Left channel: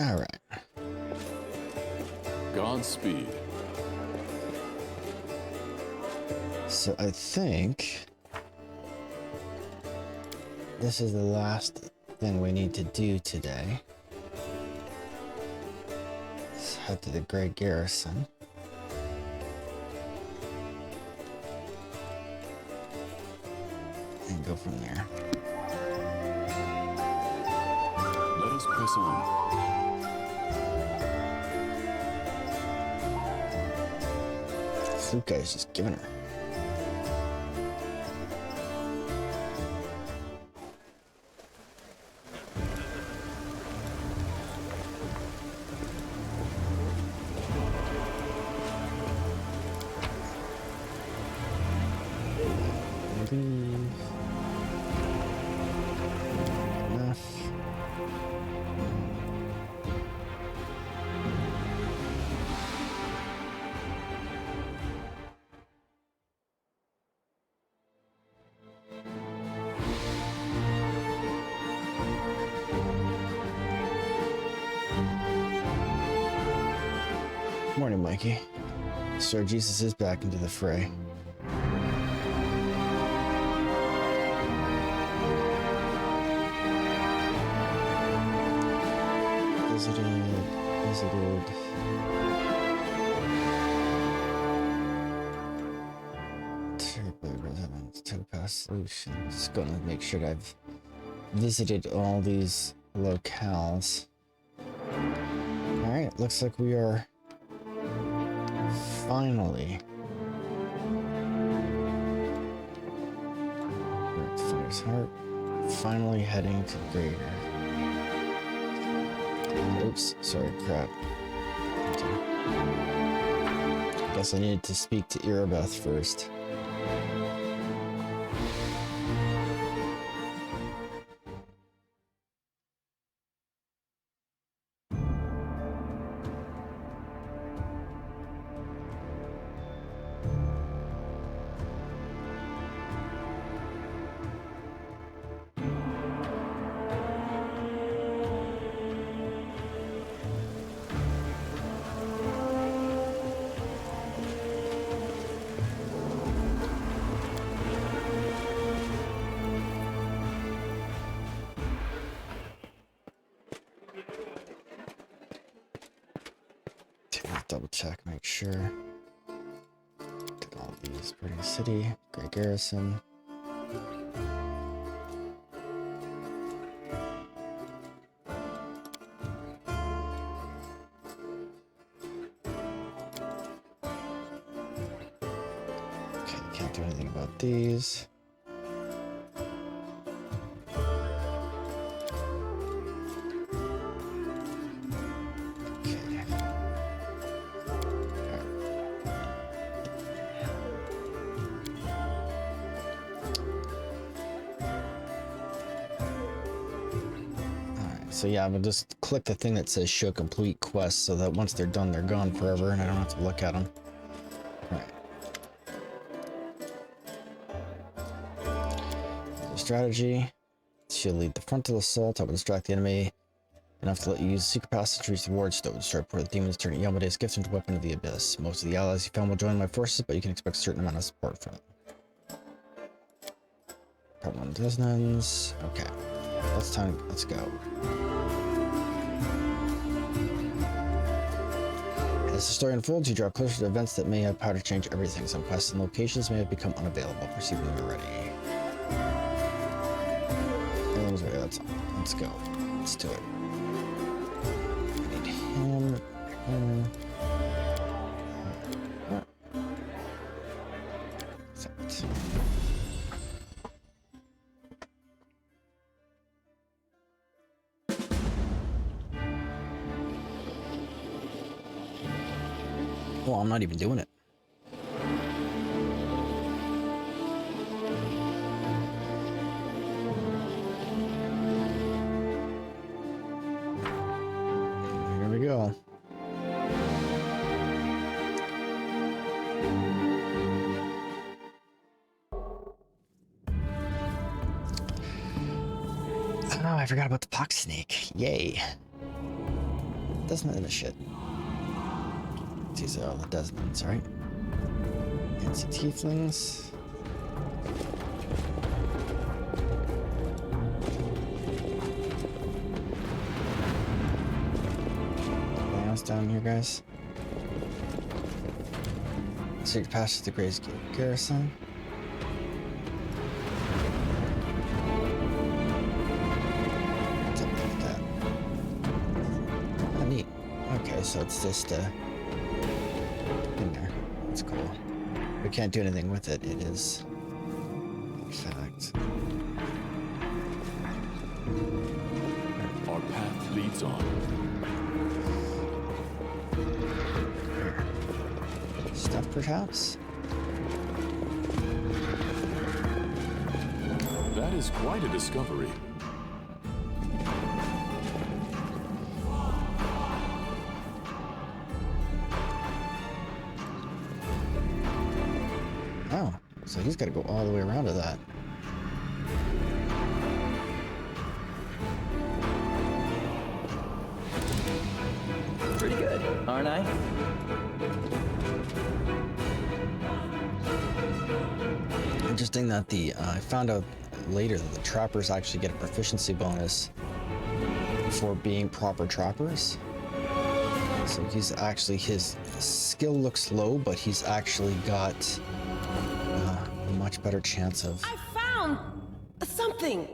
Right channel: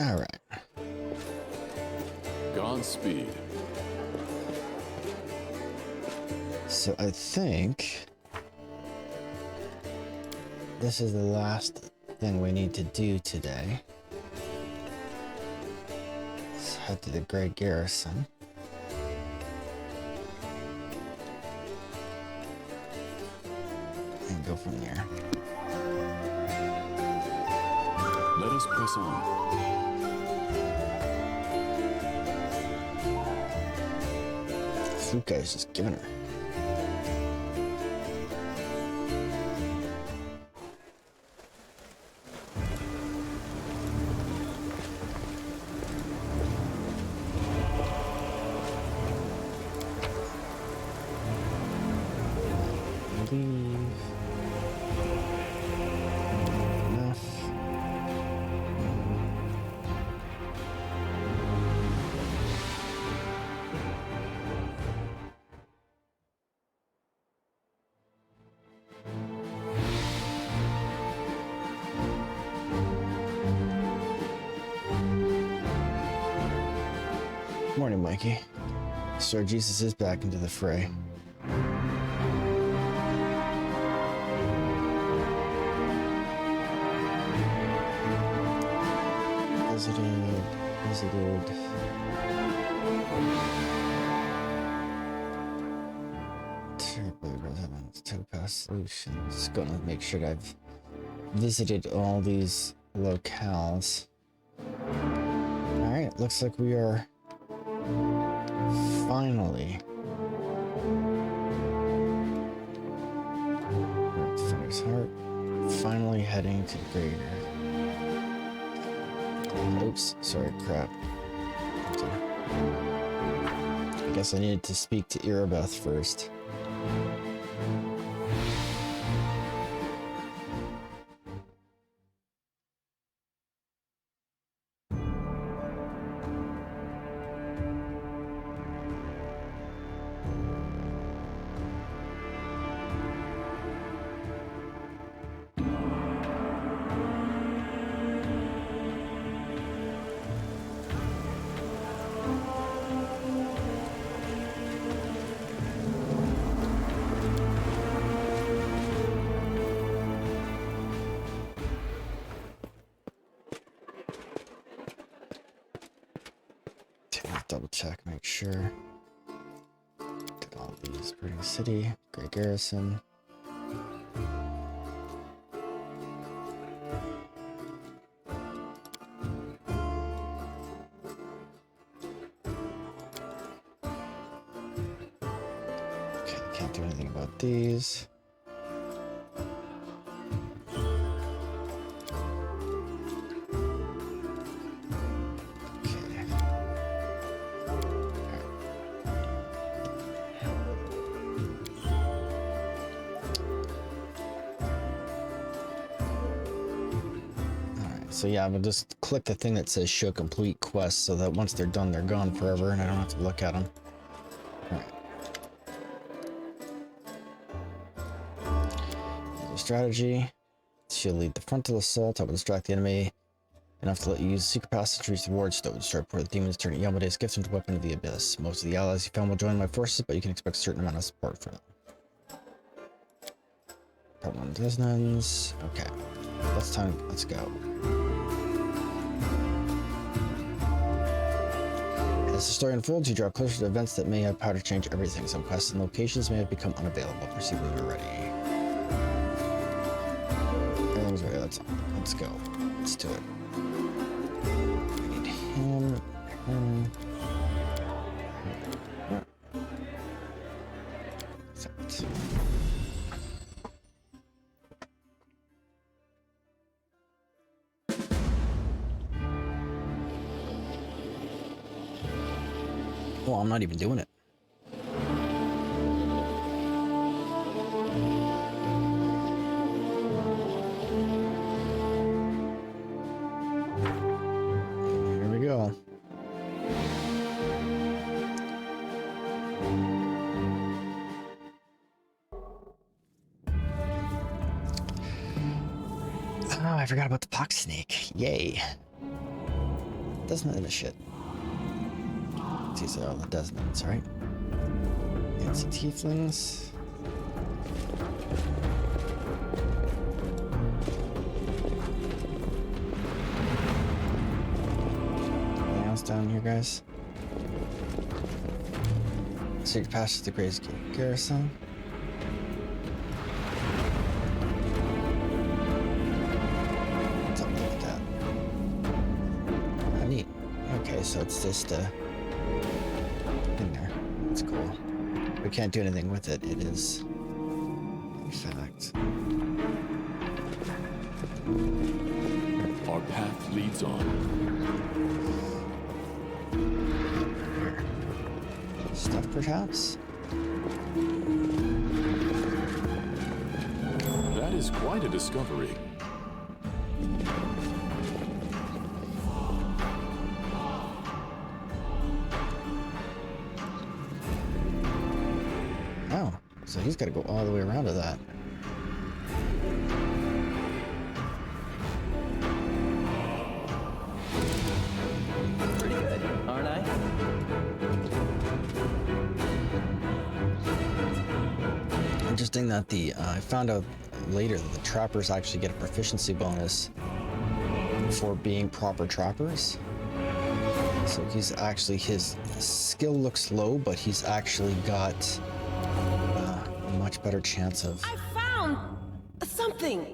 All right. Godspeed. So I think this is the last thing we need to do today. Let's head to the Great Garrison. And go from there. Let us press on. Flute guy's just giving her. Leave. Enough. Morning, Mikey. Sir Jesus is back into the fray. Visited. Topaz Solutions. Gonna make sure that I've visited all these locales. Alright, looks like we are finally Finder's Heart. Finally heading to Greater. Oops, sorry, crap. I guess I needed to speak to Irabeth first. Double check, make sure. Did all these. Pretty City, Great Garrison. Okay, can't do anything about these. So yeah, I'm gonna just click the thing that says show complete quests so that once they're done, they're gone forever and I don't have to look at them. Alright. The strategy. She'll lead the frontal assault. I will distract the enemy enough to let you use secret passage to reach the wardstone. Start pour the demons, turn Yamade's gift into weapon of the abyss. Most of the allies you found will join my forces, but you can expect a certain amount of support from them. Part 1 dissonance. Okay. Let's go. As the story unfolds, you draw closer to events that may have power to change everything. Some quests and locations may have become unavailable. Proceed when you're ready. Everything's ready. Let's go. Let's do it. I need him. Well, I'm not even doing it. Here we go. Oh, I forgot about the pox snake. Yay. Desmond is shit. These are all the Desmonds, right? Against the tieflings. Anything else down here, guys? Secret passage to the Grace Garrison. Let's have a look at that. Oh, neat. Okay, so it's just in there. That's cool. We can't do anything with it. It is, in fact. Our path leads on. Here. Stuff, perhaps? That is quite a discovery. Oh, so he's got to go all the way around to that. Pretty good, aren't I? Interesting that I found out later that the trappers actually get a proficiency bonus for being proper trappers. So he's actually, his skill looks low, but he's actually got a much better chance of... I found something.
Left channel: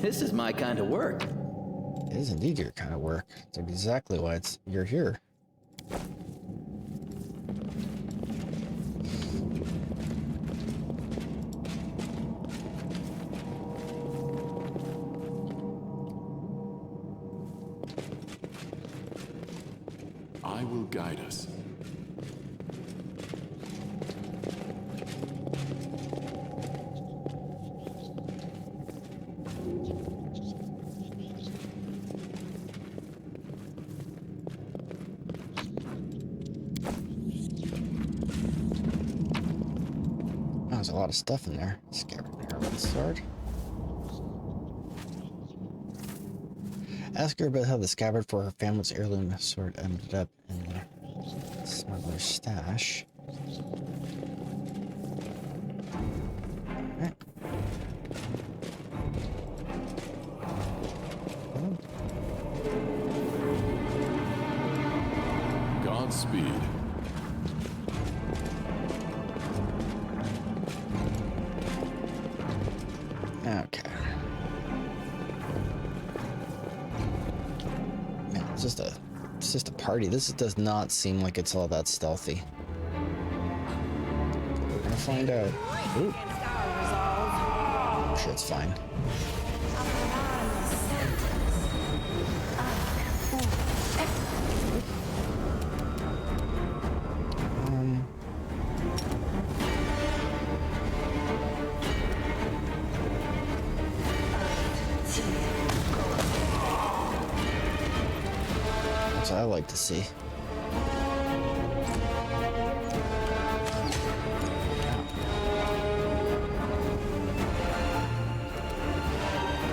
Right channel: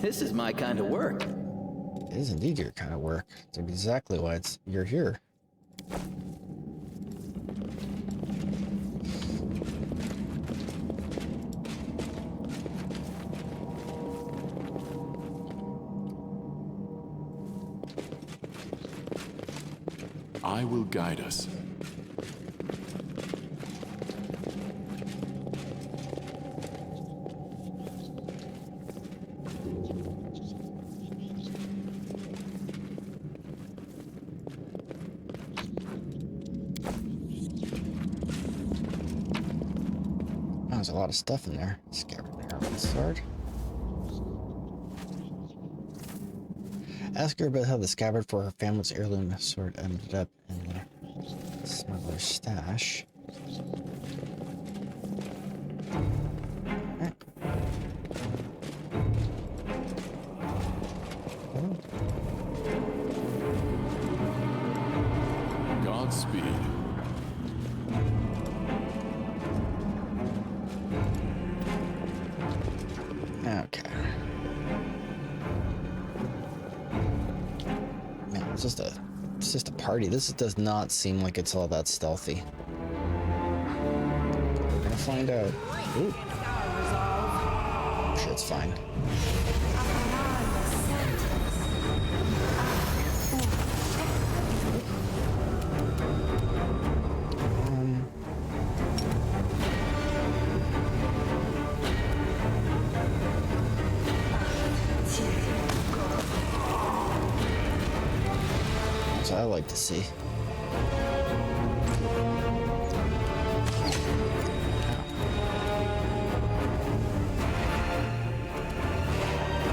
This is my kind of work. It is indeed your kind of work. It's exactly why you're here. I will guide us. Oh, there's a lot of stuff in there. Scabbard and Heroine sword. Ask her about how the scabbard for her family's heirloom sword ended up in the smuggler's stash. Alright. Godspeed. Okay. Man, it's just a party. This does not seem like it's all that stealthy. We're gonna find out. Ooh. I'm sure it's fine. That's what I like to see.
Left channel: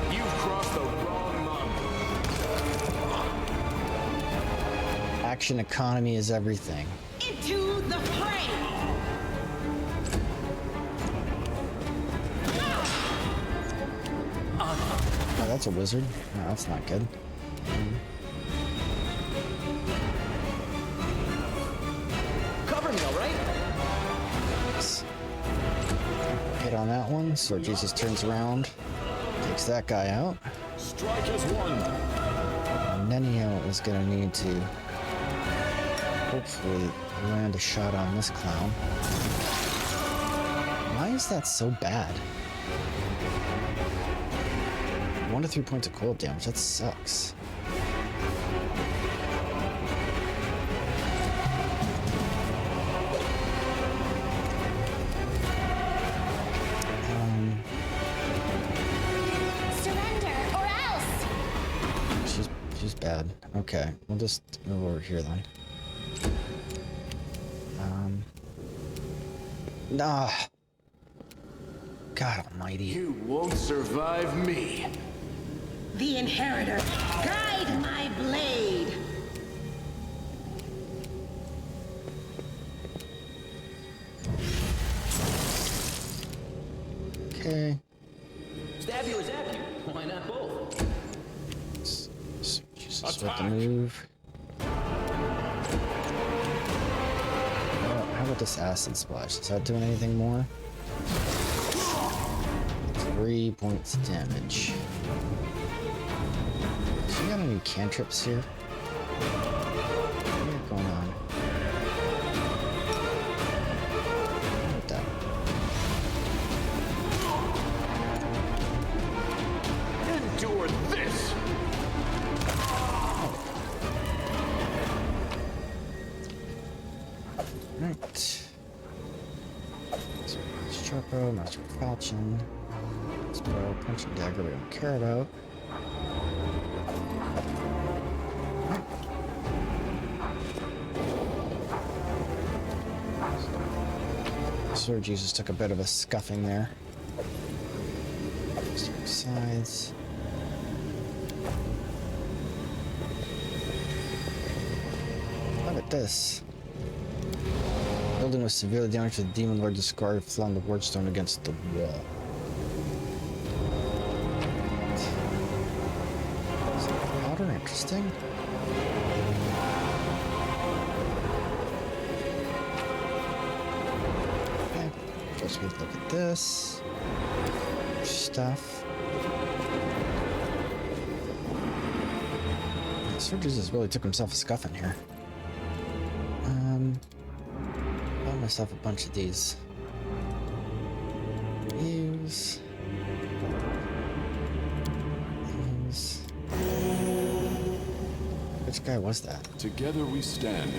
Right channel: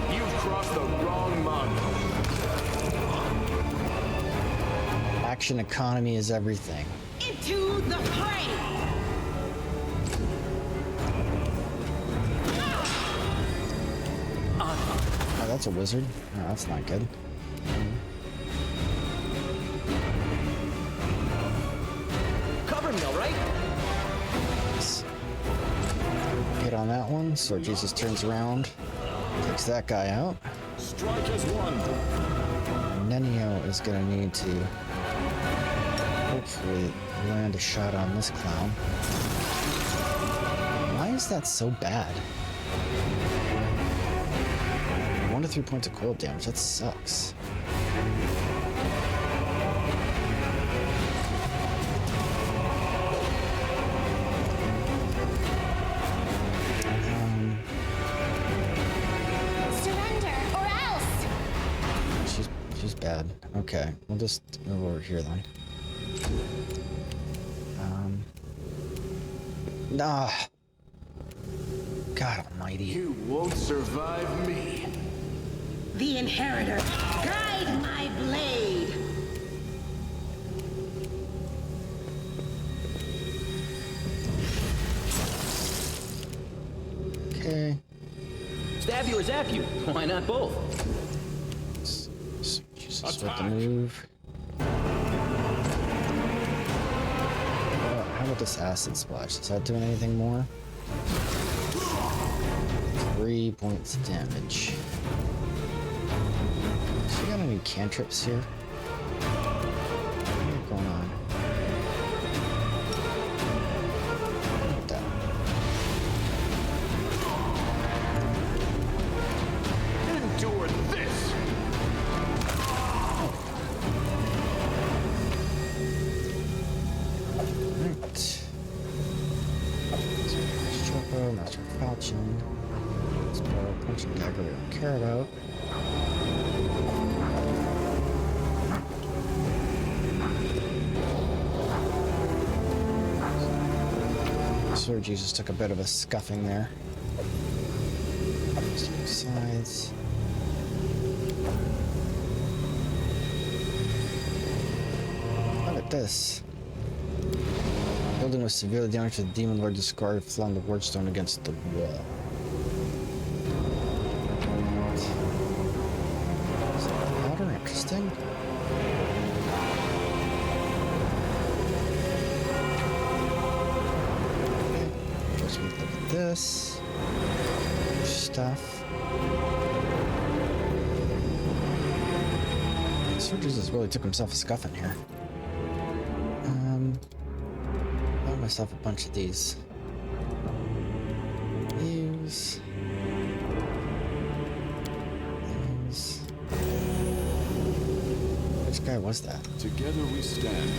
You've crossed the wrong month. Action economy is everything. Into the fray. Oh, that's a wizard. Oh, that's not good. Cover me, all right? Hit on that one. So Jesus turns around, takes that guy out. Strike as one. And Nenio is gonna need to hopefully land a shot on this clown. Why is that so bad? 1 to 3 points of cold damage. That sucks. Surrender or else! She's bad. Okay, we'll just move over here then. Nah. God almighty. You won't survive me. The Inheritor, guide my blade. Okay. Stab you or zap you? Why not both? Jesus, with the move. How about this acid splash? Is that doing anything more? 3 points damage. So you got any cantrips here? What do you got going on? Look at that. Endure this! Right. Chopo, Master Falchion. Spell, Punch and Dagger we don't care about. Sword Jesus took a bit of a scuffing there. Sides. Look at this. Building was severely damaged. The Demon Lord discarded, flung the ward stone against the wall. Is that powder interesting? Okay. First we look at this. Stuff. Surges has really took himself a scuffing here. Bought myself a bunch of these. Use. Which guy was that? Together we stand.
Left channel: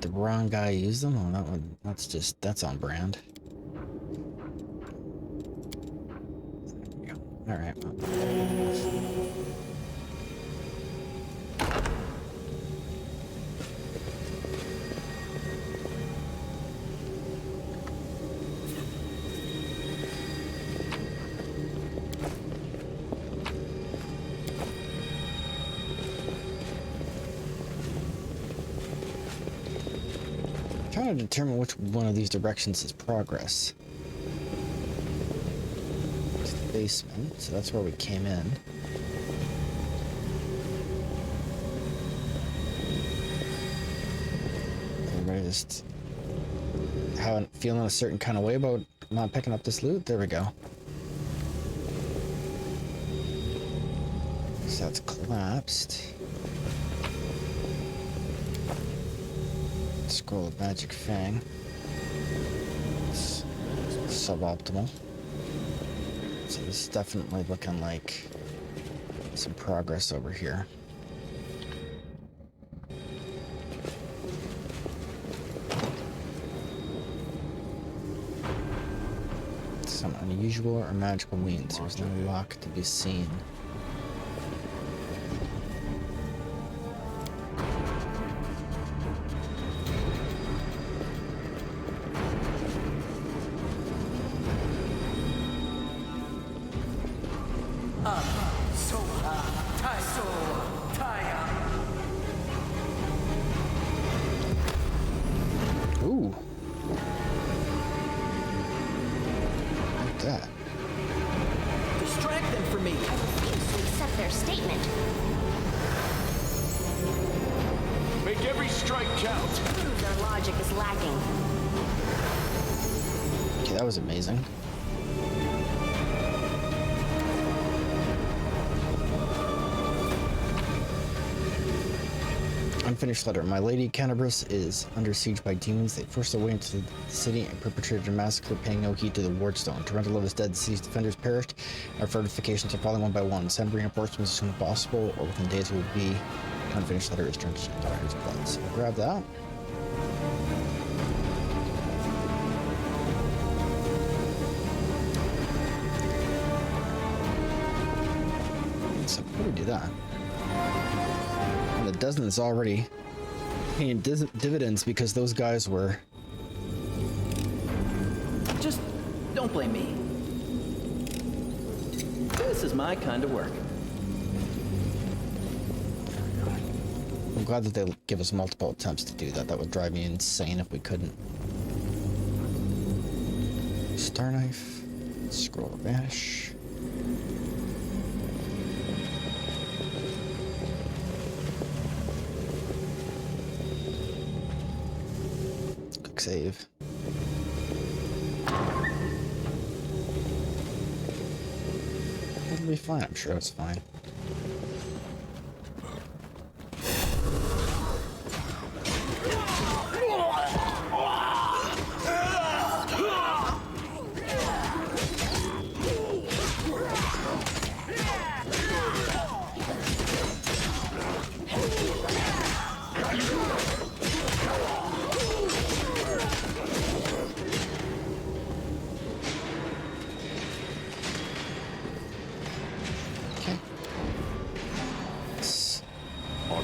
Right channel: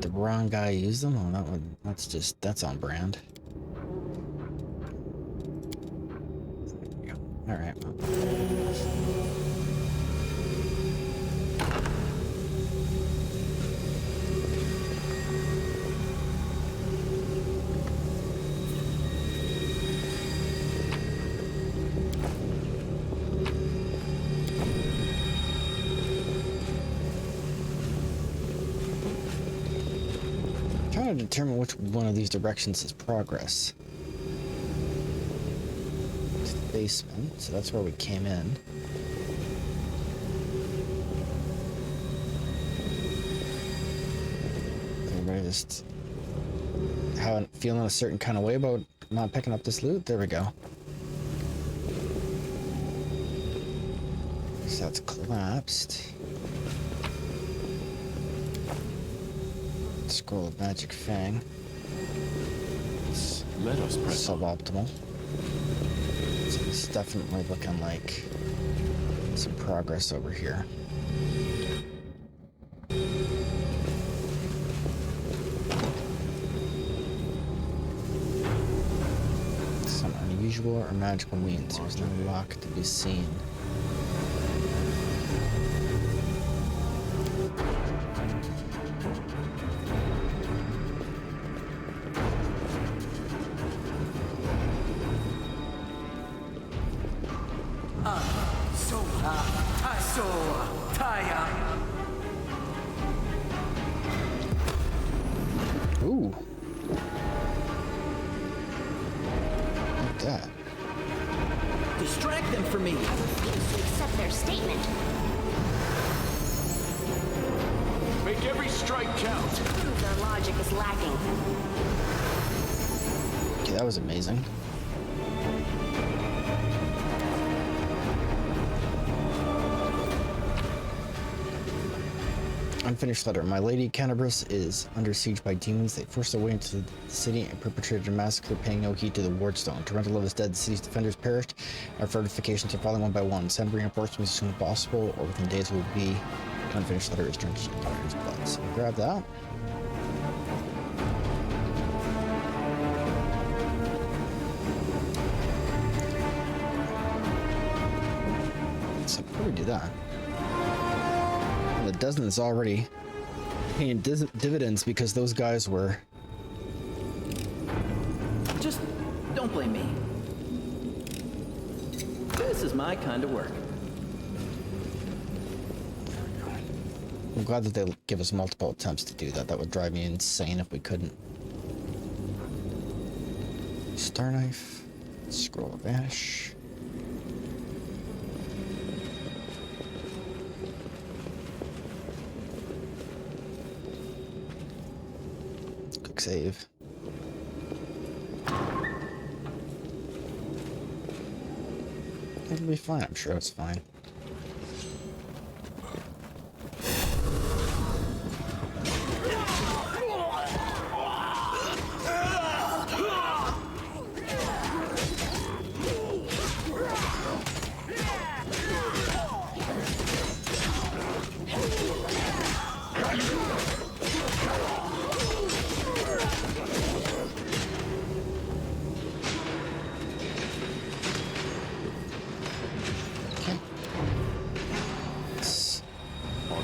The wrong guy used them? Oh, that one. That's on brand. All right. Well. Trying to determine which one of these directions is progress. It's the basement, so that's where we came in. Everybody just feeling a certain kind of way about not picking up this loot? There we go. So that's collapsed. Scroll of Magic Fang. It's Let us press on. suboptimal. So it's definitely looking like some progress over here. Some unusual or magical means. There's no lock to be seen. Ooh. Look at that. Distract them from me. I refuse to accept their statement. Make every strike count. Prove their logic is lacking. Okay, that was amazing. Unfinished letter. My lady Cannabis is under siege by demons. They forced their way into the city and perpetrated a massacre, paying no heed to the wardstone. Torrential love is dead. The city's defenders perished. Our fortifications are falling one by one. Send reinforcements as soon as possible, or within days will be. Unfinished letter is drenched in Dire's blood. So we'll grab that. So before we do that, the dozen is already paying dividends because those guys were Don't blame me. This is my kind of work. I'm glad that they give us multiple attempts to do that. That would drive me insane if we couldn't. Star knife. Scroll of Ash. Quick save. It'll be fine. I'm sure it's fine.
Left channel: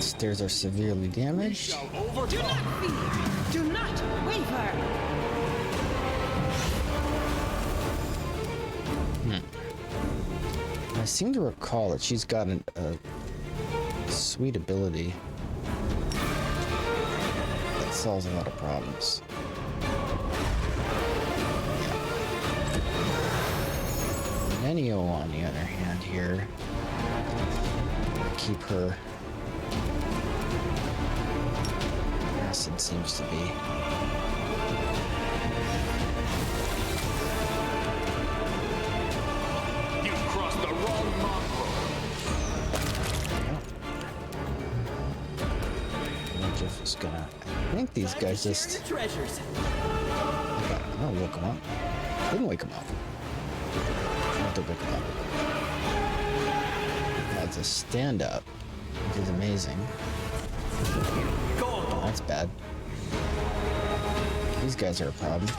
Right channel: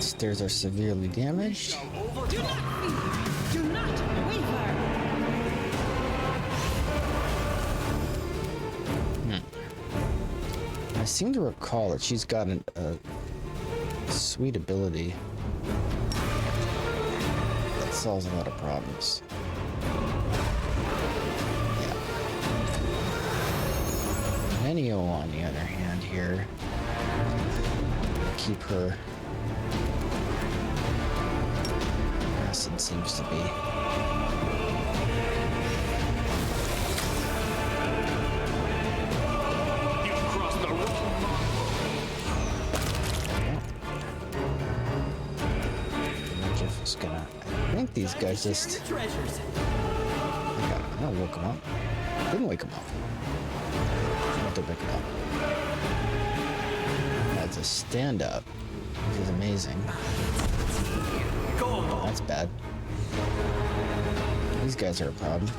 Stairs are severely damaged. Do not fear. Do not waver. I seem to recall that she's got a sweet ability that solves a lot of problems. Yeah. Nenio, on the other hand, here, keep her. Acid seems to be. You crossed the wrong mongrel. Jeff is gonna. I think these guys just. Treasures. I woke him up. Didn't wake him up. Not to wake him up. That's a stand up, which is amazing. That's bad. These guys are a problem.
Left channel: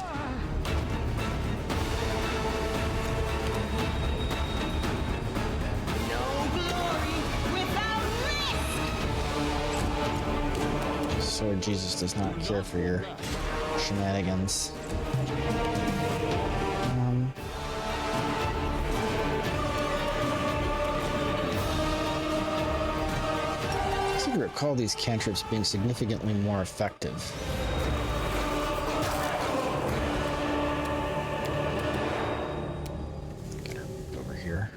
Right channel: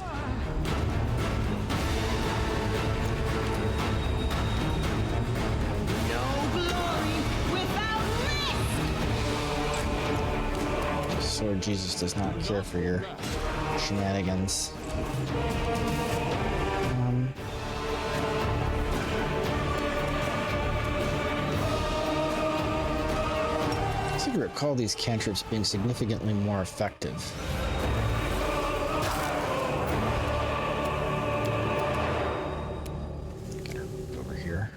No glory without risk. Sword Jesus does not care for your shenanigans. I seem to recall these cantrips being significantly more effective. Get her over here.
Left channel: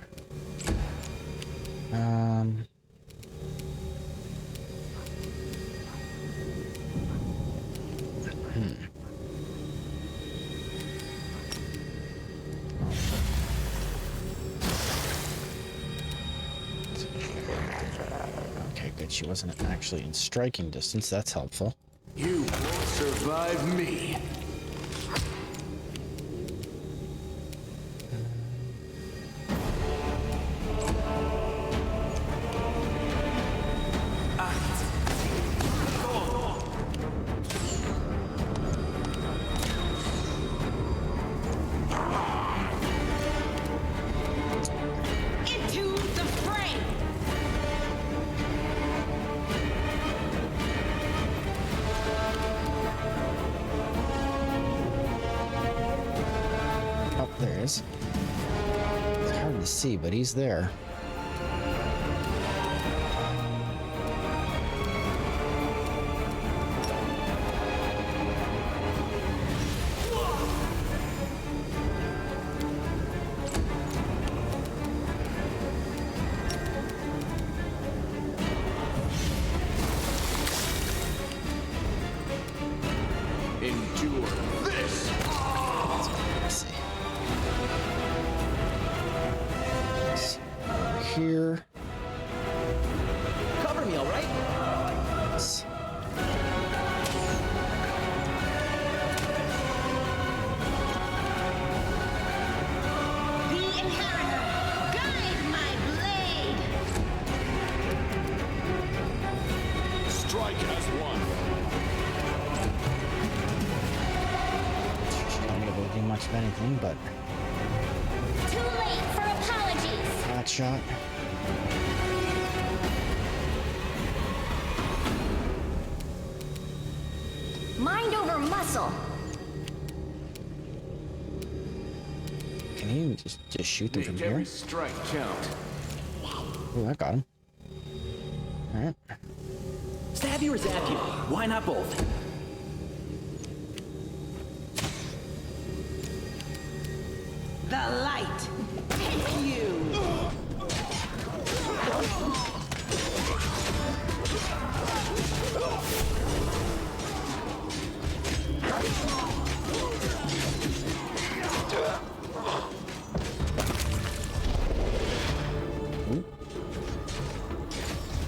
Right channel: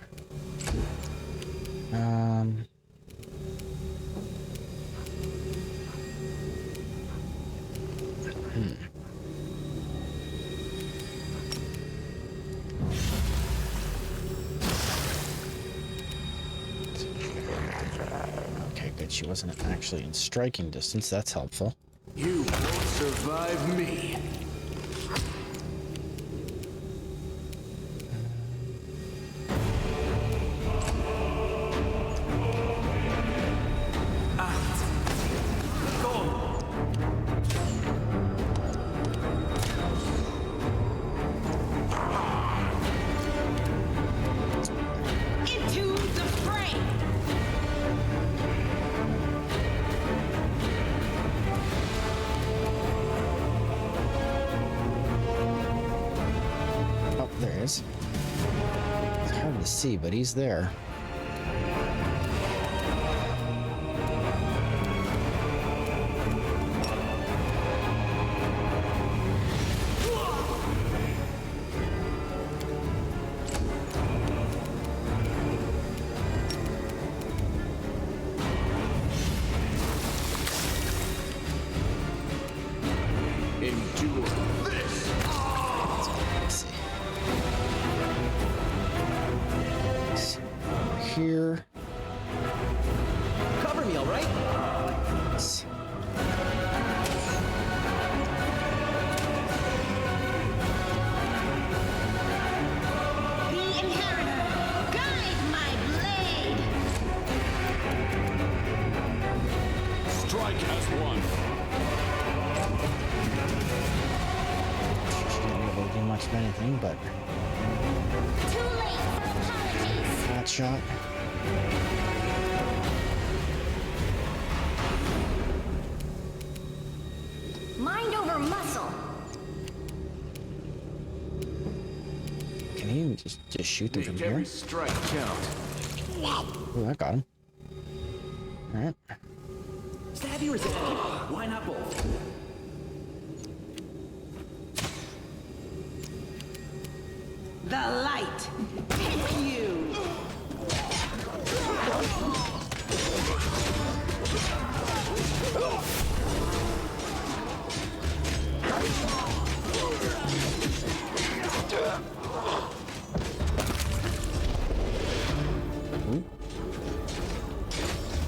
Okay, good. She wasn't actually in striking distance. That's helpful. You won't survive me. Into the fray. Oh, there he is. It's hard to see, but he's there. Endure this. Let's see. Over here. Cover me, all right? Let's- The Inheritor, guide my blade. Strike as one. She don't be able to do much of anything, but Too late for apologies. flat shot. Mind over muscle. aim? Just shoot them from Make here. every strike count. Ooh, I got him. Alright. Stab you or zap you? Why not both? The light. Take you.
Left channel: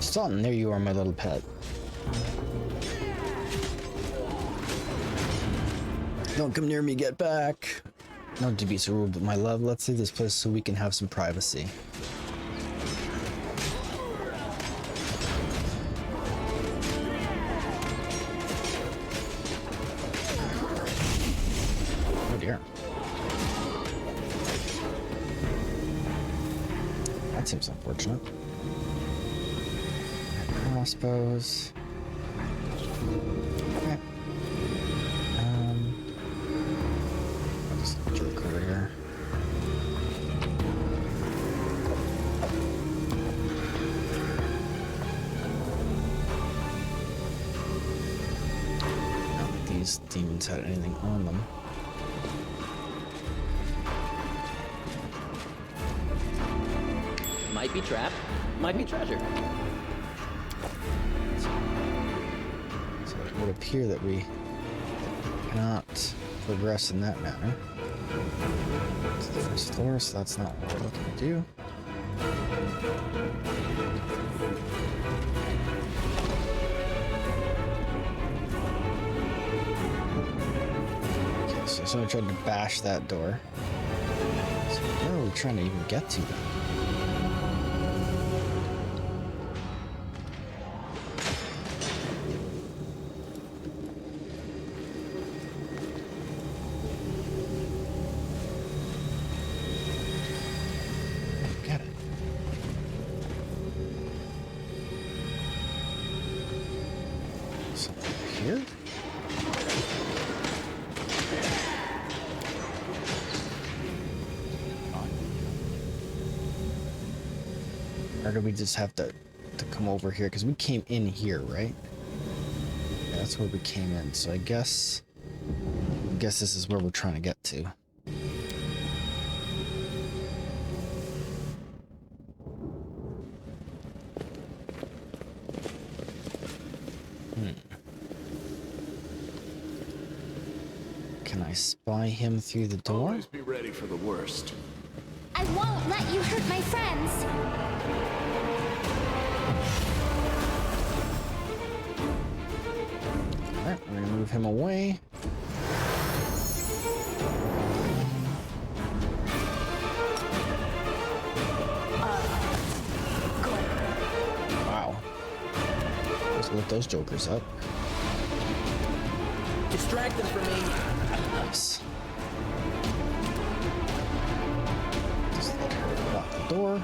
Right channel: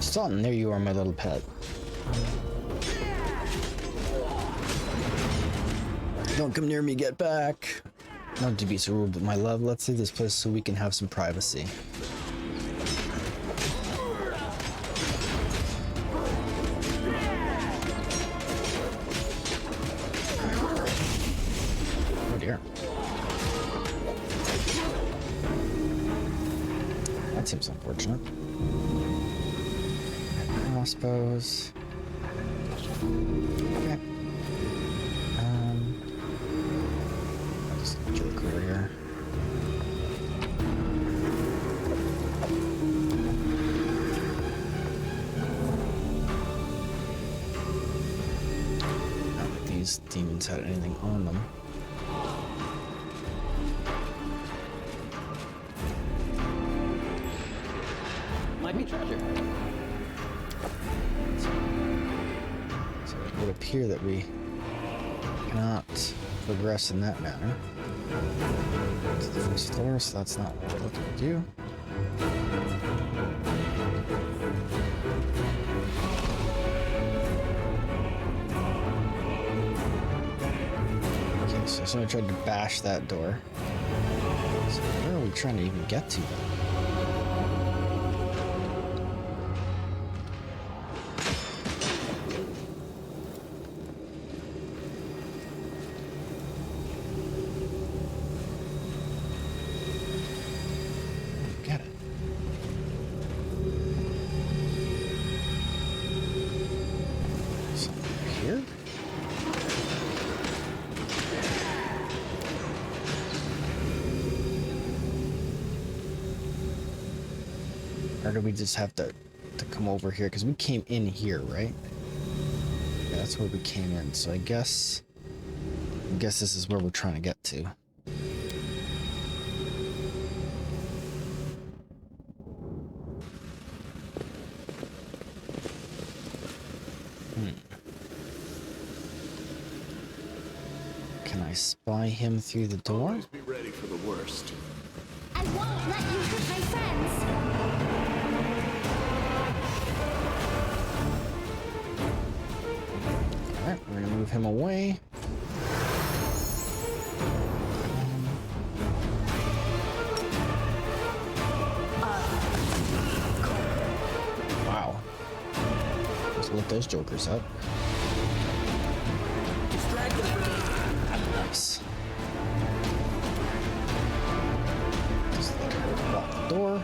Sultan, there you are, my little pet. Don't come near me, get back. Not to be so rude, but my love, let's leave this place so we can have some privacy. Oh dear. That seems unfortunate. Crossbows. Okay. I'll just jerk over here. Not that these demons had anything on them. Might be trapped, might be treasure. So it would appear that we cannot progress in that manner. To the first floor, so that's not what we're looking to do. Okay, so somebody tried to bash that door. So where are we trying to even get to then? Get it. Something over here? Or do we just have to come over here? Because we came in here, right? Yeah, that's where we came in. So I guess this is where we're trying to get to. Can I spy him through the door? Always be ready for the worst. I won't let you hurt my friends. Alright, we're gonna move him away. Wow. Just lit those jokers up. Distract them from me. Nice. Just let her lock the door.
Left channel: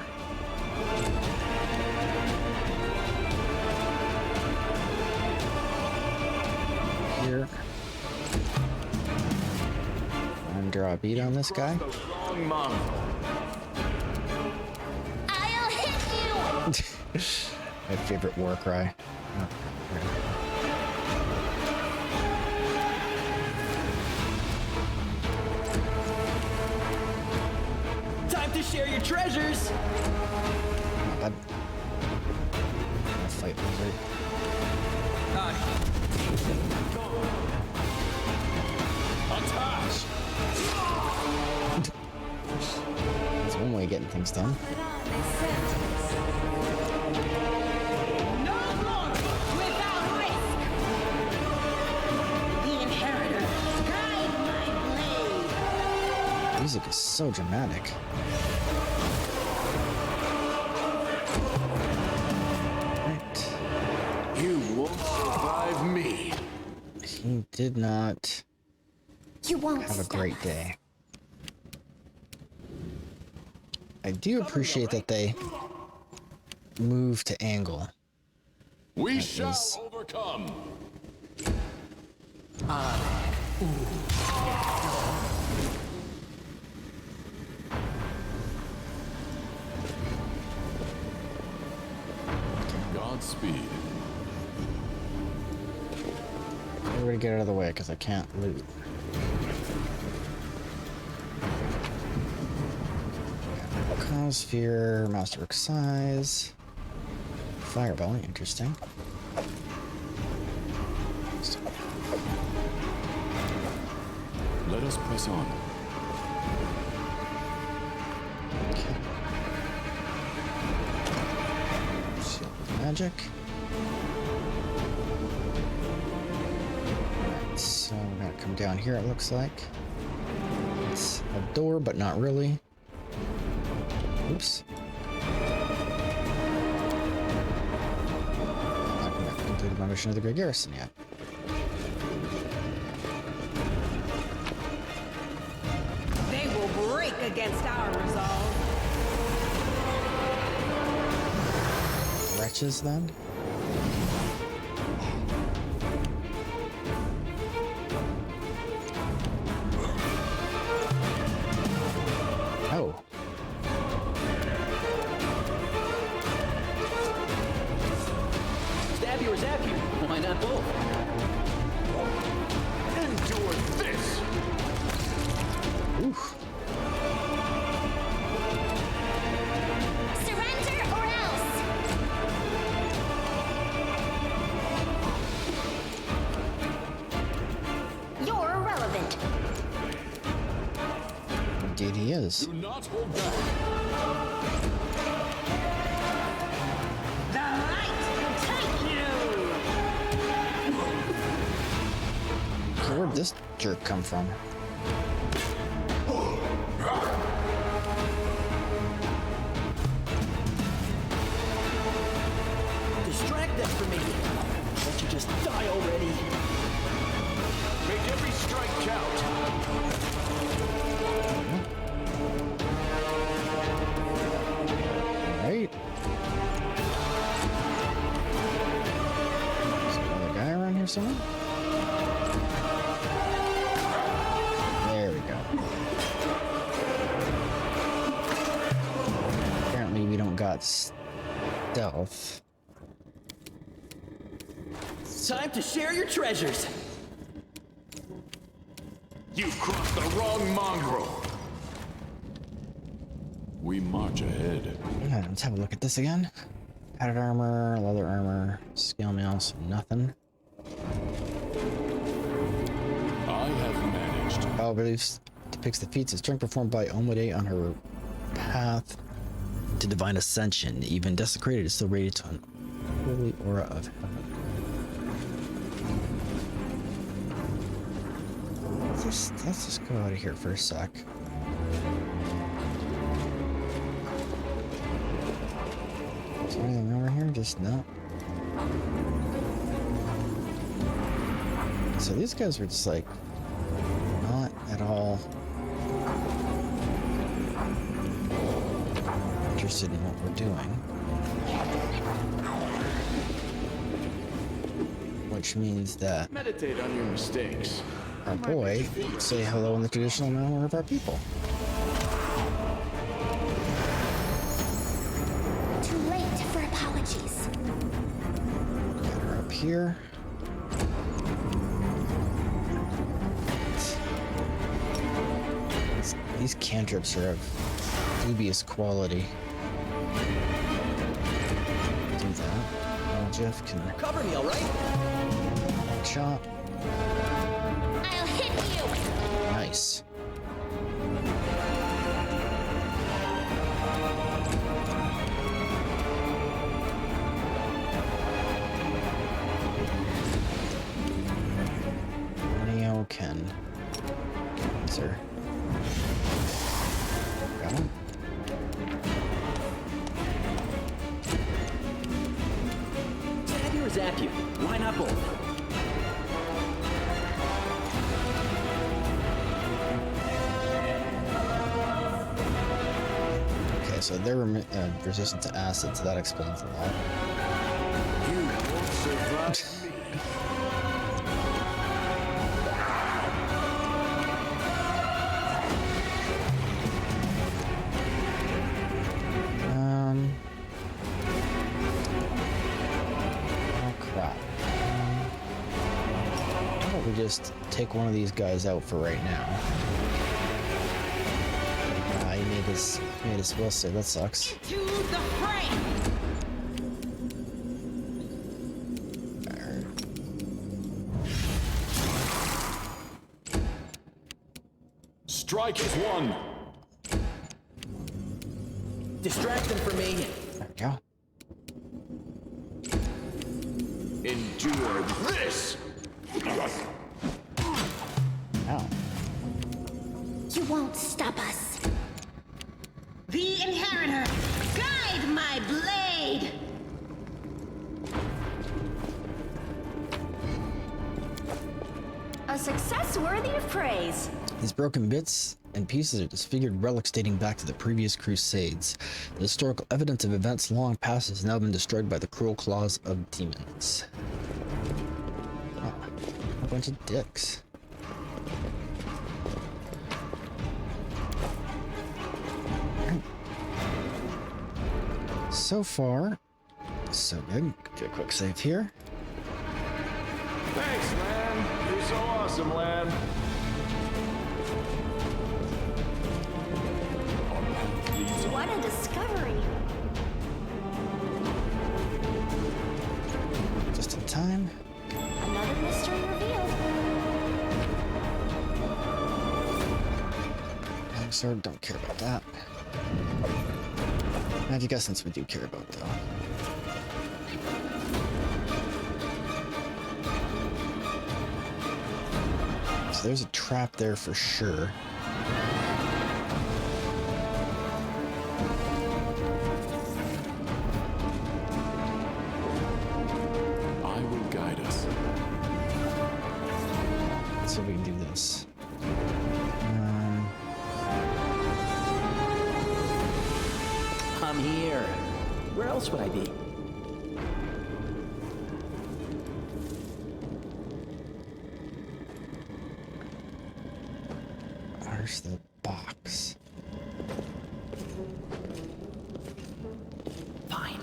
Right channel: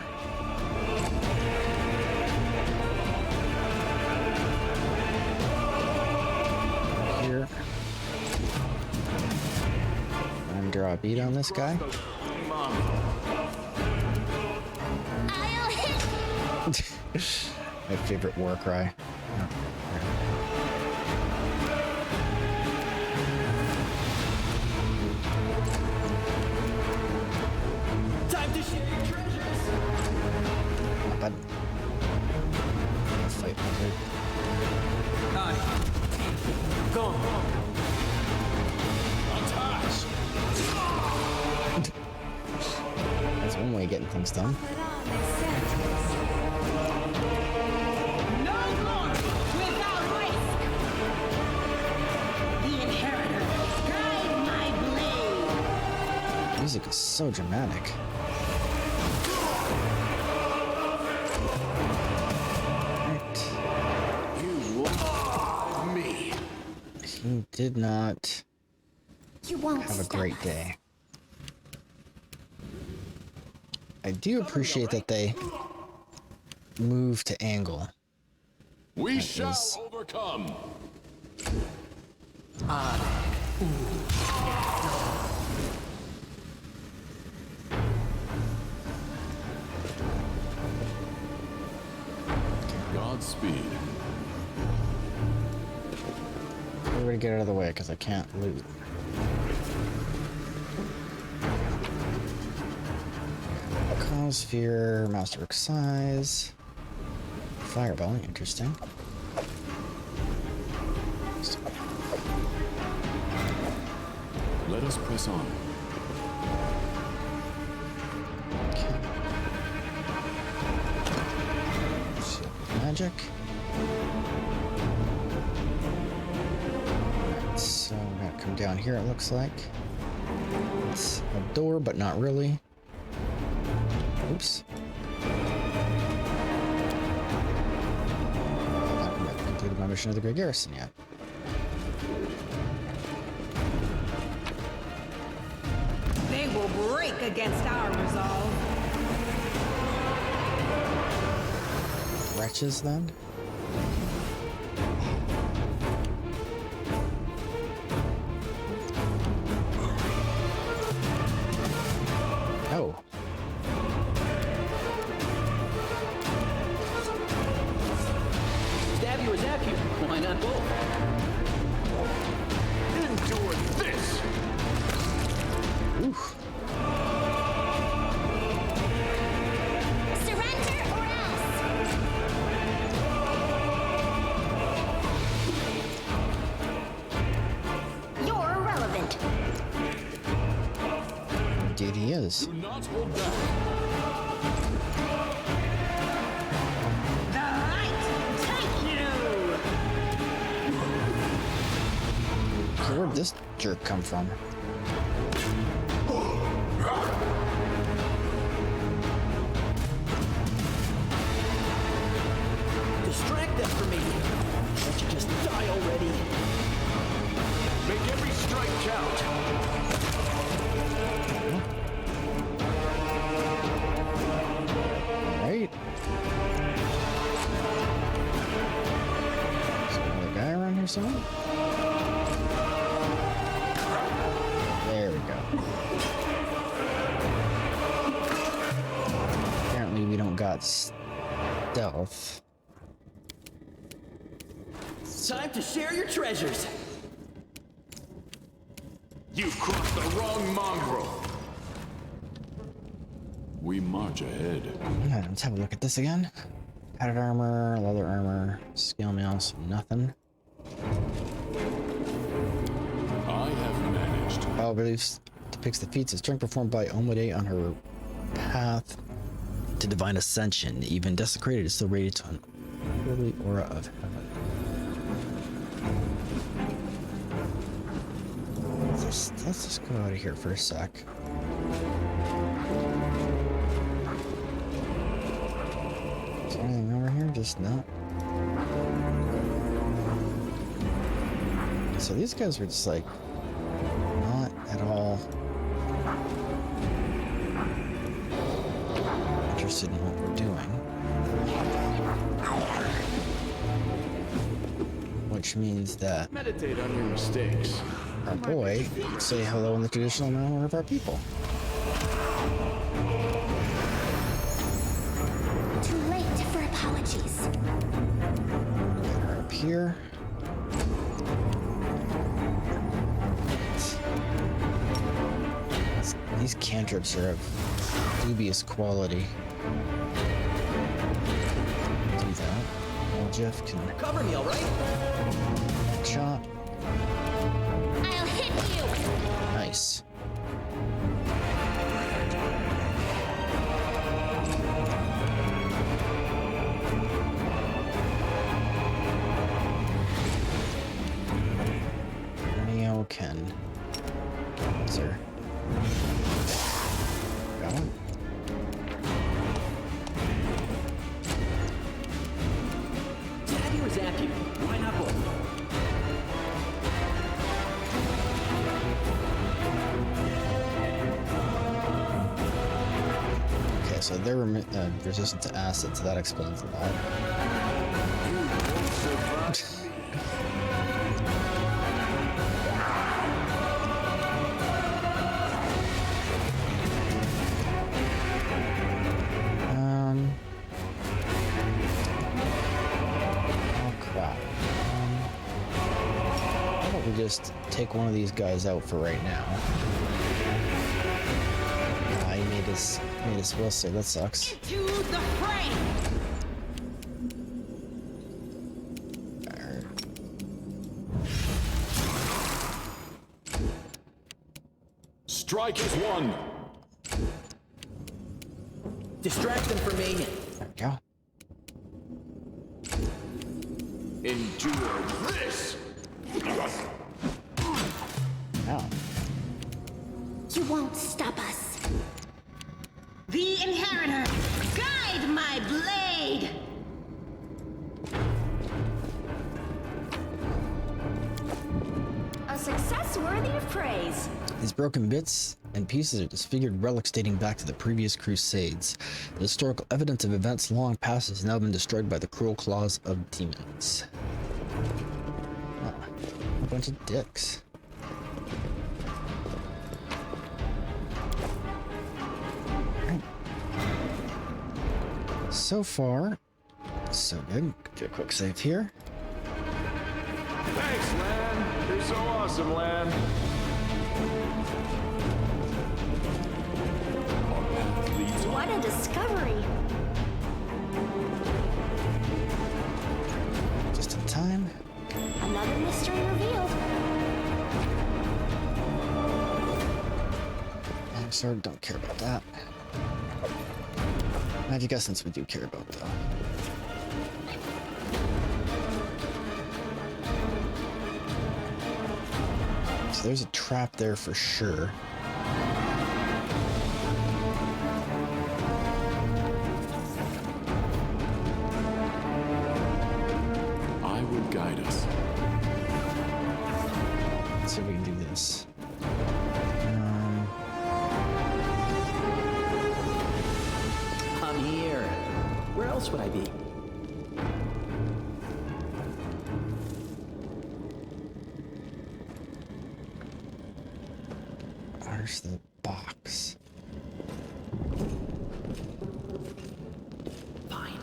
Here. And draw a bead on this guy. Cross the wrong mongrel. I'll hit you. My favorite war cry. Oh, right. Time to share your treasures. Not bad. I'm gonna fight Lizard. Go. Attack. That's one way of getting things done. No glory without risk. The inheritor, guide my blade. Music is so dramatic. Right. You won't survive me. He did not You won't have a stop great us. day. I do appreciate that they move to angle. We That shall is- overcome. speed. Everybody get out of the way because I can't loot. Cossphere, Masterwork size, Fireball, interesting. Let us press on. Okay. Shield with magic. Alright, so we're gonna come down here, it looks like. It's a door, but not really. Oops. I haven't completed my mission of the Great Garrison yet. They will break against our resolve. Wretches, then? Oh. Stab you or zap you. Why not both? Endure this! Oof. Surrender or else. You're irrelevant. Indeed he is. Do not hold back. The light take you! So where'd this jerk come from? Distract them from me. Can't you just die already? Make every strike count. Alright. Is there another guy around here somewhere? There we go. Apparently we don't got stealth. Time to share your treasures. You've crossed the wrong mongrel. We march ahead. Yeah, let's have a look at this again. Padded armor, leather armor, scale mails, nothing. I have managed. Power beliefs depicts the feats of strength performed by Omode on her path to divine ascension. Even desecrated is still radiant to an holy aura of heaven. Let's just go out of here for a sec. Is there anything over here? Just no. So these guys were just like not at all interested in what we're doing. Which means that Meditate on your mistakes. our boy say hello in the traditional manner of our people. Too late for apologies. Get her up here. These cantrips are of dubious quality. Do that. Well, Jeff can Cover me, all right? chop. I'll hit you. Nice. Neo can. Sir. Got him. Stab you or zap you. Why not both? Okay, so they're resistant to acid, so that explains a lot. You won't survive me. can just take one of these guys out for right now. He made his will save. That sucks. To the fray! Strike is one. Distract them for me. There we go. Endure this! Ow. You won't stop us. The Inheritor! Guide my blade! A success worthy of praise. These broken bits and pieces are disfigured relics dating back to the previous crusades. The historical evidence of events long past has now been destroyed by the cruel claws of demons. Oh, a bunch of dicks. Alright. So far, so good. Do a quick save here. Thanks, Lan. You're so awesome, Lan. Our path leads on. What a discovery. Just in time. Another mystery revealed. Long sword, don't care about that. Magic essence we do care about though. So there's a trap there for sure. I will guide us. Let's see if we can do this. I'm here. Where else would I be? Where's the box? Fine.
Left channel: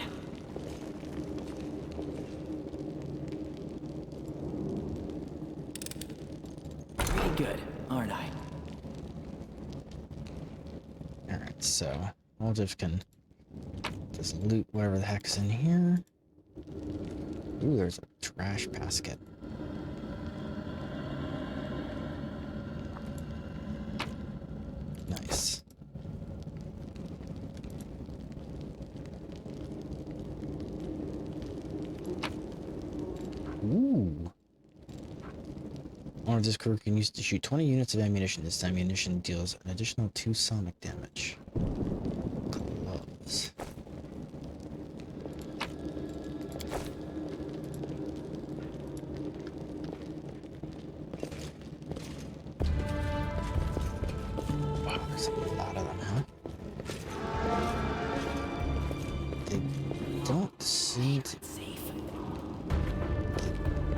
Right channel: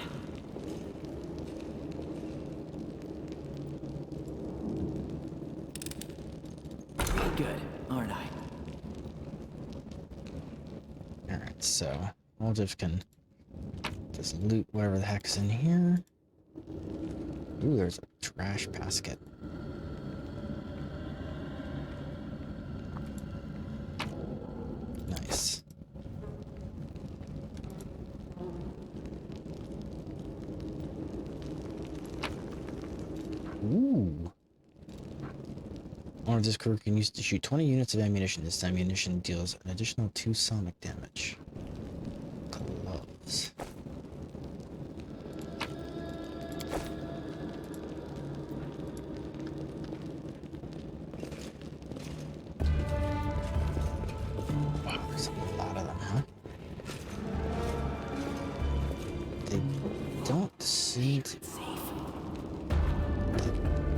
Pretty good, aren't I? Alright, so we'll just can just loot whatever the heck's in here. Ooh, there's a trash basket. Nice. Ooh. One of this crew can use to shoot 20 units of ammunition. This ammunition deals an additional 2 sonic damage. Gloves. Wow, there's a lot of them, huh? They don't seem to... They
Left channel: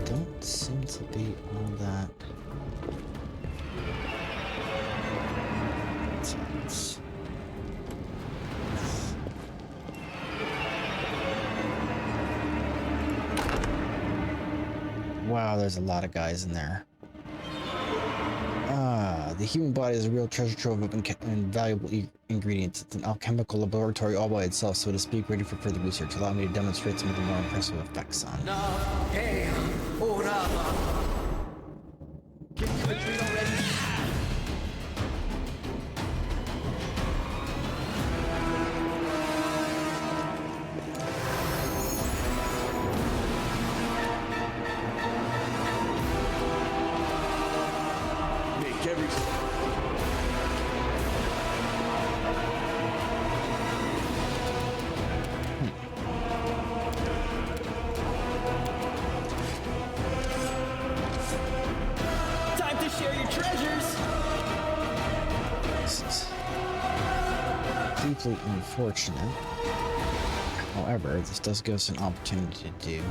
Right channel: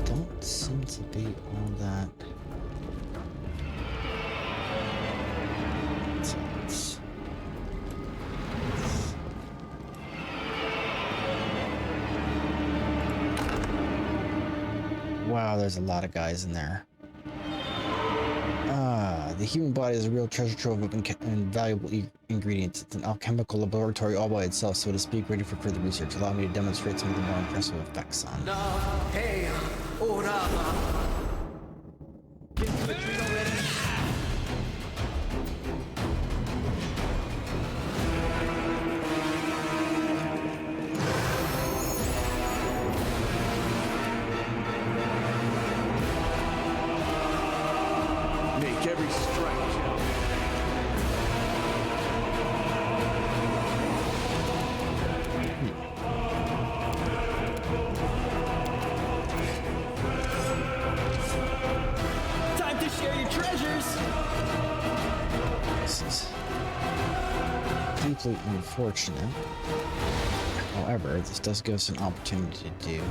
don't seem to be all that... Sounds... Wow, there's a lot of guys in there. The human body is a real treasure trove of invaluable ingredients. It's an alchemical laboratory all by itself, so to speak, ready for further research. Allow me to demonstrate some of the more impressive effects on it. Hey, Orama. Can you retreat already? Make every strike count. Time to share your treasures. This is deeply unfortunate. However, this does give us an opportunity to do.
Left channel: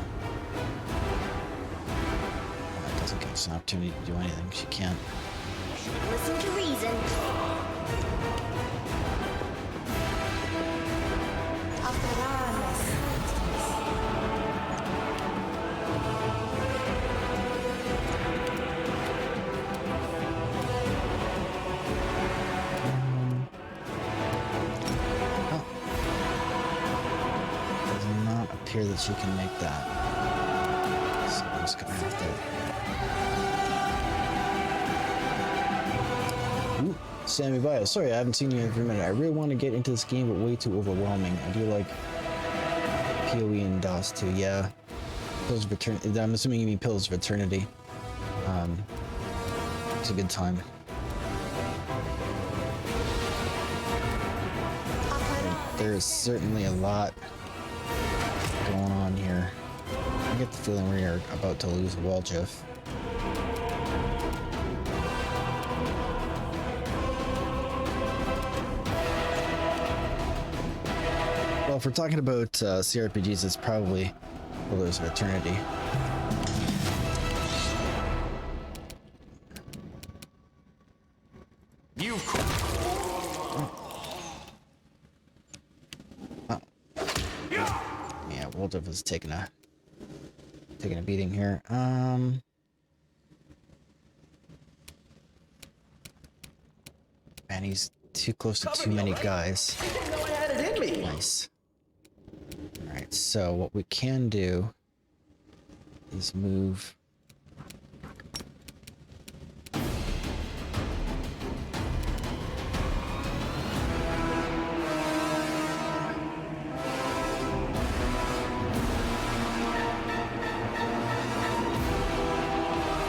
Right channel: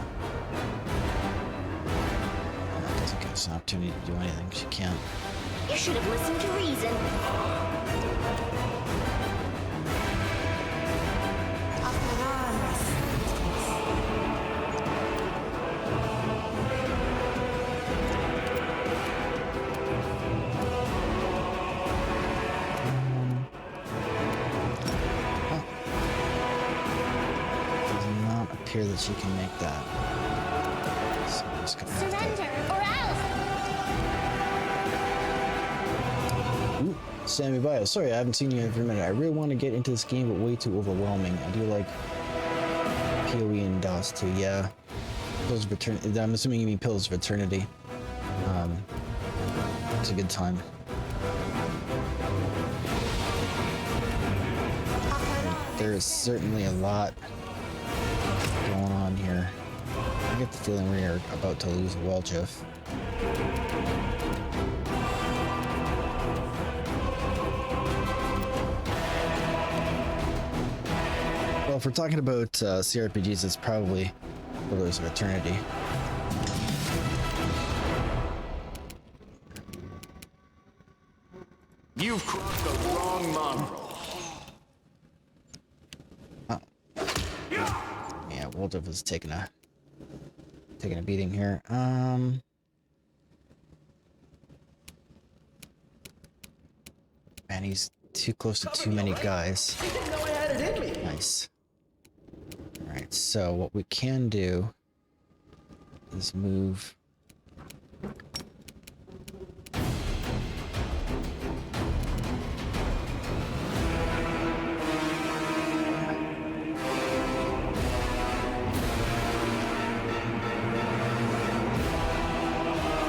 And that doesn't give us an opportunity to do anything. She can't. You should have listened to reason. appear that she can make that. So I'm just gonna have Surrender to. or else. Ooh, Sammy Bio. Sorry, I haven't seen you in a minute. I really want to get into this game, but way too overwhelming. I do like PoE and DOS too. Yeah. Pillars of Eternity. I'm assuming you mean Pillars of Eternity. It's a good time. There is certainly a lot going on here. I get the feeling we are about to lose Waljif. Well, if we're talking about CRPGs, it's probably Pillars of Eternity. You've crossed the wrong mark. Yeah, Waljif is taking a beating here. Man, he's too close to too many guys. I didn't know I had it in me. Nice. Alright, so what we can do is move.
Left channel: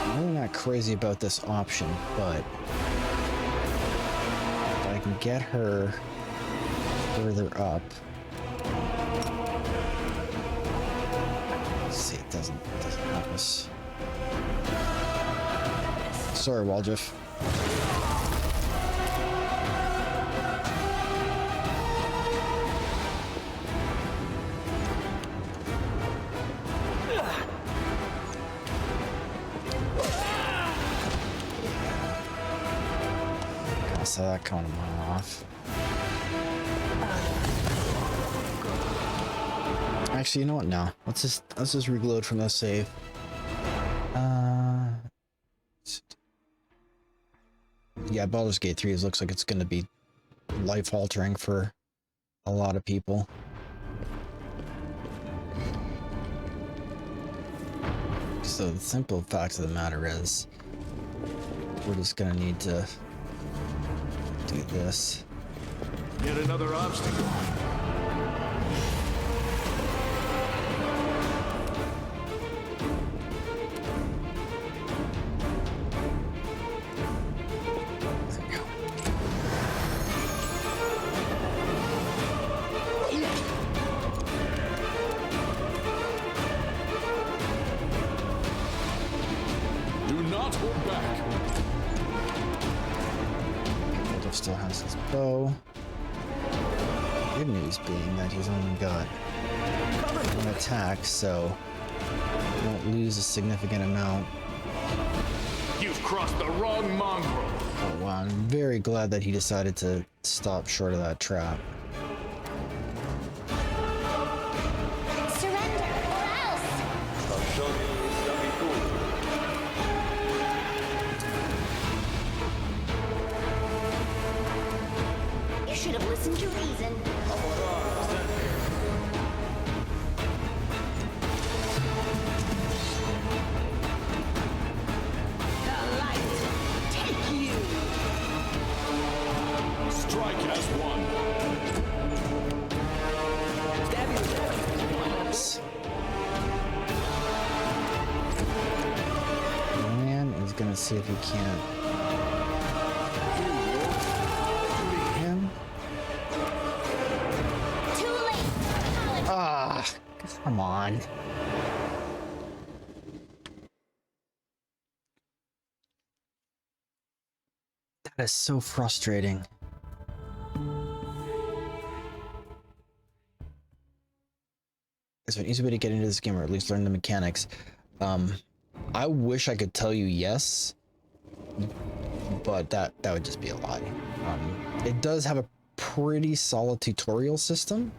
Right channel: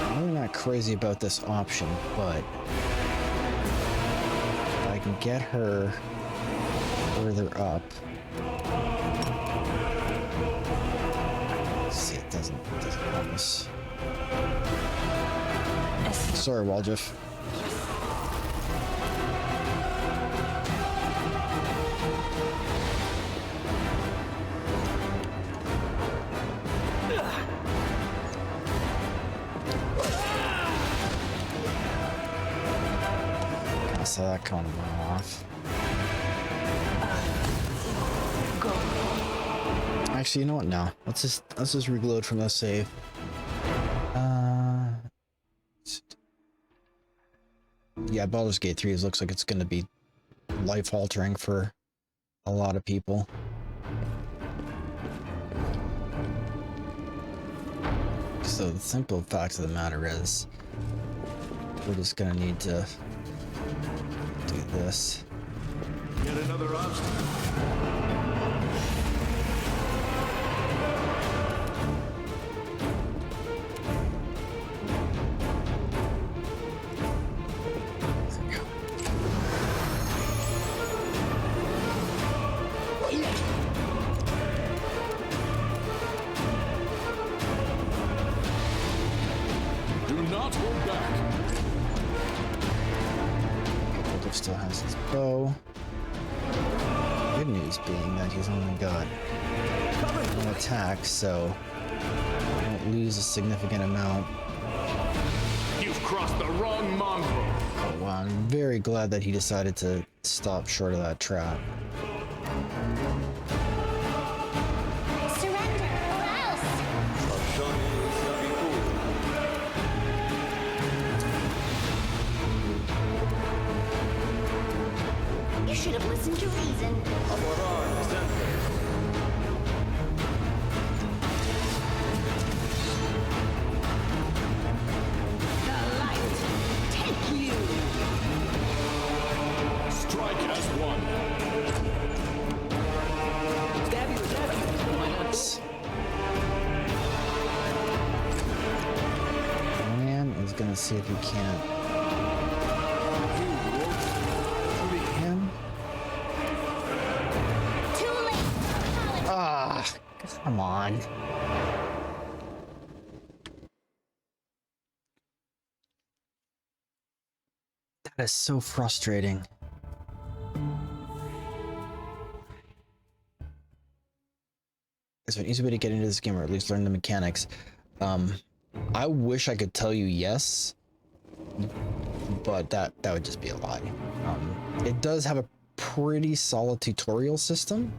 I'm really not crazy about this option, but if I can get her further up. Let's see, it doesn't help us. Sorry, Waljif. I saw that coming a mile off. Actually, you know what? No, let's just reload from the save. Yeah, Baldur's Gate 3 looks like it's going to be life-altering for a lot of people. So the simple fact of the matter is, we're just going to need to do this. Yet another obstacle. There we go. Do not hold back. Waljif still has his bow. Good news being that he's only got one attack, so we don't lose a significant amount. You've crossed the wrong mongrel. Oh wow, I'm very glad that he decided to stop short of that trap. Surrender or else. You should have listened to reason. The light take you. Strike as one. Stabby was at you. Why not both? Man is gonna see if he can't beat him. Too late. Apology. Ah, come on. That is so frustrating. It's an easy way to get into this game, or at least learn the mechanics. I wish I could tell you yes, but that would just be a lie. It does have a pretty solid tutorial system.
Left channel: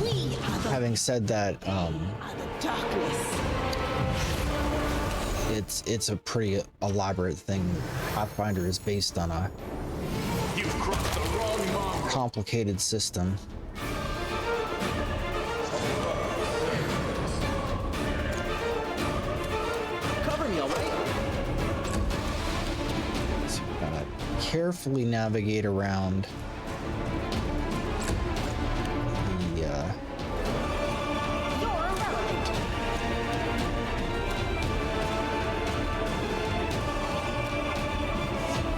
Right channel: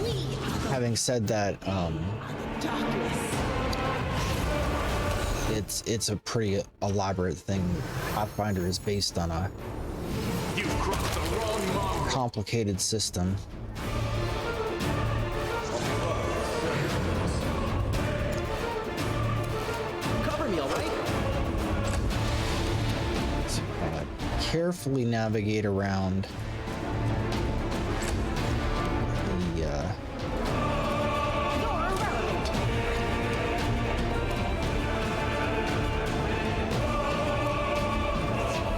We are the, Having said that, are the darkness. it's a pretty elaborate thing. Pathfinder is based on a You've crossed the wrong mongrel. complicated system. carefully navigate around the You're irrelevant.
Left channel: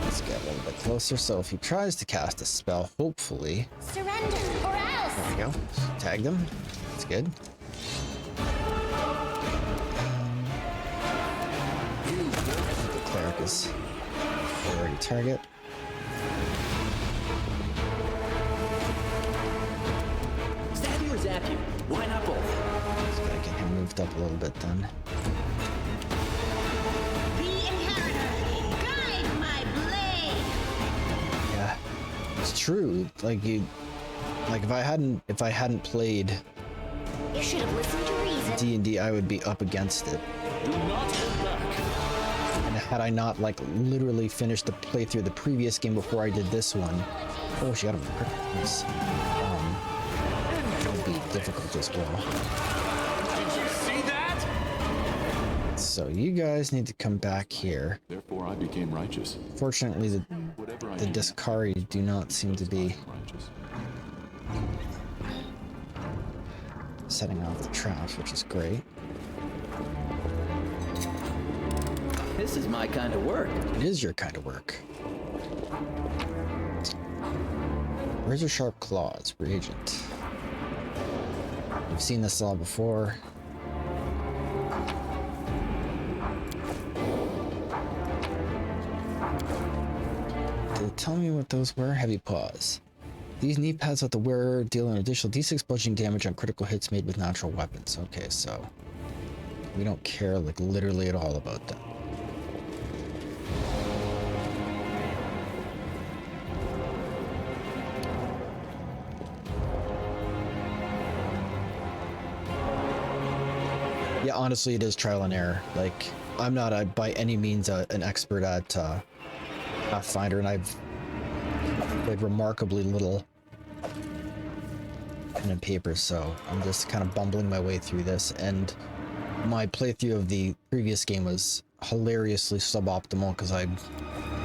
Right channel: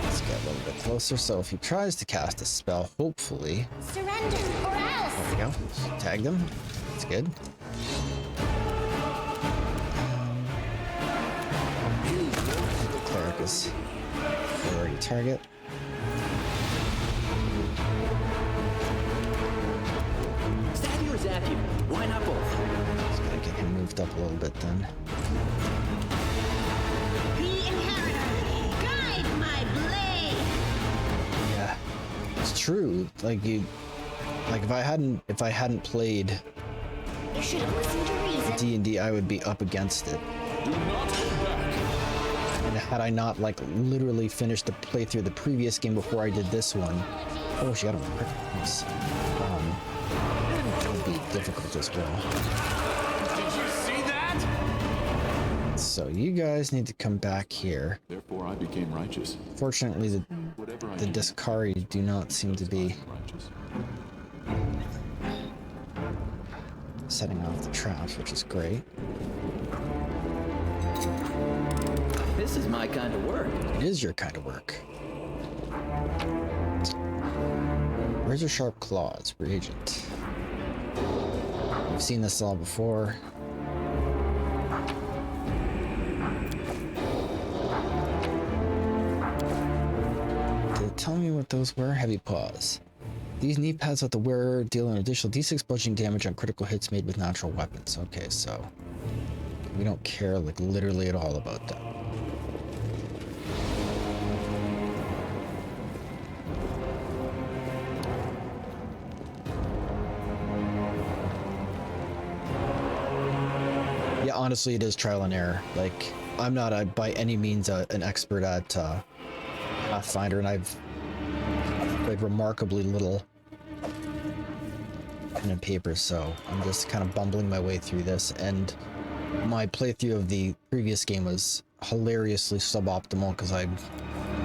let's get a little bit closer. So if he tries to cast a spell, hopefully, Surrender or else. there we go. Tag them. That's good. The cleric is already target. Stab you or zap you? Why not both? Just gotta get him moved up a little bit then. The inheritor, guide my blade. Yeah, it's true. Like if I hadn't played You should have listened to reason. D&D, I would be up against it. Do not hold back. And had I not like literally finished the playthrough of the previous game before I did this one, oh, she got a crit. Nice. It would be difficult as well. Did you see that? So you guys need to come back here. Therefore, I became righteous. Fortunately, Whatever I the do, Discari do not seem to be righteous. setting off the traps, which is great. This is my kind of work. It is your kind of work. Razor sharp claws, reagent. We've seen this all before. Did it tell me what those were? Heavy paws. These knee pads let the wearer deal an additional d6 bludgeoning damage on critical hits made with natural weapons. Okay, so we don't care like literally at all about that. Yeah, honestly, it is trial and error. Like, I'm not by any means an expert at Pathfinder, and I've played remarkably little pen and paper, so I'm just kind of bumbling my way through this. And my playthrough of the previous game was hilariously suboptimal because I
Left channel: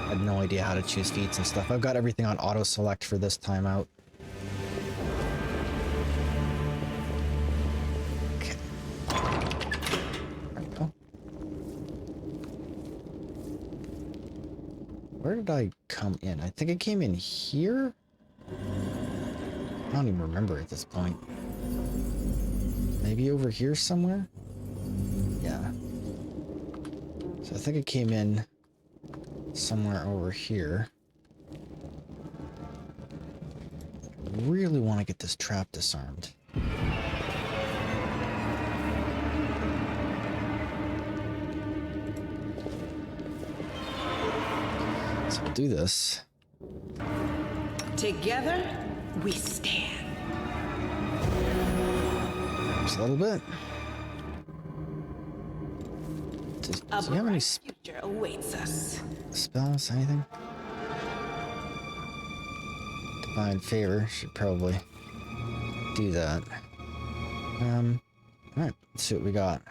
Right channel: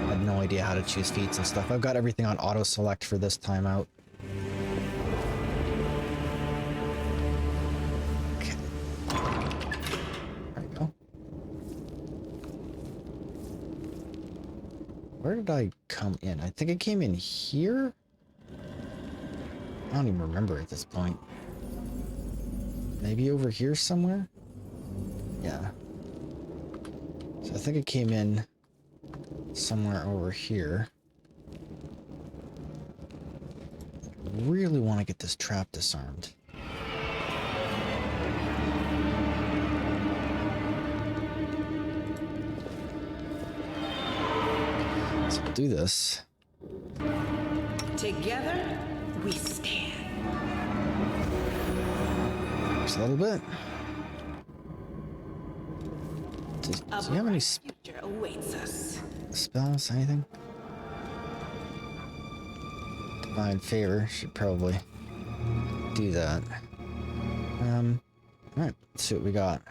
had no idea how to choose feats and stuff. I've got everything on auto select for this time out. Where did I come in? I think I came in here? I don't even remember at this point. Maybe over here somewhere? Yeah. So I think I came in somewhere over here. I really want to get this trap disarmed. So we'll do this. Together, we stand. Just a little bit. Does he have any Future awaits us. spells? Anything? Divine favor should probably do that. Alright, let's see what we got.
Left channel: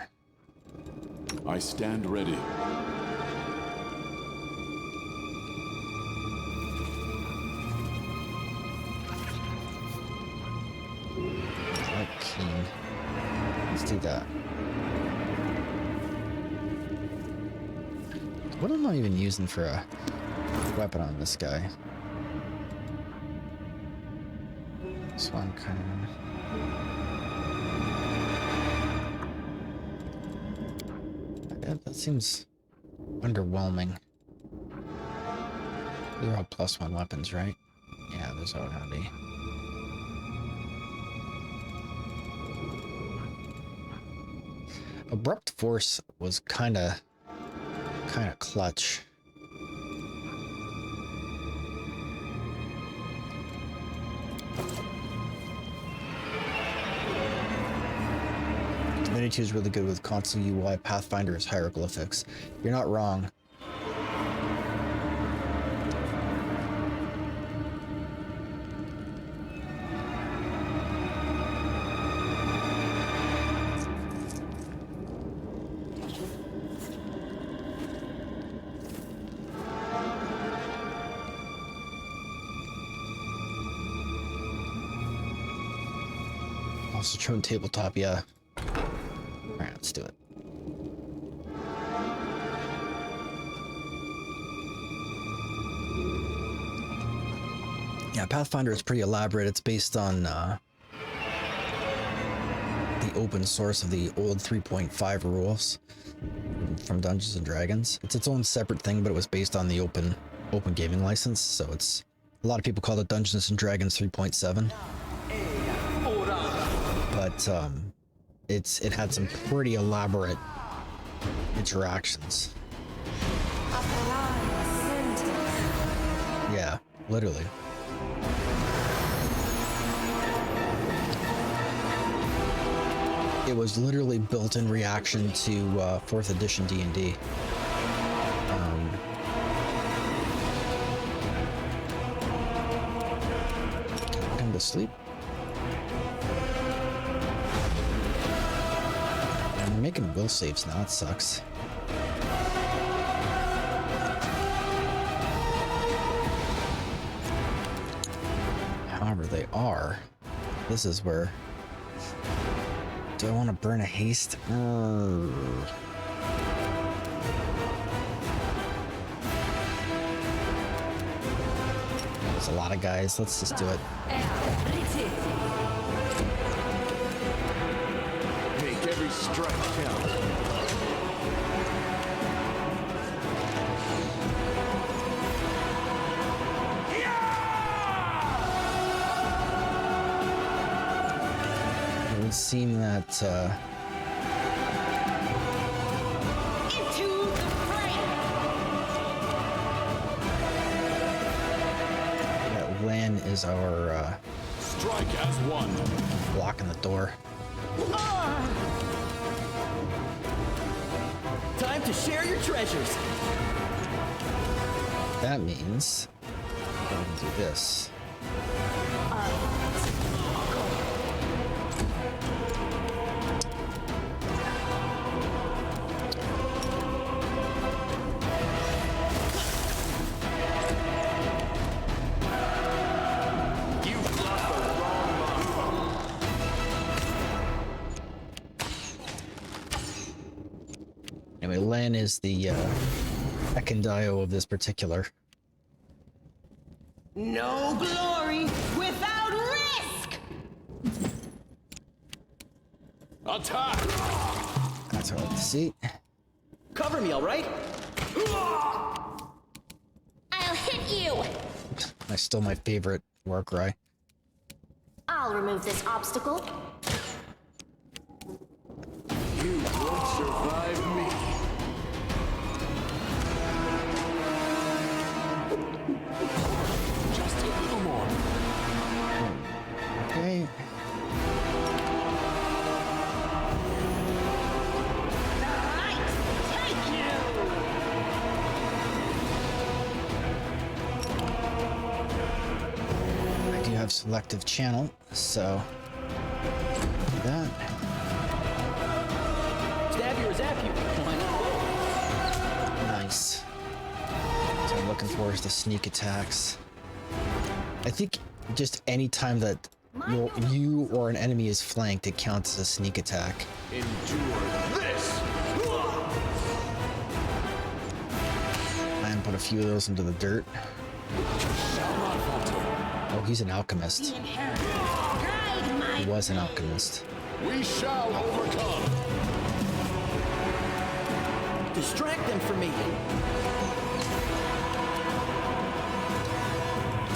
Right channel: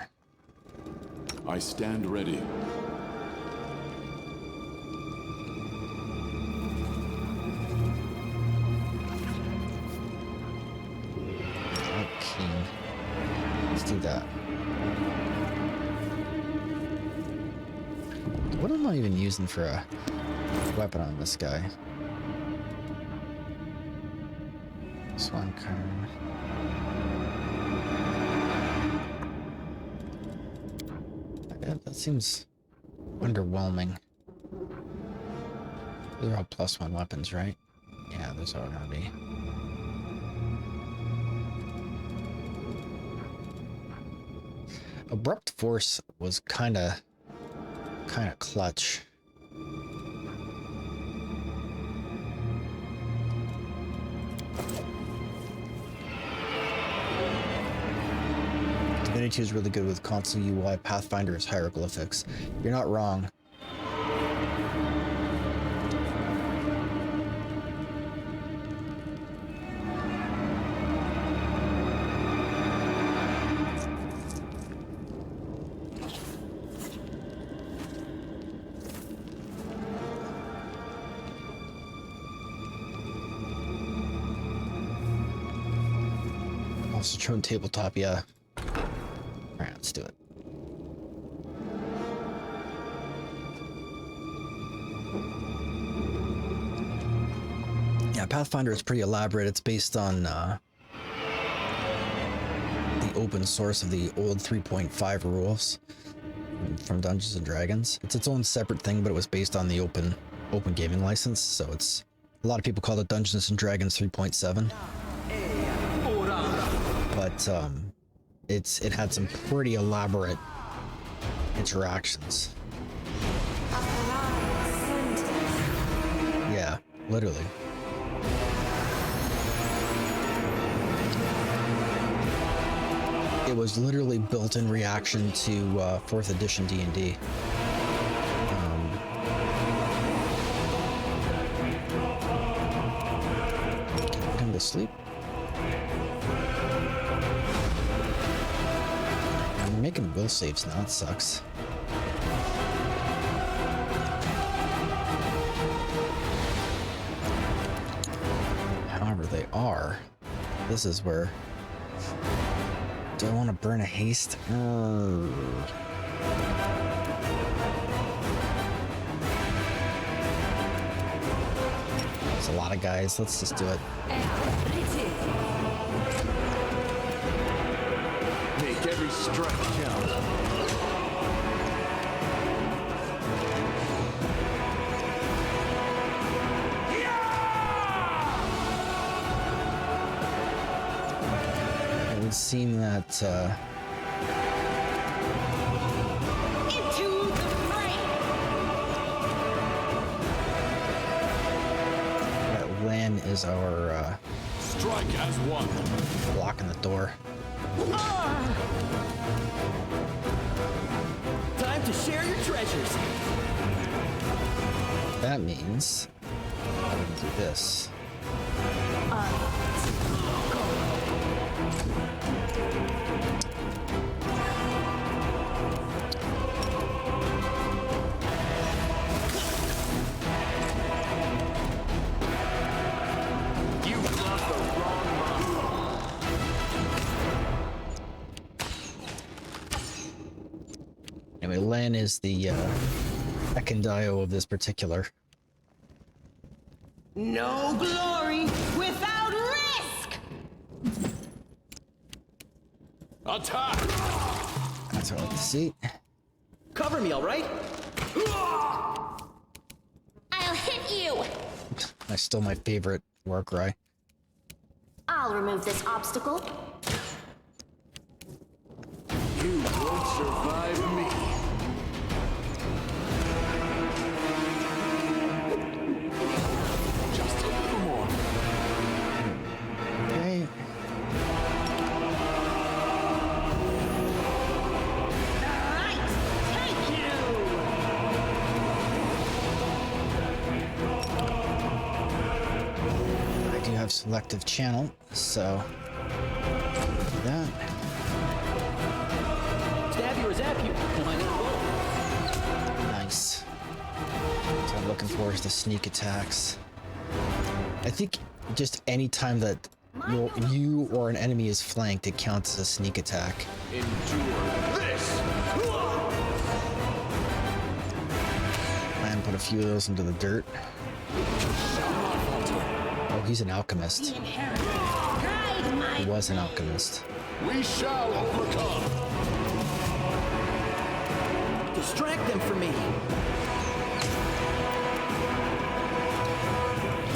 I stand ready. Like keen. Let's do that. What am I even using for a weapon on this guy? Swan cone. That seems underwhelming. They're all +1 weapons, right? Yeah, those are gonna be. Abrupt Force was kind of clutch. Divinity is really good with console UI. Pathfinder is hieroglyphics. You're not wrong. Also shown tabletop, yeah. Alright, let's do it. Yeah, Pathfinder is pretty elaborate. It's based on the open source of the old 3.5 rules from Dungeons and Dragons. It's its own separate thing, but it was based on the open gaming license, so it's a lot of people call it Dungeons and Dragons 3.7. But it had some pretty elaborate interactions. Yeah, literally. It was literally built in reaction to 4th edition D&D. Can I put him to sleep? I'm making will saves now, it sucks. However, they are. This is where... Do I want to burn a haste? There's a lot of guys. Let's just do it. Make every strike count. It would seem that Into the fray! that Lan is our Strike as one. blocking the door. Time to share your treasures. That means we're gonna do this. You've crossed the wrong monk. Anyway, Lan is the Ekondio of this particular. No glory without risk! Attack! That's what I like to see. Cover me, all right? I'll hit you. That's still my favorite war cry. I'll remove this obstacle. You won't survive me. Just a little more. Okay. Alright, take you! I do have selective channel, so do that. Stab you or zap you. Why not both? Nice. So I'm looking forward to the sneak attacks. I think just any time that you or an enemy is flanked, it counts as a sneak attack. Endure this. And put a few of those into the dirt. Shall not falter. Oh, he's an alchemist. Inheritance, guide my He was an alchemist. We shall overcome. Distract them from me.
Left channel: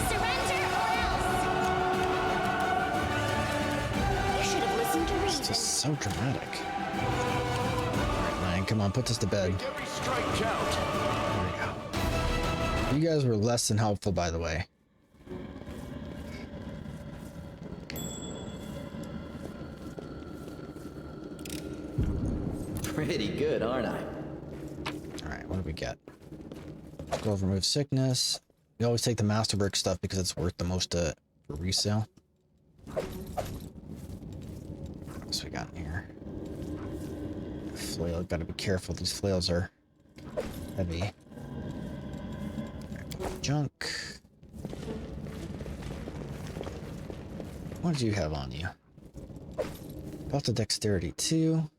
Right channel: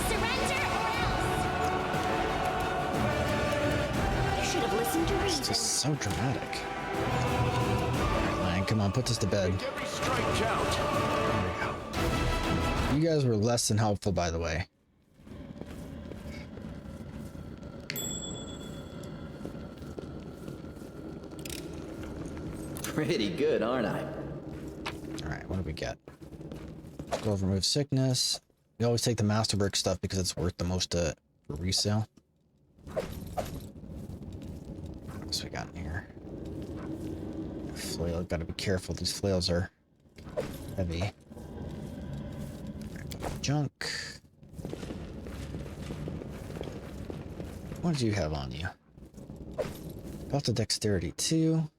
Surrender or else. You should have listened to It's reason. just so dramatic. Alright, Lan, come on, put this to bed. Make every strike count. There we go. You guys were less than helpful, by the way. Pretty good, aren't I? Alright, what do we get? Go remove sickness. We always take the masterwork stuff because it's worth the most for resale. What else we got in here? Flail, gotta be careful. These flails are heavy. Junk. What did you have on you? Belt of Dexterity 2.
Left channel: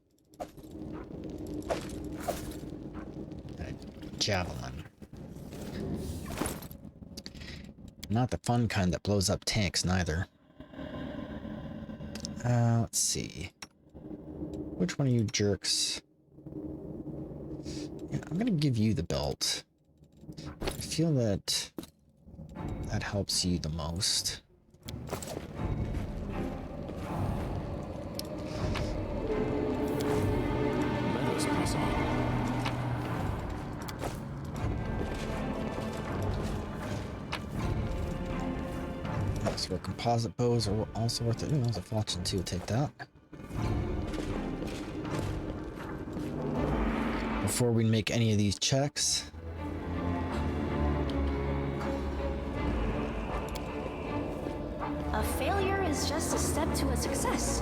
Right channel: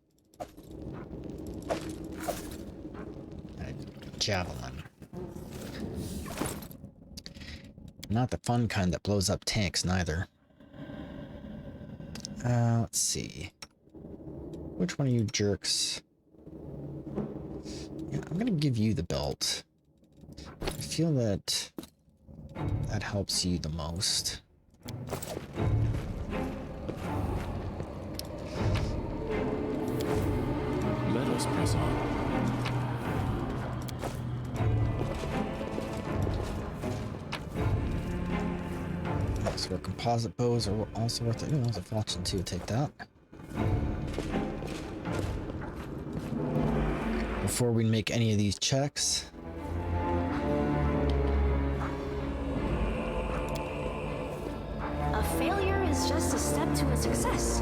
And a Javelin. Not the fun kind that blows up tanks, neither. Let's see. Which one of you jerks? Yeah, I'm gonna give you the belt. I feel that that helps you the most. Let us press on. So our composite bows are also worth it. Ooh, that's a fortune too. Take that. Before we make any of these checks, A failure is just a step to a success.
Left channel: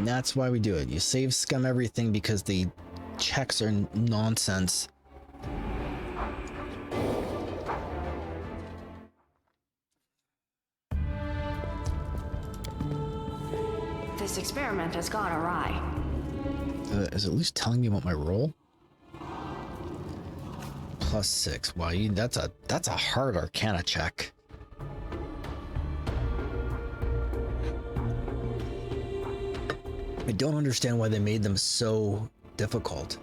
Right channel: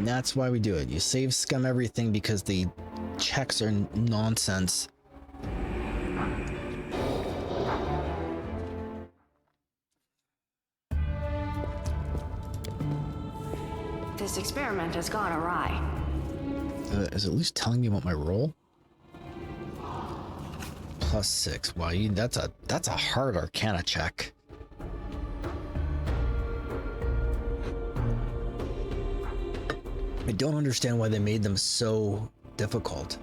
and that's why we do it. You save scum everything because the checks are nonsense. This experiment has gone awry. Is it at least telling me about my roll? +6. Wow, that's a hard Arcana check. I don't understand why they made them so difficult.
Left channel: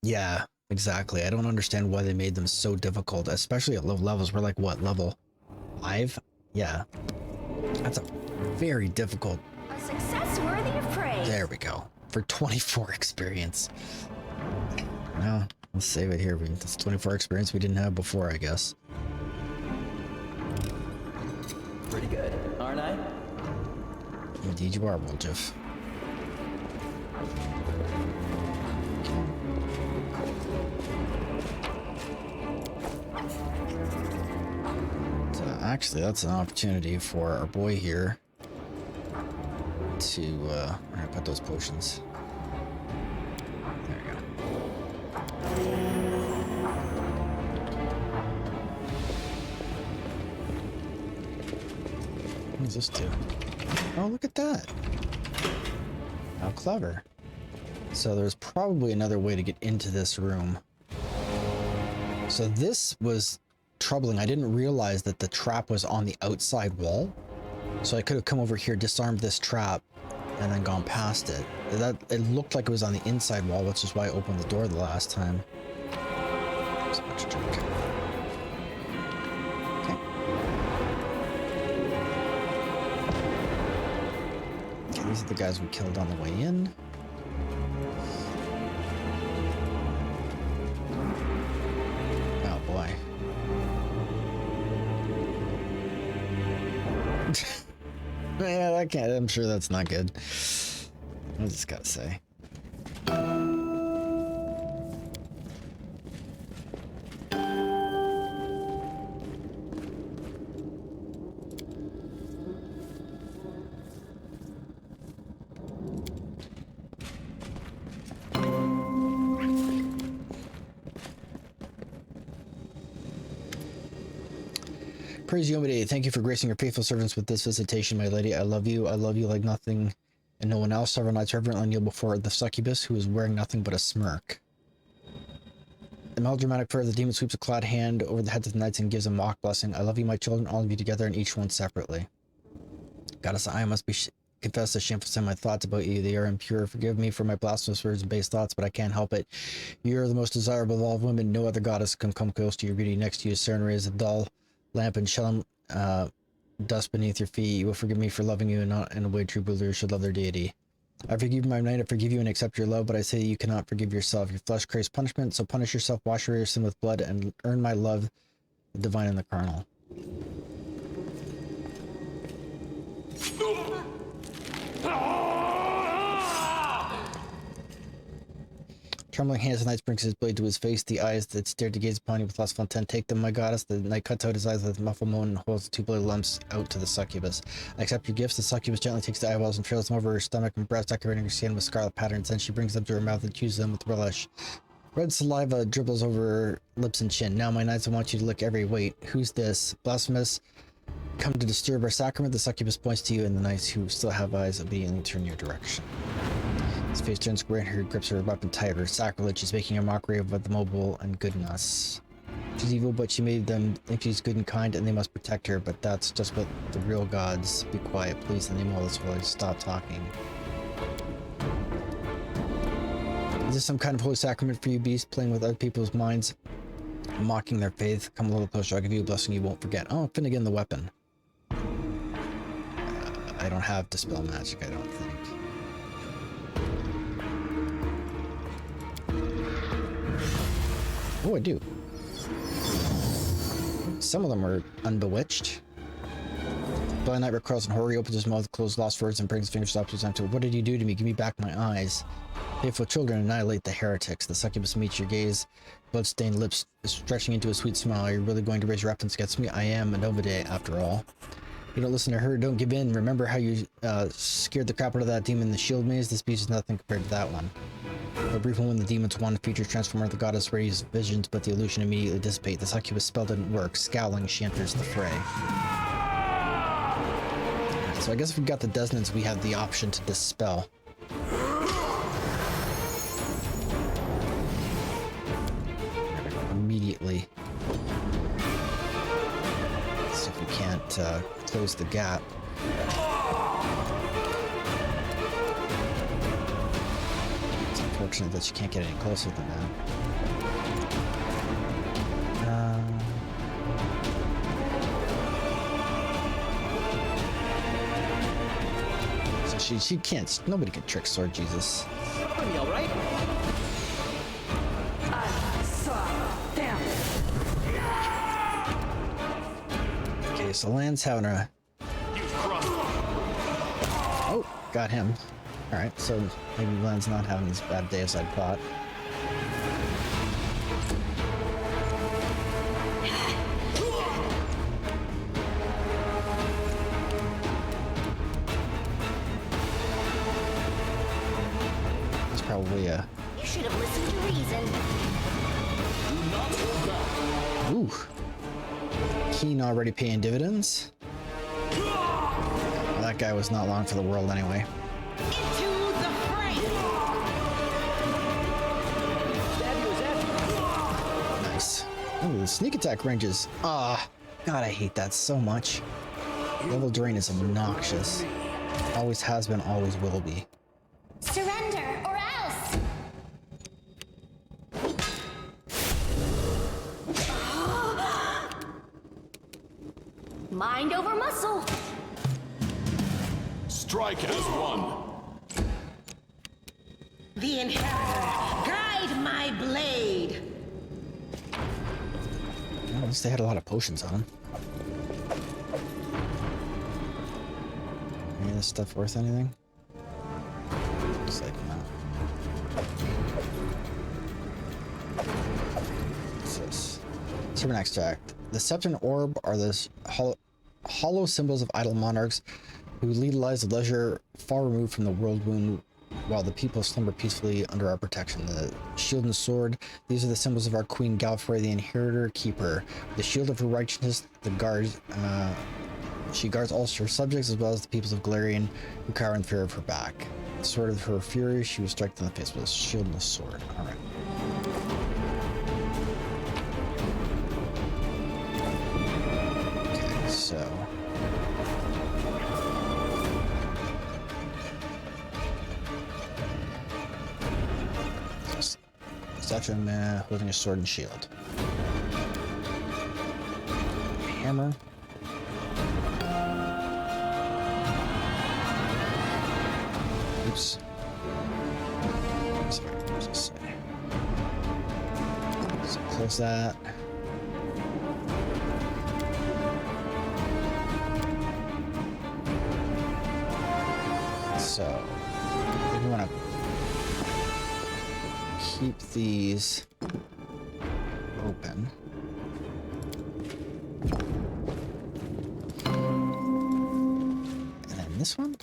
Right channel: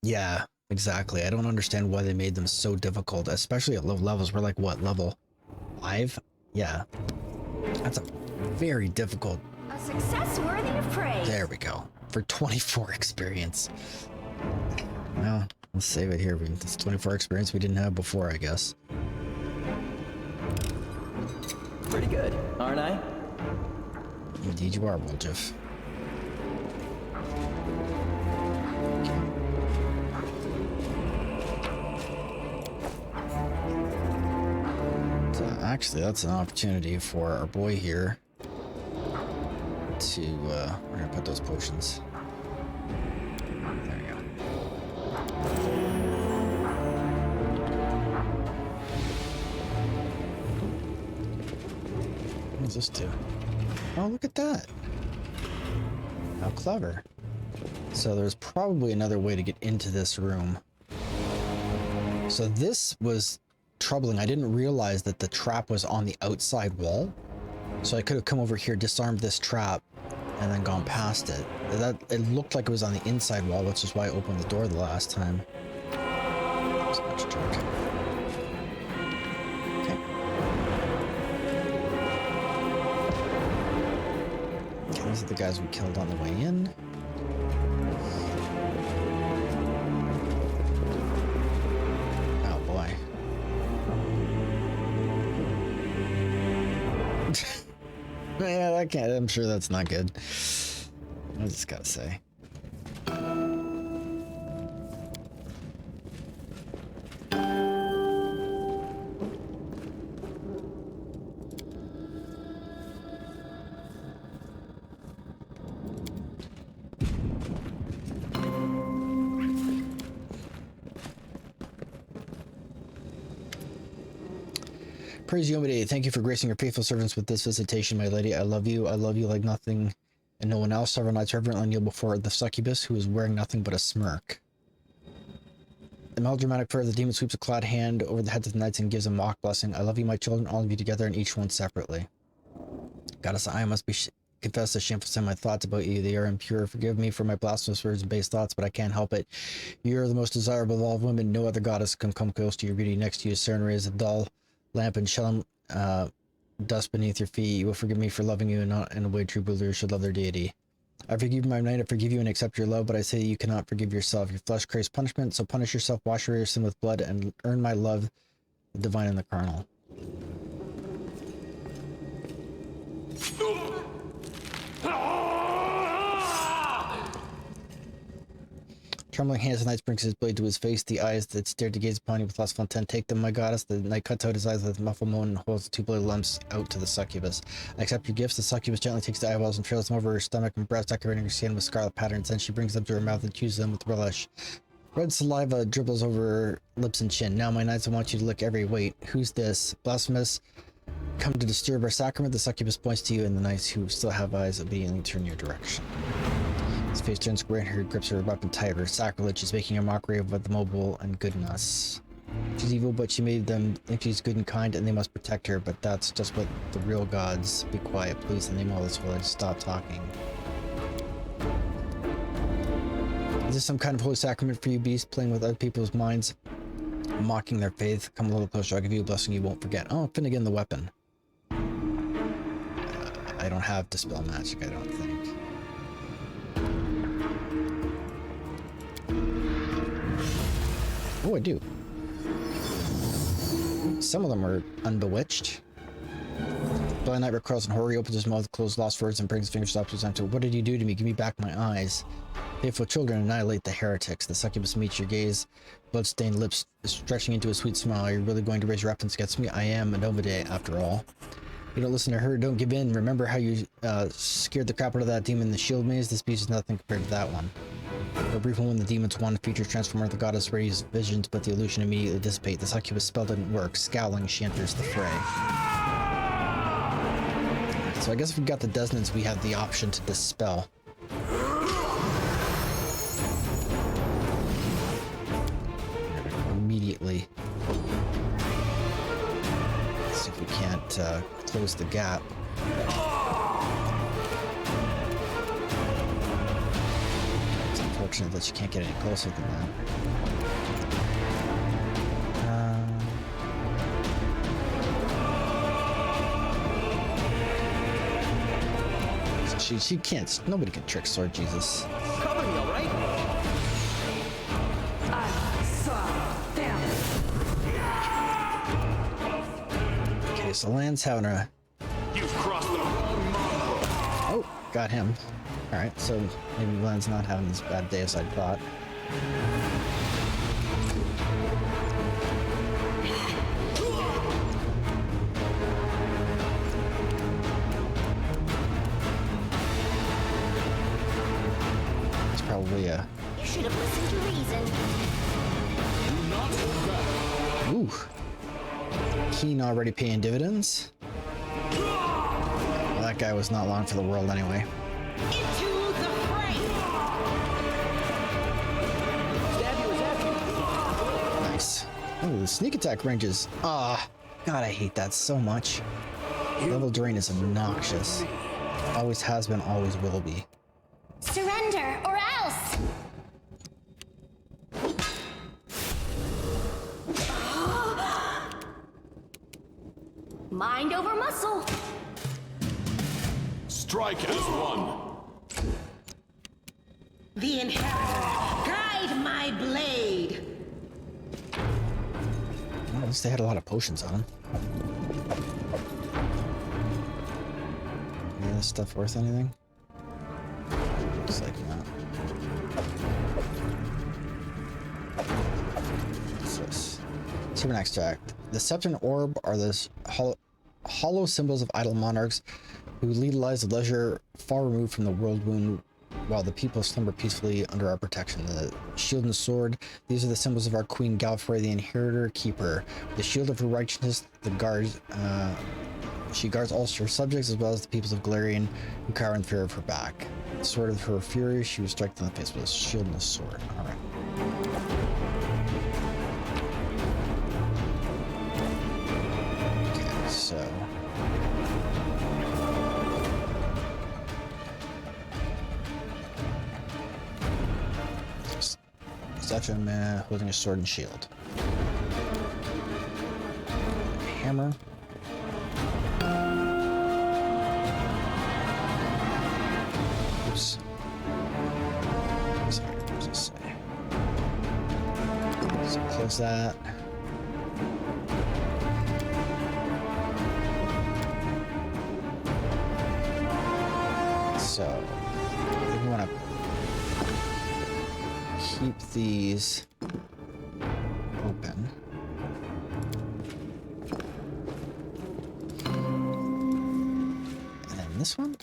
Yeah, exactly. I don't understand why they made them so difficult, especially at low levels. We're like, what, level 5? Yeah. That's a very difficult. A success worthy of praise. There we go. For 24 experience. Well, let's save it here. That's 24 experience we didn't have before, I guess. Pretty good, aren't I? Indeed you are, Woljif. So actually, that's an opportunity for our boy here to, we're gonna put those potions. There we go. What does this do? Oh, look at that. How clever. So there's probably another way to get into this room. So this was troubling. I didn't realize that the trap was on the outside wall. So I could have come over here, disarmed this trap, and then gone past it. It looked like it was on the inside wall, which is why I opened the door the last time. There's a bunch of junk. Okay. Okay, these are the guys we killed on the way in. Oh boy. Yeah, that can't. I'm sure that's not good. I just gotta say. Praise you, Omid. Thank you for gracing your faithful servants with this visitation, my lady. I love you like nothing and no one else. Several nights reverently kneel before the succubus, who is wearing nothing but a smirk. The melodramatic prayer of the demon sweeps a clad hand over the heads of the knights and gives a mock blessing. I love you, my children, all of you together, and each one separately. Goddess, I must be confess the shameful sin. My thoughts about you, they are impure. Forgive me for my blasphemous words and base thoughts, but I can't help it. You are the most desirable of all women. No other goddess can come close to your beauty. Next to you, Serenray is a dull lamp and shell dust beneath your feet. You will forgive me for loving you and not in a way true believers should love their deity. I forgive you, my knight. I forgive you and accept your love, but I say you cannot forgive yourself. Your flesh craves punishment, so punish yourself, wash away your sin with blood, and earn my love, the divine and the carnal. Trembling hands, the knight brings his blade to his face. The eyes that stared to gaze upon you with lustful intent take them, my goddess. The knight cuts out his eyes with a muffled moan and holds the two bloody lumps out to the succubus. I accept your gifts. The succubus gently takes the eyeballs and trails them over her stomach and breast, decorating her skin with scarlet patterns. Then she brings them to her mouth and chews them with relish. Red saliva dribbles over her lips and chin. Now, my knights, I want you to lick every weight. Who's this? Blasphemous. come to disturb our sacrament, the succubus points to you, and the knights who still have eyes obediently turn your direction. His face turns gray and her grips her weapon tighter. Sacrilege is making a mockery of the mobile and good in us. She's evil, but she made them think she's good and kind, and they must protect her, but that's just what the real gods. Be quiet, please, in the name of all this village. Stop talking. Is this some kind of holy sacrament for you, beast, playing with other people's minds, mocking their faith? Come a little closer, I'll give you a blessing you won't forget. Oh, Finnegan the weapon. I don't have Dispel Magic, I don't think. Oh, I do. Some of them are unbewitched. Blind Knight recoils in horror. He opens his mouth, closed lost words, and brings his fingers up to his empty. What did you do to me? Give me back my eyes. Faithful children, annihilate the heretics. The succubus meets your gaze, blood-stained lips stretching into a sweet smile. Are you really going to raise your weapons against me? I am a Novade, after all. You don't listen to her, don't give in. Remember how you scared the crap out of that demon in the shield maze? This beast is nothing compared to that one. For a brief moment, the demon's one feature transformer, the goddess raises visions, but the illusion immediately dissipates. The succubus spell didn't work. Scowling, she enters the fray. Right, so I guess if we got the dissonance, we have the option to dispel. Immediately. Let's see if we can't close the gap. It's unfortunate that you can't get any closer than that. So she can't. Nobody can trick Sword Jesus. Cover me, all right? Okay, so Lan's having a... You've crossed the Oh, got him. Alright, so maybe Lan's not having as bad a day as I thought. It's probably a... You should have listened to reason. Do not hold back. Ooh. Keen already paying dividends. Well, that guy was not long for the world anyway. Into the fray! Stab you or zap you. Nice. Oh, the sneak attack ranges. Ah, God, I hate that so much. Level drain is obnoxious. Always has been, always will be. Surrender or else! Mind over muscle! Strike as one. The Inheritor, guide my blade! Well, at least they had a lot of potions on them. Any of this stuff worth anything? Looks like not. What's this? Serpent extract. The scepter and orb are the hollow symbols of idle monarchs who lead lives of leisure far removed from the world wound while the people slumber peacefully under our protection. The shield and sword, these are the symbols of our Queen Galfrey, the Inheritor Keeper. The shield of her righteousness, the guards, she guards all her subjects as well as the peoples of Galarian who cower in fear of her back. The sword of her fury, she was struck in the face with a shield and a sword. Alright. Okay, so... Statue of man holding a sword and shield. Hammer. Oops. Sorry, what does it say? So close that. So I think we want to keep these open. And then this one.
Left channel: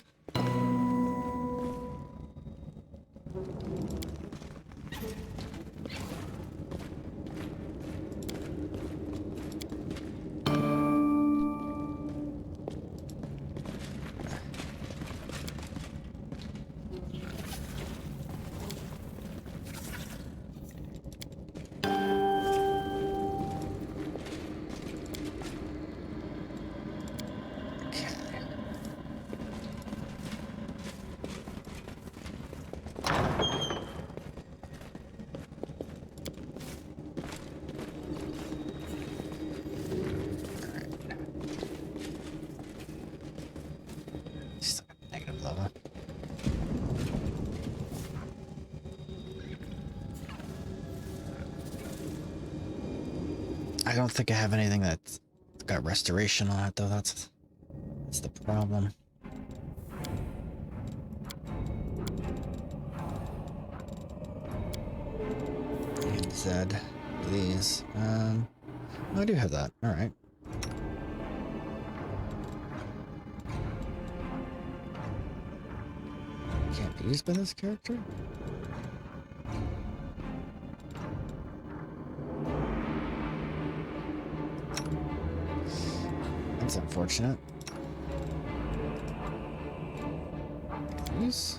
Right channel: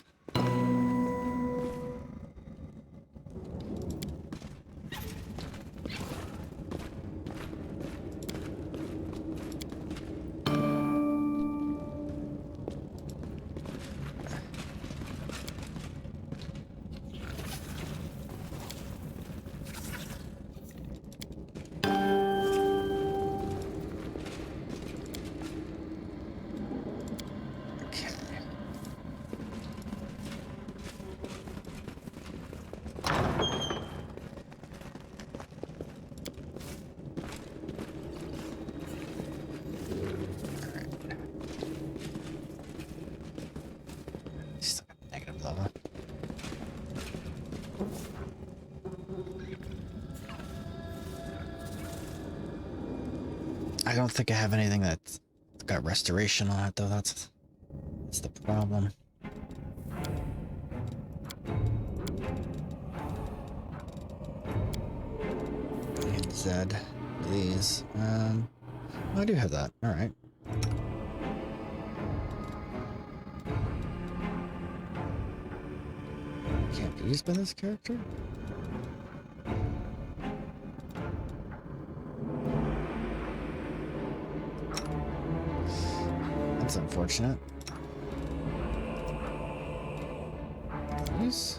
I don't think I have anything that's got restoration on it, though. That's the problem. And Z for these. I do have that. All right. Can't be used by this character? That's unfortunate. These?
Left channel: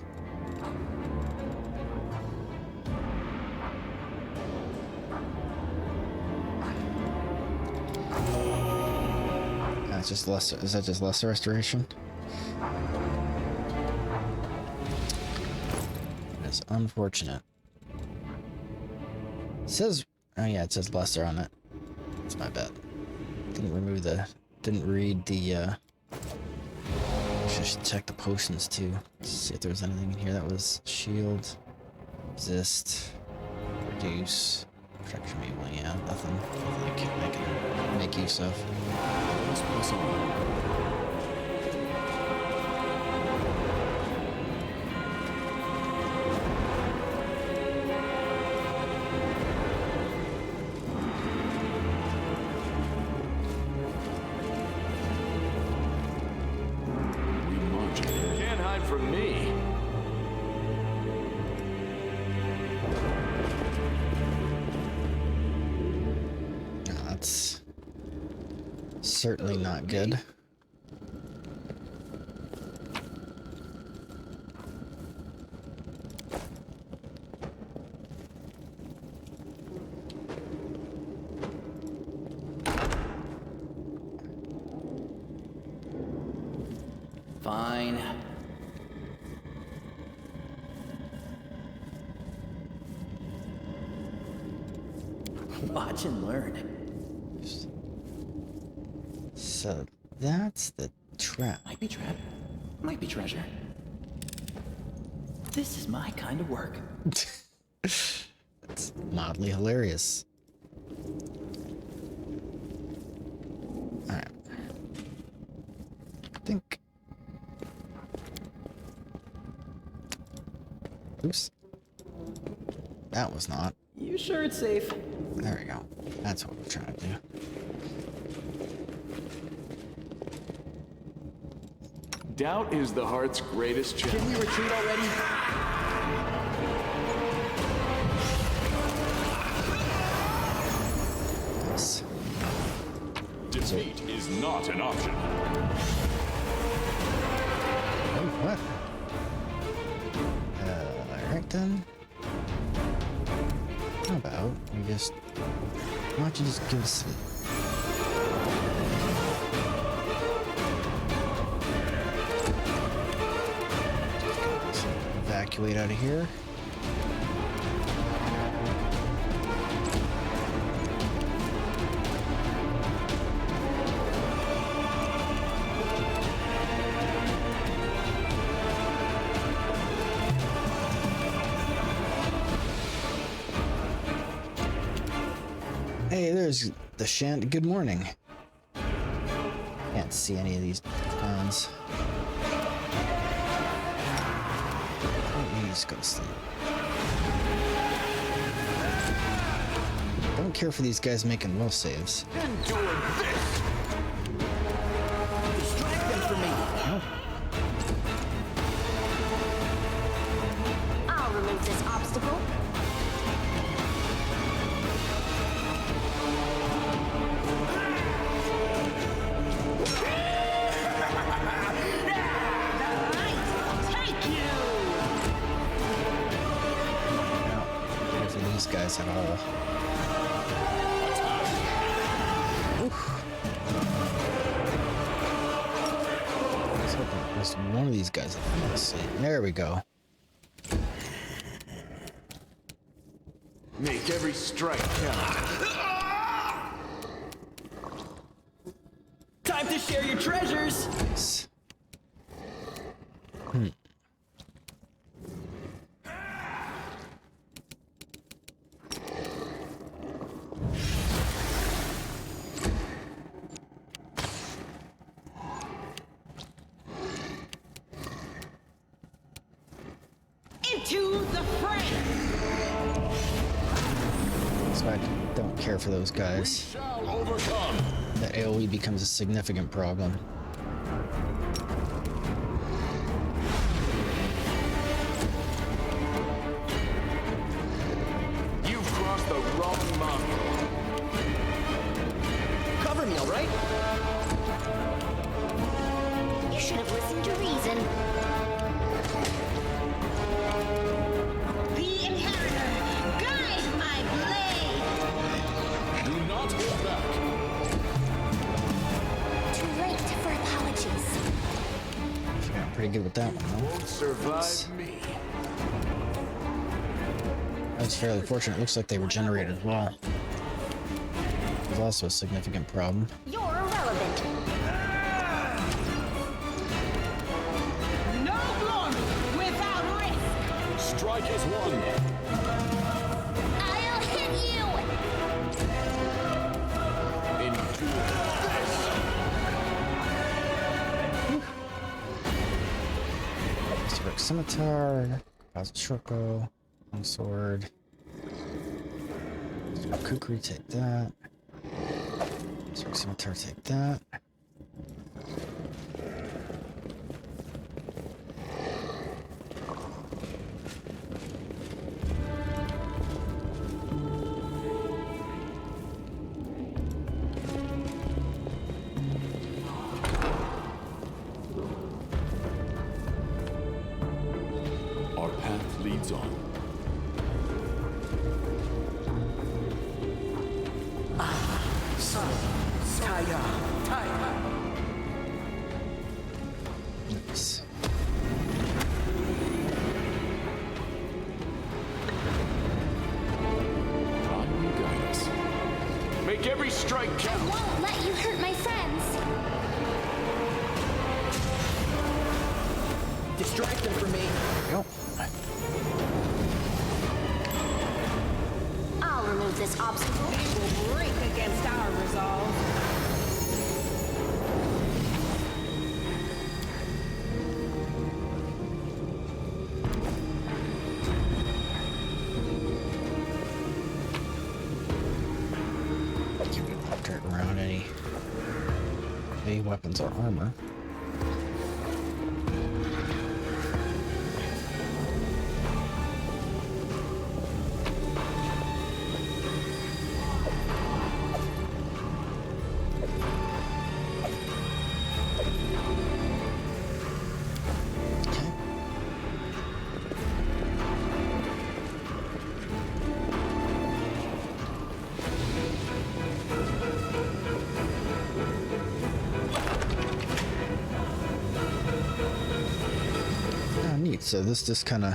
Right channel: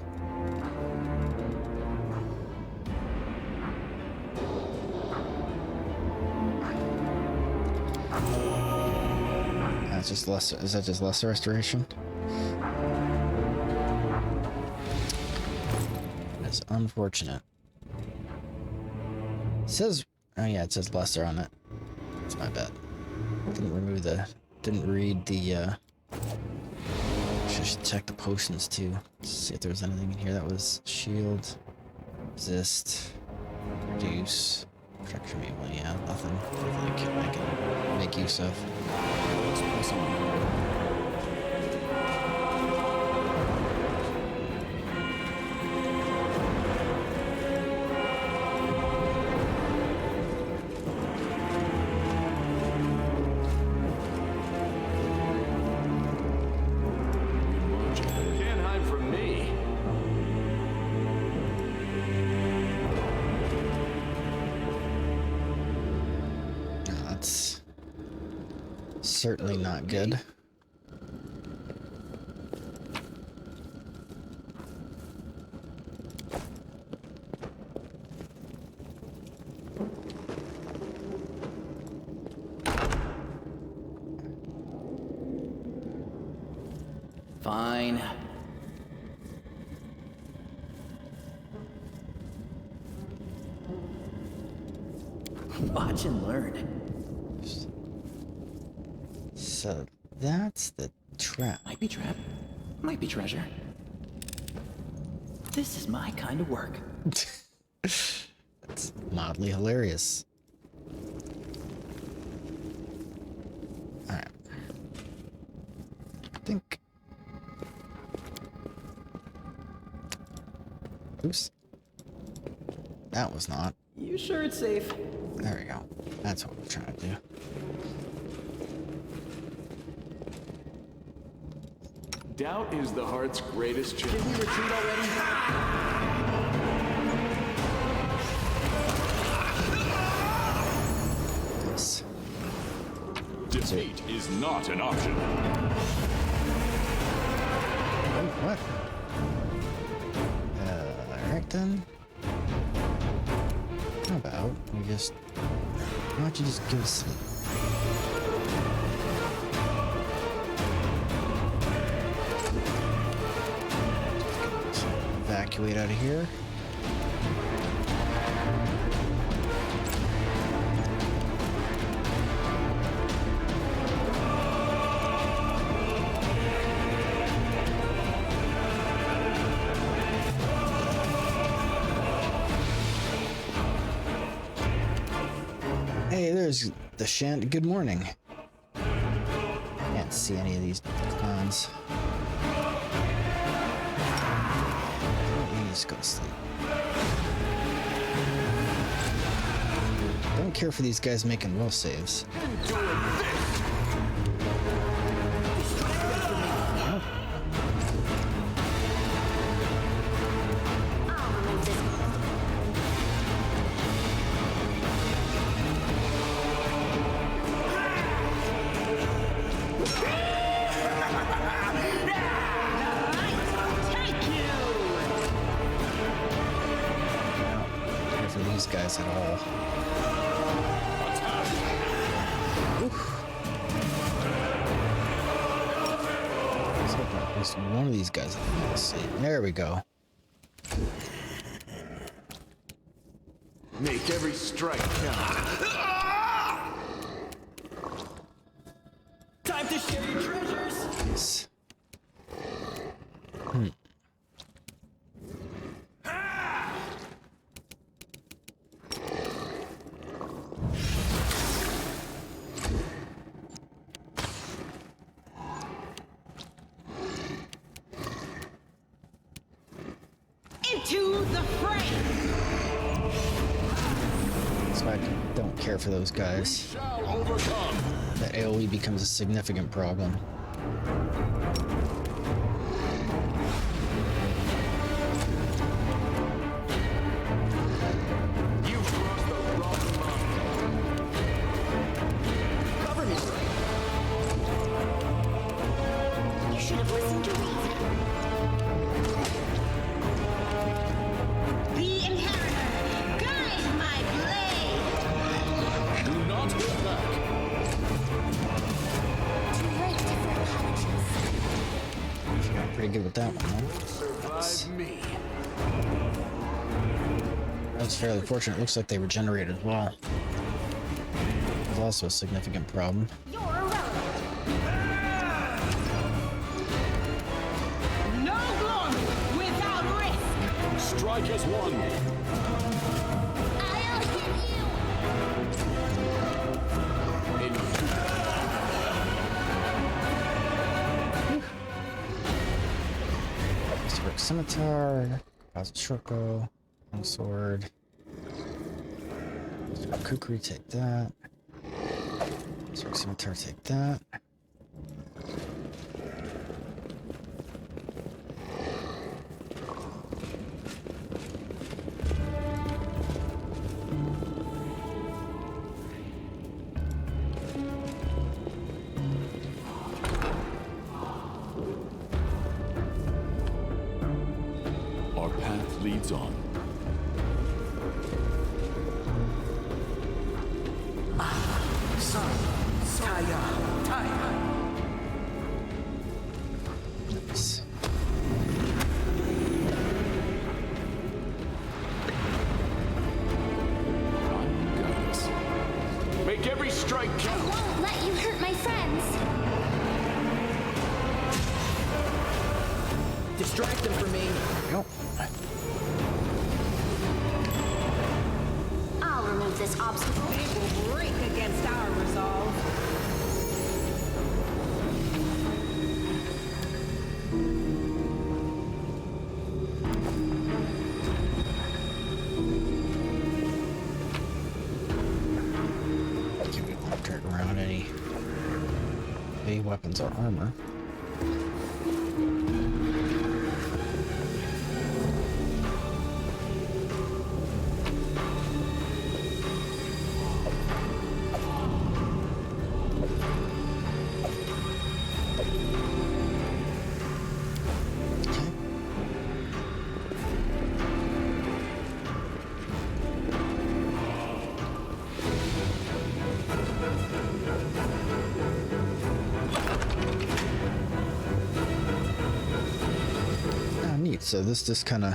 That's just lesser. Is that just lesser restoration? That's unfortunate. It says, oh yeah, it says lesser on it. That's my bad. Didn't read the, should check the potions too. See if there was anything in here that was shield, resist, reduce, protection evil. Yeah, nothing I can make use of. Let us press on. We march ahead. Can't hide from me. No, that's certainly not good. Fine. Watch and learn. So that's the trap. Might be trap, might be treasure. This is my kind of work. That's mildly hilarious. Alright. I think. Oops. That was not. You sure it's safe? There we go. That's what we're trying to do. Doubt is the heart's greatest Did challenge. we retreat already? Nice. Defeat is not an option. Oh, what? Alright then. How about we just... Why don't you just give us some... Evacuate out of here. Hey, there's the Shant. Good morning. Can't see any of these clowns. Just go to sleep. Don't care for these guys making will saves. Enjoy this! Distract them from me. I'll remove this obstacle. Take you! Don't care for these guys at all. Oof. Let's hope at least one of these guys will fall asleep. There we go. Make every strike count. Time to share your treasures. Nice. prey! So I don't care for those We guys. shall overcome. The AoE becomes a significant problem. You've crossed the wrong monk. Cover me, all right? You should have listened to reason. The Inheritor, guide my blade! Do not hold back. Too late for apologies. I got pretty good with that one, though. Won't survive me. That was fairly fortunate. It looks like they regenerate as well. It was also a significant problem. You're irrelevant. No glory without risk! Strike as one. I'll hit you! Historic Scimitar, Shortbow, Longsword. Kukri, take that. Historic Scimitar, take that. Our path leads on. Nice. On you guide us. Make every strike I count. won't let you hurt my friends. Distract them from me. Go. I'll remove this obstacle. They will break against our resolve. Keep it turn around any weapons or armor. Okay. Oh, neat. So this just kind of.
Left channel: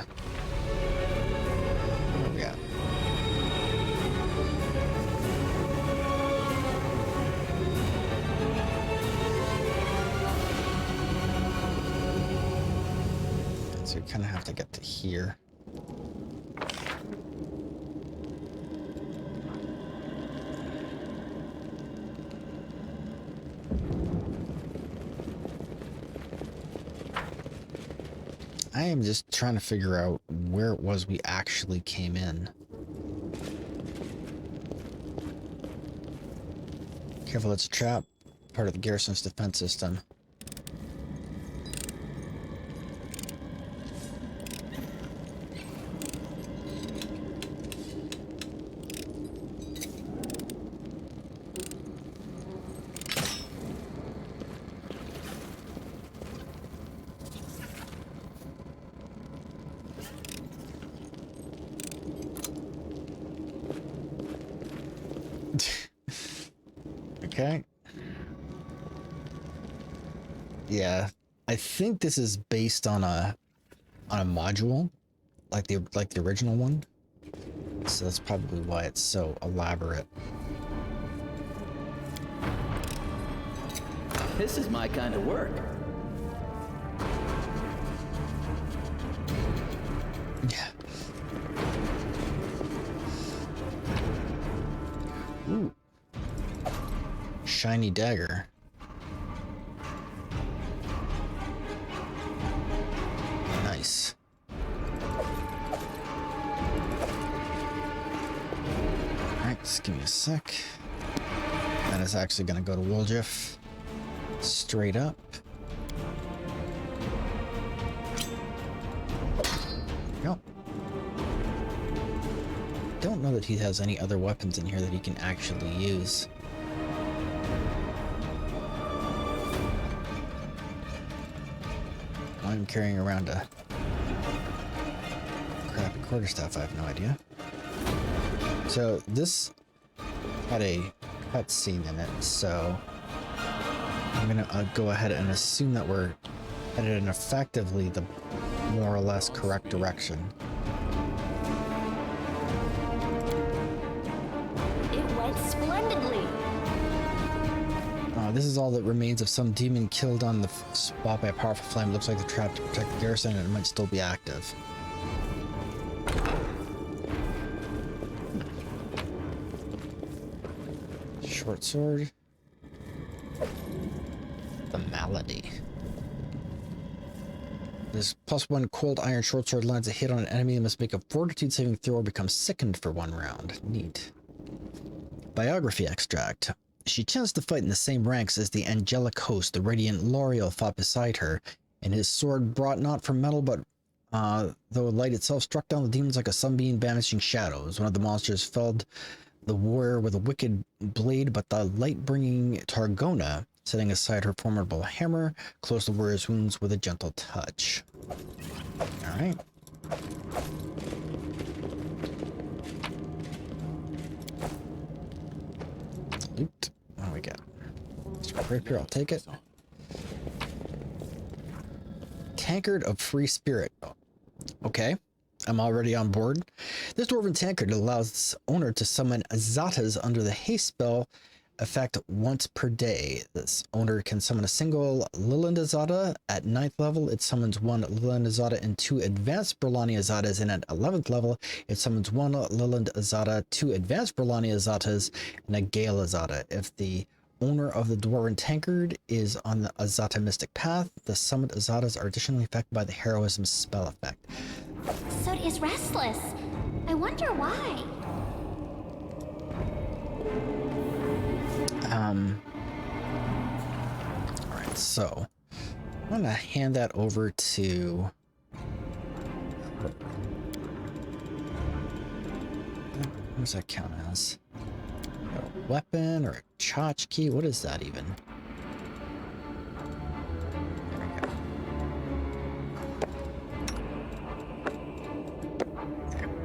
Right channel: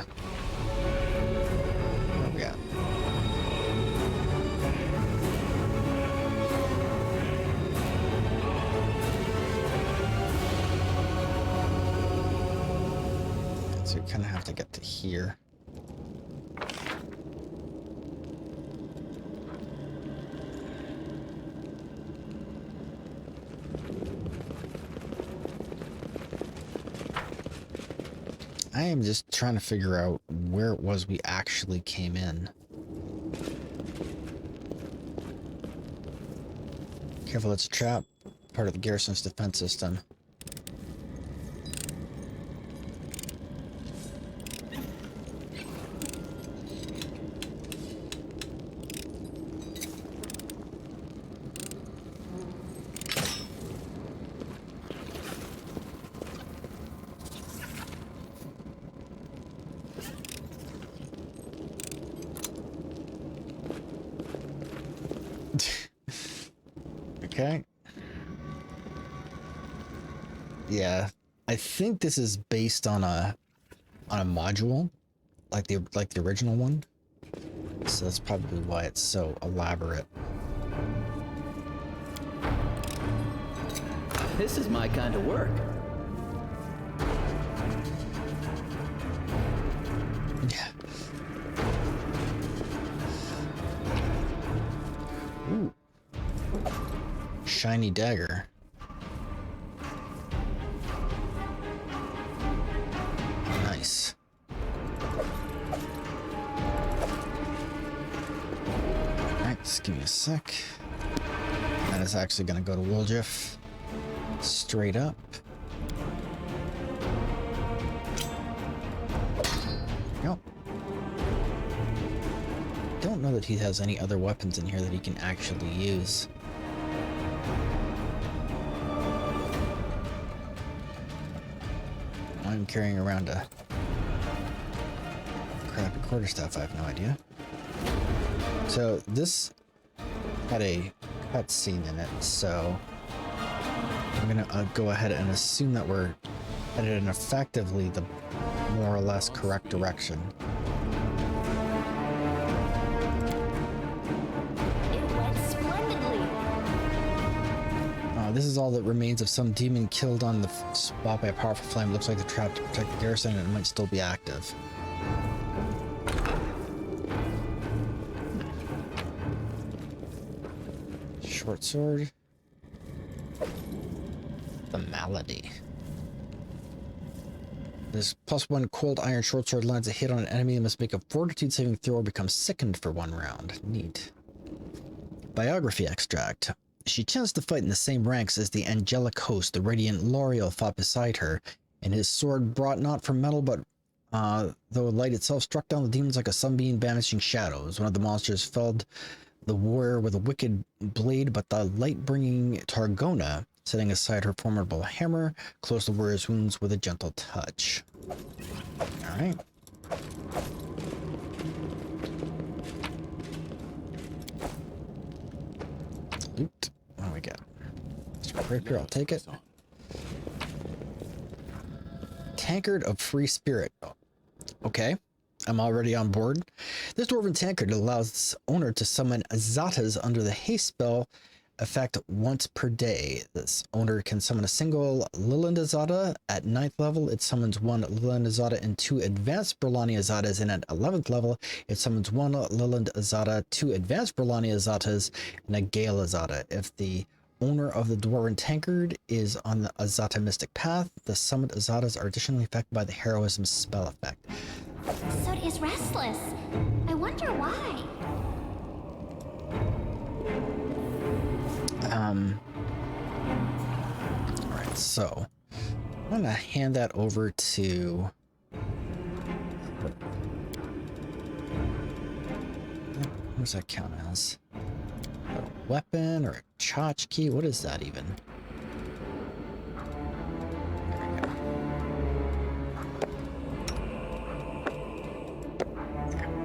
Where are we at? So we kind of have to get to here. I am just trying to figure out where it was we actually came in. Careful, it's a trap. Part of the garrison's defense system. Okay. Yeah, I think this is based on a module, like the original one. So that's probably why it's so elaborate. This is my kind of work. Yeah. Ooh. Shiny dagger. Nice. Give me a sec. That is actually going to go to Woljif. Straight up. Go. Don't know that he has any other weapons in here that he can actually use. I'm carrying around a crappy quarterstaff. I have no idea. So this had a cutscene in it, so I'm gonna go ahead and assume that we're headed in effectively the more or less correct direction. It went splendidly. This is all that remains of some demon killed on the spot by a powerful flame. It looks like the trap to protect the garrison, and it might still be active. Short sword. The malady. This +1 cold iron short sword lands a hit on an enemy and must make a fortitude saving throw or become sickened for 1 round. Neat. Biography extract. She chanced to fight in the same ranks as the angelic host. The radiant L'Oreal fought beside her, and his sword brought not from metal, but though light itself struck down the demons like a sunbeam banishing shadows. One of the monsters felled the warrior with a wicked blade, but the light-bringing Targona, setting aside her formidable hammer, closed the warrior's wounds with a gentle touch. All right. Loot. What do we got? Rapier, I'll take it. Tankard of Free Spirit. Okay, I'm already on board. This dwarven tankard allows its owner to summon Azatas under the haste spell effect once per day. This owner can summon a single Liland Azata at 9th level. It summons 1 Liland Azata and 2 advanced Burlani Azatas, and at 11th level, it summons 1 Liland Azata, 2 advanced Burlani Azatas, and a Gale Azata. If the owner of the dwarven tankard is on the Azata mystic path, the summoned Azatas are additionally affected by the heroism spell effect. So is restless. I wonder why. Alright, so I'm gonna hand that over to her. What does that count as? A weapon or a tchotchke? What is that even? There we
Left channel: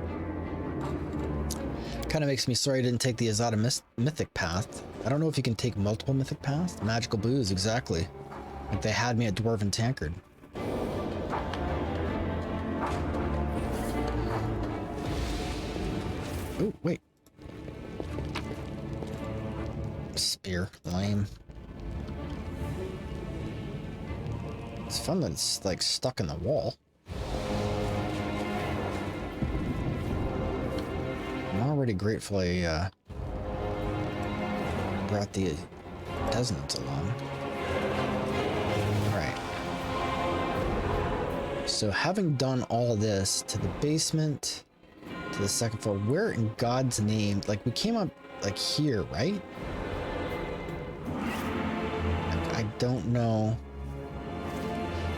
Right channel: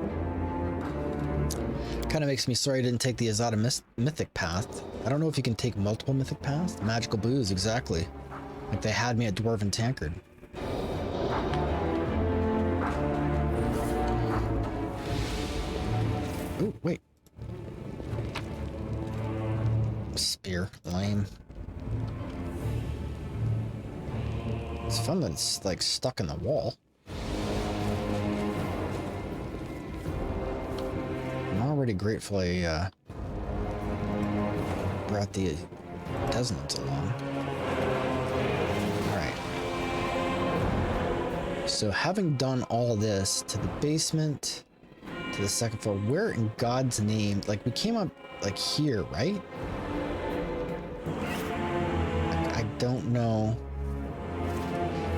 go. Kind of makes me sorry I didn't take the Azata mythic path. I don't know if you can take multiple mythic paths. Magical booze, exactly. Like they had me at Dwarven Tankard. Oh, wait. Spear, lame. It's fun that it's like stuck in the wall. I'm already grateful I brought the Desnants along. Alright. So having done all this to the basement, to the 2nd floor, where in God's name, like we came up like here, right? I don't know.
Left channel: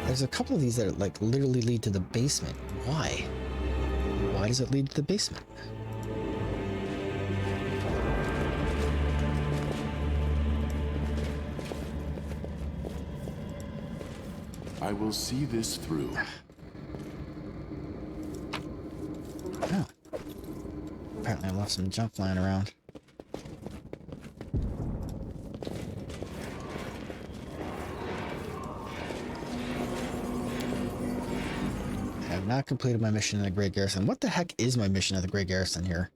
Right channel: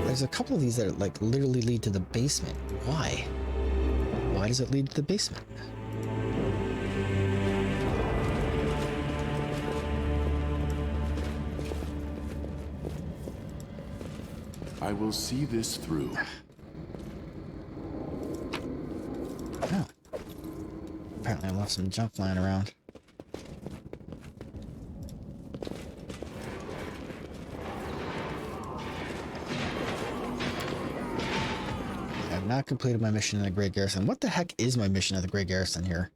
There's a couple of these that like literally lead to the basement. Why? Why does it lead to the basement? I will see this through. Oh. Apparently I left some junk lying around. I have not completed my mission in the Great Garrison. What the heck is my mission at the Great Garrison here?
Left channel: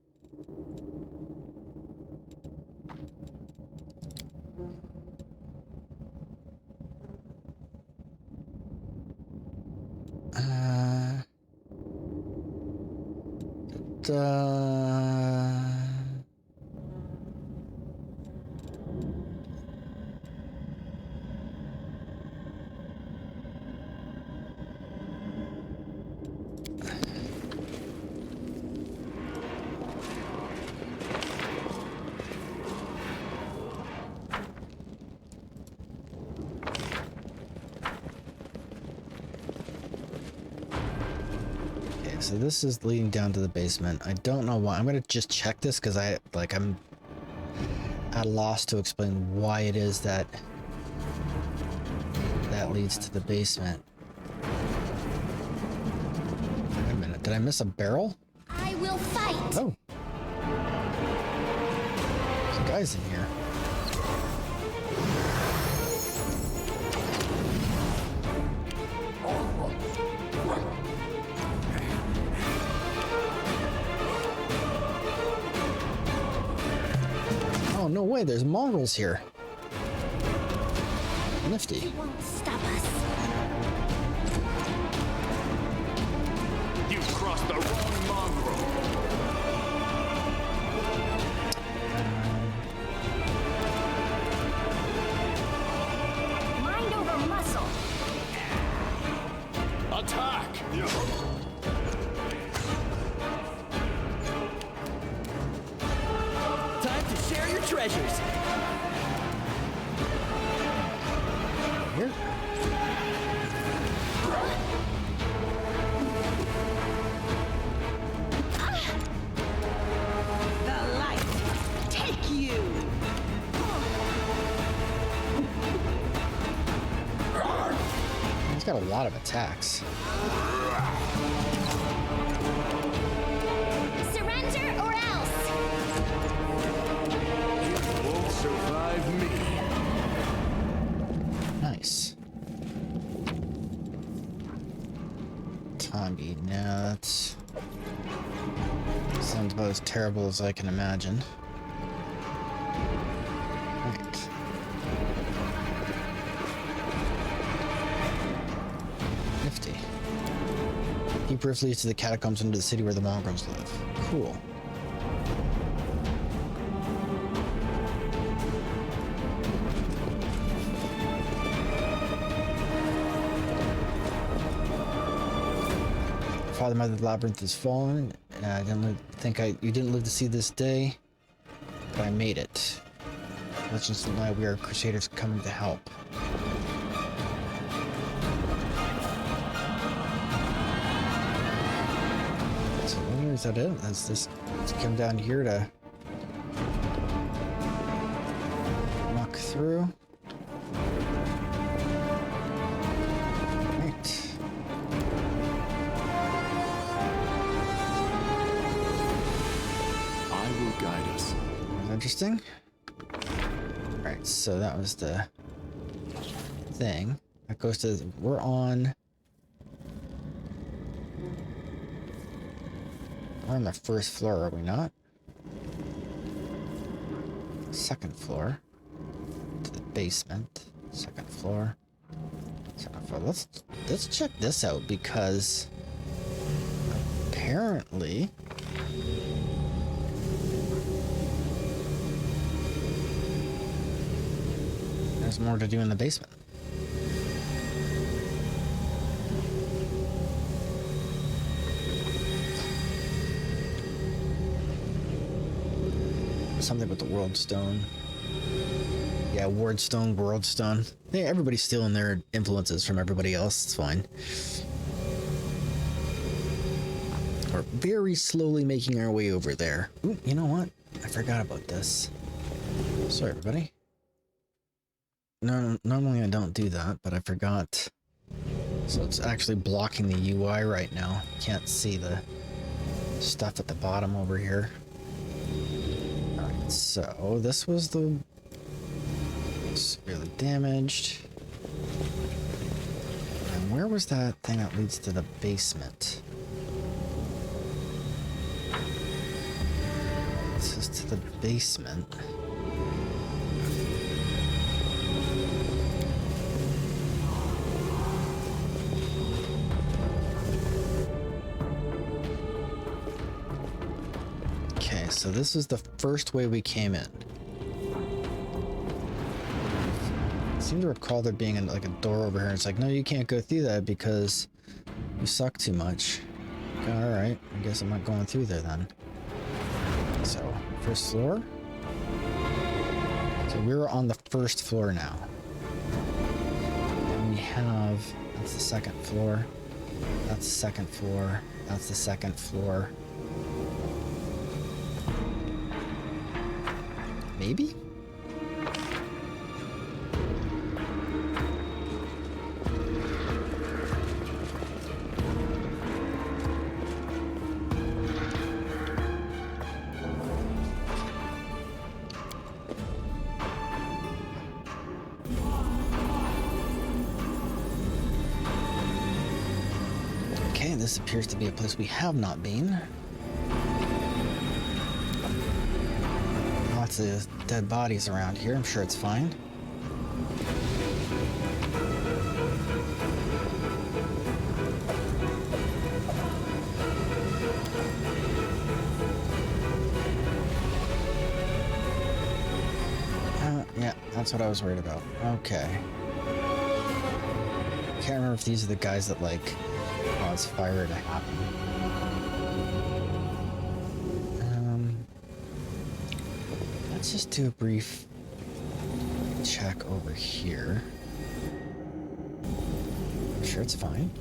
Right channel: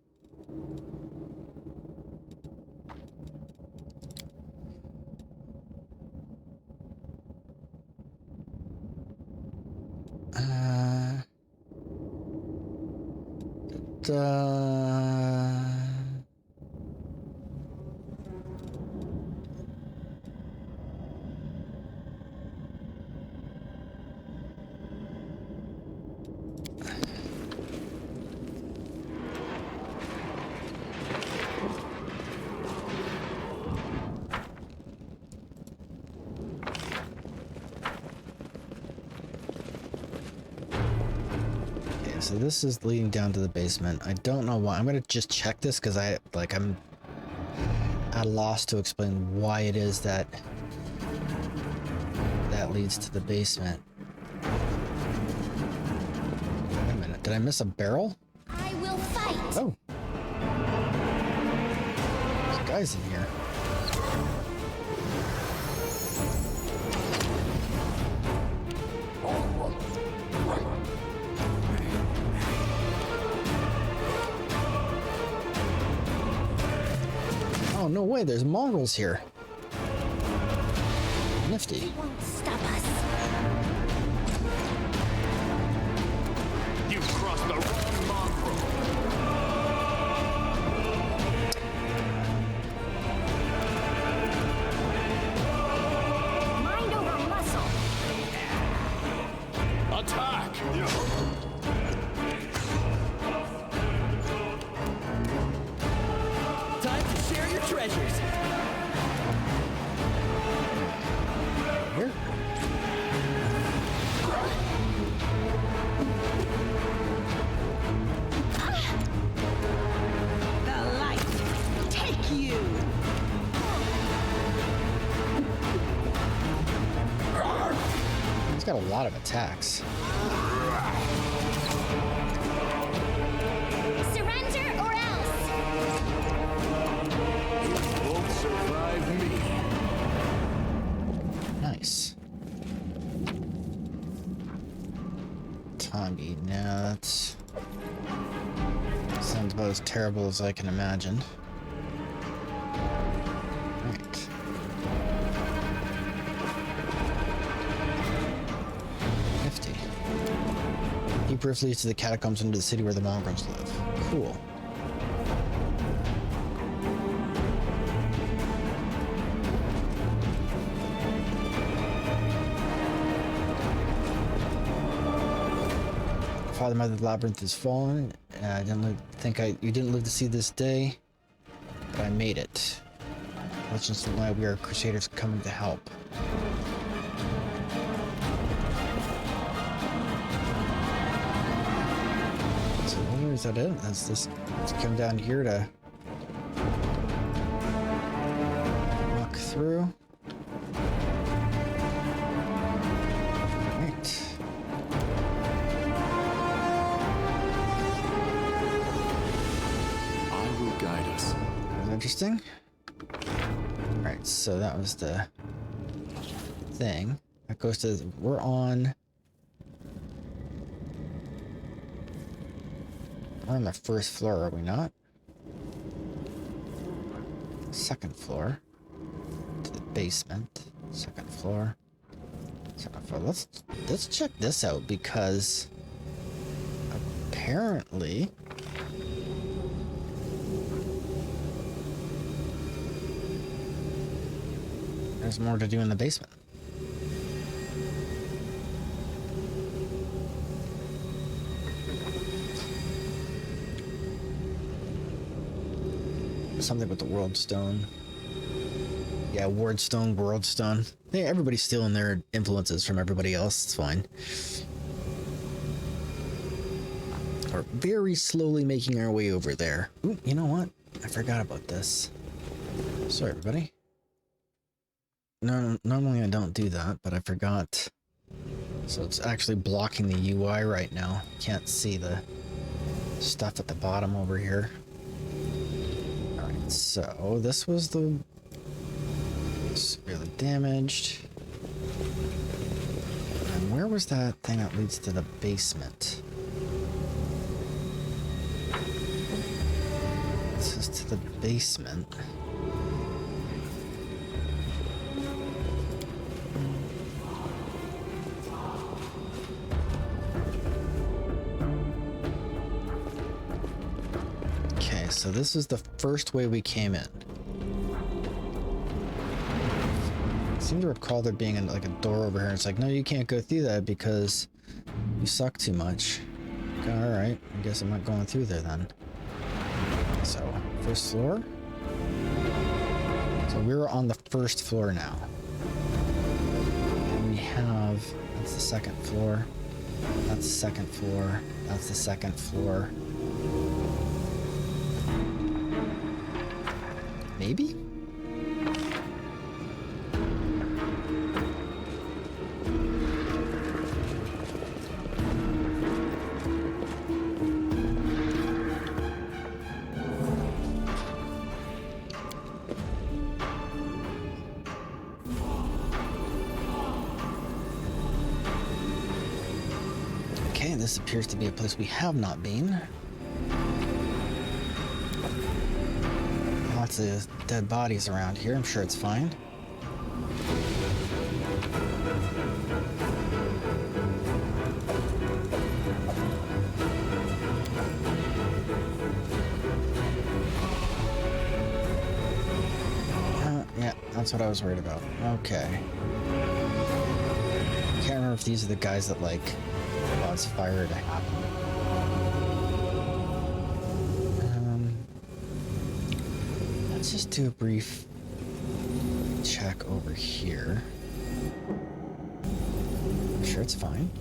so this is leading down to the basement. I don't know why. I'm gonna just check this because I'm at a loss to explain why it is that leads to the basement. Wait a minute, did I miss a barrel? I will fight. Oh. There's guys in here. Oh, no way, there's mongrels here. Nifty. They won't stop us. You've crossed the wrong mongrel. Mind over muscle. Attack! Time to share your treasures. Here. The light. Take you. He's got a lot of attacks. Surrender or else. It won't survive me. Nice. Tongi, now that's... sounds about as terrible as I can imagine. Right. Nifty. Deep rift leads to the catacombs under the city where the mongrels live. Cool. Father, Mother, the labyrinth is fallen. I you didn't live to see this day, but I made it. Legends don't lie, we are crusaders coming to help. So is that it? That's this come down here to walk through. Right. I will guide us. Interesting. Alright, so that was the thing. That goes to... we're on the first floor, are we not? Second floor. To the basement. Second floor. Second floor. Let's check this out because apparently there's more to do in the basement. Something with the world stone. Yeah, ward stone, world stone. Yeah, everybody's stealing their influences from everybody else. It's fine. We're very slowly making our way over there. Ooh, you know what? I forgot about this. Sorry, everybody. No, normally I don't do that, but I forgot. So it's actually blocking the UI right now. Can't see the stuff at the bottom over here. Alright, so this was the severely damaged. And where was that thing that leads to the basement? This is to the basement. Okay, so this is the first way we came in. I seem to recall there being like a door over here. It's like, no, you can't go through that because you suck too much. Okay, all right, I guess I'm not going through there then. So, first floor. So we're on the first floor now. And we have, that's the second floor. That's the second floor. That's the second floor. Maybe? Okay, this appears to be a place we have not been. Lots of dead bodies around here. I'm sure it's fine. Yeah, that's what I was worried about. Okay. Can't remember if these are the guys that, like, cause fire to happen. Let's just do a brief check over here. I'm sure it's fine.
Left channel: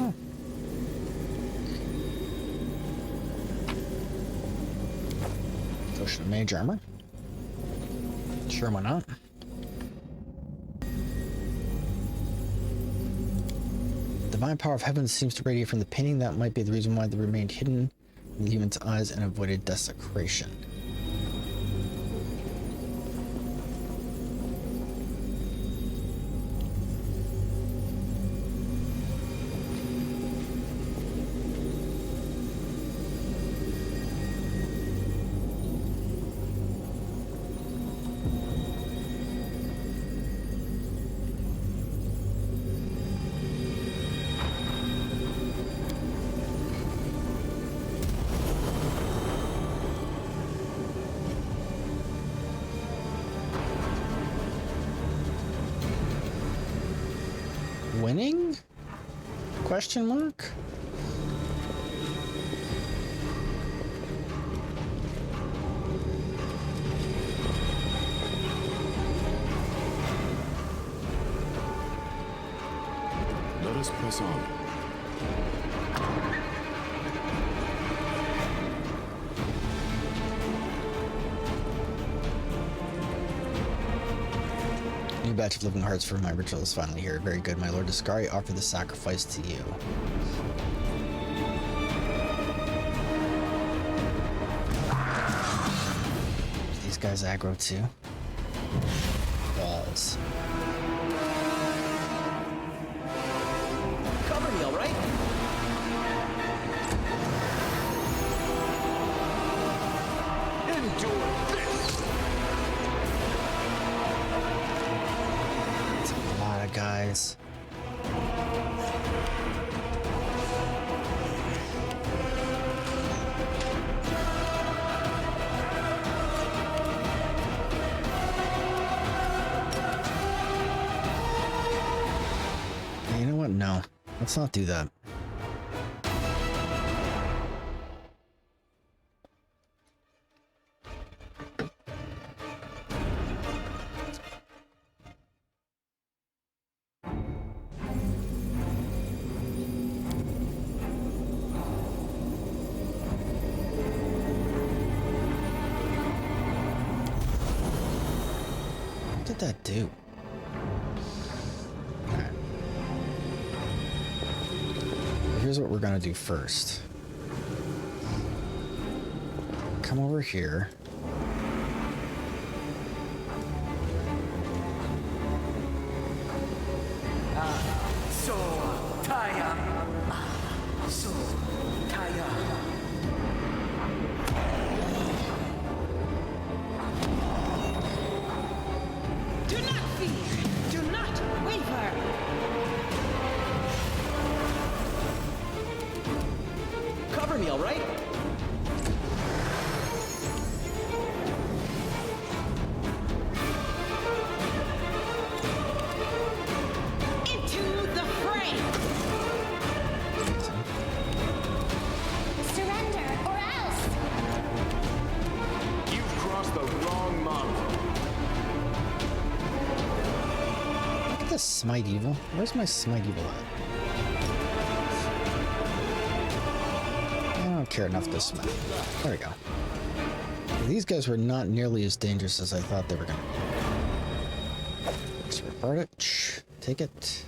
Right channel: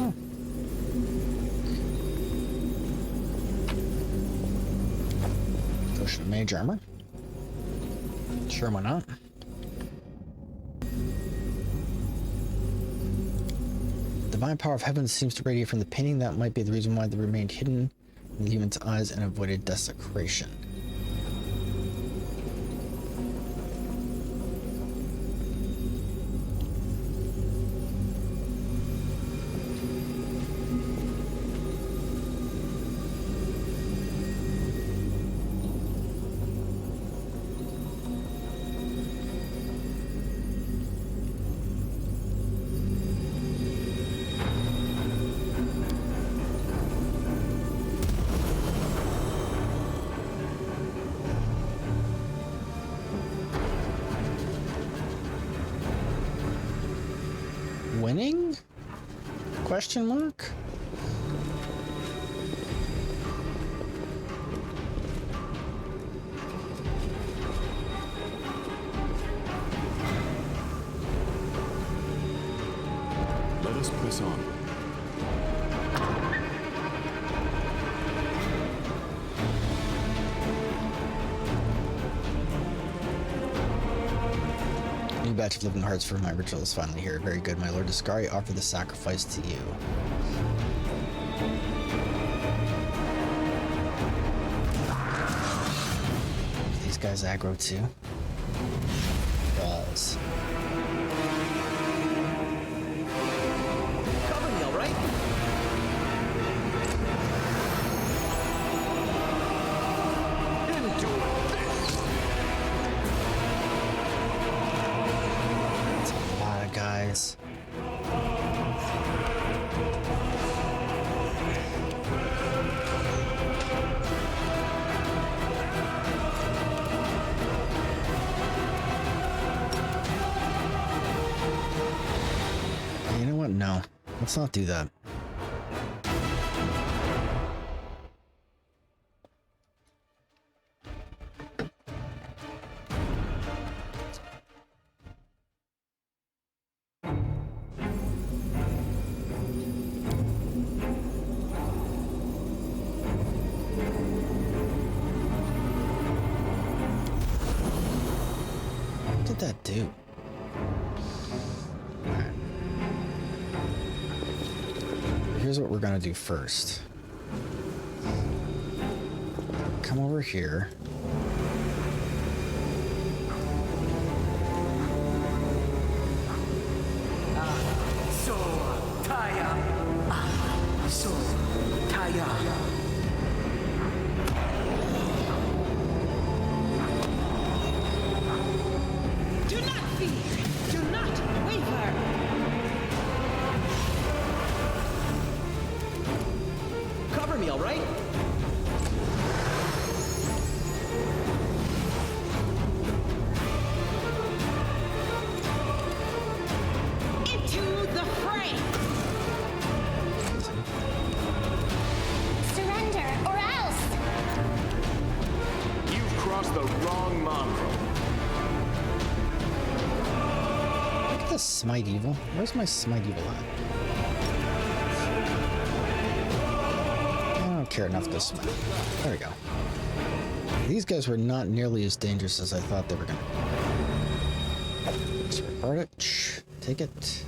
Oh. Potion of mage armor. Sure, why not? Divine power of heaven seems to radiate from the painting. That might be the reason why they remained hidden in the human's eyes and avoided desecration. Winning? Question mark? Let us press on. New batch of living hearts for my ritual is finally here. Very good, my lord. Discari, offer the sacrifice to you. These guys aggro too. Balls. Cover me, all right? Endure this! That's a lot of guys. You know what? No. Let's not do that. What did that do? Alright. Here's what we're gonna do first. Come over here. So, Taya. So, Taya. Do not fear. Do not waver. Cover me, all right? Into the fray. Amazing. Surrender or else! You the wrong mongrel. Look at this Smite Evil. Where's my Smite Evil at? I don't care enough to smite. There we go. These guys were not nearly as dangerous as I thought they were going to be. Let's repart it. Take it.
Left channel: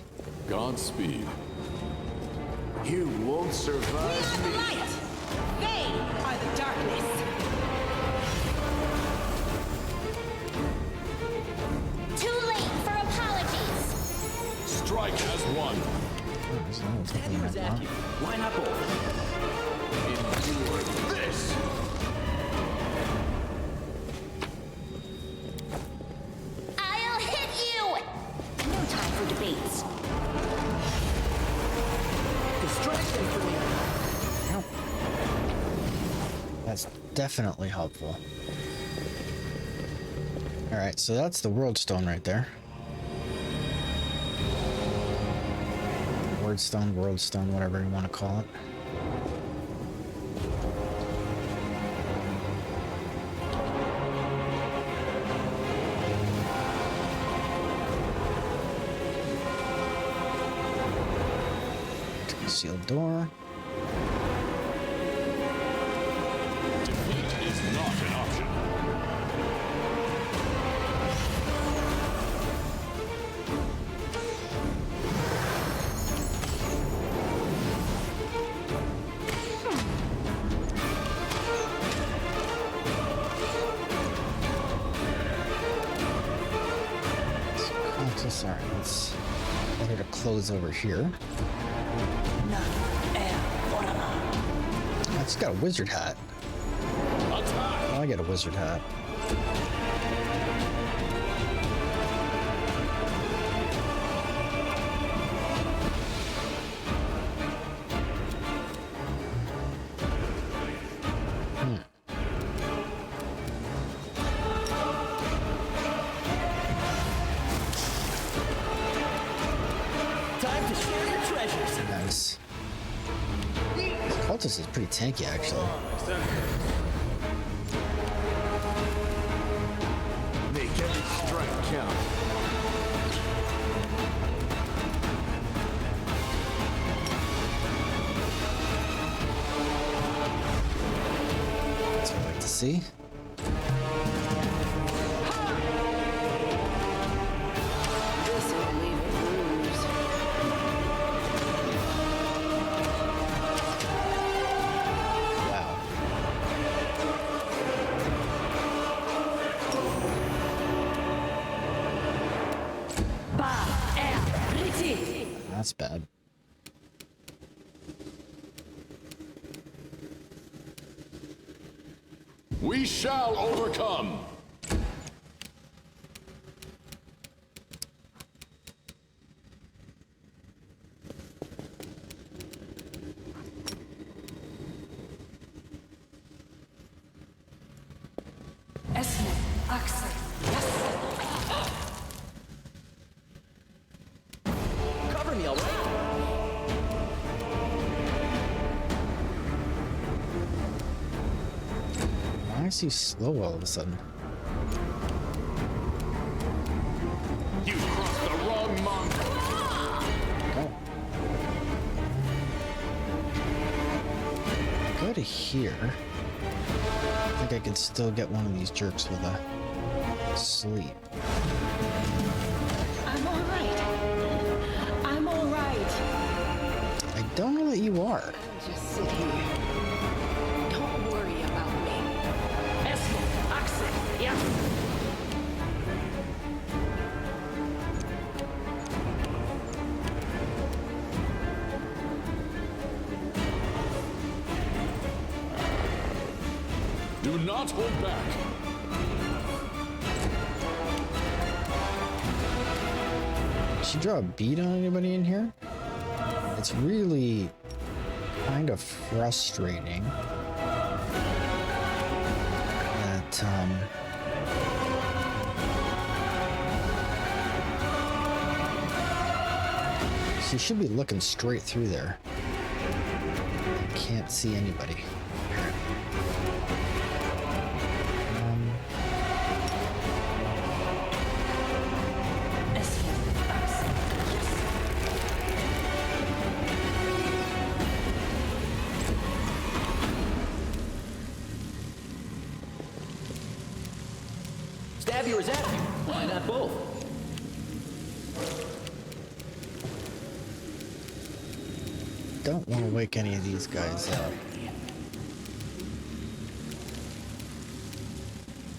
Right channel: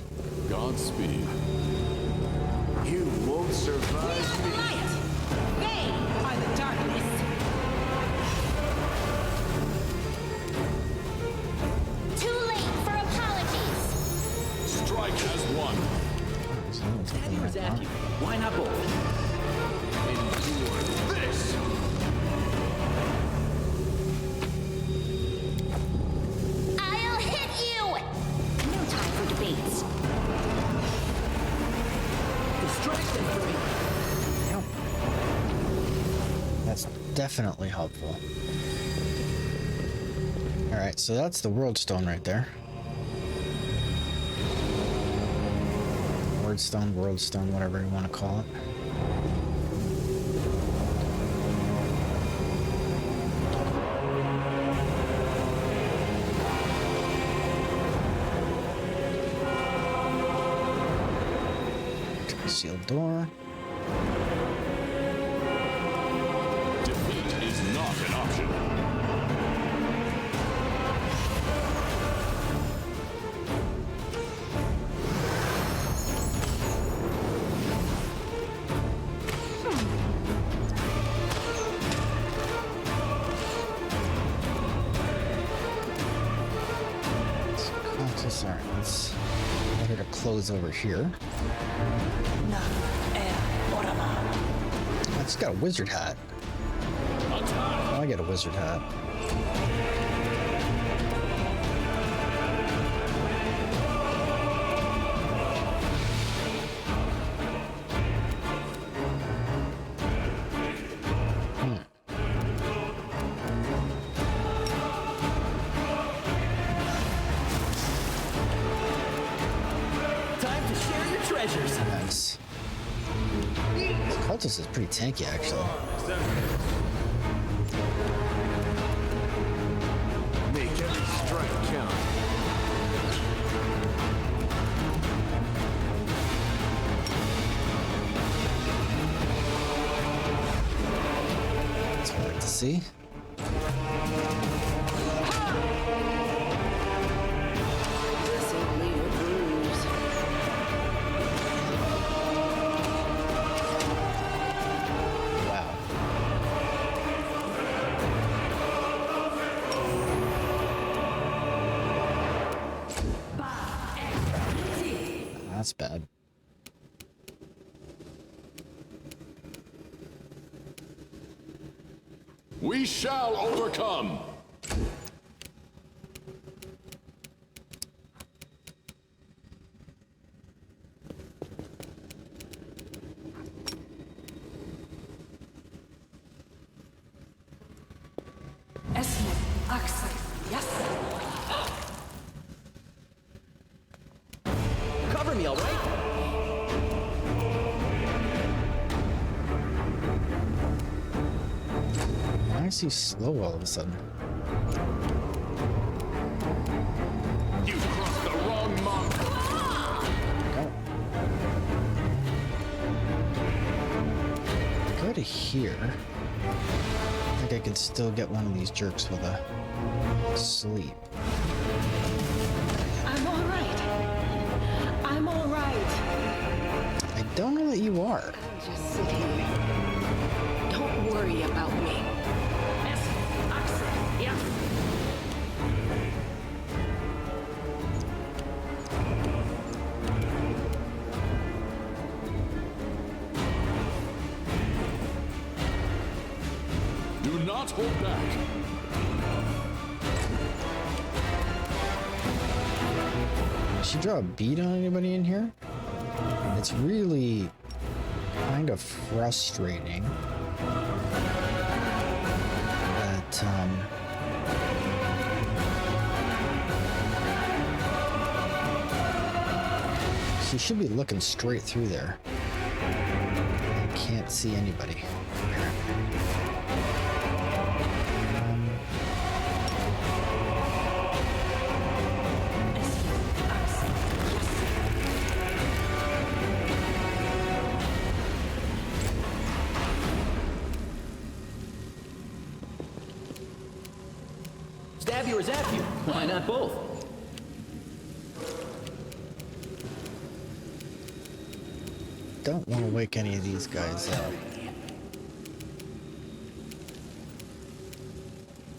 Godspeed. You won't We survive are the me. light. They are the darkness. Too late for apologies. Strike as one. Oh, there's no one Stab taking you or that zap out. you. Why not both? Endure this. I'll hit you! No time for debates. Distract them for me. Ow. That's definitely helpful. Alright, so that's the World Stone right there. Word Stone, World Stone, whatever you want to call it. Sealed door. Defeat is not an option. Alright, let's get her to close over here. Oh, it's got a wizard hat. Attack! Oh, I get a wizard hat. Time to share your treasures. Nice. This cultist is pretty tanky, actually. Make every strike count. That's what I like to see. This'll leave a bruise. Wow. That's bad. We shall overcome. Cover me, all right? Why is he slow all of a sudden? You've crossed the wrong mongrel. Go. Go to here. I think I could still get one of these jerks with a sleep. I'm all right. I'm all right. I don't know that you are. I'll just sit here. Don't worry about me. Do not hold back. Did she draw a bead on anybody in here? It's really kind of frustrating that she should be looking straight through there. I can't see anybody, apparently. Stab you or zap you? Why not both? Don't want to wake any of these guys up.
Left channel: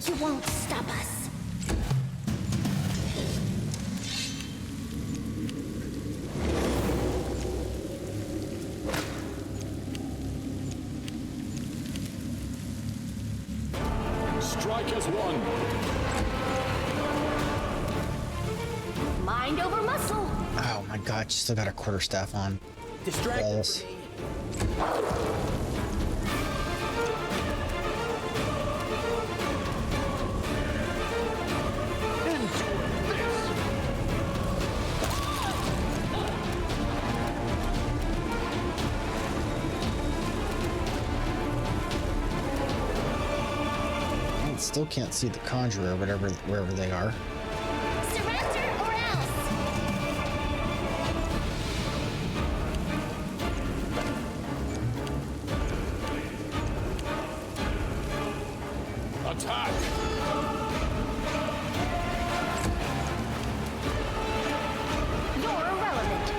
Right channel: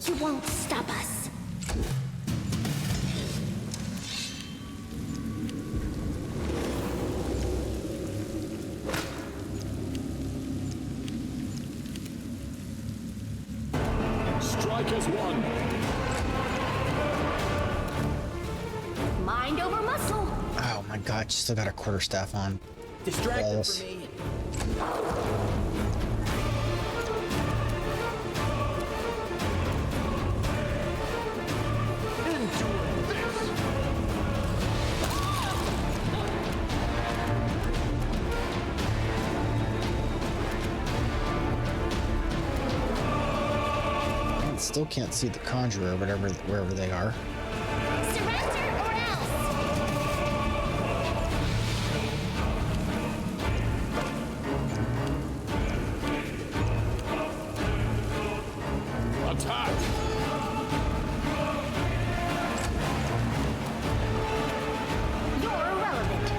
You won't stop us. Strike as one. Mind over muscle. Oh my god, she still got her quarterstaff on. Distract them Balls. for me. Endure this. And still can't see the conjurer, whatever, wherever they are. Surrender or else. Attack! You're irrelevant.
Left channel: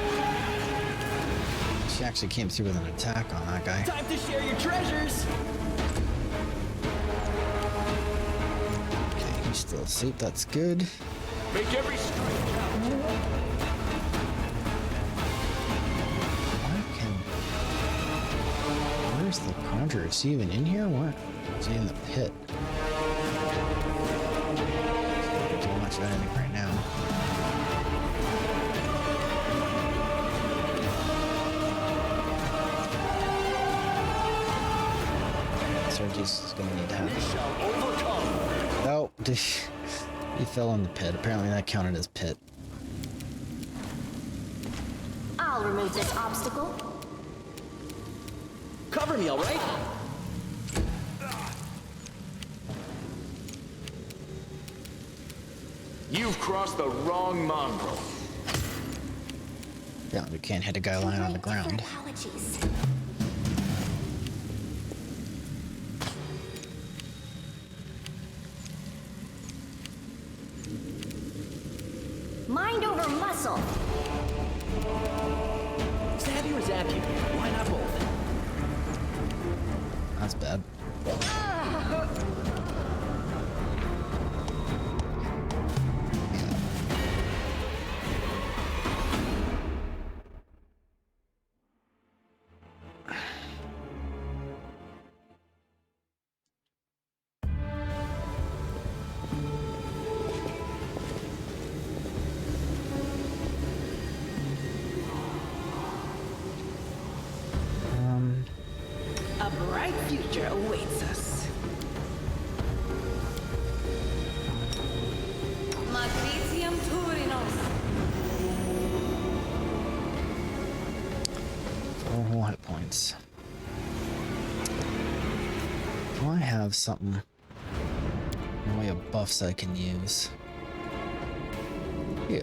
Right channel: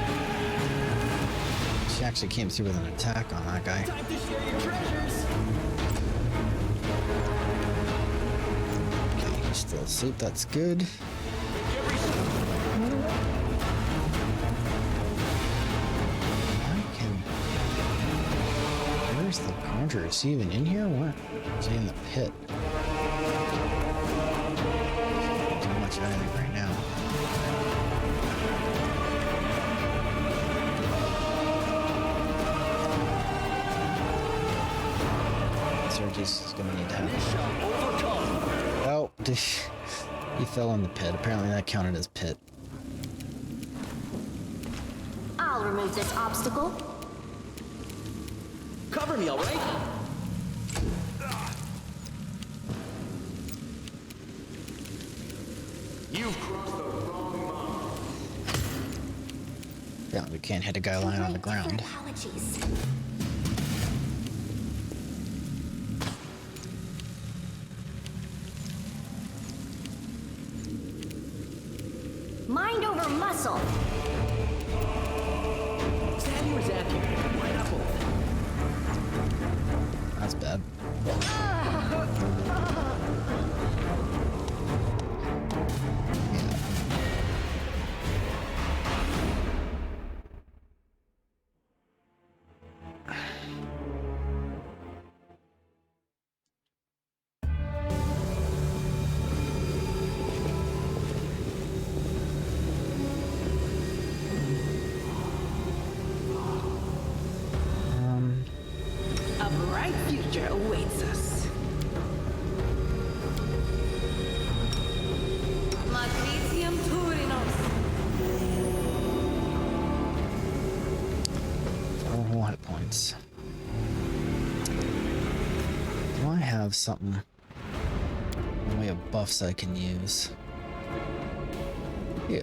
She actually came through with an attack on that guy. Time to share your treasures. Okay, he's still asleep. That's good. Make every Why can... Where's the conjurer? Is he even in here? What? Is he in the pit? Can't do much of anything right now. Sergius is gonna need to we have... shall overcome. Oh, he fell in the pit. Apparently that counted as pit. I'll remove this obstacle. Cover me, all right? You've crossed the wrong mongrel. Yeah, we can't hit a guy lying on the ground. Apologies. Mind over muscle. Stab you or zap you? Why not both? That's bad. Yeah. A bright future awaits us. Magnesium Turinos. 4 whole hit points. Do I have something in way of buffs I can use? Yeah.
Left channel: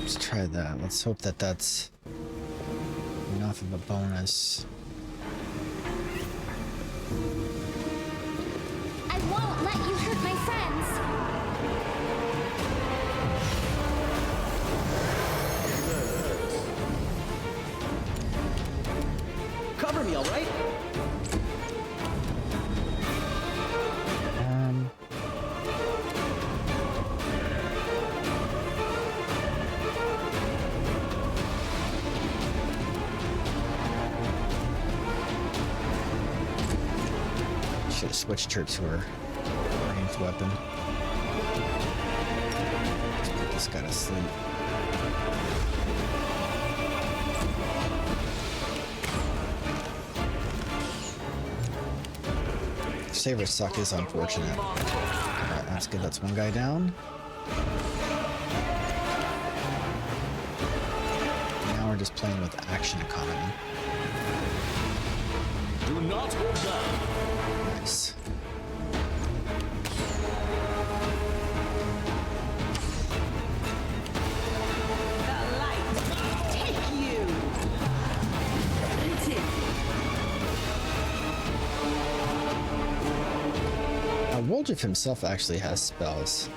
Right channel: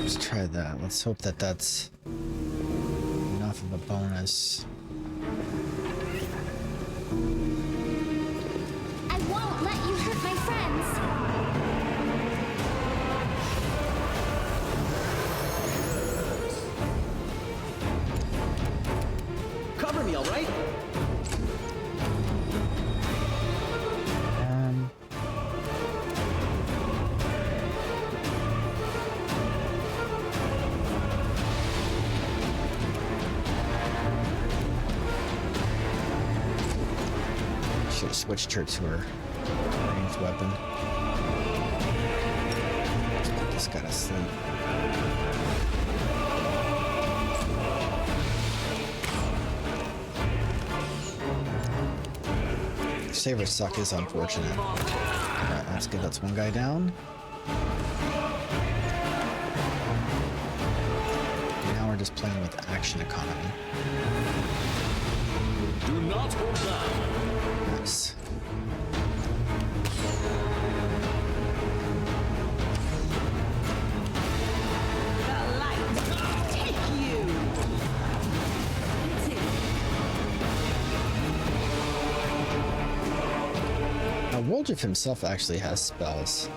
Let's try that. Let's hope that that's enough of a bonus. I won't let you hurt my friends. Cover me, all right? Should have switched her to her ranged weapon. Let's put this guy to sleep. Saber suck is unfortunate. Alright, that's good. That's one guy down. Now we're just playing with the action economy. Do not hold back. Nice. The light. Take you. It's him. Woljif himself actually has spells.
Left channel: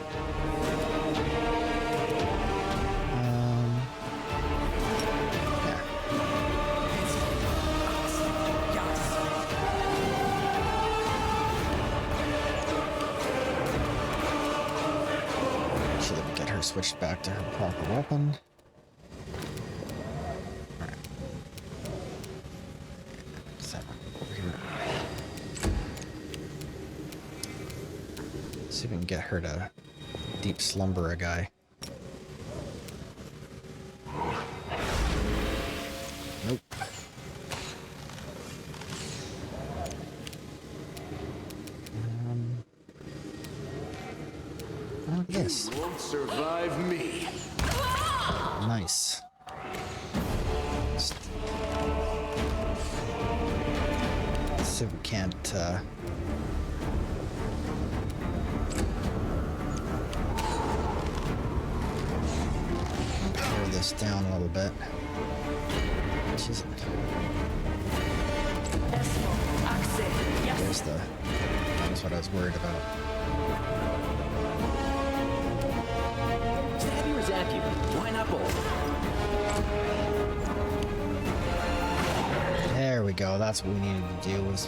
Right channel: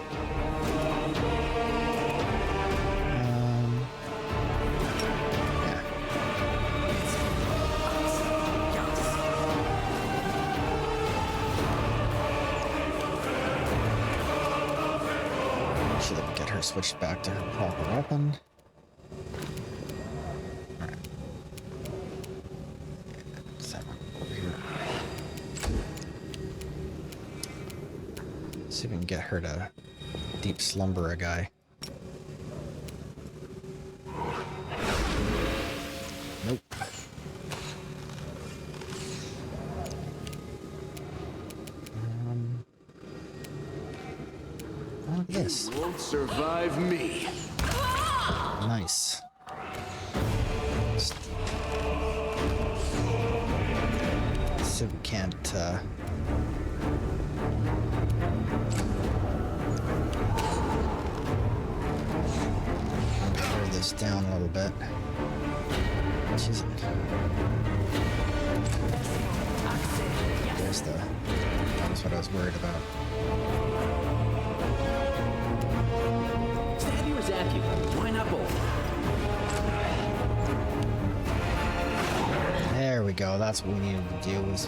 Yeah. Make sure that we get her switched back to her proper weapon. Alright. So, over here. See if we can get her to deep slumber a guy. Nope. Look at this. You won't survive me. Nice. Let's see if we can't tear this down a little bit. Jeez. There's the... That's what I was worried about. Stab you or zap you? Why not both? There we go. That's what we needed to do, was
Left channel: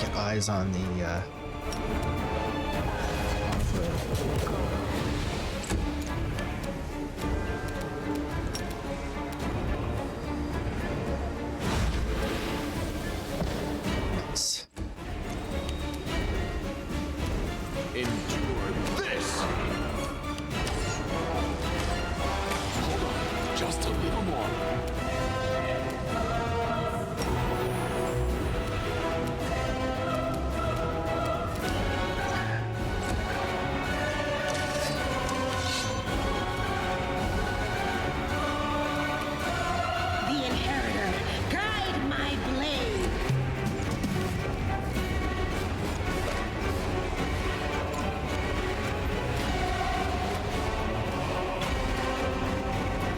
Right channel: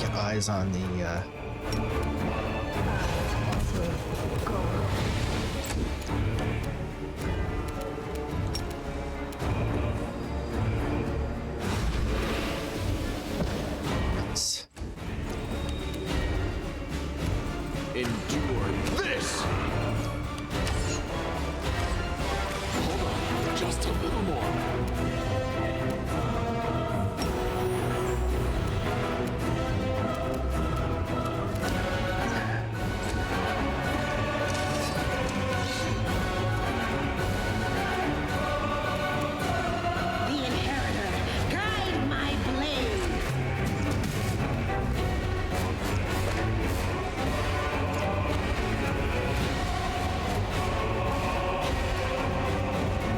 get eyes on the nice. Endure this. Hold on, just a little more. The inheritor, guide my blade.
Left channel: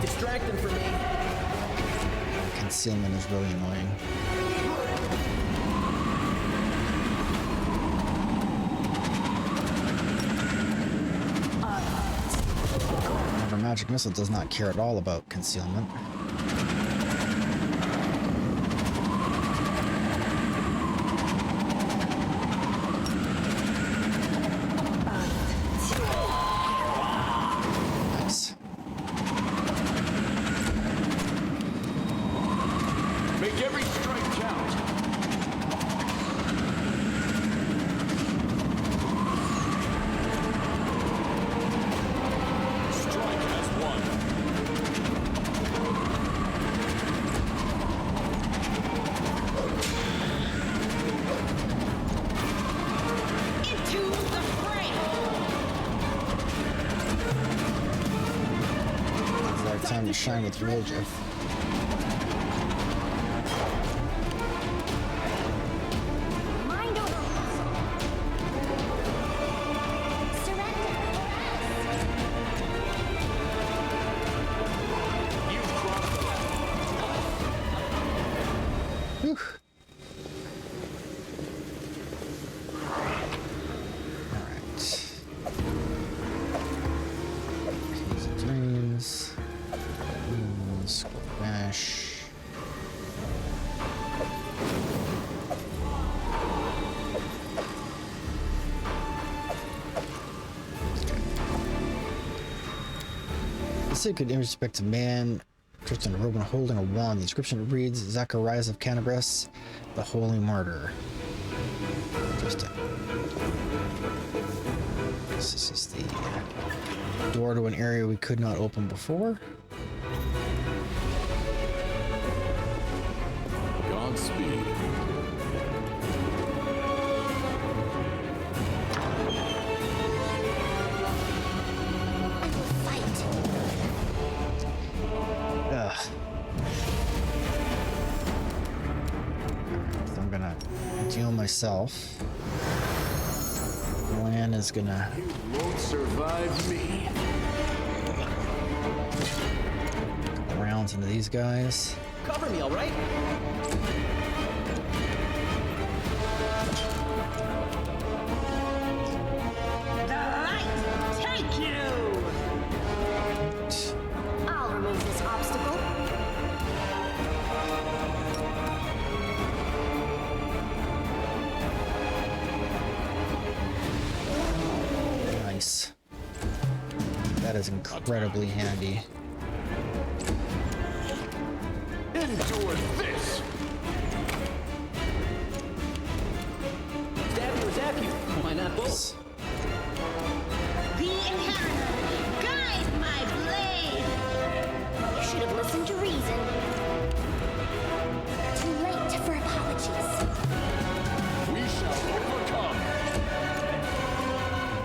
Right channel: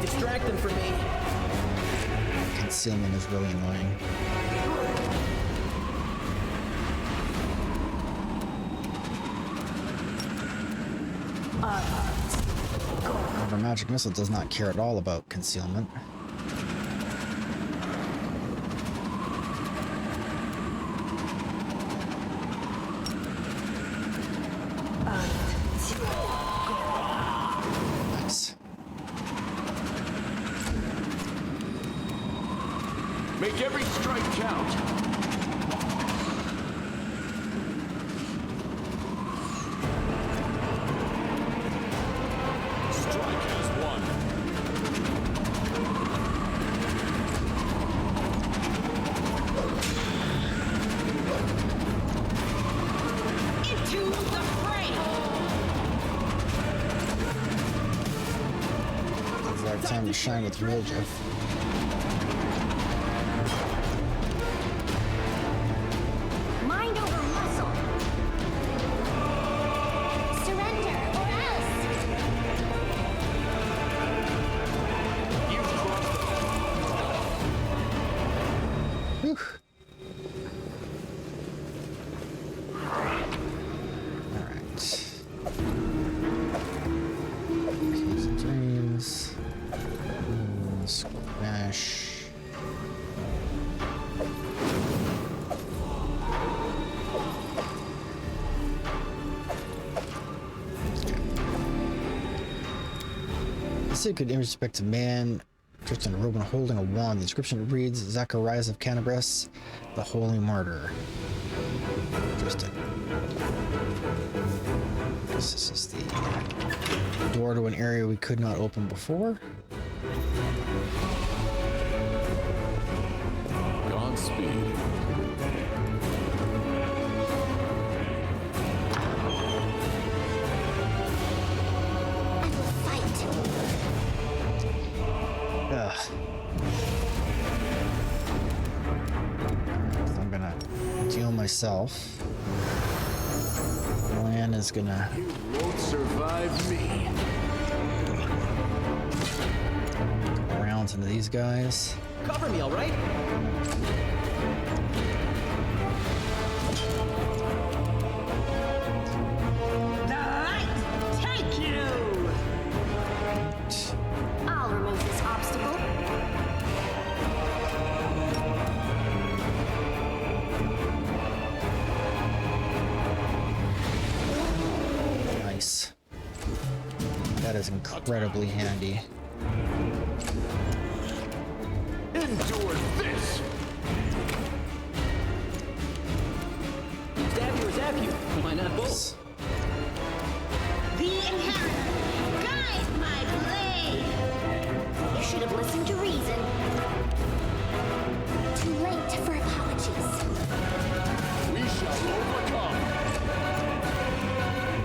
Distract them from me. Concealment is really annoying. However, magic missile does not care at all about concealment. Nice. Make every strike count. Strike as one. Into the fray. It's our time to shine with Woljif. Mind over muscle. Surrender or else. You've crossed the Whew. Alright. Keys and dreams. Smash. The sacred image of man dressed in a robe and holding a wand. The inscription reads, Zacharias of Canabras, the Holy Martyr. Interesting. This is the door to an area we could not open before. Godspeed. I will fight. Ugh. So I'm gonna deal myself. Lan is gonna You won't survive me. go around into these guys. Cover me, all right? Alright. I'll remove this obstacle. Nice. That is incredibly handy. Endure this! Stab you or zap you. Why not both? The Inheritor, guide my blade! You should have listened to reason. Too late for apologies. We shall overcome!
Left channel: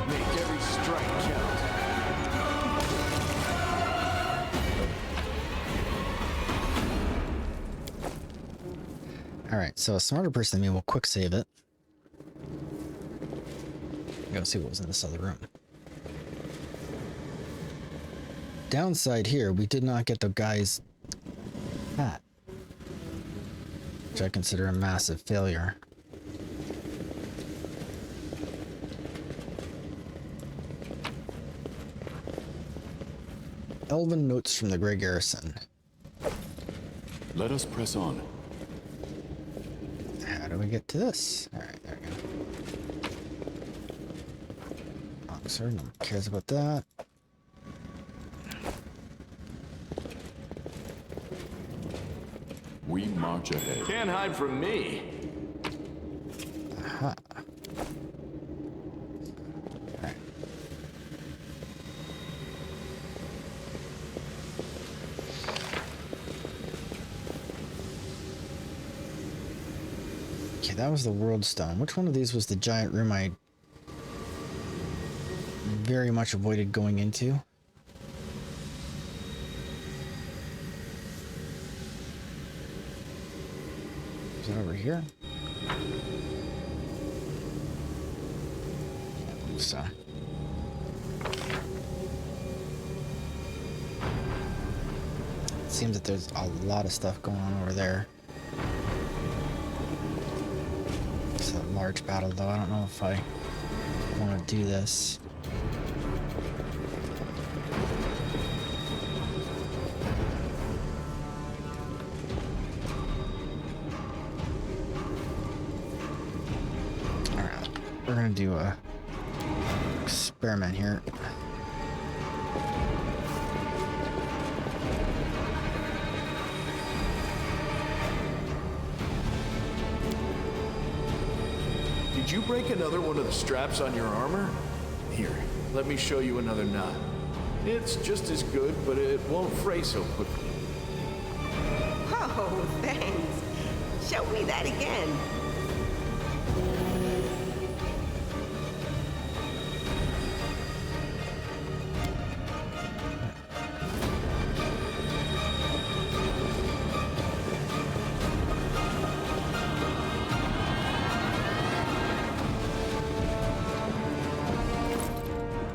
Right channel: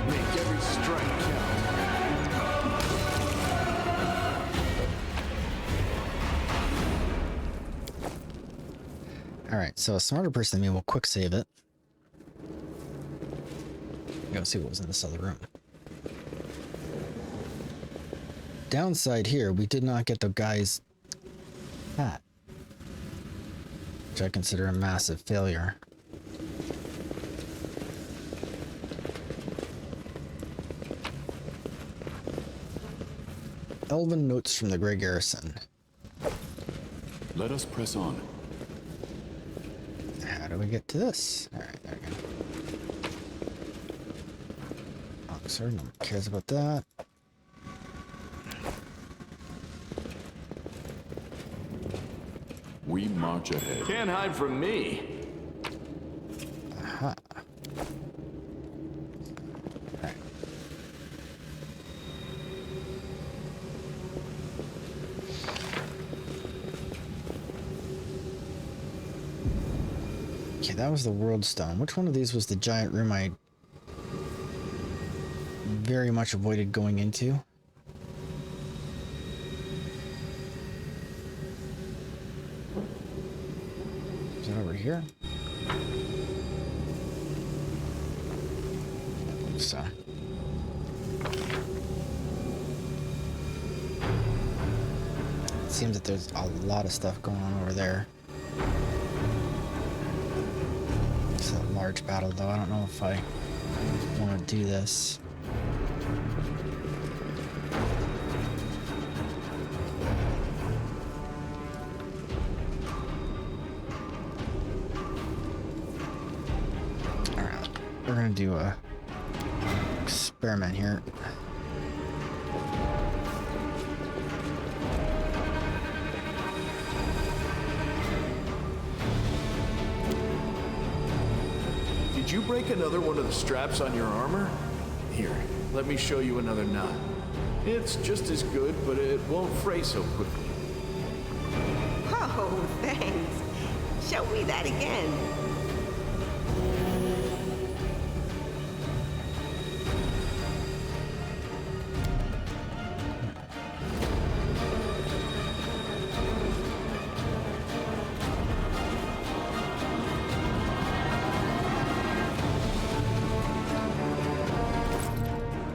Make every strike count. Alright, so a smarter person than me will quick save it. Go see what was in this other room. Downside here, we did not get the guy's hat, which I consider a massive failure. Elven notes from the Grey Garrison. Let us press on. How do we get to this? Alright, there we go. Officer, no one cares about that. We march ahead. Can't hide from me. Aha. Alright. Okay, that was the World Stone. Which one of these was the giant room I very much avoided going into? Is it over here? I believe so. It seems that there's a lot of stuff going on over there. It's a large battle, though. I don't know if I want to do this. Alright, we're gonna do a experiment here. Did you break another one of the straps on your armor? Here, let me show you another knot. It's just as good, but it won't fray so quickly. Oh, thanks. Show me that again.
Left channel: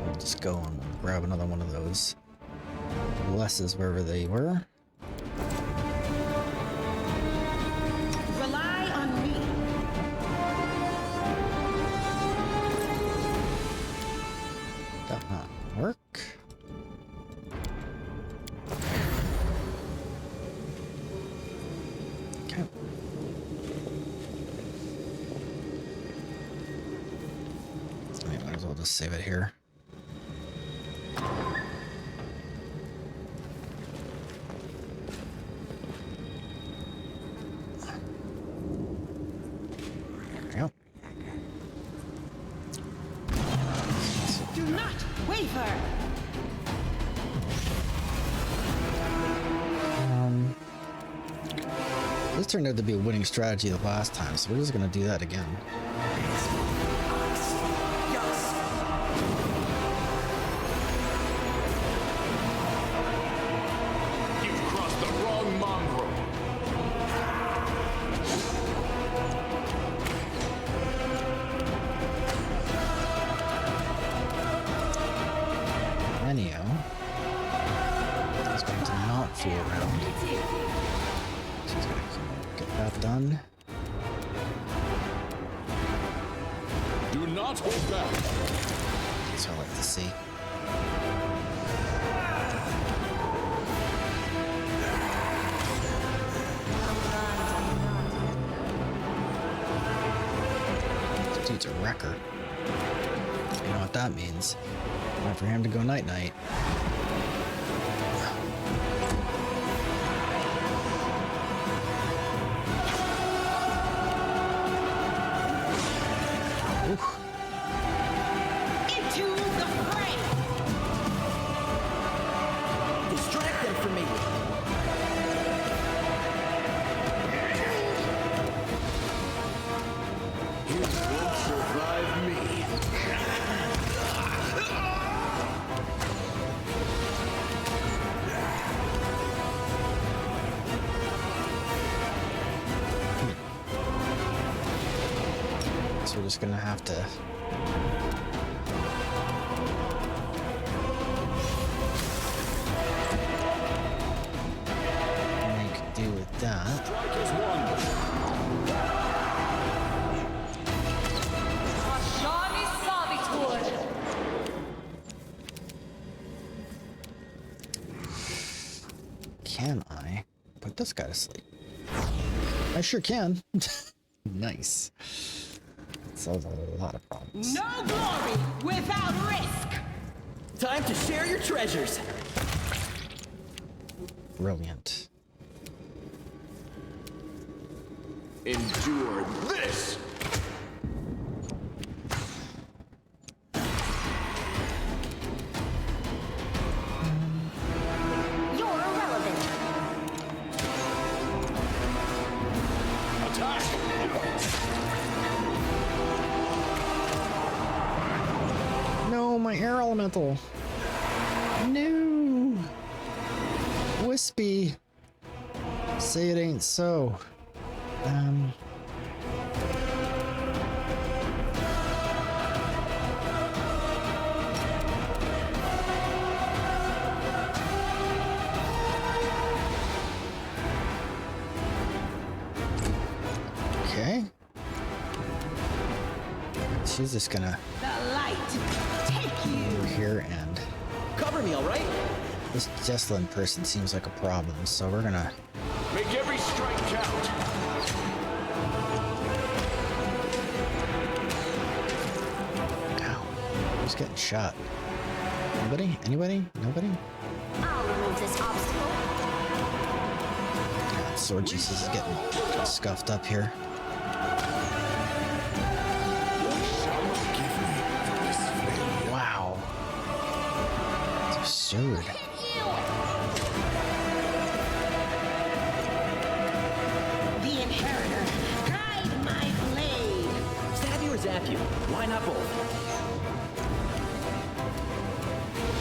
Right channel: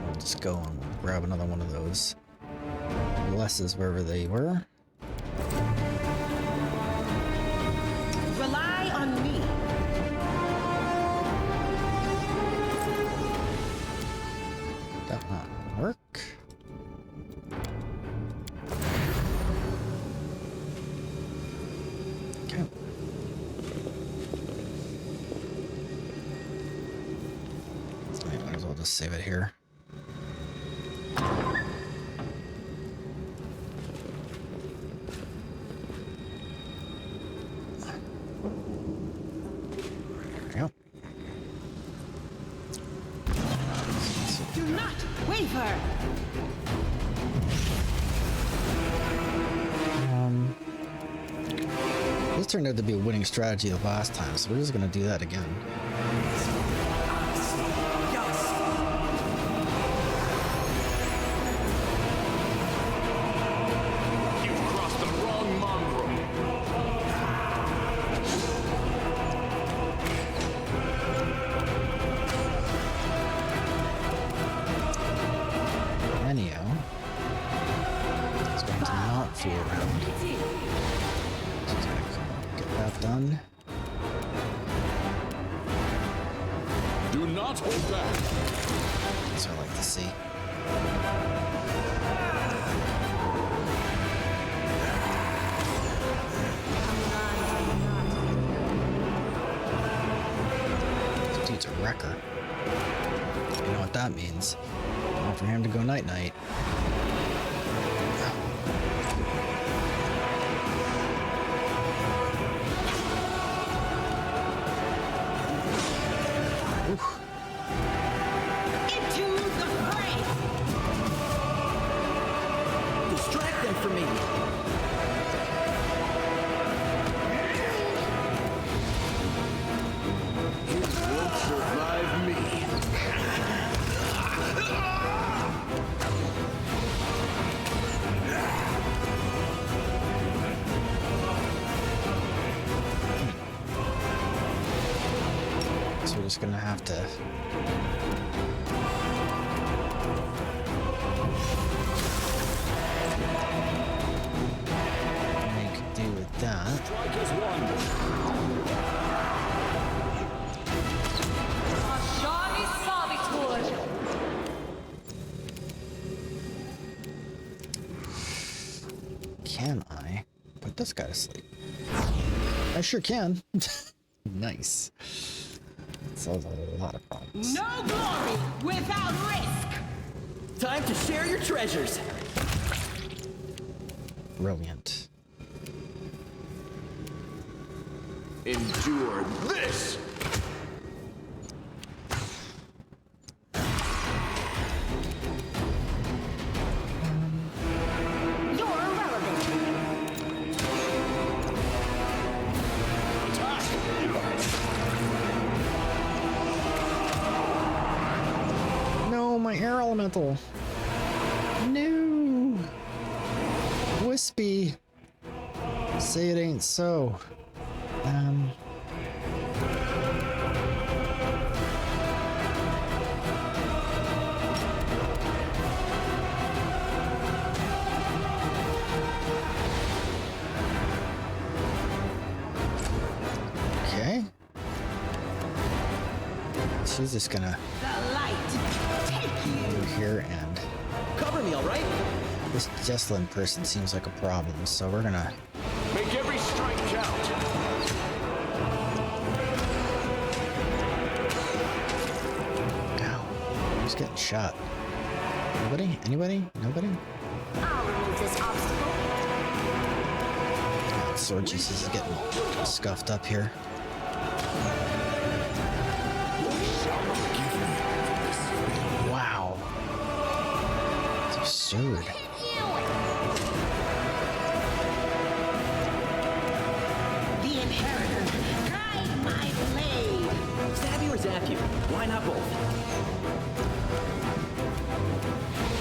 We'll just go and we'll grab another one of those blesses wherever they were. Rely on me. That not work. Okay. I might as well just save it here. There we go. Do not waver. This turned out to be a winning strategy the last time, so we're just gonna do that again. You've crossed the wrong mongrel. Anyhow, it's going to not fool around. Just gotta get that done. Do not hold back. That's what I like to see. dude's a wrecker. You know what that means. Time for him to go night-night. Oof. Into the fray! Distract them from me. You won't survive me. So we're just gonna have to make do with that. Strike as one. Ashani Savitur! Can I put this guy to sleep? I sure can. Nice. Solves a lot of problems. No glory without risk! Time to share your treasures. Brilliant. Endure this! You're irrelevant. Attack! No, my air elemental. No. Wispy. Say it ain't so. Okay. She's just gonna The light take you! over here, and Cover me, all right? this Jesslyn person seems like a problem, so we're gonna Make every strike count. Ow. Who's getting shot? Anybody? Anybody? Nobody? I'll remove this obstacle. Yeah, Sword Jesus is getting scuffed up here. Shall not forgive me for this failure. Wow. It's absurd. The Inheritor, guide my blade! Stab you or zap you? Why not both?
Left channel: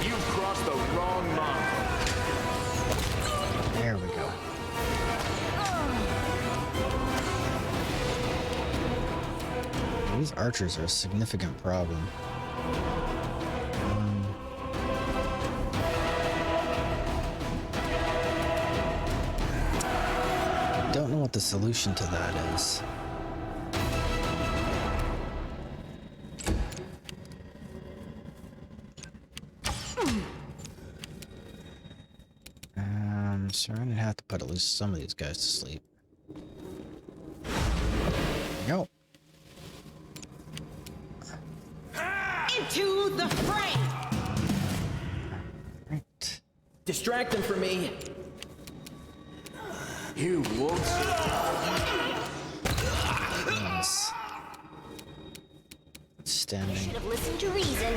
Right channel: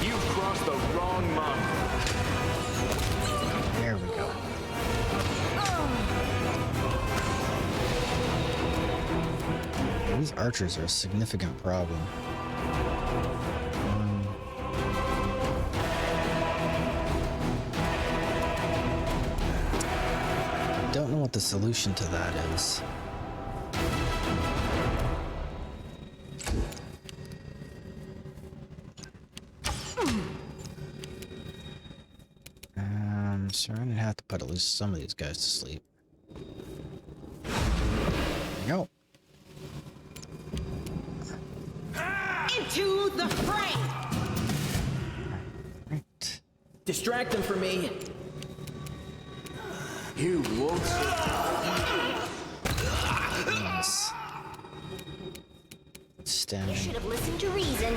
You've crossed the wrong mongrel. There we go. These archers are a significant problem. Don't know what the solution to that is. So I'm gonna have to put at least some of these guys to sleep. There we go. Into the fray! Right. Distract them from me. You won't survive. Nice. You Standing. should have listened to reason.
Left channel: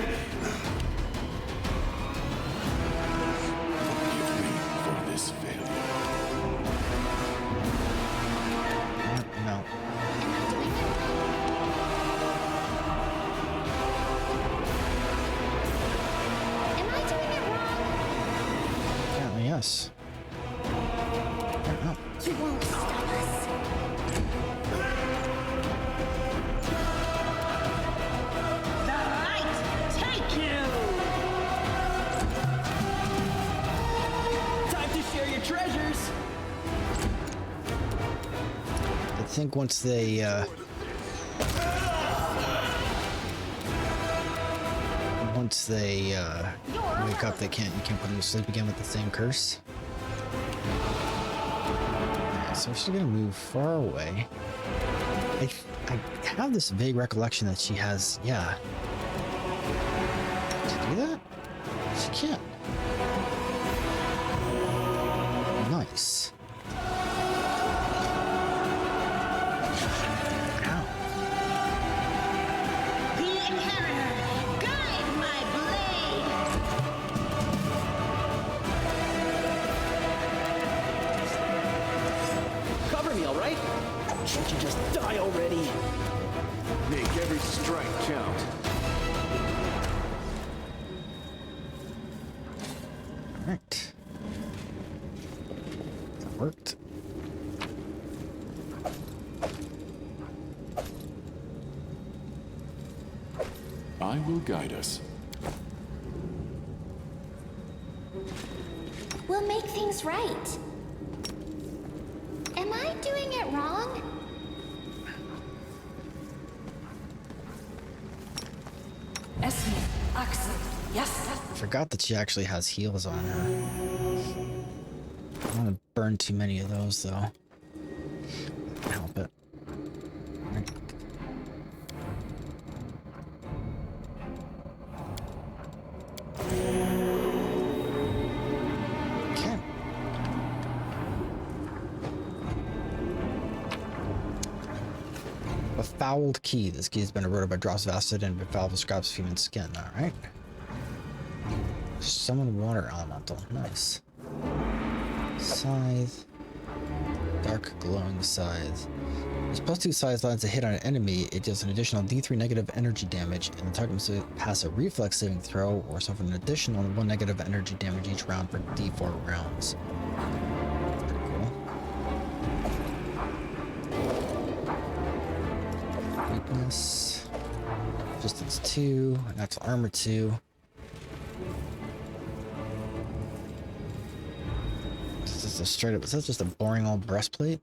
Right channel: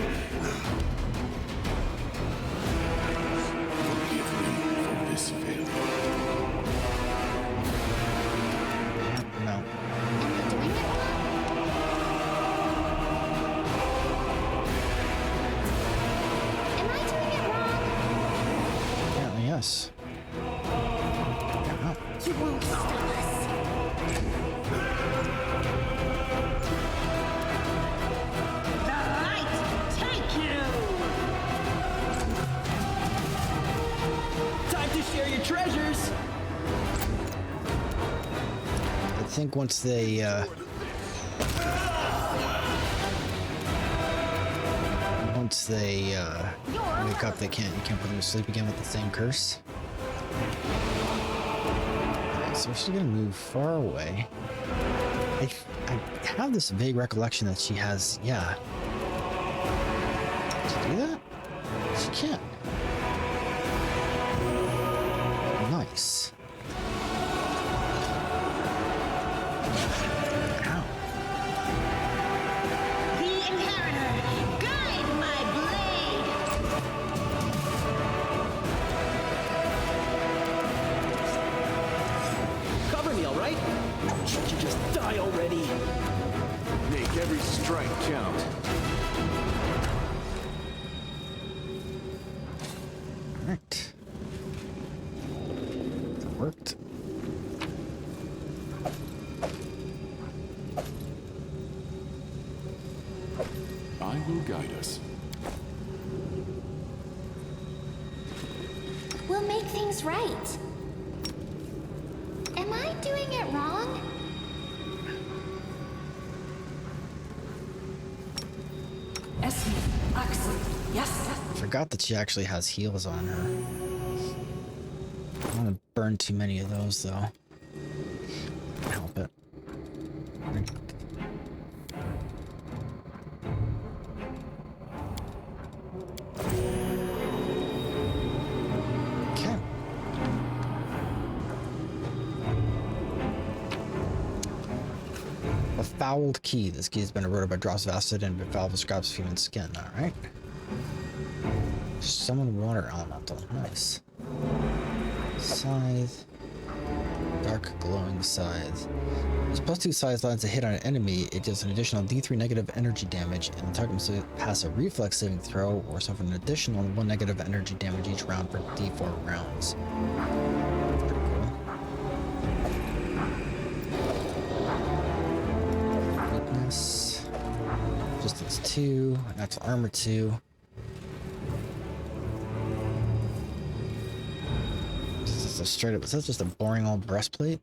Forgive me for this failure. Yep, no. Am I doing it wrong? Am I doing it wrong? Apparently, yes. Yeah, no. You won't stop us. The light take you! Time to share your treasures. I think once they wake up, you can't put them to sleep again with the same curse. Alright, so we're still gonna move far away. I have this vague recollection that she has, yeah. To do that? She can't. Nice. Ow. The Inheritor, guide my blade! Cover me, all right? Can't you just die already? Make every strike count. Alright. That worked. I will guide us. We'll make things right. Am I doing it wrong? I forgot that she actually has heals on her. I don't want to burn too many of those, though. Help it. Okay. A fouled key. This key has been eroded by drops of acid and befouled scraps of human skin. Alright. Summon water elemental. Nice. Scythe. Dark glowing scythe. As +2 scythe lands a hit on an enemy, it does an additional D3 negative energy damage, and the target must pass a reflex saving throw or suffer an additional 1 negative energy damage each round for D4 rounds. That's pretty cool. Weakness. Resistance 2. Natural armor 2. This is a straight up. Is that just a boring old breastplate?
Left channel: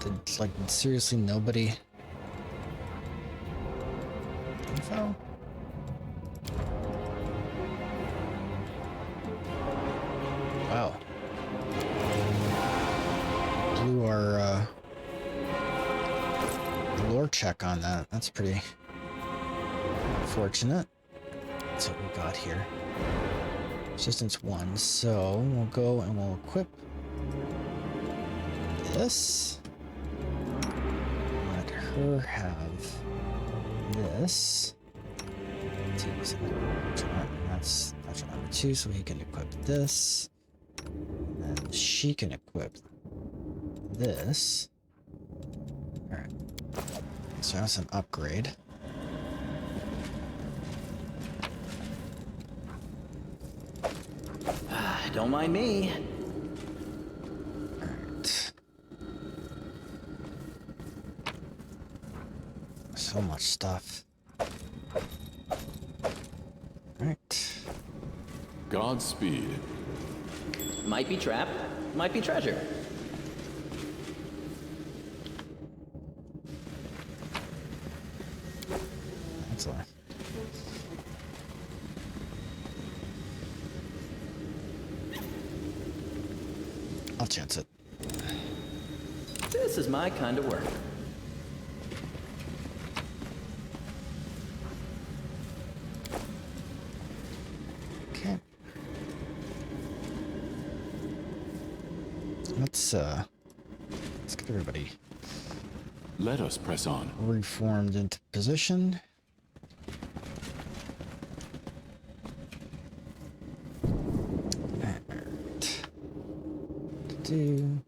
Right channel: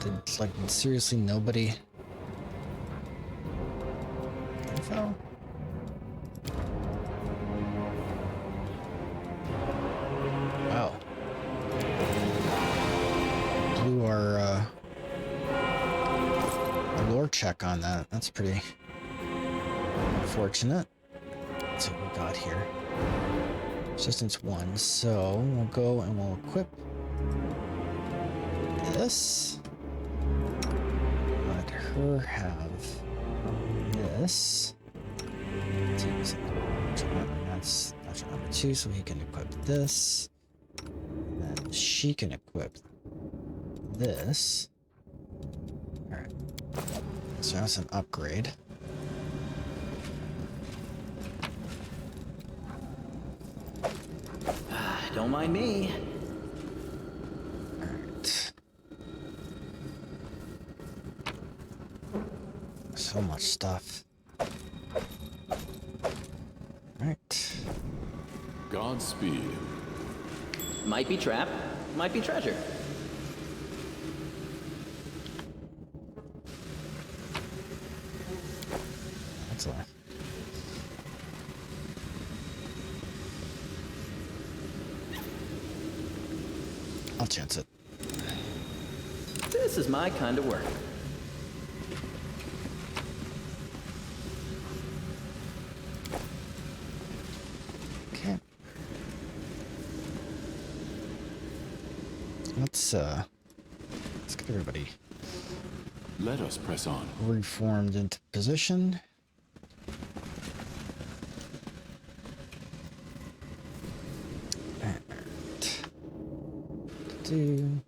Did, like, seriously nobody info? Wow. Blew our lore check on that. That's pretty unfortunate. Let's see what we got here. Resistance 1. So we'll go and we'll equip this. Let her have this. That's number 2, so he can equip this. And then she can equip this. Alright. So that's an upgrade. Don't mind me. Alright. So much stuff. Alright. Godspeed. Might be trap, might be treasure. That's a... I'll chance it. This is my kind of work. Okay. Let's get everybody Let us press on. reformed into position. Alright. Do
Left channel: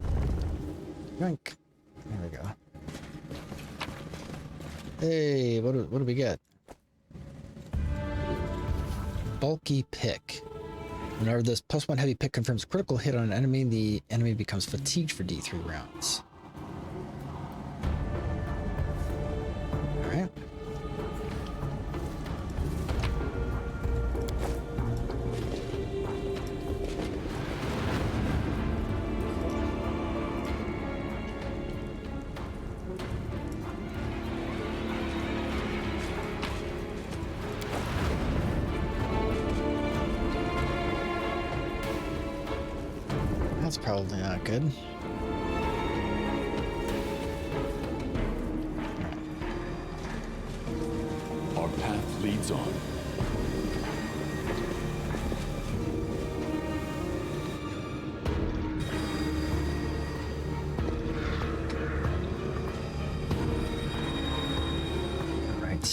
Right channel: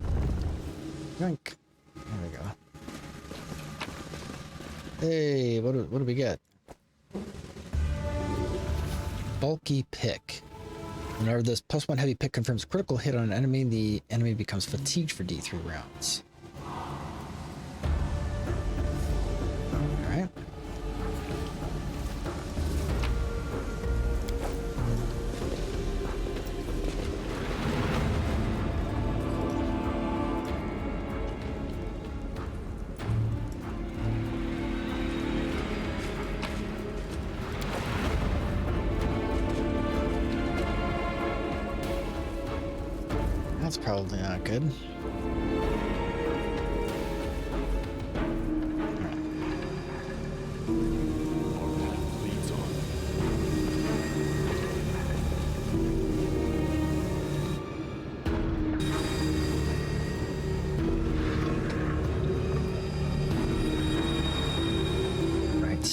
drink. There we go. Hey, what do we get? Bulky pick. Whenever this +1 heavy pick confirms a critical hit on an enemy, the enemy becomes fatigued for D3 rounds. Alright. That's probably not good.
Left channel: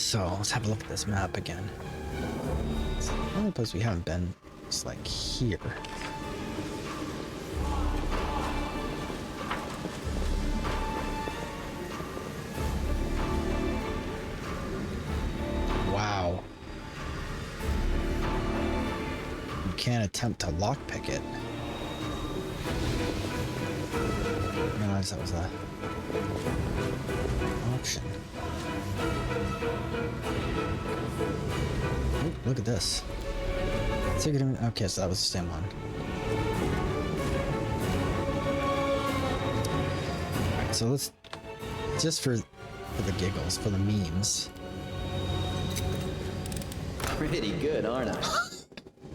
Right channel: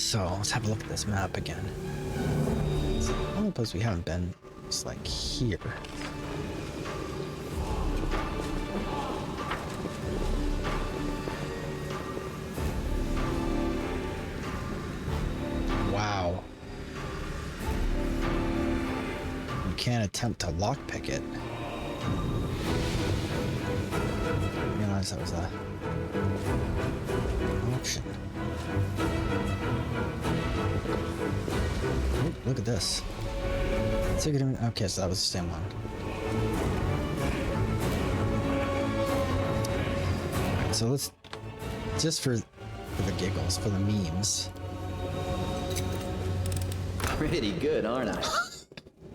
So let's have a look at this map again. It's the only place we haven't been is like here. Wow. You can't attempt to lockpick it. I realized that was a option. Ooh, look at this. Okay, so that was the same one. Alright, so let's just for the giggles, for the memes. Pretty good, aren't I?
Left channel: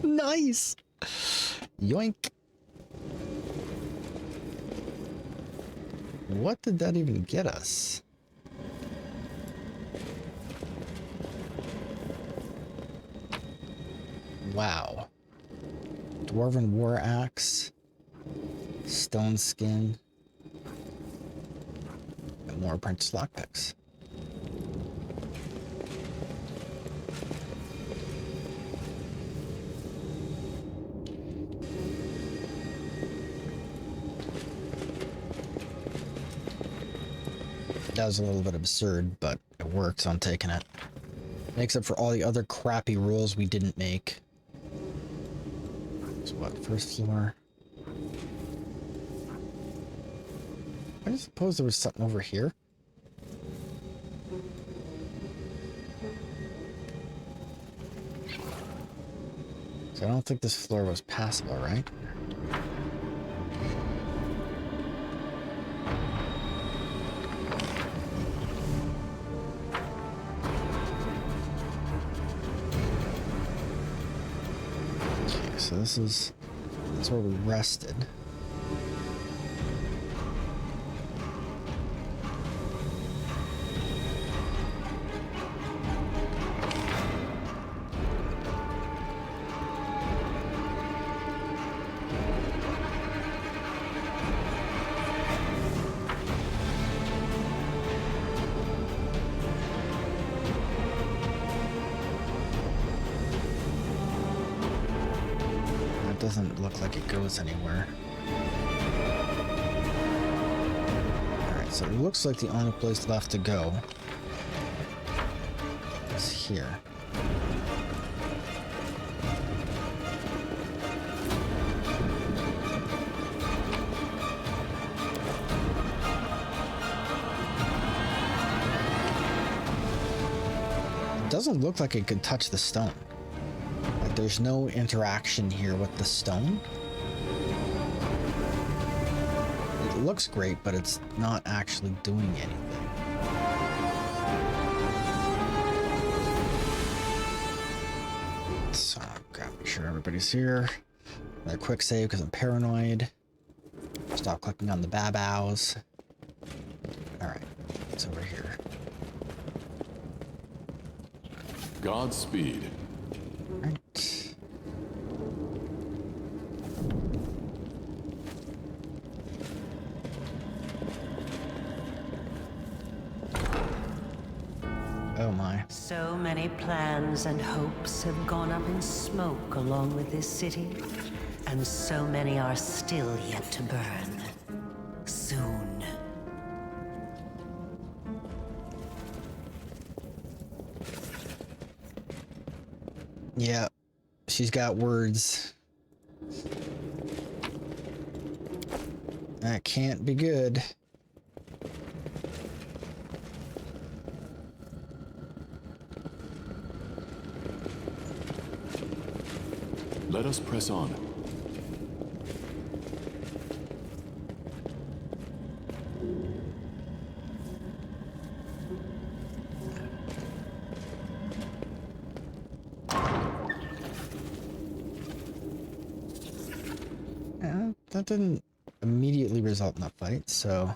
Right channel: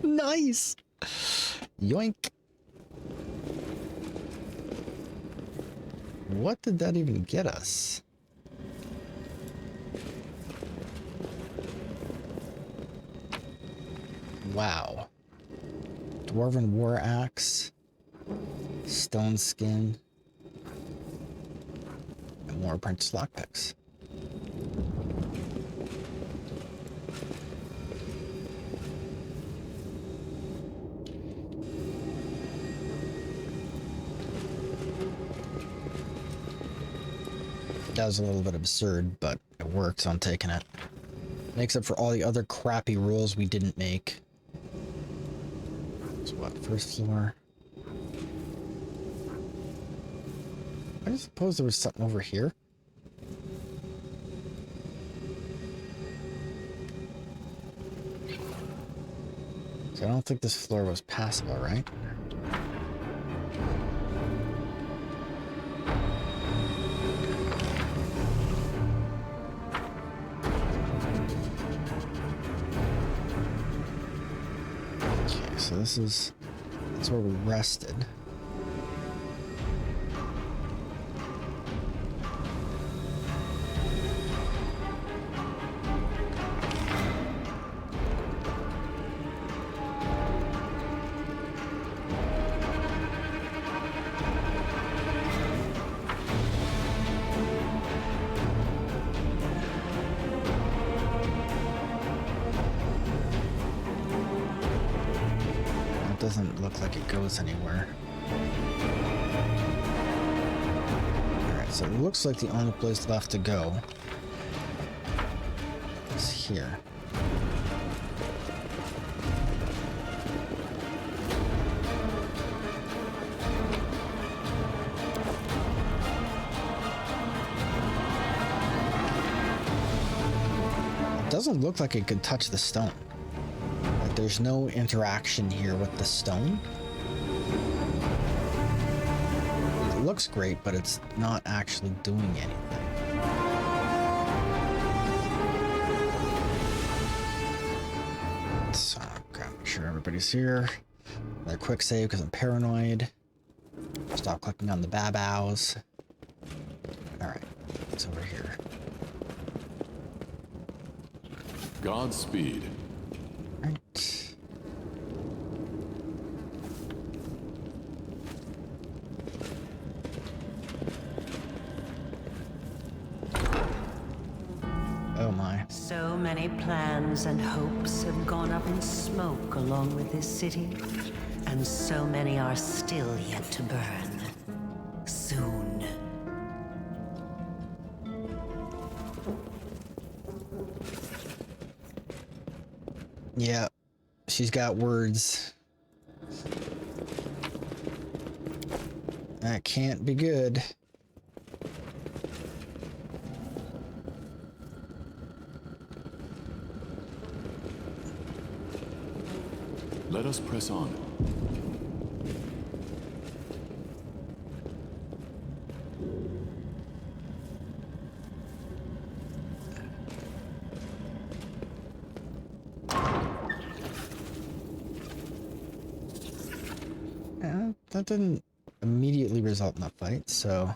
Nice! Yoink! What did that even get us? Wow. Dwarven War Axe, Stone Skin, and more apprentice lockpicks. That was a little bit absurd, but it worked, so I'm taking it. Makes up for all the other crappy rules we didn't make. So what, first floor? I suppose there was something over here. So I don't think this floor was passable, right? So that's where we rested. Doesn't look like it goes anywhere. Alright, so it looks like the only place left to go is here. It doesn't look like it could touch the stone. There's no interaction here with the stone. It looks great, but it's not actually doing anything. So, gotta make sure everybody's here. Another quick save because I'm paranoid. Stop clicking on the babows. Alright, it's over here. Godspeed. Right. Oh my. So many plans and hopes have gone up in smoke along with this city, and so many are still yet to burn. Soon. Yeah, she's got words. That can't be good. Let us press on. That didn't immediately result in a fight, so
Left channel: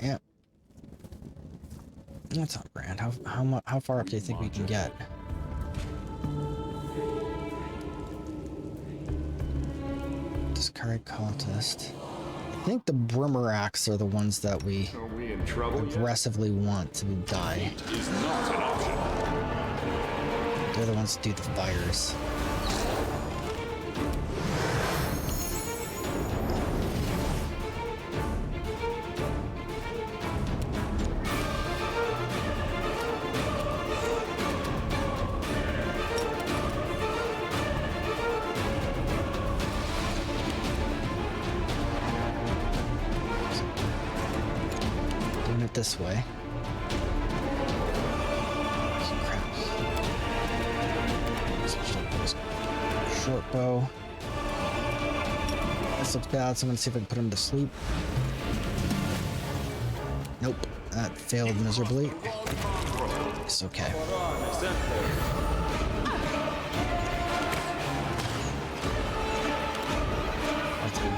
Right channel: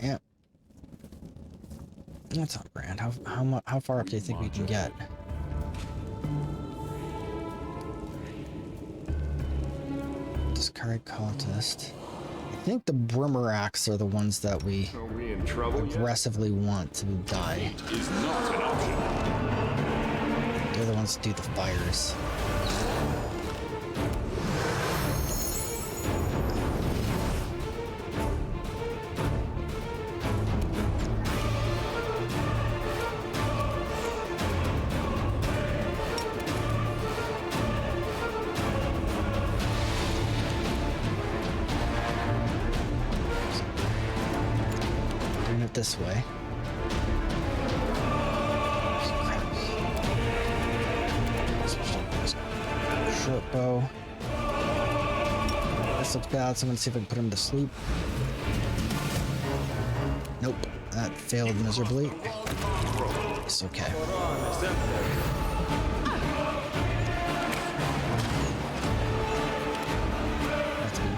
yeah, that's not grand. How far up do you think we can get? Discard cultist. I think the Brimmeracks are the ones that we Are we in trouble yet? aggressively want to die. Defeat is not an option. They're the ones that do the fires. Doing it this way. Crap. Short bow. This looks bad, so I'm gonna see if I can put him to sleep. Nope, that failed miserably. It's okay. That's good.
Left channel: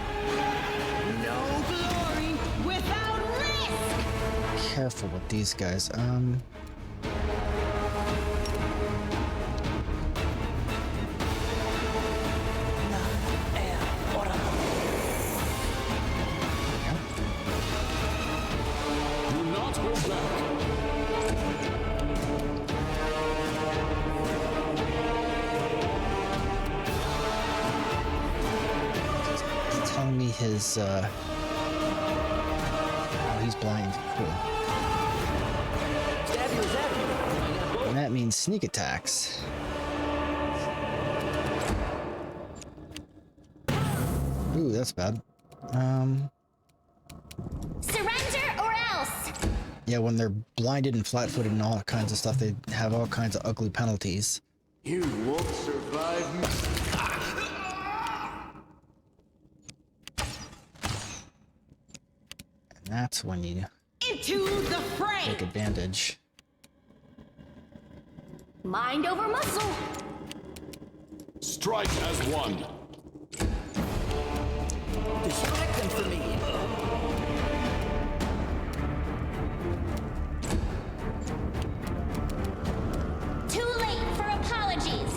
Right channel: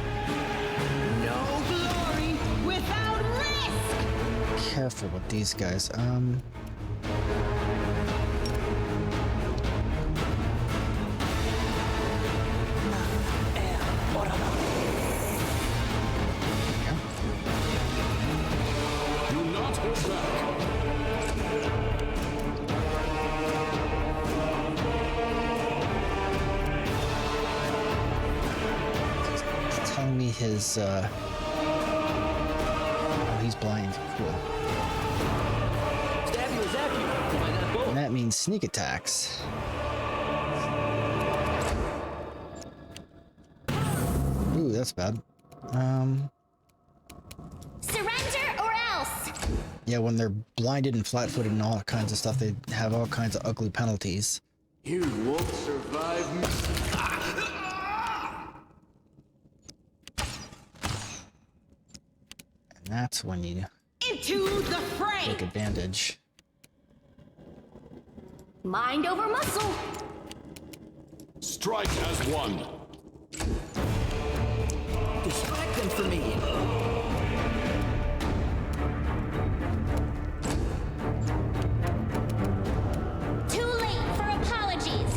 No glory without risk! Careful with these guys. Yeah. Do not hold back. It's telling me his, oh, he's blind. Cool. Stab you or zap you. Why not both? And that means sneak attacks. Ooh, that's bad. Surrender or else! Yeah, when they're blinded and flat-footed and all kinds of stuff, they have all kinds of ugly penalties. You won't survive me. And that's when you Into the fray! take advantage. Mind over muscle! Strike as one. Distract them for me. Too late for apologies!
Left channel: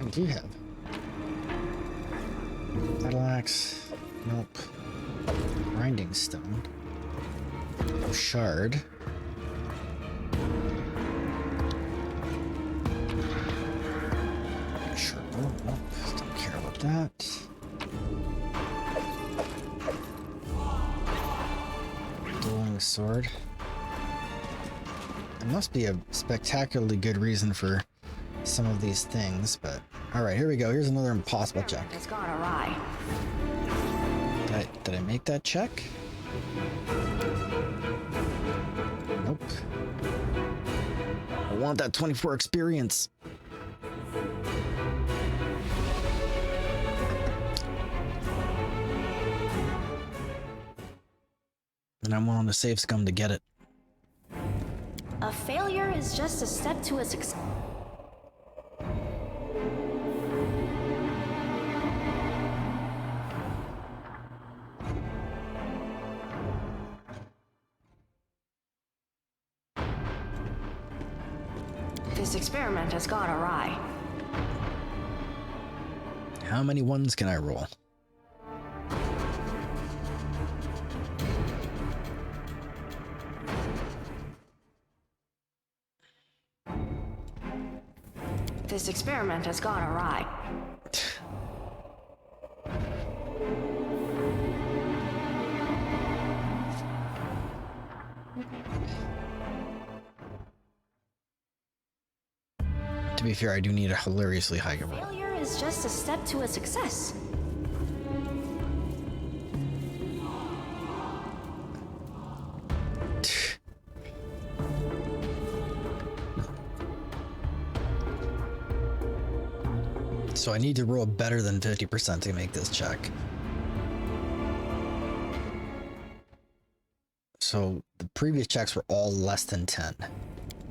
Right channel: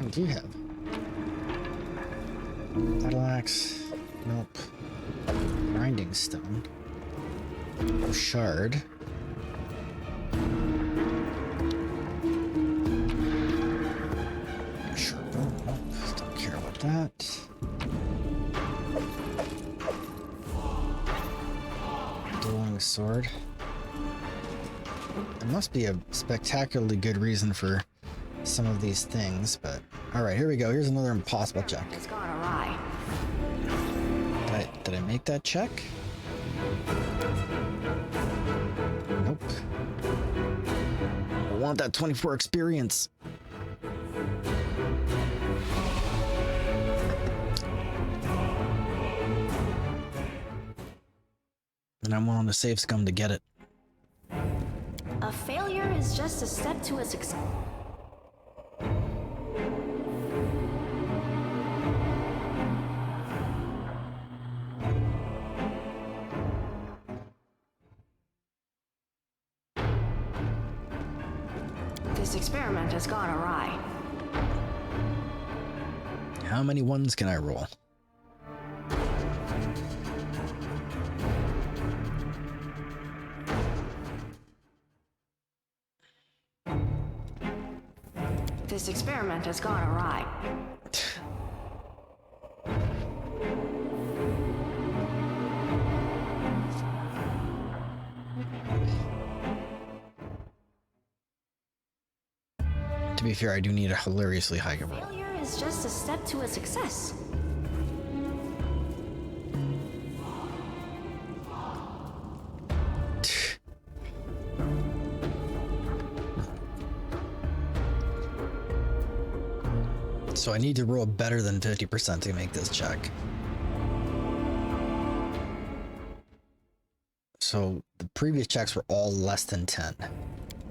What do you have? Battle axe. Nope. Grinding stone. Shard. Sure. Oh, nope. Don't care about that. Dueling sword. There must be a spectacularly good reason for some of these things, but alright, here we go. Here's another impossible check. It's gone awry. Did I make that check? Nope. I want that 24 experience. And I'm willing to save scum to get it. A failure is just a step to a success. This experiment has gone awry. How many ones can I roll? This experiment has gone awry. To be fair, I do need a hilariously high roll. Failure is just a step to a success. So I need to roll better than 50% to make this check. So the previous checks were all less than 10.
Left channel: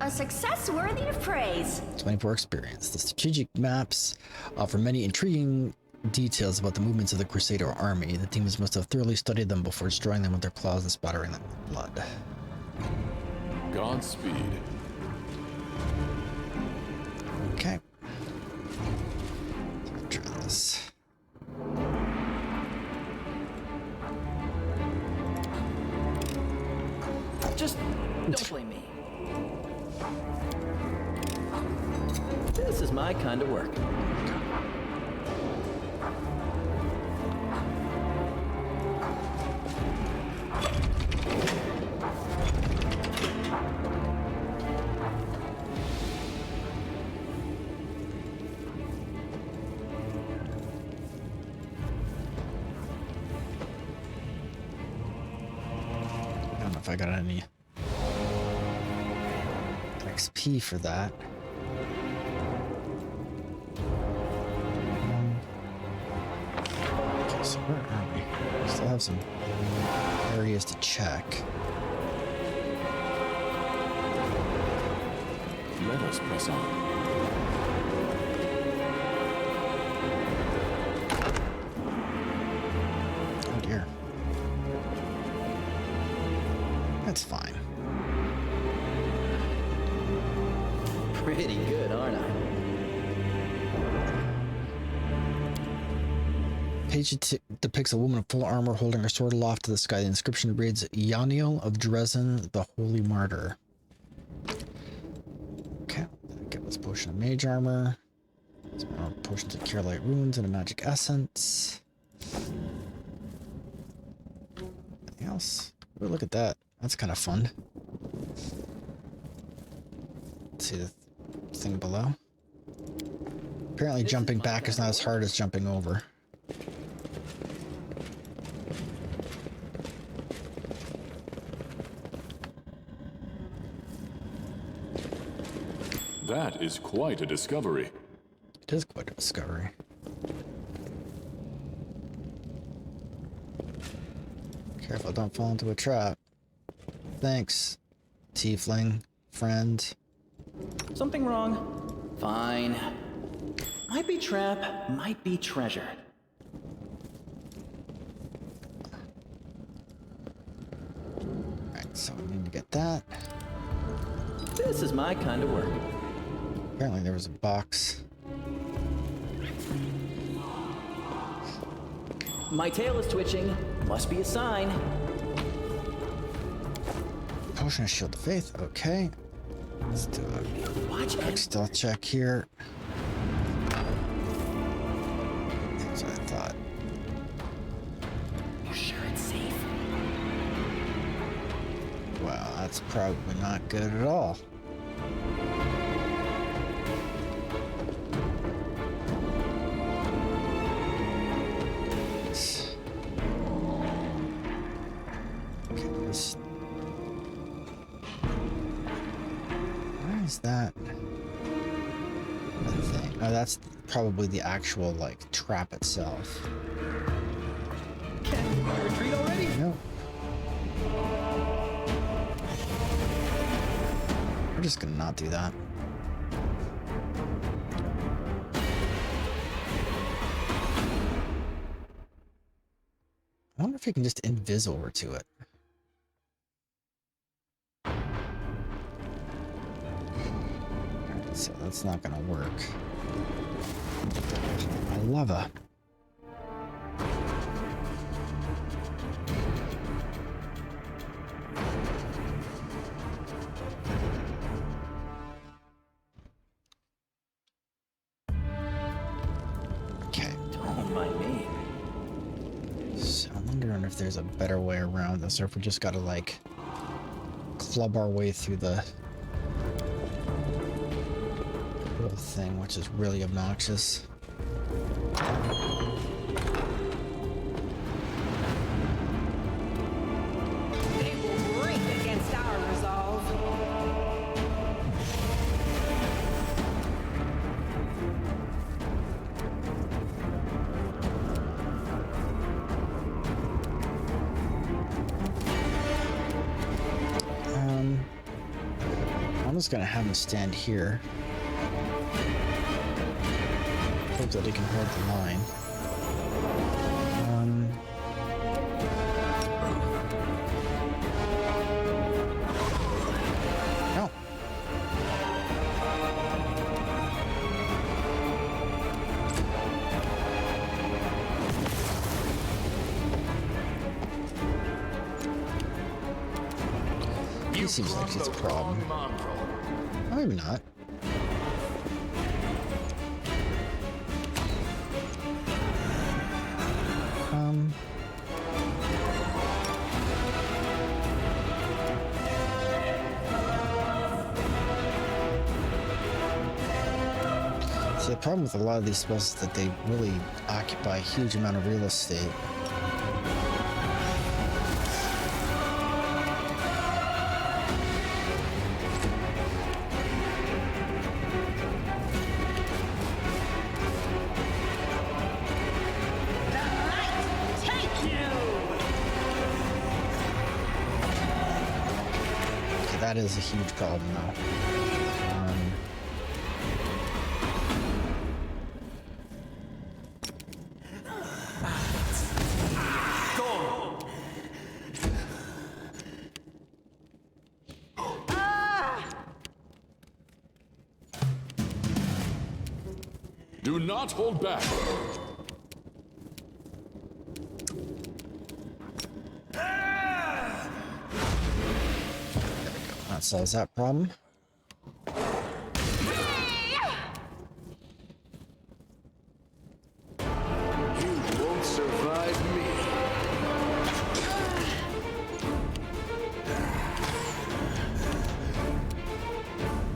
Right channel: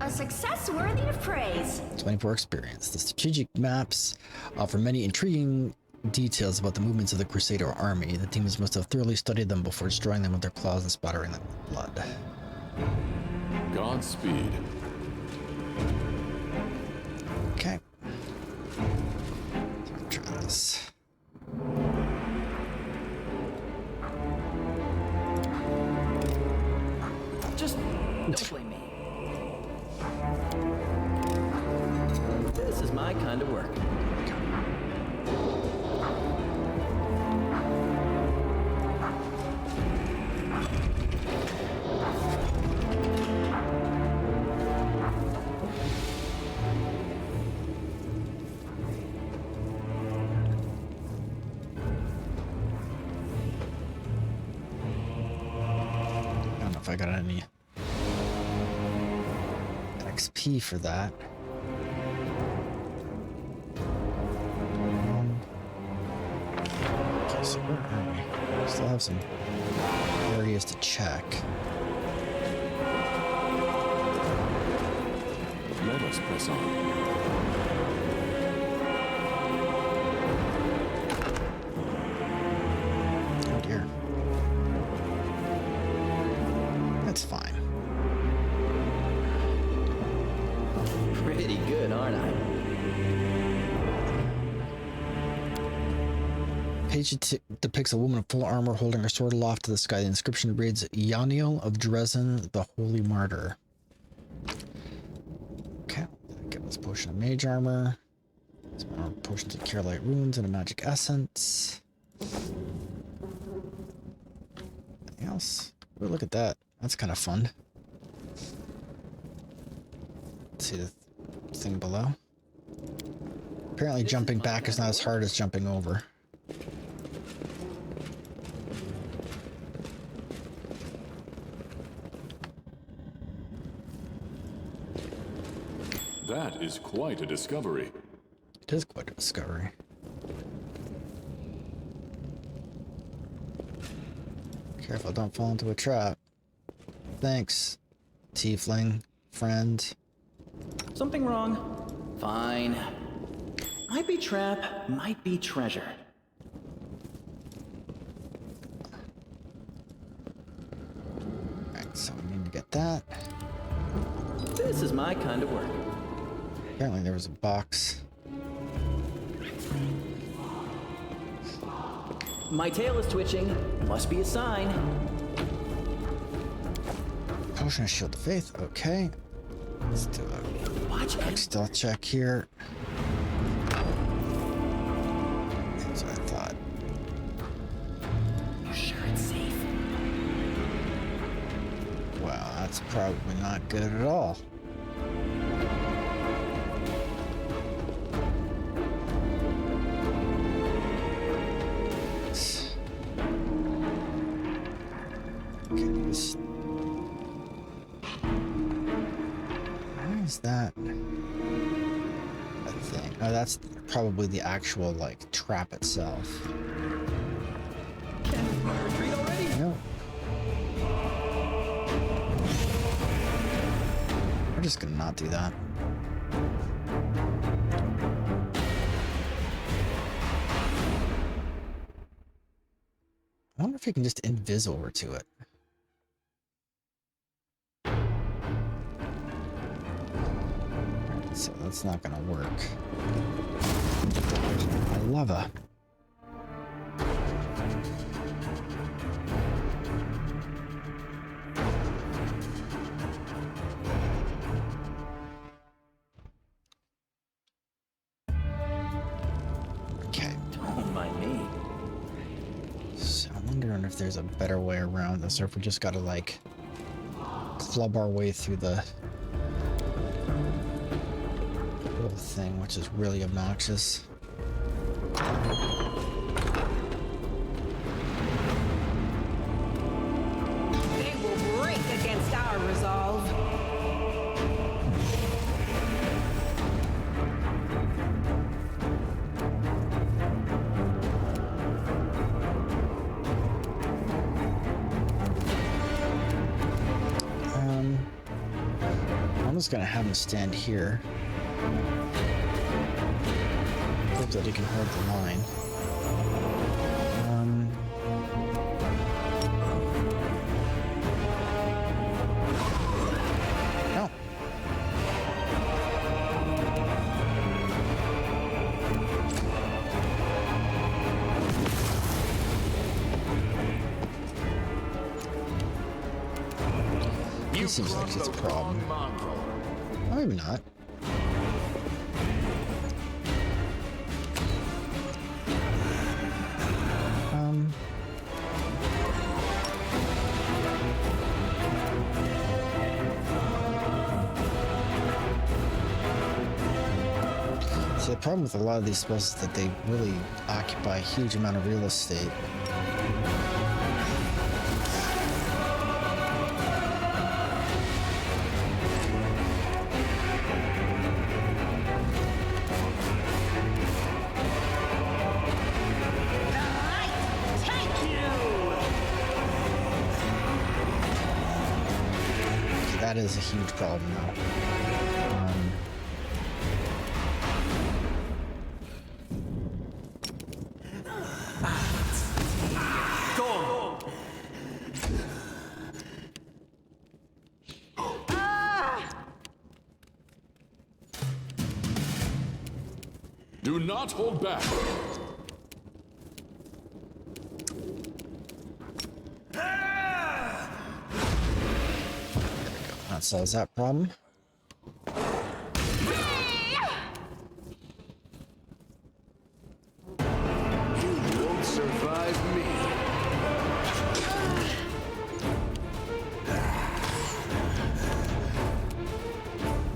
A success worthy of praise. 24 experience. The strategic maps offer many intriguing details about the movements of the Crusader army. The teams must have thoroughly studied them before destroying them with their claws and spattering them with blood. Godspeed. Okay. Let's try this. Just don't blame me. This is my kind of work. I don't know if I got any XP for that. Okay, so where are we? We still have some areas to check. Let us press on. Oh dear. That's fine. Pretty good, aren't I? Page depicts a woman in full armor holding her sword aloft to the sky. The inscription reads, Yaniel of Dresden, the Holy Martyr. Okay, give us potion of mage armor. Some more potions of cure light wounds and a magic essence. Anything else? Oh, look at that. That's kind of fun. Let's see the thing below. Apparently jumping back is not as hard as jumping over. That is quite a discovery. It is quite a discovery. Careful, don't fall into a trap. Thanks, tiefling, friend. Something wrong? Fine. Might be trap, might be treasure. Alright, so we need to get that. This is my kind of work. Apparently there was a box. My tail is twitching. Must be a sign. Potion of Shield of Faith, okay. Let's do a Watch quick it. stealth check here. That's what I thought. You sure it's safe? Wow, that's probably not good at all. Okay, this. Where is that? That thing. Oh, that's probably the actual, like, trap itself. Can I retreat already? Nope. We're just gonna not do that. I wonder if you can just invis over to it. Alright, so that's not gonna work. I love it. Okay. Don't mind me. So I'm wondering if there's a better way around this, or if we just gotta, like, club our way through the whole thing, which is really obnoxious. They will break against our resolve. just gonna have him stand here. Hope that he can hold the line. No. He seems like it's a problem. Oh, maybe not. So the problem with a lot of these spells is that they really occupy a huge amount of real estate. That is a huge problem, though. Do not hold back. That solves that problem. You won't survive me.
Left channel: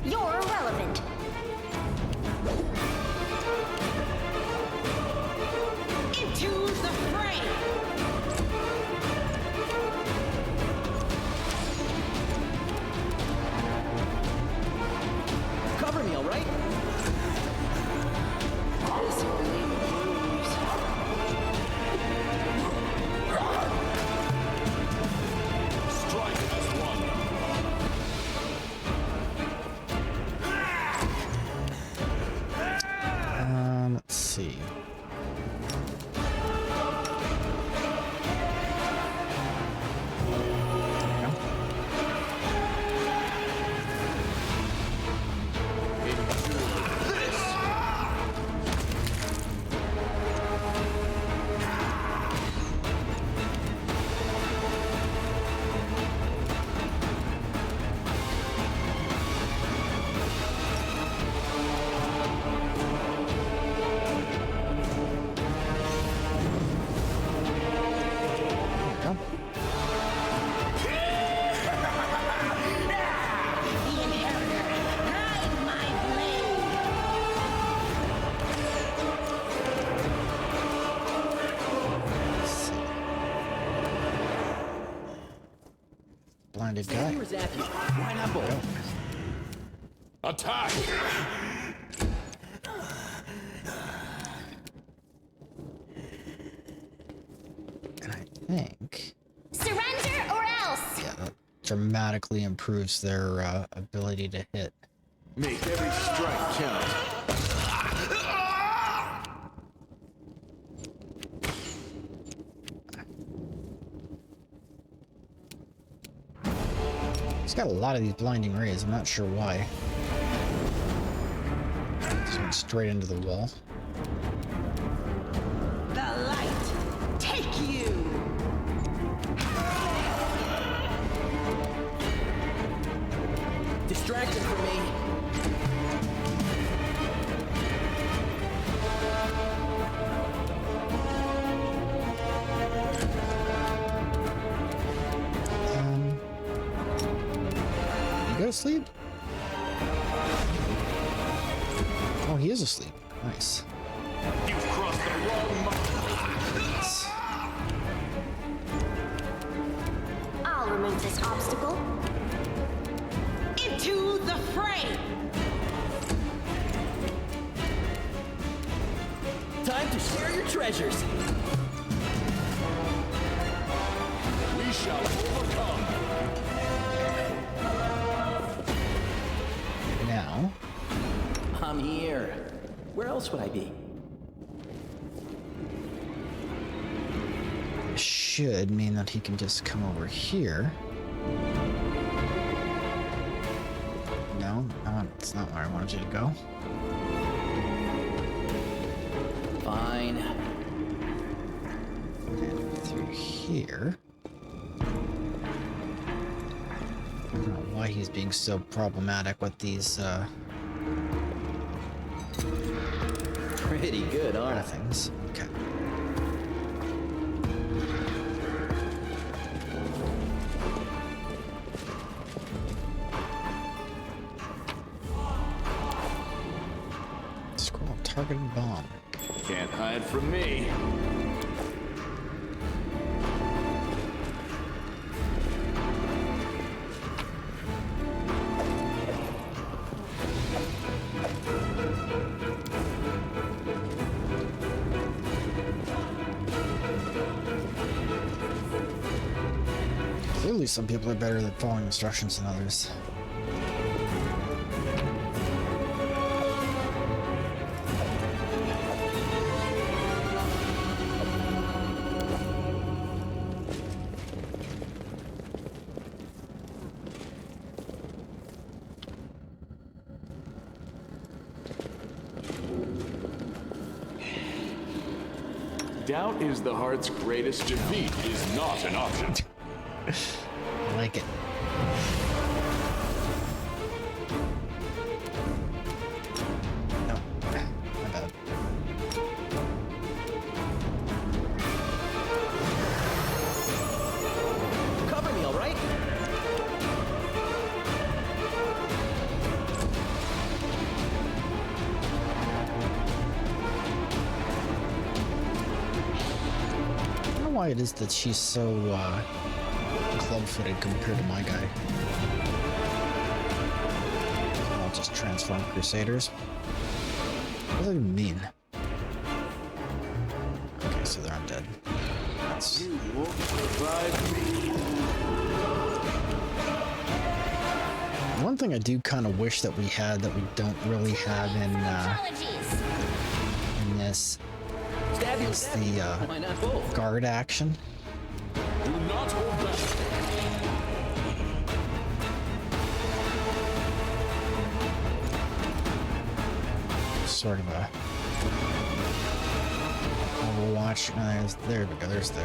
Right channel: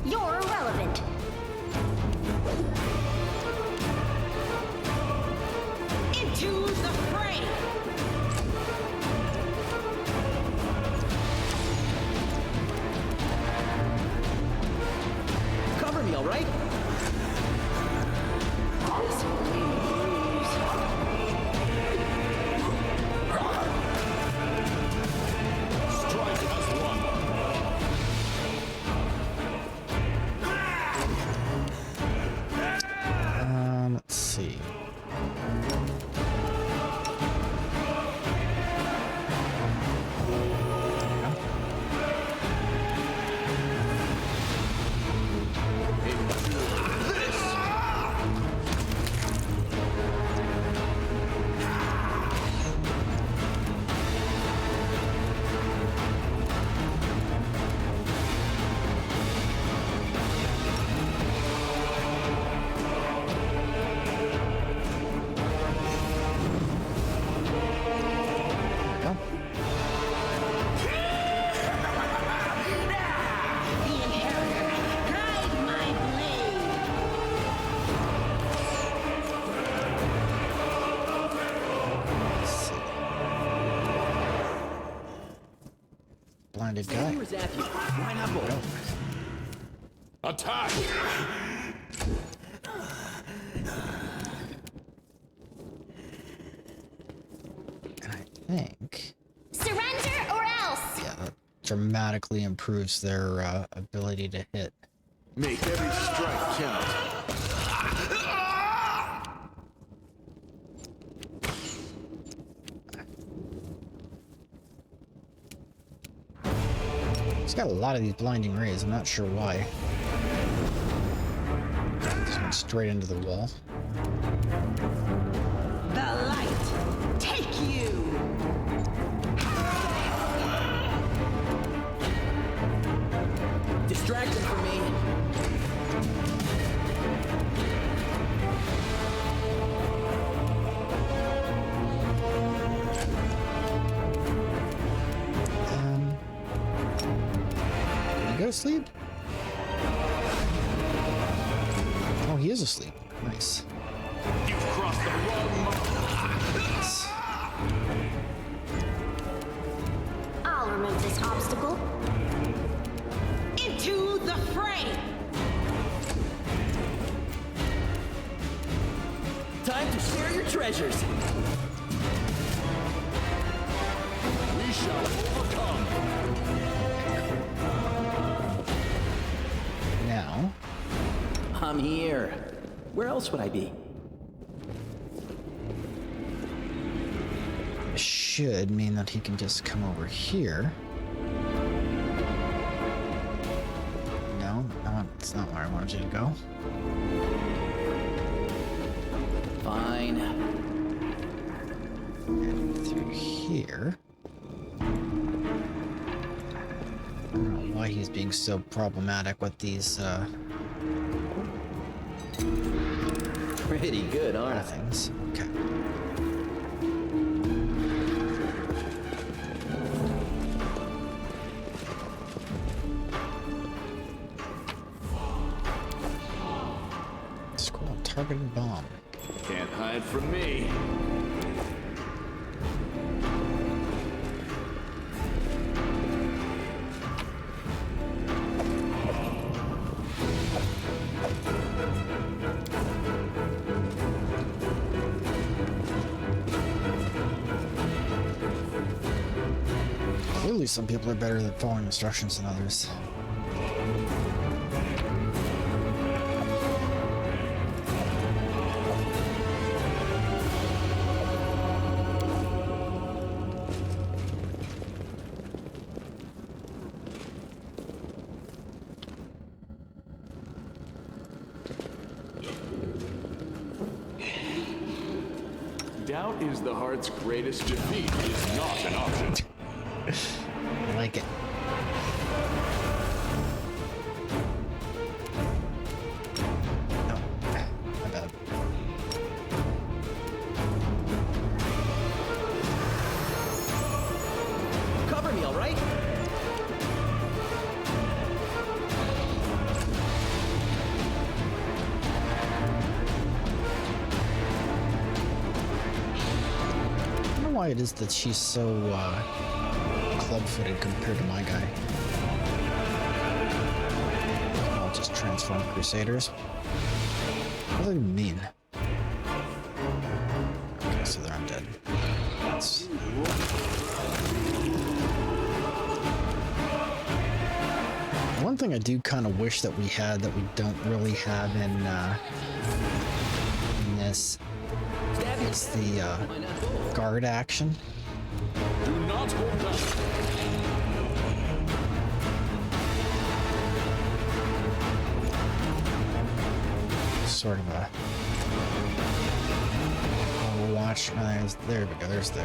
You're irrelevant. Into the fray! Cover me, all right? This will leave a bruise. Strike as one. Let's see. The Inheritor, guide my blade! Let's see. Blinded guy. Where's Matthew? Why not both? Attack! And I think, Surrender or else! yeah, that dramatically improves their ability to hit. Make every strike count. He's got a lot of these blinding rays. I'm not sure why. Just went straight into the wall. The light, take you! Distraction for me. You go to sleep? Oh, he is asleep. Nice. You've crossed the wrong mark. I'll remove this obstacle. Into the fray! Time to share your treasures. We shall overcome. now. I'm here. Where else would I be? This should mean that he can just come over here. No, it's not where I wanted you to go. Fine. And through here. I don't know why he's being so problematic with these Pretty good, aren't I? things. Okay. Scroll targeted bomb. Can't hide from me. Clearly some people are better at following instructions than others. Doubt is the heart's greatest Defeat is not an option. I like it. No, my bad. Cover me, all right? I don't know why it is that she's so club-footed compared to my guy. I'll just transform Crusaders. What does that even mean? Okay, so they're undead. That's... One thing I do kind of wish that we had that we don't really have in this Stab you. is the Why not both? guard action. Do not hold back. Sort of a Overwatch. There we go. There's the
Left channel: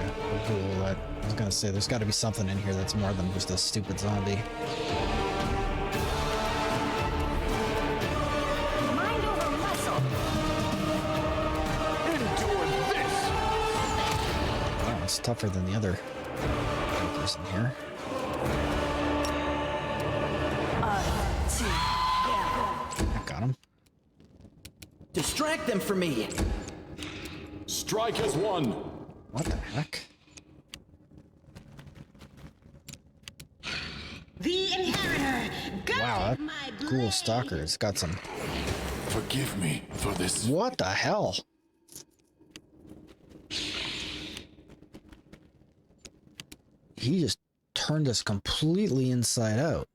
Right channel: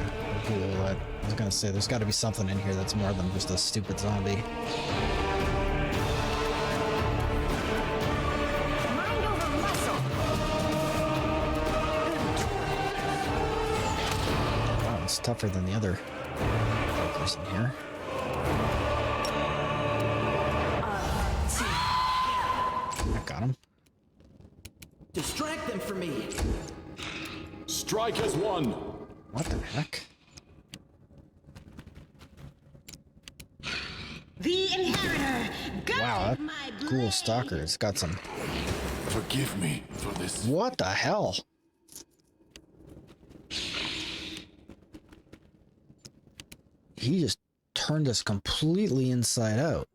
ghoul. That I was gonna say. There's got to be something in here that's more than just a stupid zombie. Mind over muscle. Endure this. Wow, it's tougher than the other jokers in here. I got him. Distract them from me. Strike as one. What the heck? The inheritor. Wow, that my ghoul blade. stalker's got some. Forgive me for this. What the hell? He just turned us completely inside out.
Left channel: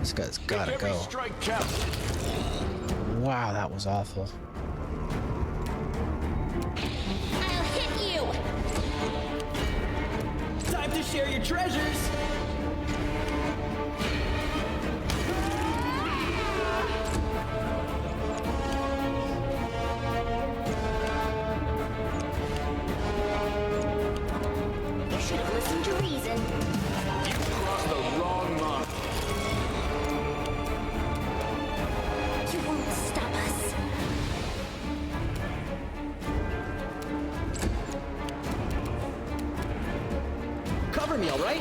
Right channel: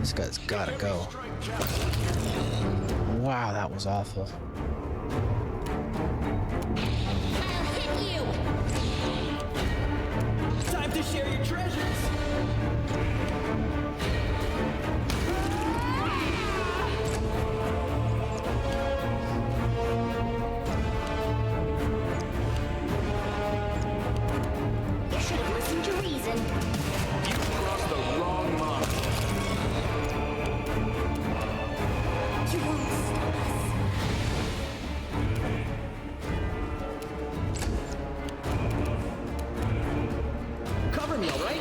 This guy's gotta Every go. strike counts. Wow, that was awful. I'll hit you. Time to share your treasures. You should have listened to reason. You crossed the wrong mark. You won't stop us. Cover me, all right?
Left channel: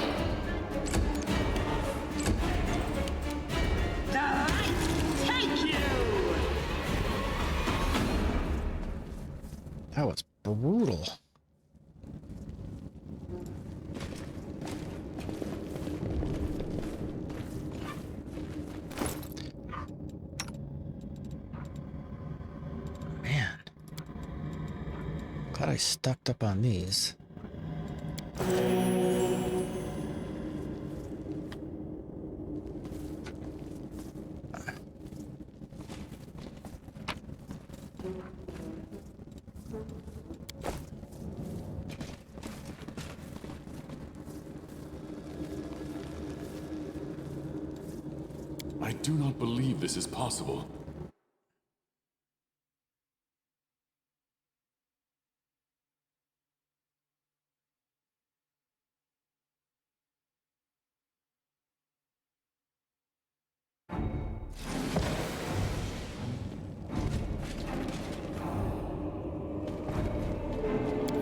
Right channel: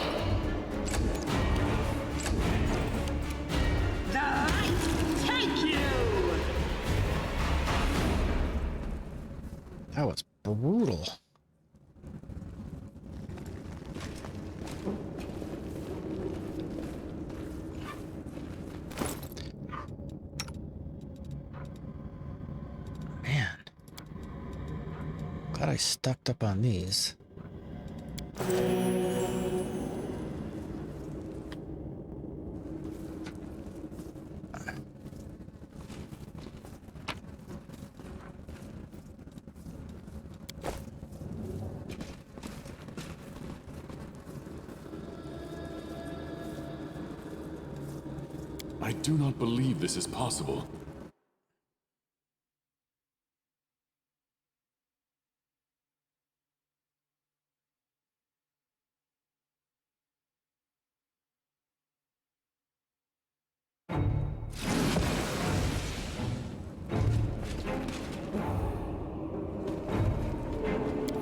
The light take you. That was brutal. Man. Glad I stocked up on these. I do not believe this is possible.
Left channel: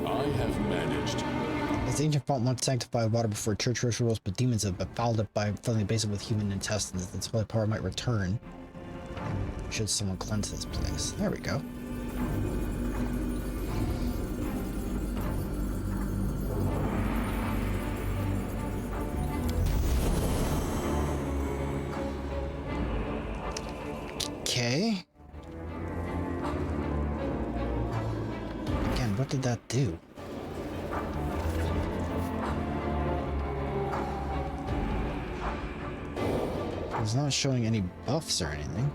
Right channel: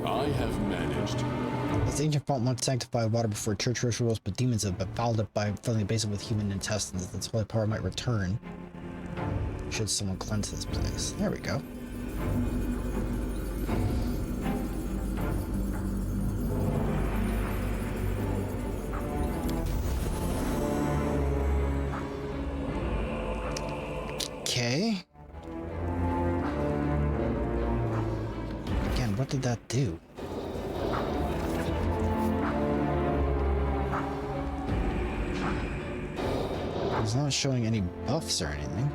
I have managed. As the ancient font once sanctified water before church rituals, but demons have befouled it by filling the basin with human intestines. This holy power might return should someone cleanse this place. There we go. Okay. Again, what did that do? It's not showing any buffs or anything.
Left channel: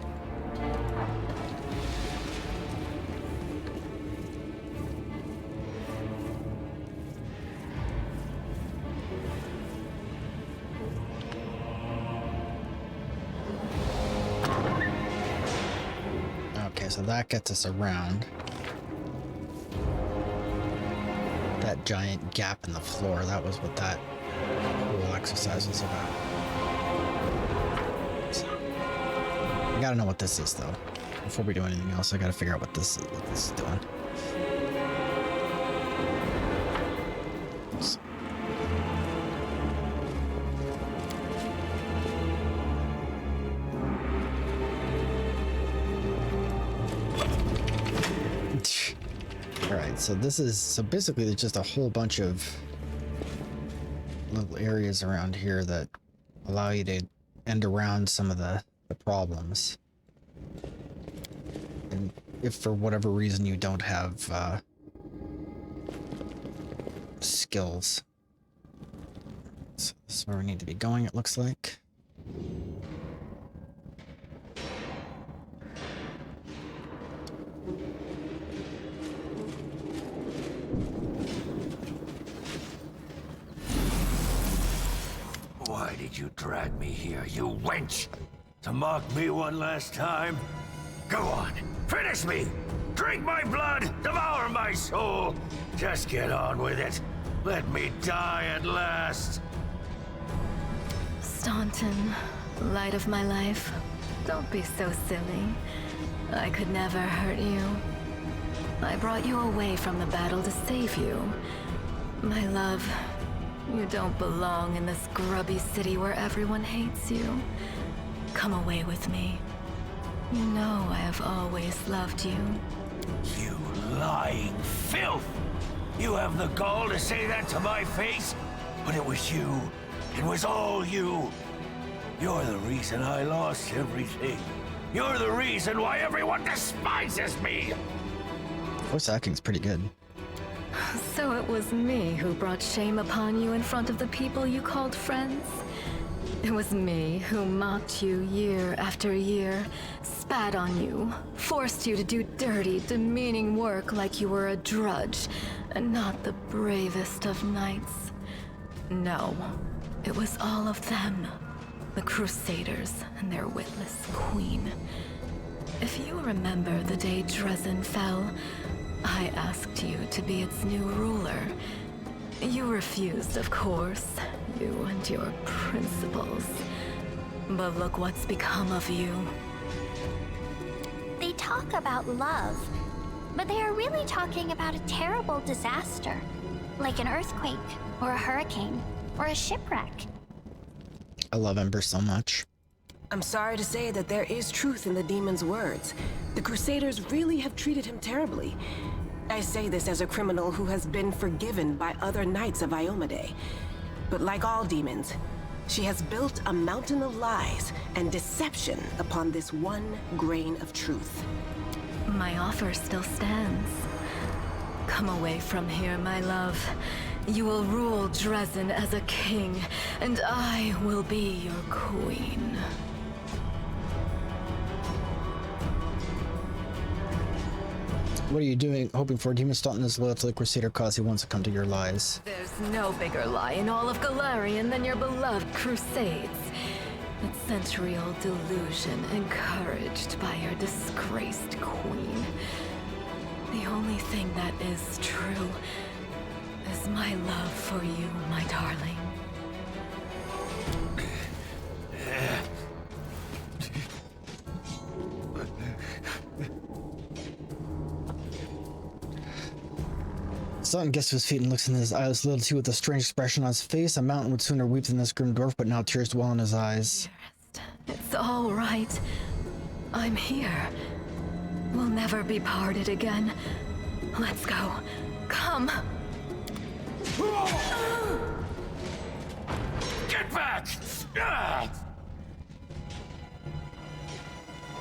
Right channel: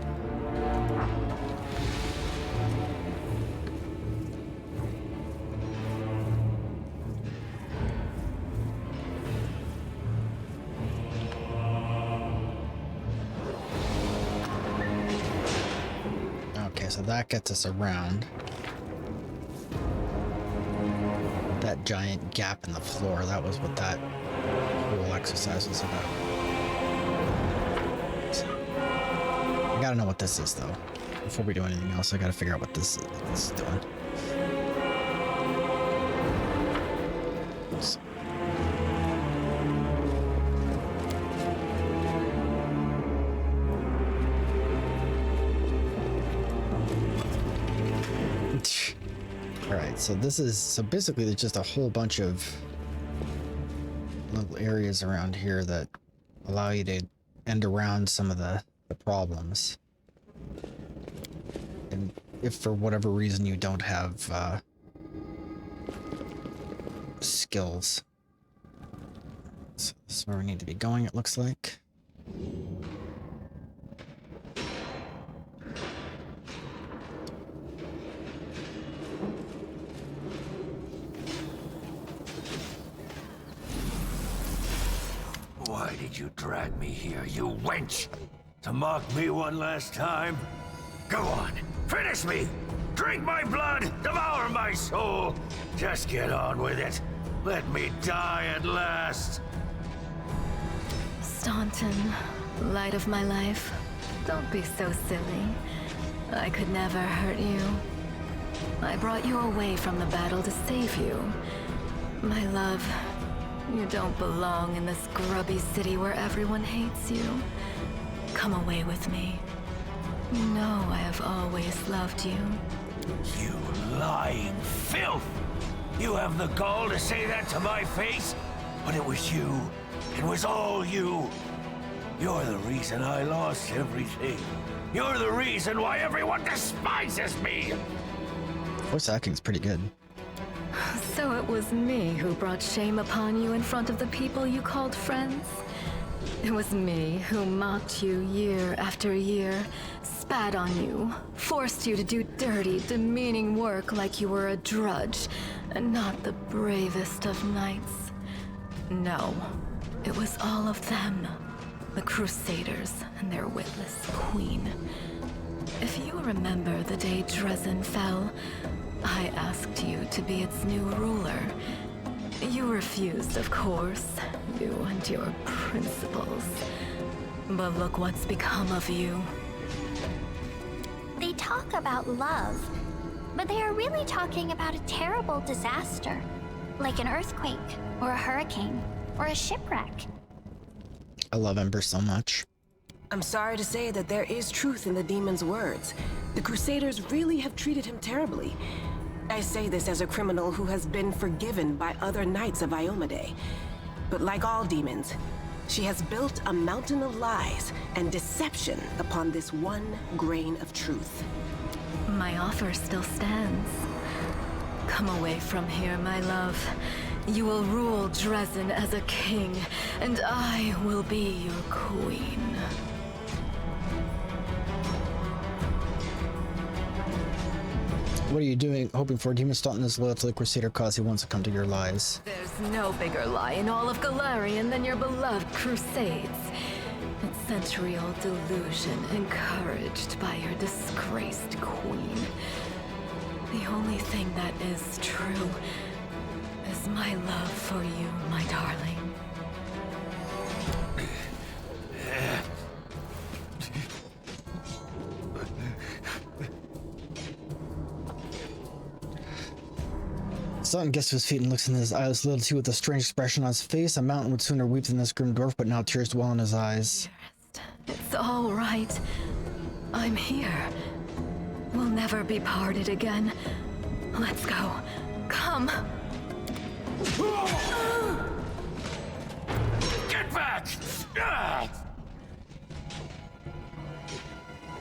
Okay, so that gets us around that giant gap in the floor. That was what that whole exercise was about. I gotta know what this is, though. Before we do anything else, I gotta figure out what this is doing. Oops. Alright, so this is... So basically, there's just a whole bunch of little areas around here that allow you to end around some of the problems. And if for whatever reason you don't have skills. So this is where we need to be going, it looks like. Why did you drag me here, you wench? To mock me one last time? Go on, finish me! Drink my blood, devour my soul! Just get on with it. Let me die at last. Staunton, light of my life, don't be so silly. I could never hurt you. I brought you away from the battle to save you. My love, you don't belong in this grubby city where everyone hates you. Come away with me. You know I have always loved you. You lying filth! You have the gall to say that to my face? But it was you. It was all you. You're the reason I lost everything. You're the reason why everyone despises me! Voice acting's pretty good. So it was me who brought shame upon you in front of the people you called friends? It was me who mocked you year after year, spat on you, forced you to do dirty, demeaning work like you were a drudge, and not the bravest of knights. No, it was all of them, the Crusaders and their witless queen. If you remember the day Dresden fell, I asked you to be its new ruler. You refused, of course, you and your principles. But look what's become of you. They talk about love, but they are really talking about a terrible disaster, like an earthquake, or a hurricane, or a shipwreck. I love Ember so much. I'm sorry to say that there is truth in the demon's words. The Crusaders really have treated him terribly. I say this as a criminal who has been forgiven by other knights of Iomade. But like all demons, she has built a mountain of lies and deception upon this one grain of truth. My offer still stands. Come away from here, my love. You will rule Dresden as a king, and I will be your queen. What are you doing? Hoping for a demon Staunton is loyal to the Crusader cause he wants to come to your lies. There's no bigger lie in all of Galarian than your beloved Crusades. That century-old delusion encouraged by your disgraced queen. The only thing that is true is my love for you, my darling. Staunton gets to his feet and looks in his eyeless loyalty with a strange expression on his face. A mountain would sooner weep than this grim dwarf, but now tears dwell in his eyes. It's all right. I'm here. We'll never be parted again. Let's go. Come. Get back!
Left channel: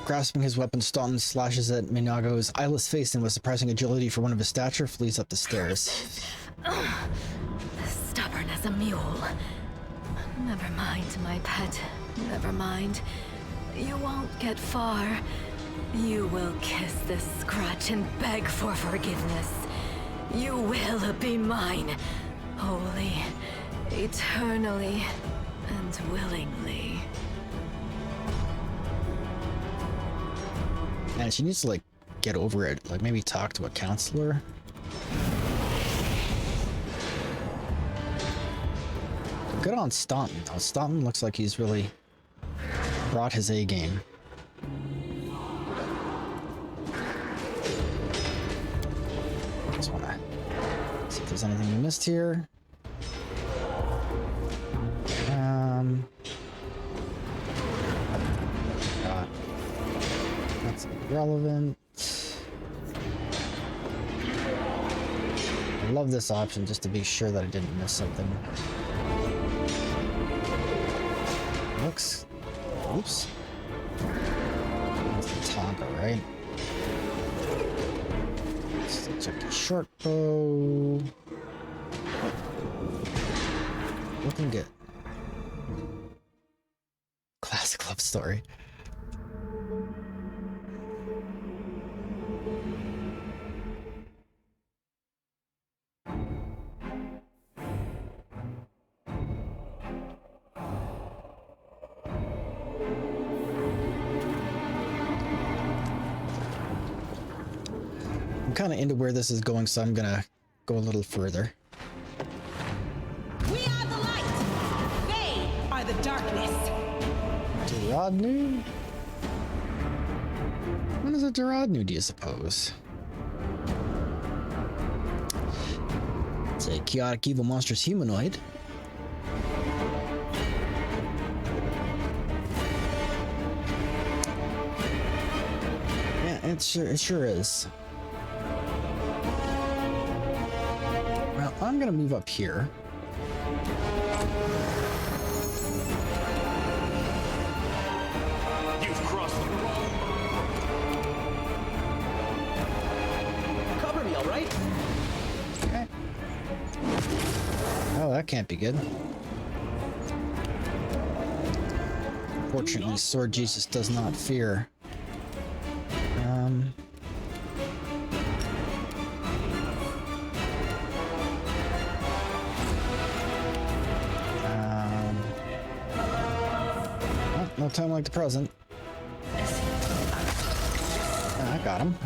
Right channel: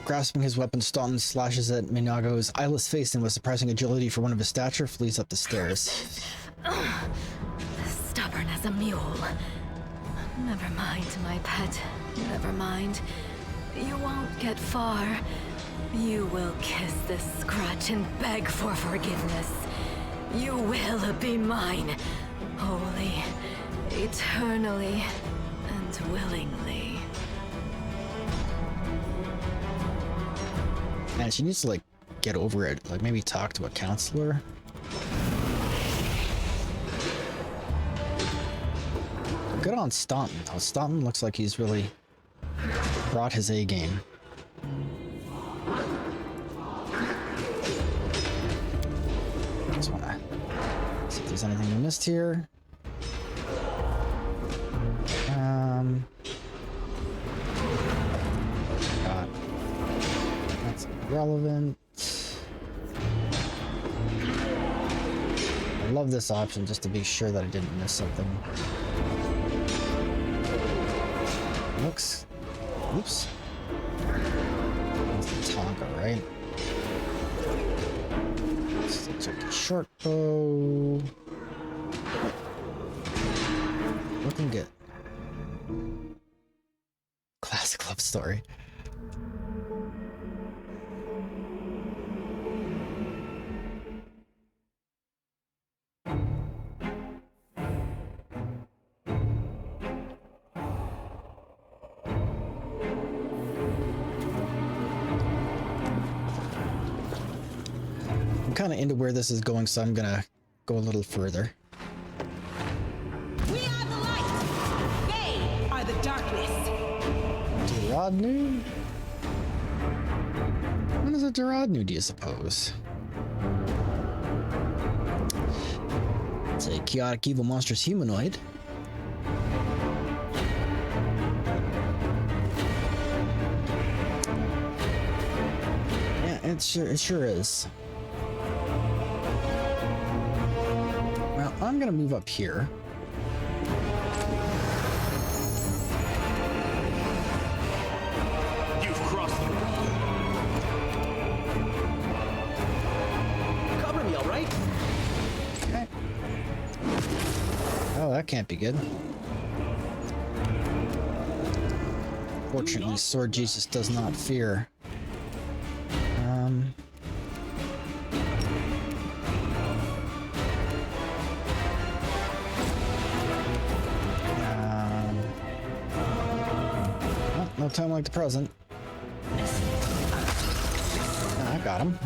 Grasping his weapon, Staunton slashes at Minago's eyeless face and with surprising agility for one of his stature, flees up the stairs. Stubborn as a mule. Never mind, my pet. Never mind. You won't get far. You will kiss this scratch and beg for forgiveness. You will be mine. Wholly, eternally, and willingly. And she needs to, like, get over it. Like, maybe talk to a counselor. Good on Staunton, though. Staunton looks like he's really brought his A game. Just wanna see if there's anything we missed here. God. That's irrelevant. I love this option just to be sure that I didn't miss something. Looks. Oops. That's the Tonka, right? Still check the short bow. Looking good. Classic love story. I'm kind of into where this is going, so I'm gonna go a little further. We are the light. They are the darkness. Duradnu? What is a Duradnu, do you suppose? It's a chaotic evil monstrous humanoid. Yeah, it sure is. Well, I'm gonna move up here. You've crossed the wall. Cover me, all right? Okay. Oh, that can't be good. Fortunately, Sword Jesus does not fear. Well, no time like the present. I got him.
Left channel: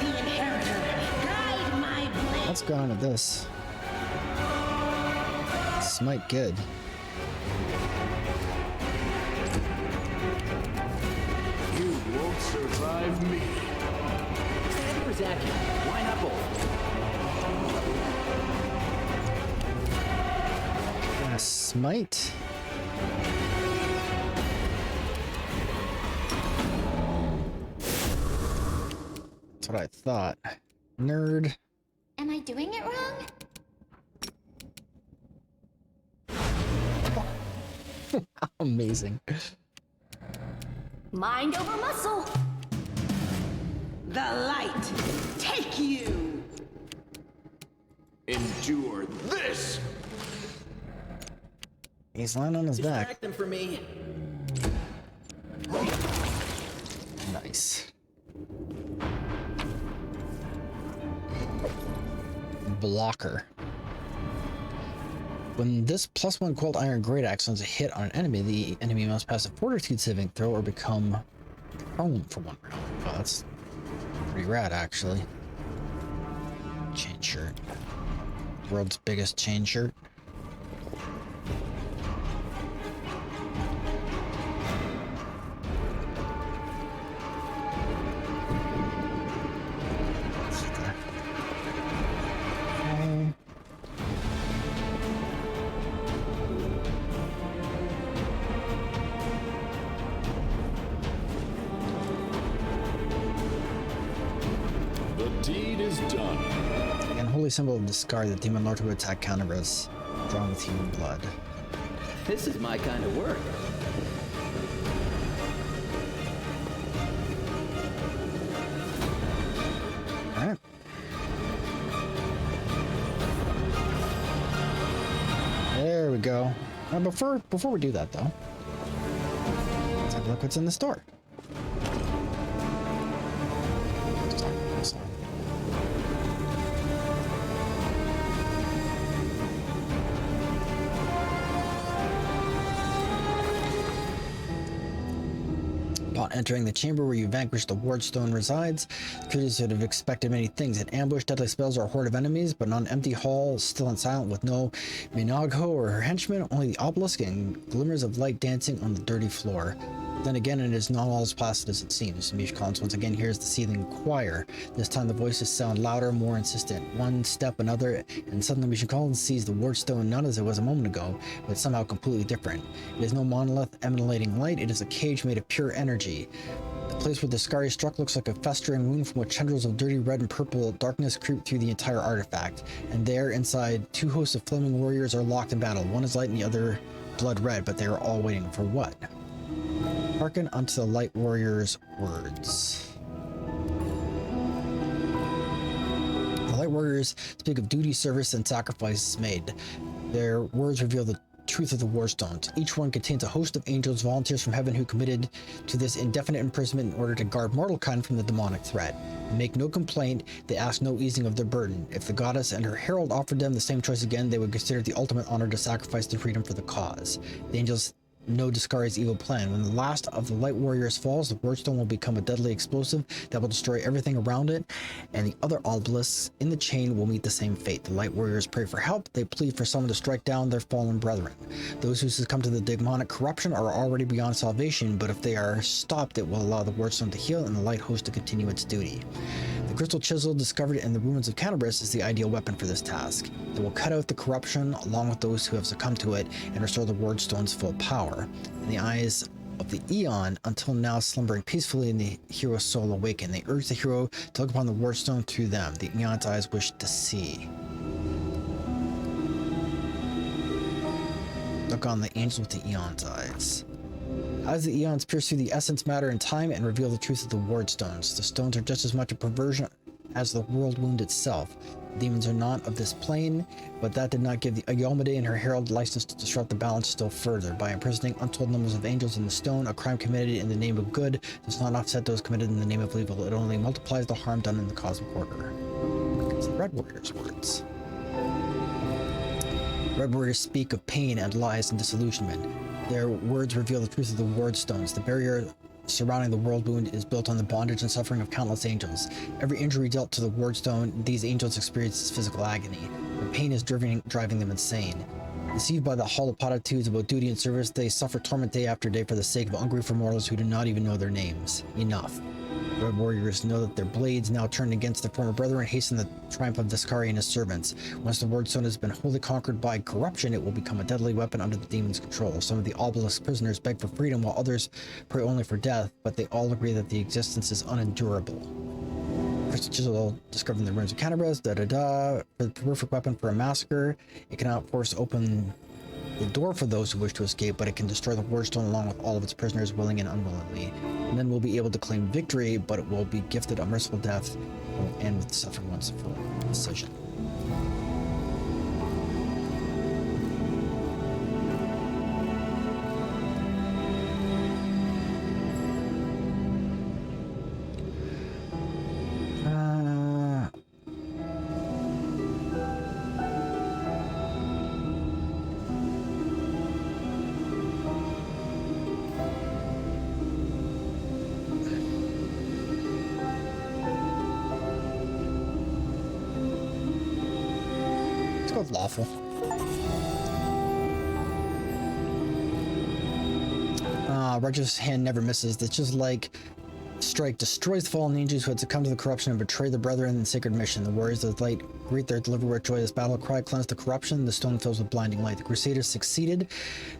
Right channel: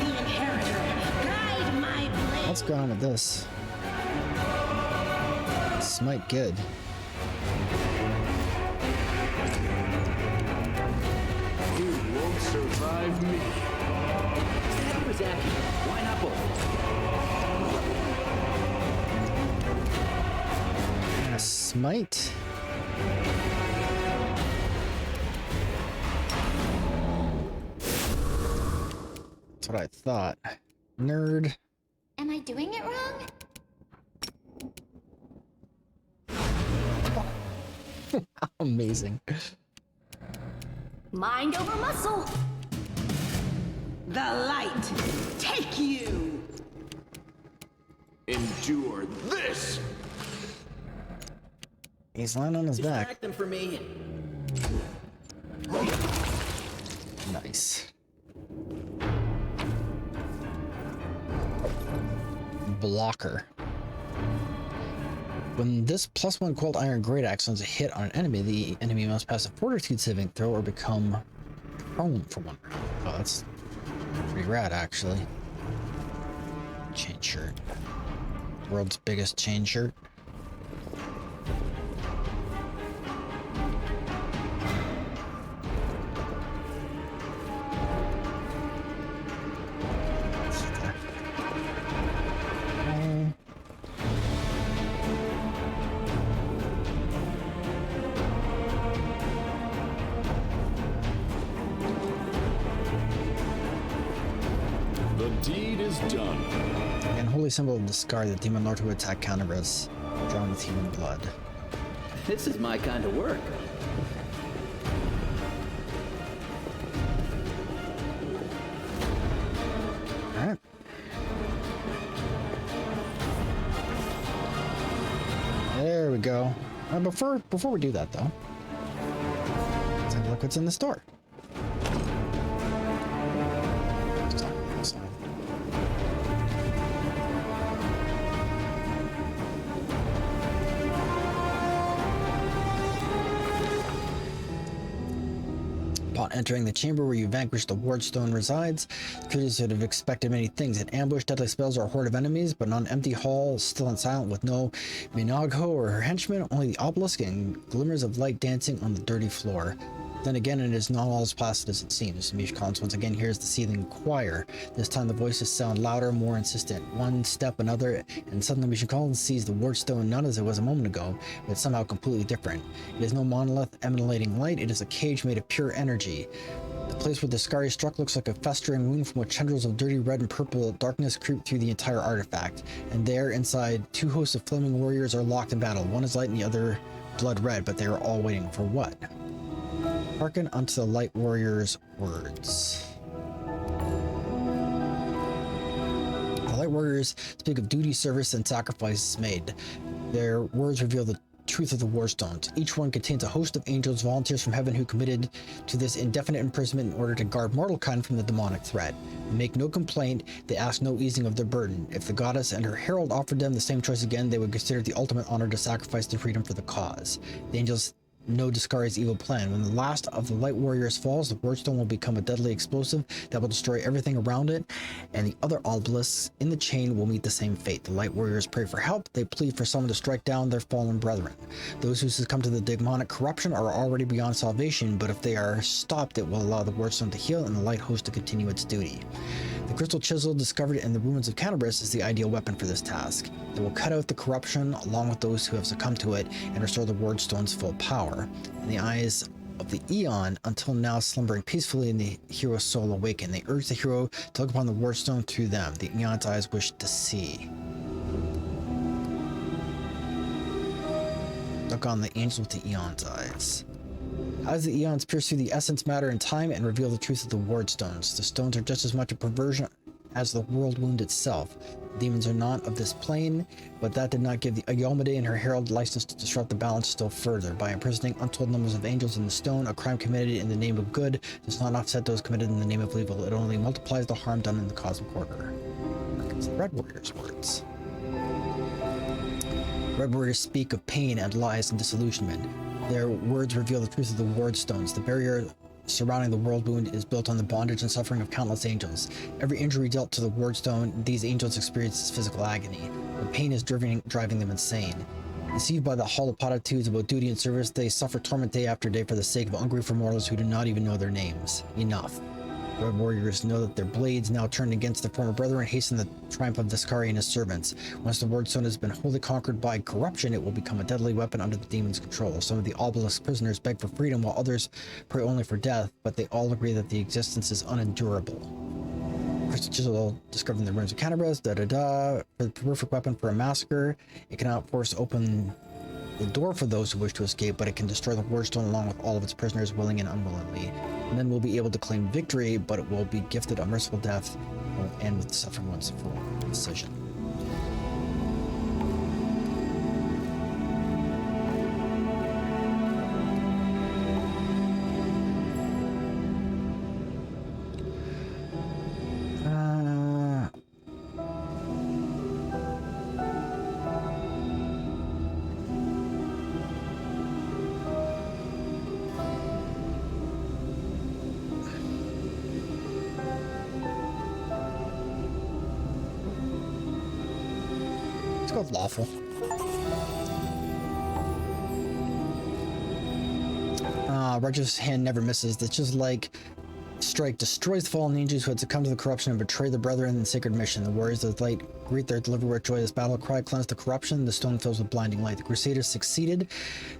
The inheritor, guide my blade. What's going on with this? Smite good. You won't survive me. Savvy or Zappy? Why not both? Smite. That's what I thought. Nerd. Am I doing it wrong? Amazing. Mind over muscle. The light light take you! Endure this! He's lying on his back. Distract them for me. Nice. Blocker. When this +1 cold iron great axe lands a hit on an enemy, the enemy must pass a fortitude saving throw or become prone for 1 round. Oh, that's pretty rad, actually. Chain shirt. World's biggest chain shirt. The deed is done. The unholy symbol of discard, the demon lord who attack counterus, drawn with human blood. This is my kind of work. Alright. There we go. Before we do that though, let's have a look what's in the store. Upon entering the chamber where you vanquish the wardstone resides, creatures would have expected many things: an ambush, deadly spells, or a horde of enemies, but on an empty hall, still and silent, with no Minago or her henchmen, only the obelisk and glimmers of light dancing on the dirty floor. Then again, it is not all as placid as it seems. Mish Collins once again hears the seething choir. This time the voices sound louder, more insistent. One step, another, and suddenly Mish Collins sees the wardstone not as it was a moment ago, but somehow completely different. It is no monolith emanating light, it is a cage made of pure energy. The place where the scar is struck looks like a festering wound from which tendrils of dirty red and purple darkness creep through the entire artifact. And there, inside, 2 hosts of flaming warriors are locked in battle. One is light and the other blood red, but they are all waiting for what? Hearken unto the light warrior's words. The light warriors speak of duty, service, and sacrifices made. Their words reveal the truth of the warstones. Each one contains a host of angels, volunteers from heaven, who committed to this indefinite imprisonment in order to guard mortal kind from the demonic threat. They make no complaint, they ask no easing of their burden. If the goddess and her herald offered them the same choice again, they would consider it the ultimate honor to sacrifice their freedom for the cause. The angels know Discari's evil plan. When the last of the light warriors falls, the wardstone will become a deadly explosive that will destroy everything around it, and the other obelisks in the chain will meet the same fate. The light warriors pray for help, they plead for someone to strike down their fallen brethren. Those who succumb to the demonic corruption are already beyond salvation, but if they are stopped, it will allow the wardstone to heal and the light host to continue its duty. The crystal chisel discovered in the ruins of Canterbury is the ideal weapon for this task. It will cut out the corruption along with those who have succumbed to it and restore the wardstone's full power. In the eyes of the Eon, until now slumbering peacefully in the hero's soul, awaken. They urge the hero to look upon the wardstone through them. The Eon's eyes wish to see. Look on the angel with the Eon's eyes. As the Eons pierce through the essence, matter, and time and reveal the truth of the wardstones, the stones are just as much a perversion as the world wound itself. The demons are not of this plane, but that did not give the Ayomade and her herald license to disrupt the balance still further. By imprisoning untold numbers of angels in the stone, a crime committed in the name of good does not offset those committed in the name of evil. It only multiplies the harm done in the cosmic order. It's the Red Warrior's words. Red Warriors speak of pain and lies and disillusionment. Their words reveal the truth of the wardstones. The barrier surrounding the world wound is built on the bondage and suffering of countless angels. Every injury dealt to the wardstone, these angels experience physical agony. The pain is driving them insane. Deceived by the hollow platitudes about duty and service, they suffer torment day after day for the sake of ungrateful mortals who do not even know their names. Enough. Red warriors know that their blades, now turned against their former brethren, hasten the triumph of Discari and his servants. Once the wardstone has been wholly conquered by corruption, it will become a deadly weapon under the demon's control. Some of the obelisk prisoners beg for freedom, while others pray only for death, but they all agree that the existence is unendurable. Crystal chisel discovered in the ruins of Canterbury, for the perfect weapon for a massacre. It cannot force open the door for those who wish to escape, but it can destroy the Wardstone along with all of its prisoners, willing and unwillingly. And then we'll be able to claim victory, but it will be gifted a merciful death and will end with the suffering one's full decision. Of lawful. Regi's hand never misses. It's just like strike destroys the fallen angels who had succumbed to the corruption and betrayed their brethren in the sacred mission. The warriors of the light greet their deliverer with joyous battle cry, cleanse the corruption. The stone fills with blinding light. The crusaders succeeded.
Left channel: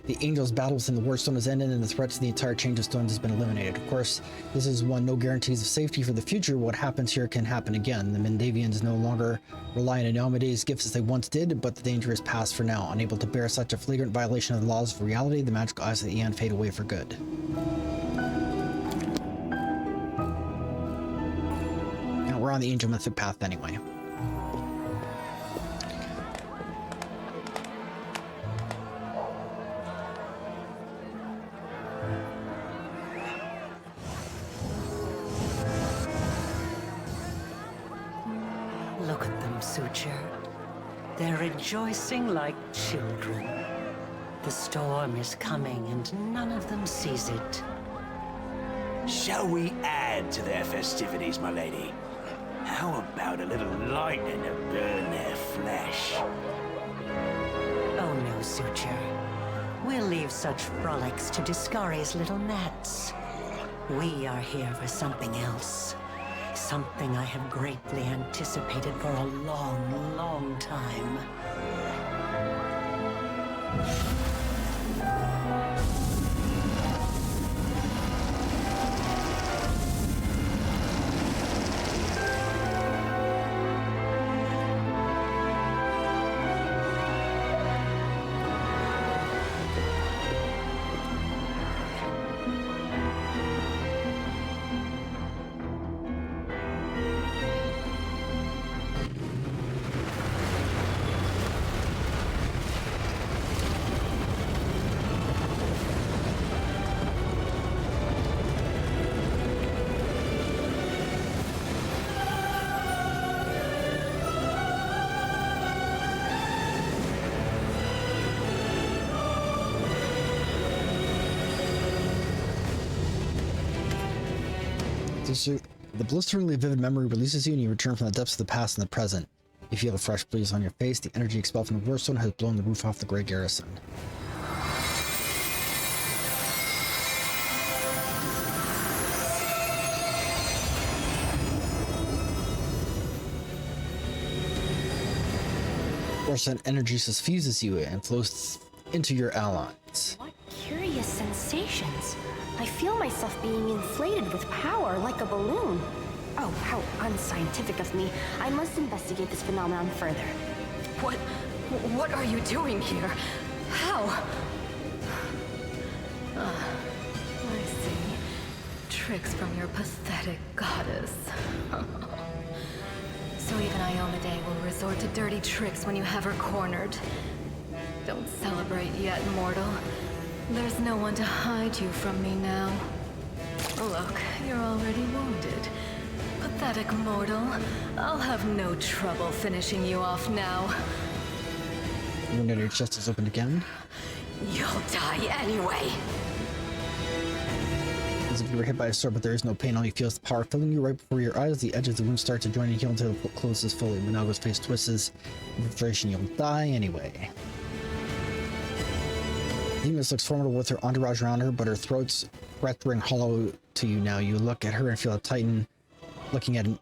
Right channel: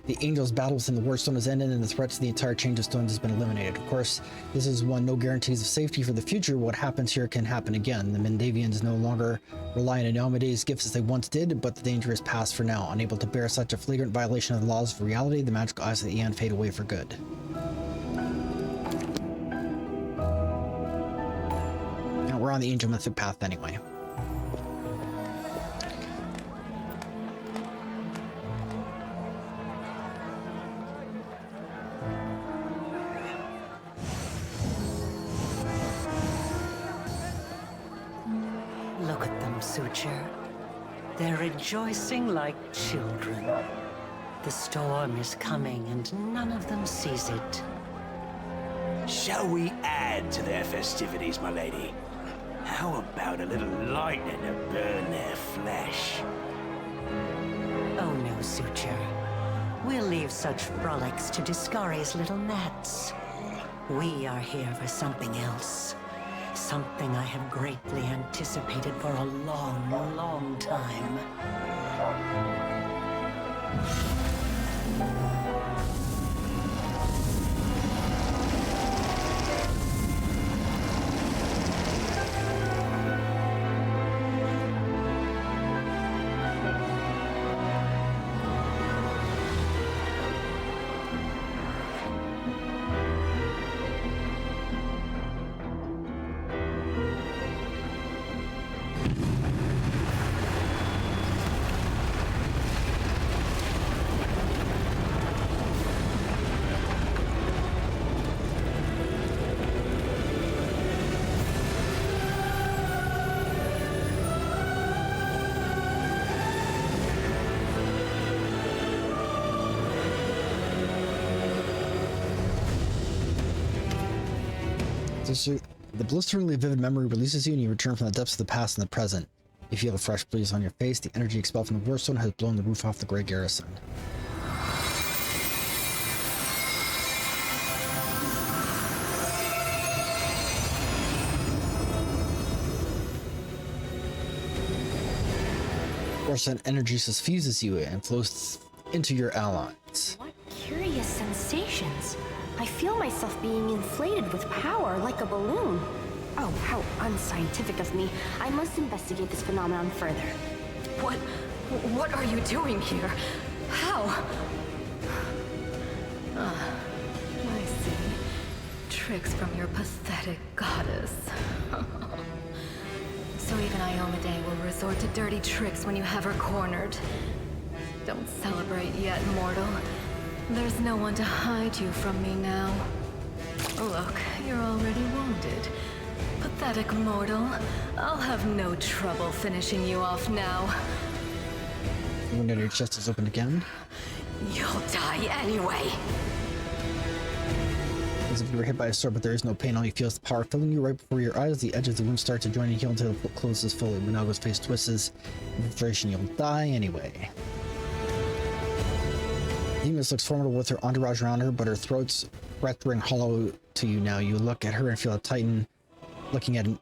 The angels' battle within the Wardstone has ended, and the threat to the entire chain of stones has been eliminated. Of course, this is one no guarantees of safety for the future. What happens here can happen again. The Mendavians no longer rely on Iomede's gifts as they once did, but the danger is past for now. Unable to bear such a flagrant violation of the laws of reality, the magical eyes of the Aeon fade away for good. We're on the Angel Mythic path anyway. Look at them, Suture. They're rejoicing like children. The storm is coming and none of them sees it. Shall we add to their festivities, my lady? How about a little lightning to burn their flesh? Oh no, Suture. We'll leave such frolics to Discari's little gnats. We are here for something else. Something I have greatly anticipated for a long, long time. The blisteringly vivid memory releases you and you return from the depths of the past and the present. You feel a fresh breeze on your face. The energy expelled from the Wardstone has blown the roof off the Grey Garrison. Wardstone energy suffuses you and flows into your allies. What curious sensations. I feel myself being inflated with power like a balloon. Oh, how unscientific of me. I must investigate this phenomenon further. What are you doing here? How? I see. Tricks from your pathetic goddess. So even Iomade will resort to dirty tricks when you have her cornered. Don't celebrate yet, mortal. There's no one to hide you from me now. Look, you're already wounded. Pathetic mortal. I'll have no trouble finishing you off now. The window to your chest is opened again. You'll die anyway. As if you were hit by a sword, but there is no pain. All you feel is the power filling you right before your eyes. The edges of the wound start to join and heal until the closes fully. Minago's face twists. In frustration, you'll die anyway. Demas looks formidable with her entourage around her, but her throat's breath ring hollow to you now. You look at her and feel a titan. Looking at an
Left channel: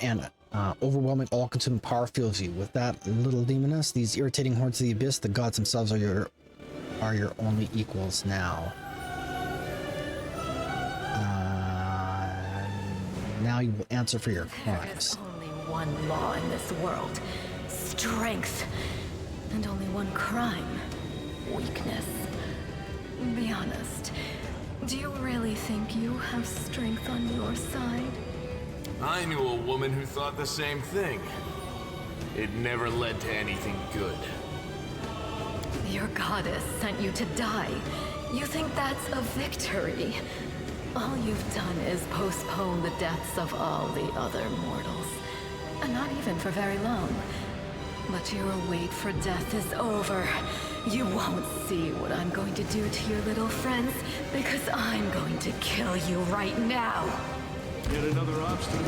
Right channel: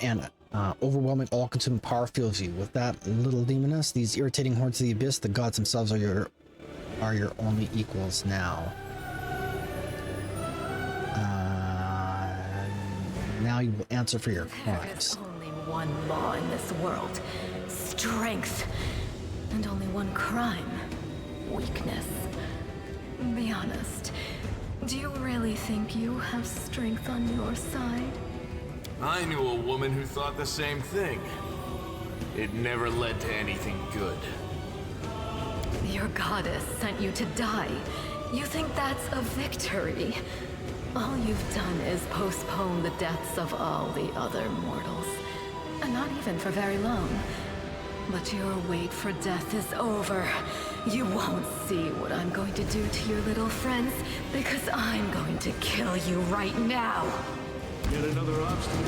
overwhelming, all-consuming power fills you. With that little demoness, these irritating hordes of the abyss, the gods themselves are your only equals now. Now you will answer for your crimes. There is only one law in this world. Strength. And only one crime. Weakness. Be honest. Do you really think you have strength on your side? I knew a woman who thought the same thing. It never led to anything good. Your goddess sent you to die. You think that's a victory? All you've done is postpone the deaths of all the other mortals. And not even for very long. But your wait for death is over. You won't see what I'm going to do to your little friends, because I'm going to kill you right now. Yet another obstacle.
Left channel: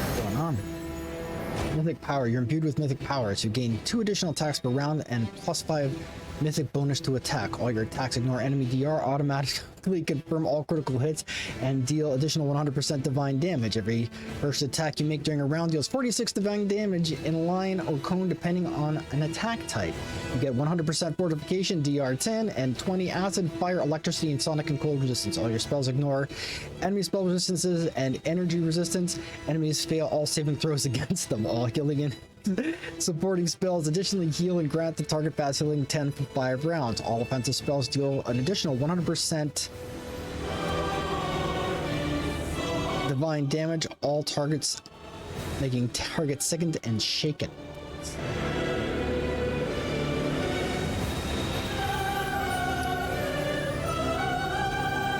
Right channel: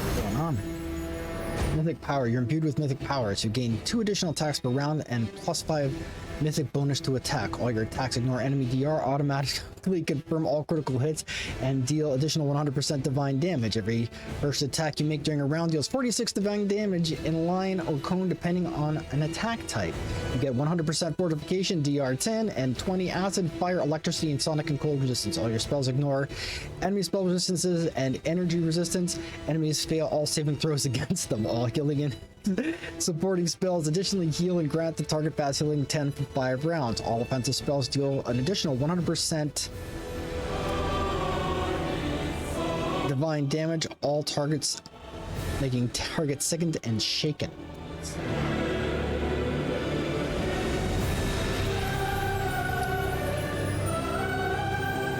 What's going on? Mythic power. You're imbued with mythic power, so you gain 2 additional attacks per round and +5 mythic bonus to attack. All your attacks ignore enemy DR, automatically confirm all critical hits, and deal additional 100% divine damage. Every first attack you make during a round deals 46 divine damage in line or cone depending on an attack type. You get 100% fortification, DR 10, and 20 acid, fire, electricity, and sonic and cold resistance. All your spells ignore enemy spell resistances and energy resistance. Enemies fail all saving throws against them. All healing and supporting spells additionally heal and grant the target fast healing 10 for 5 rounds. All offensive spells deal an additional 100% divine damage. All targets making targets sickened and shaken.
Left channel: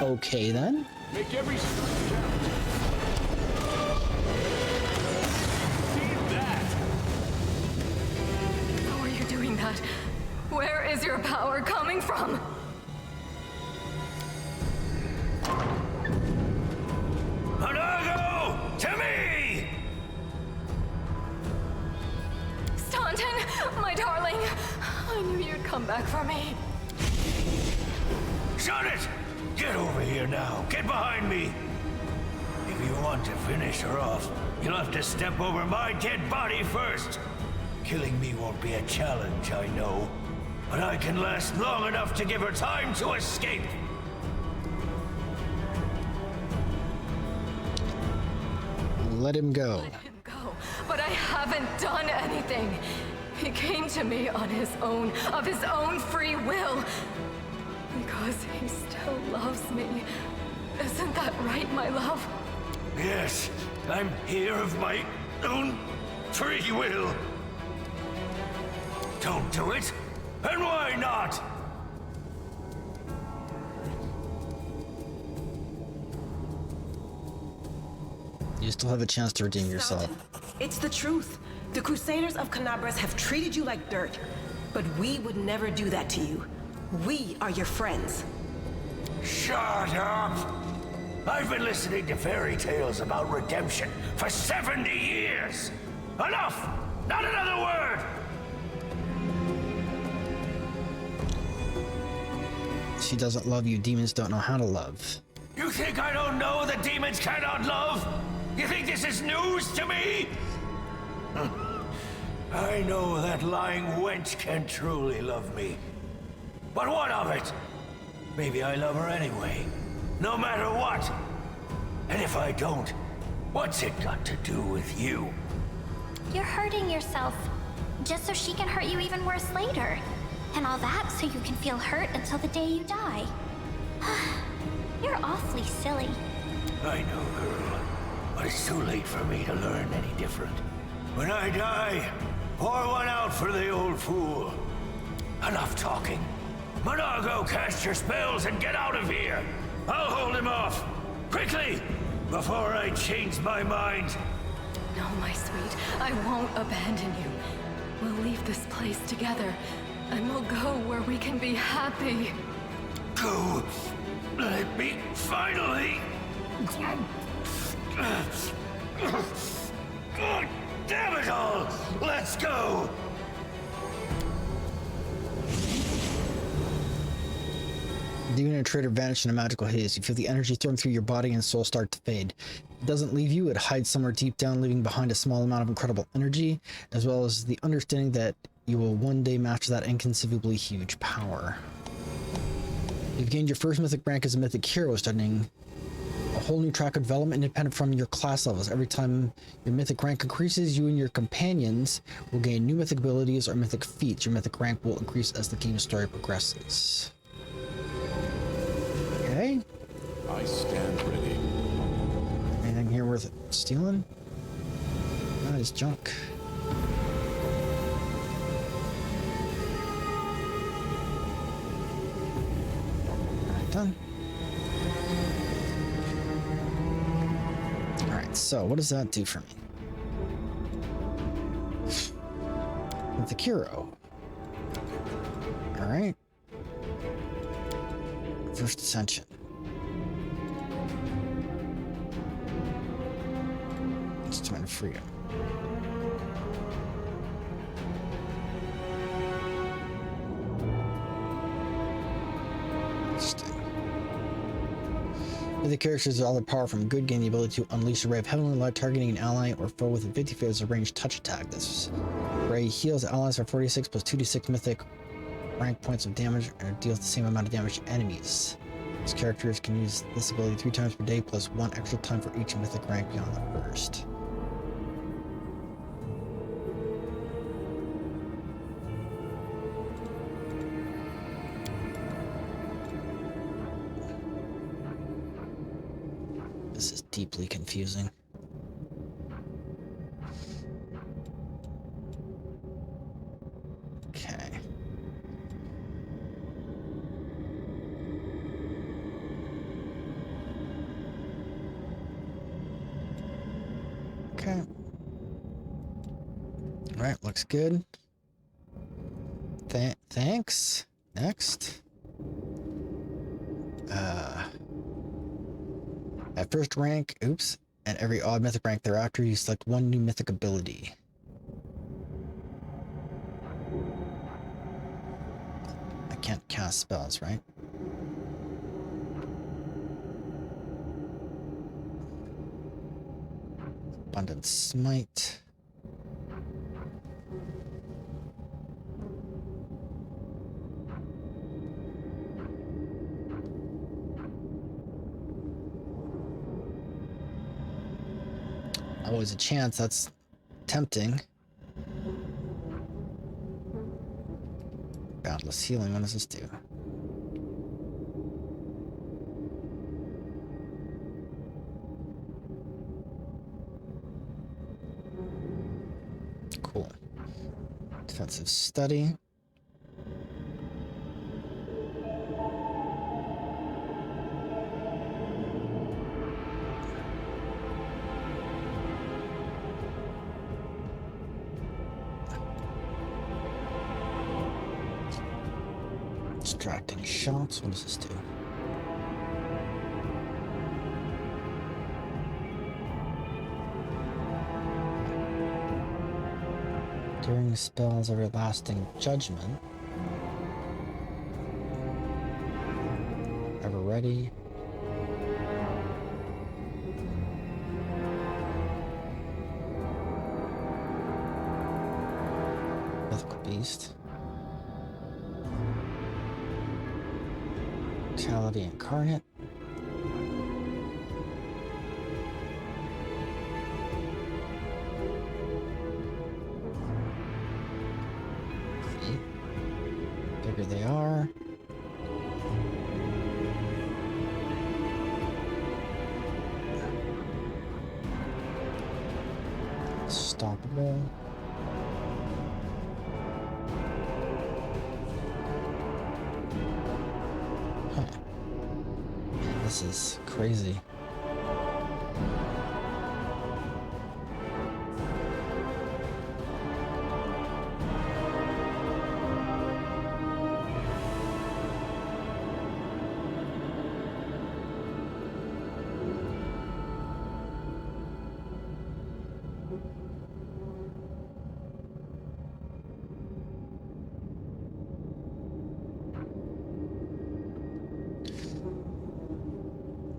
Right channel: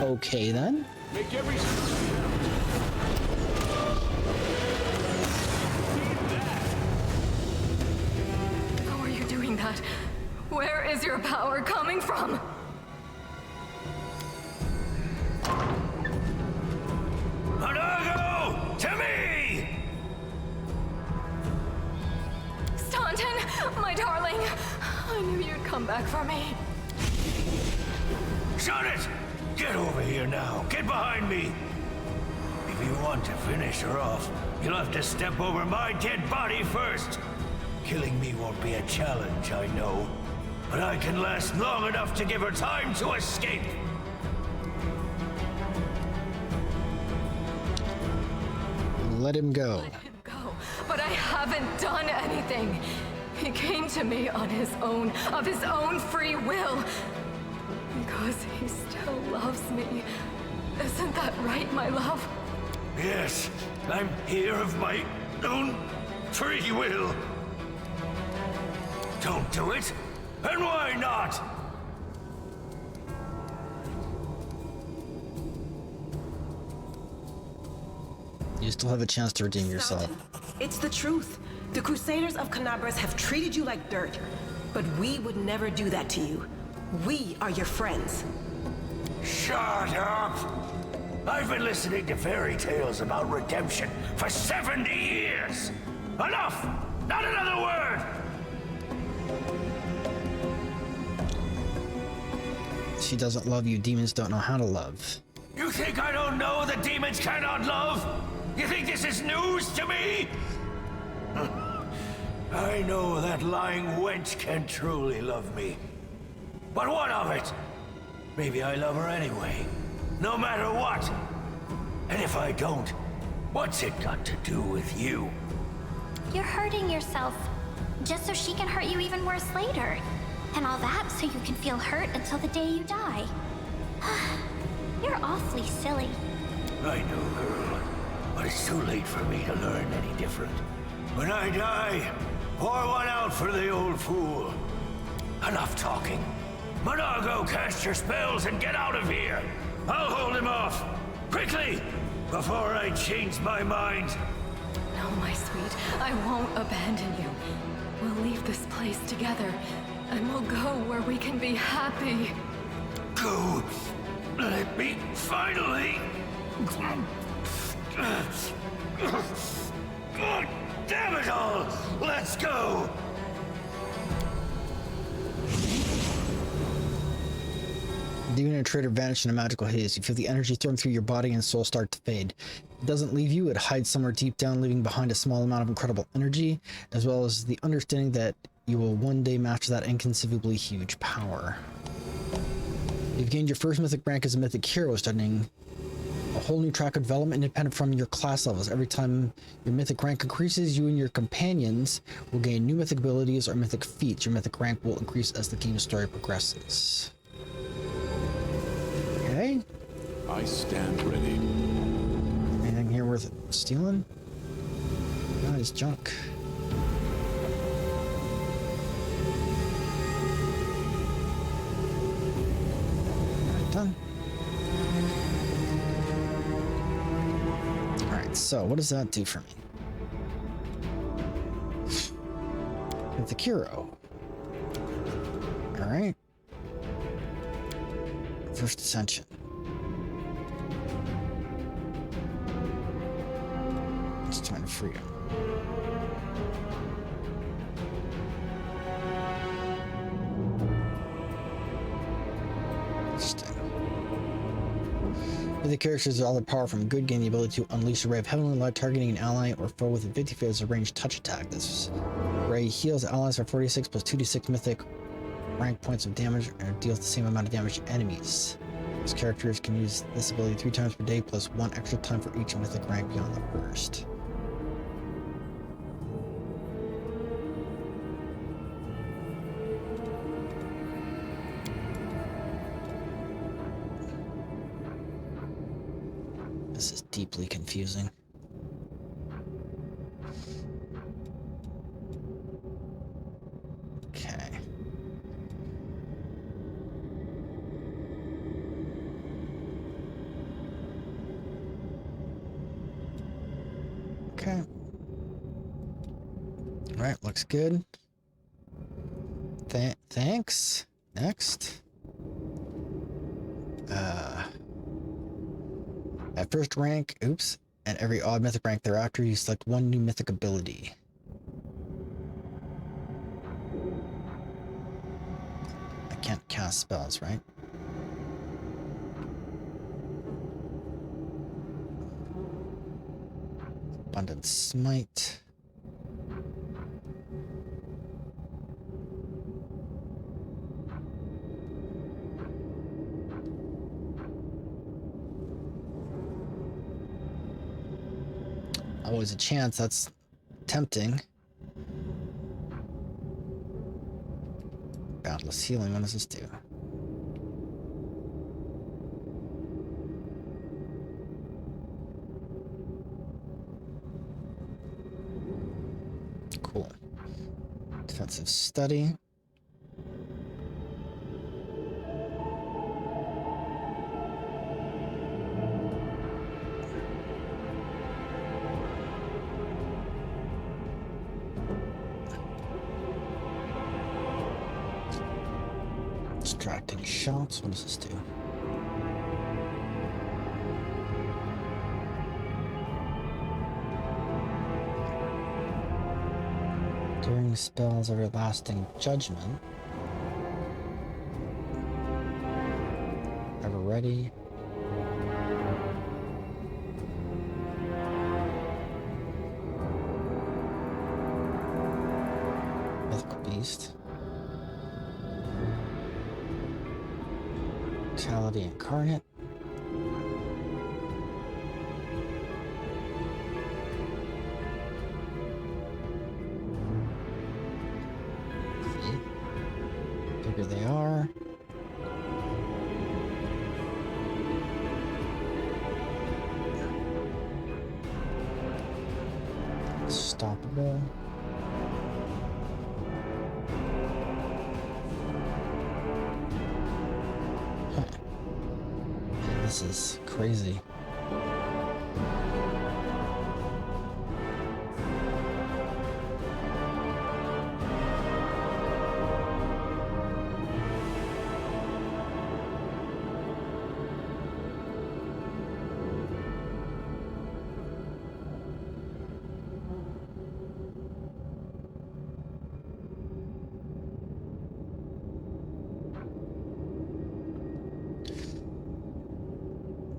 Okay then. Make every strike count. How are you doing that? Where is your power coming from? Monago! To me! Staunton, my darling. I knew you'd come back for me. Shut it! Get over here now. Get behind me. If you want to finish her off, you'll have to step over my dead body first. Killing me won't be a challenge, I know. But I can last long enough to give her time to escape. Let him go. Let him go, but I haven't done anything. He came to me on his own, of his own free will. Because he still loves me. Isn't that right, my love? Yes, I'm here of my own free will. Don't do it. And why not? You still have a chance to redeem yourself. It's the truth. The Crusaders of Canabras have treated you like dirt, but we would never do that to you. We are your friends. Shut up! I've been listening to fairy tales about redemption for 70 years! Enough! Not another word! She doesn't love you. Demons don't know how to love. You think I don't know that demons cannot love? You think this is news to me? I know that lying wench can truly love me. But what of it? Maybe I love her anyway, no matter what. And if I don't, what's it got to do with you? You're hurting yourself, just so she can hurt you even worse later. And all that so you can feel hurt until the day you die. You're awfully silly. I know, girl, but it's too late for me to learn any different. When I die, pour one out for the old fool. Enough talking. Monago, cast your spells and get out of here! I'll hold him off! Quickly! Before I change my mind! No, my sweet, I won't abandon you. We'll leave this place together, and we'll go where we can be happy. Go! Let me finally... God damn it all! Let's go! Demon and Trader vanish in a magical haze. You feel the energy thrown through your body and soul start to fade. It doesn't leave you, it hides somewhere deep down, leaving behind a small amount of incredible energy, as well as the understanding that you will one day master that inconceivably huge power. You've gained your first mythic rank as a Mythic Hero, studying A whole new track of development independent from your class levels. Every time your mythic rank increases, you and your companions will gain new mythic abilities or mythic feats. Your mythic rank will increase as the game's story progresses. Okay. I stand ready. Anything here worth stealing? No, it's junk. Alright, done. Alright, so what does that do for me? Mythic Hero. Alright. First Ascension. It's time to freedom. Interesting. The characters with all their power from good gain the ability to unleash a ray of heavenly light targeting an ally or foe with a 50 as a ranged touch attack. This ray heals allies for 46 plus 2d6 mythic rank points of damage and deals the same amount of damage to enemies. These characters can use this ability 3 times per day plus 1 extra time for each mythic rank beyond the first. This is deeply confusing. Okay. Okay. All right, looks good. Thanks. Next. At first rank, oops, and every odd mythic rank thereafter, you select one new mythic ability. I can't cast spells, right? Abundant Smite. Always a chance, that's tempting. Boundless Healing, what does this do? Cool. Defensive Study. Distracting shots. What does this do? During spells everlasting judgment. Ever ready. Mythical Beast. Vitality Incarnate. See? Bigger they are. Unstoppable. Huh. Man, this is crazy.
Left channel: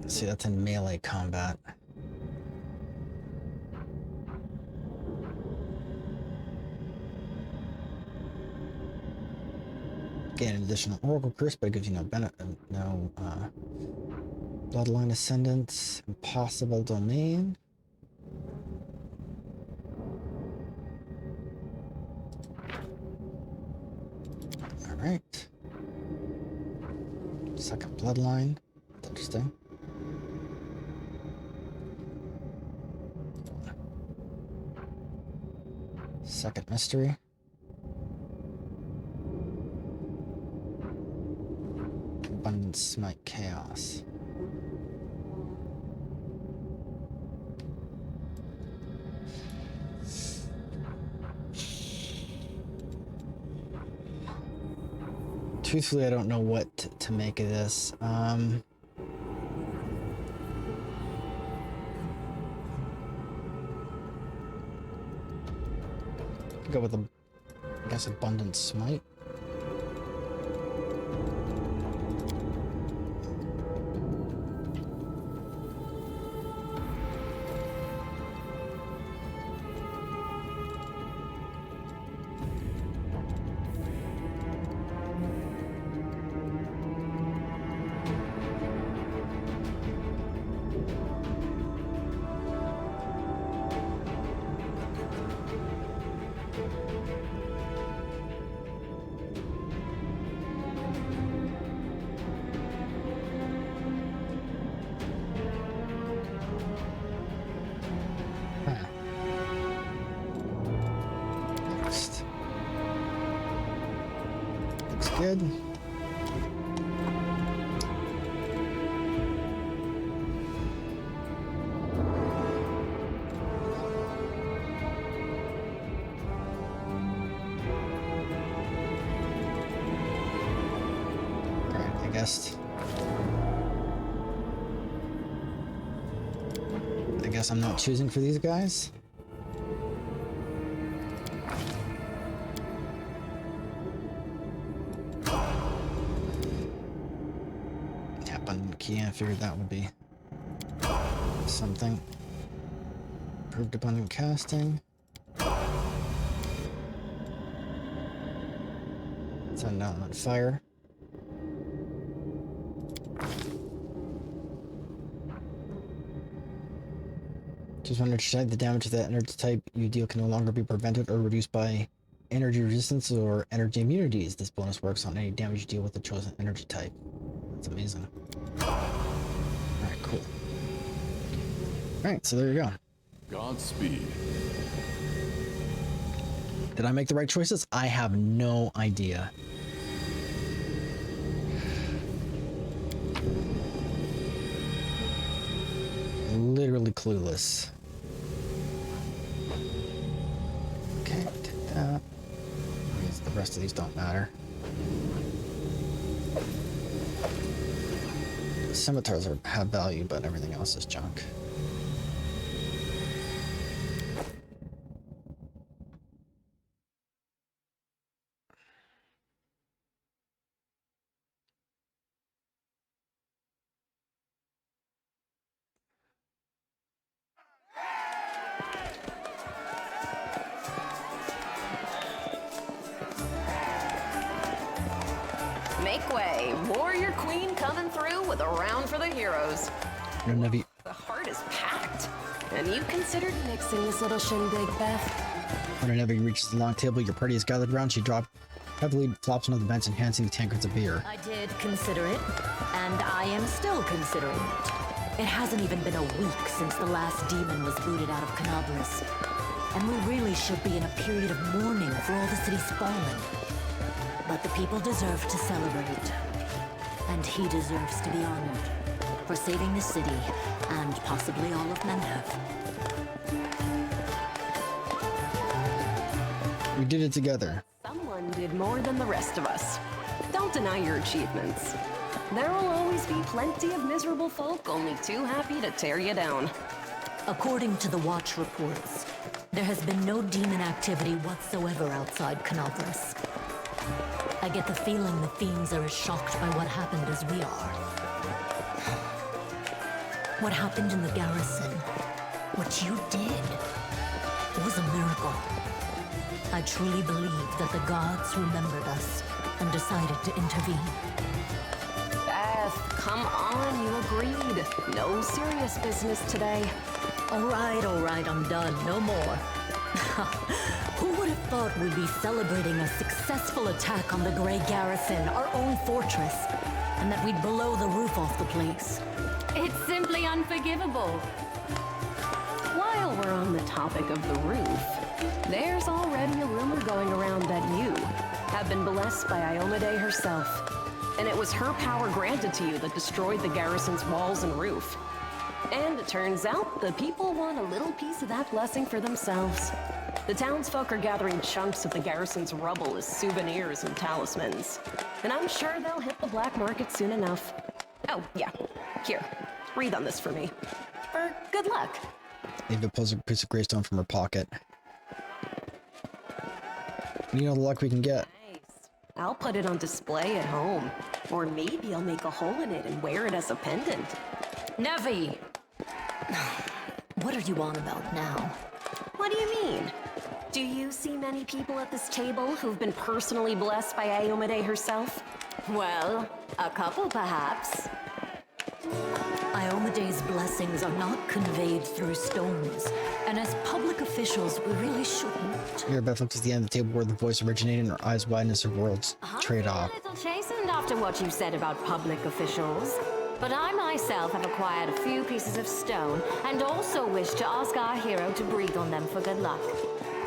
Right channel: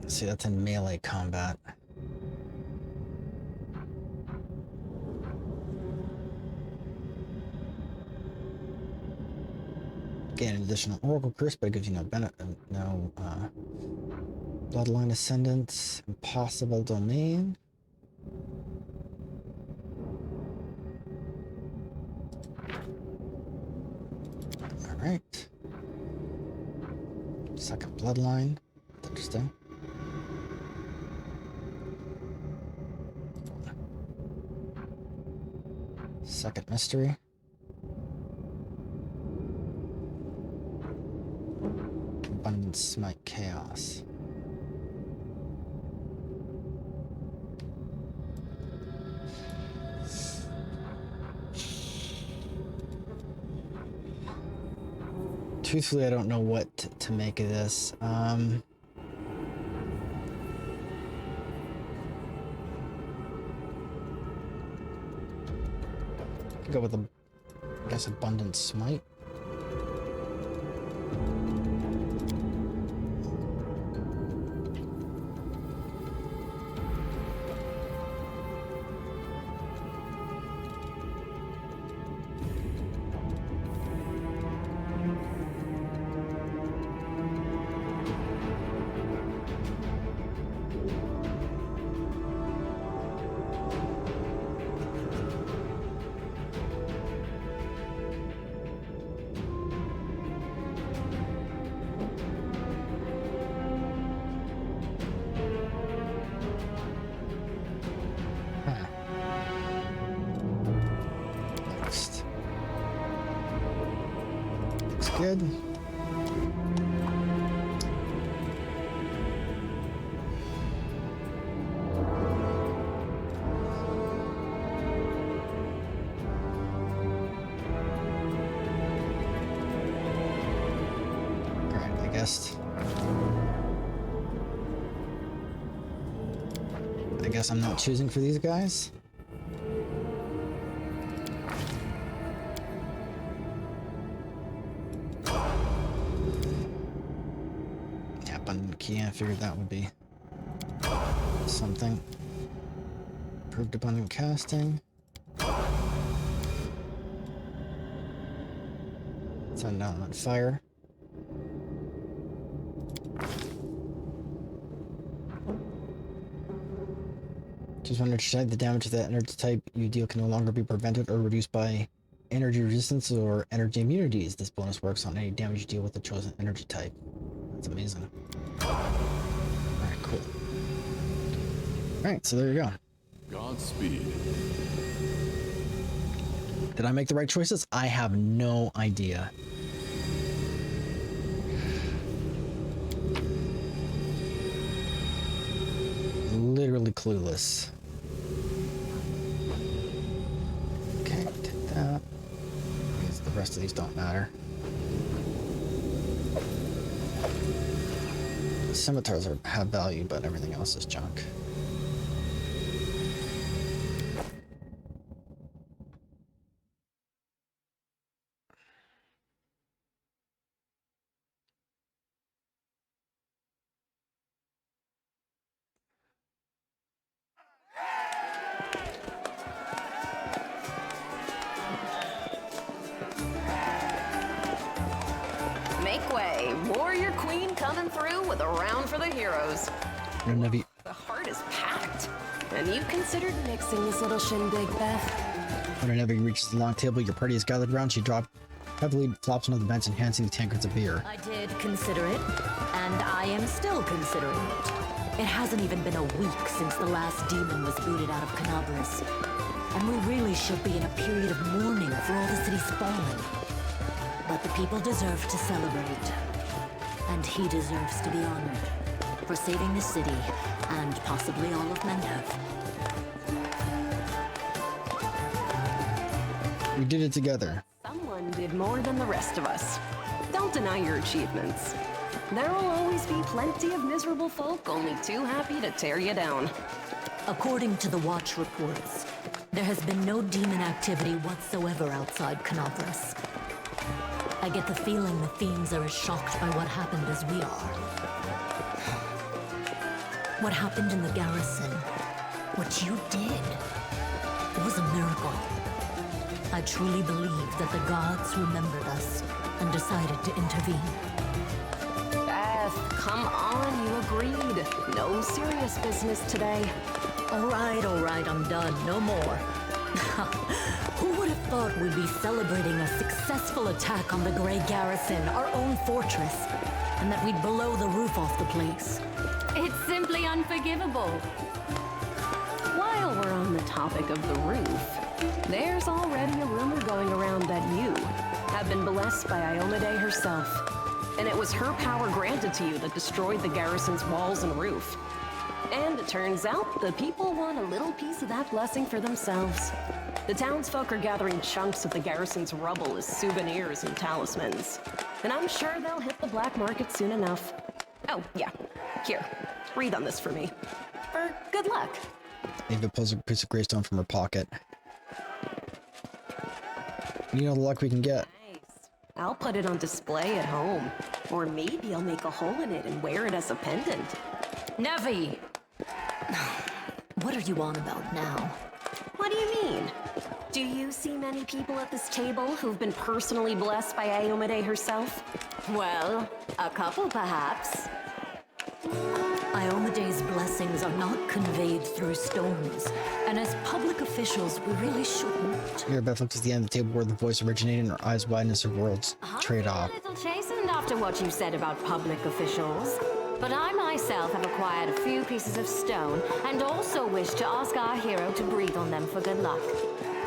See, that's in melee combat. Gain an additional Oracle Curse, but it gives you no benefit, no Bloodline Ascendants, Impossible Domain. Alright. Second Bloodline. That's interesting. Second Mystery. Abundant Smite Chaos. Truthfully, I don't know what to make of this. Could go with I guess Abundant Smite. Next. Looks good. Alright, I guess I'm not choosing for these guys. Yeah, abundant key, I figured that would be something. Improved abundant casting. Send element fire. Just when it's the damage of that energy type you deal can no longer be prevented or reduced by energy resistance or energy immunities. This bonus works on any damage you deal with the chosen energy type. That's amazing. Alright, cool. Alright, so there you go. Godspeed. Did I make the right choices? I have no idea. Literally clueless. Okay, did that. I guess the rest of these don't matter. The scimitars have value, but everything else is junk. Make way. Warrior Queen coming through with a round for the heroes. The heart is packed. And you considered mixing this little shindig, Beth? When a Nevi reaches the long table your party is gathered around, she heavily flops onto the bench, enhancing the tankards of beer. I did consider it, and I am still considering it. It hasn't even been a week since the last demon was booted out of Canabras. And we really should be in a period of mourning for all the city's fallen. But the people deserve to celebrate. And he deserves to be honored for saving the city and possibly all of Mendev. We did it together. Someone did more than the rest of us. Don't deny your achievements. There will always be plenty of miserable folk only too happy to tear you down. According to the Watch reports, there has been no demon activity whatsoever outside Canabras. I get the feeling the fiends are as shocked by what happened as we are. What happened in the garrison, what you did, it was a miracle. I truly believe that the gods remembered us and decided to intervene. breath. Come on, you agreed. No serious business today. All right, I'm done. No more. Who would have thought we'd be celebrating a successful attack on the Grey Garrison, our own fortress, and that we'd blow the roof off the place? It's simply unforgivable. While we're on the topic of the roof, there's already a rumor going around that you have been blessed by Iomade herself. And it was her power granted to you that destroyed the garrison's walls and roof. And it turns out the people want a little piece of that blessing for themselves. The townsfolk are gathering chunks of the garrison's rubble as souvenirs and talismans. And I'm sure they'll hit the black market soon enough. Oh, yeah. Here, read on this for me. For good luck. Ava pulls a piece of greystone from her pocket. You know the luck we can get. Nice. I'll put it on display at home. Or maybe I'll make a hole in it and wear it as a pendant. Nevi! What are you on about now? What do you mean? Do you see many people at this table who've been personally blessed by Iomade herself? Well, a couple perhaps. Iomade's blessings are not conveyed through stones, and as public officials, we really shouldn't. Here, Beth looks at the end of the table where the voice originated, and her eyes widen as her worlds trade off. I'm a little chastened after what you said about public officials. But I myself have acquired a few pieces of stone, and also wish to ask our hero to breathe on them for good luck.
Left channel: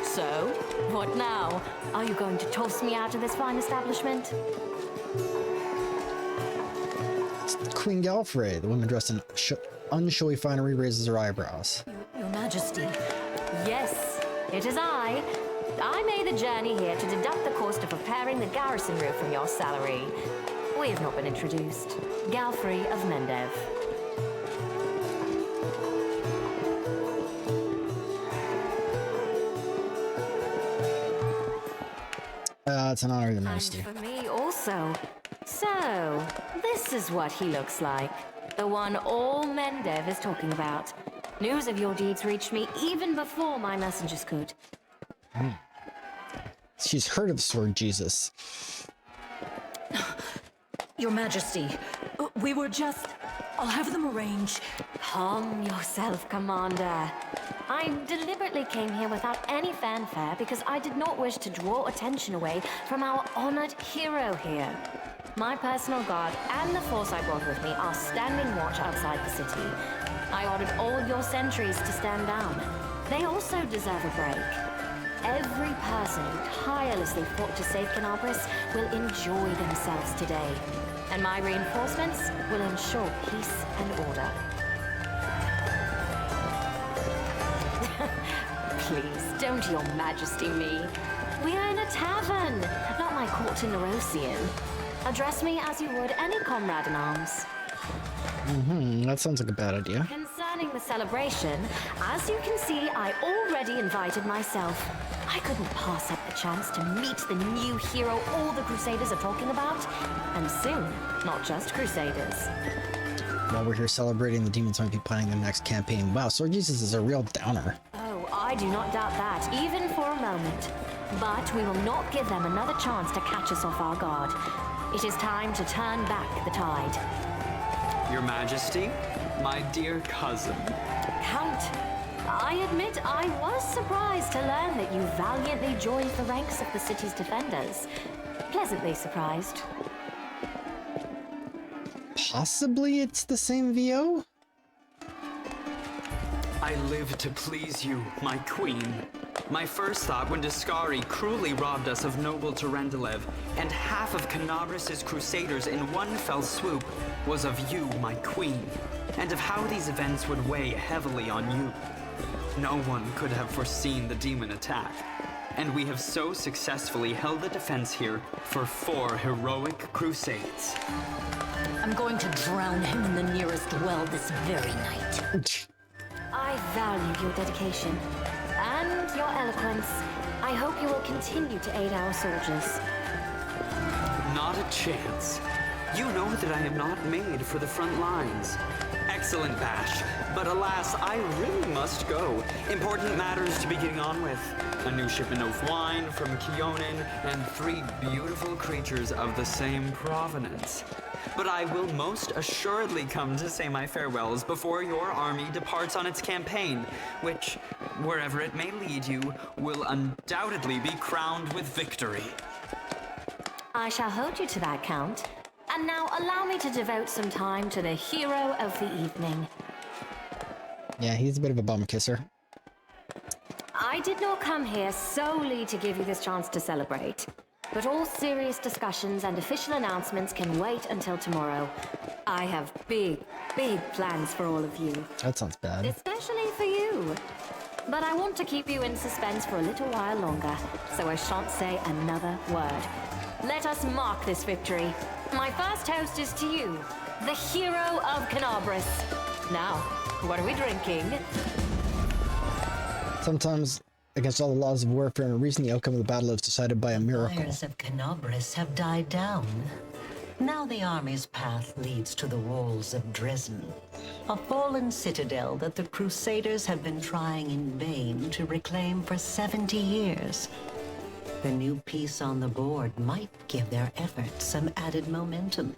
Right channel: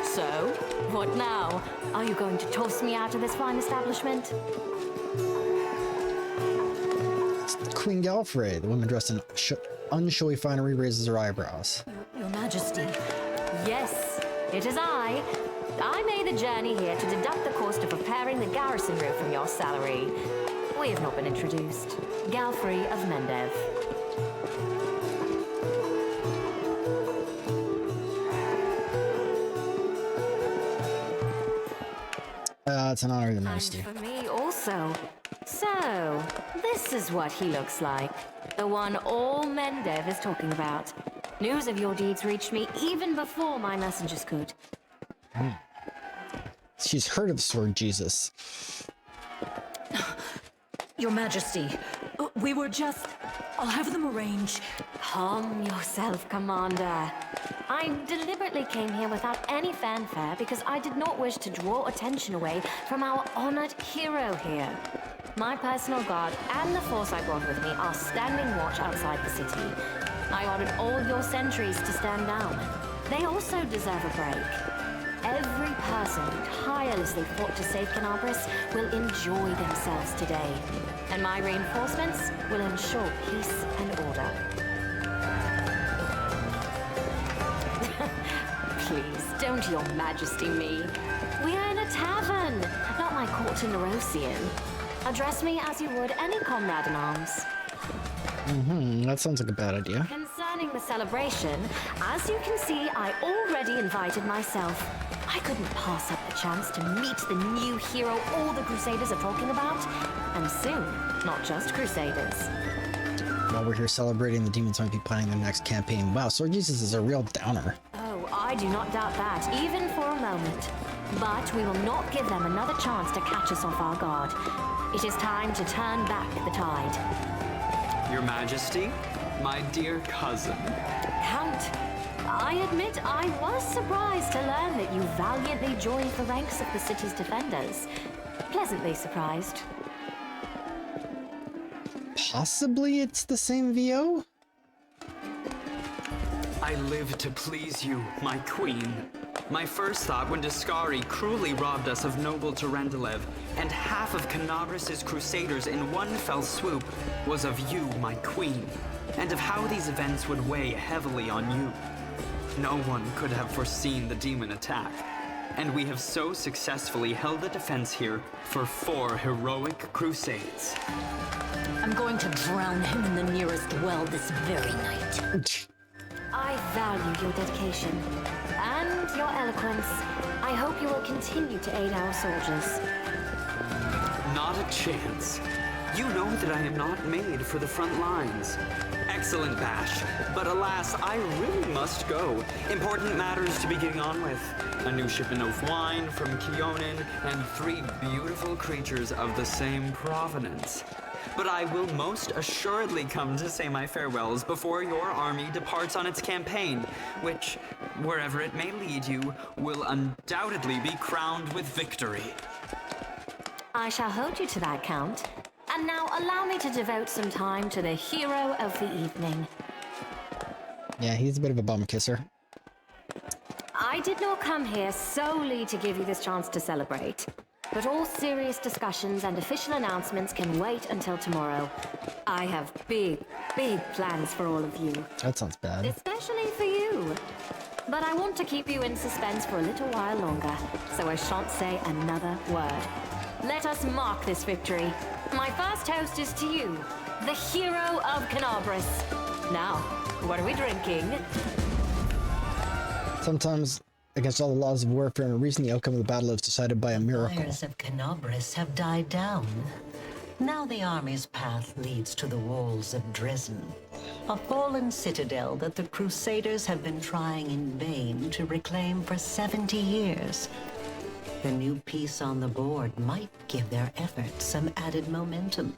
So, what now? Are you going to toss me out of this fine establishment? It's Queen Galfrey. The woman dressed in unshowy finery raises her eyebrows. Your Majesty. Yes, it is I. I made the journey here to deduct the cost of repairing the garrison roof from your salary. We have not been introduced. Galfrey of Mendev. It's an honor, the Majesty. And for me also. So, this is what he looks like. The one all Mendev is talking about. News of your deeds reached me even before my messengers could. She's heard of Sword Jesus. Your Majesty, we were just... I'll have them arrange. Calm yourself, Commander. I deliberately came here without any fanfare because I did not wish to draw attention away from our honored hero here. My personal guard and the force I brought with me are standing watch outside the city. I ordered all your sentries to stand down. They also deserve a break. Every person who tirelessly fought to save Canabris will enjoy themselves today. And my reinforcements will ensure peace and order. Please, don't Your Majesty me. We are in a tavern, not my court in Nerosian. Address me as you would any comrade in arms. That sounds like a bad idea. Concerning the celebration, as you can see, I already invited myself. I couldn't pass up the chance to meet the new hero all the Crusaders are talking about. And soon, not just Crusaders. While we're here celebrating, the demons might be planning their next campaign. Wow, Sword Jesus is a real downer. Oh, I do not doubt that, even for a moment. But we will not give them another chance to catch us off our guard. It is time to turn back the tide. Your Majesty, my dear cousin. Count, I admit I was surprised to learn that you valiantly joined the ranks of the city's defenders. Pleasantly surprised. Possibly it's the same VO? I live to please you, my queen. My first thought when Discari cruelly robbed us of noble Tarendalev and half of Canabris' crusaders in one fell swoop was of you, my queen, and of how these events would weigh heavily on you. No one could have foreseen the demon attack, and we have so successfully held the defense here for 4 heroic crusades. I'm going to drown him in the nearest well this very night. I value your dedication and your eloquence. I hope you will continue to aid our soldiers. Not a chance. You know that I am not made for the front lines. Excellent bash, but alas, I really must go. Important matters to be getting on with. A new shipment of wine from Kionin, and 3 beautiful creatures of the same provenance. But I will most assuredly come to say my farewells before your army departs on its campaign, which, wherever it may lead you, will undoubtedly be crowned with victory. I shall hold you to that, Count. And now allow me to devote some time to the hero of the evening. Yeah, he's a bit of a bum kisser. I did not come here solely to give you this chance to celebrate. But all serious discussions and official announcements can wait until tomorrow. I have big plans for all of you. That sounds bad. Especially for you. But I want to keep you in suspense for a little while longer, so I shan't say another word. Let us mark this victory. My first toast is to you, the hero of Canabris. Now, what are we drinking? Sometimes, against all the laws of warfare and reason, the outcome of the battle is decided by a miracle. The fires of Canabris have died down. Now the army's path leads to the walls of Dresden, a fallen citadel that the Crusaders have been trying in vain to reclaim for 70 years. The new piece on the board might give their efforts some added momentum.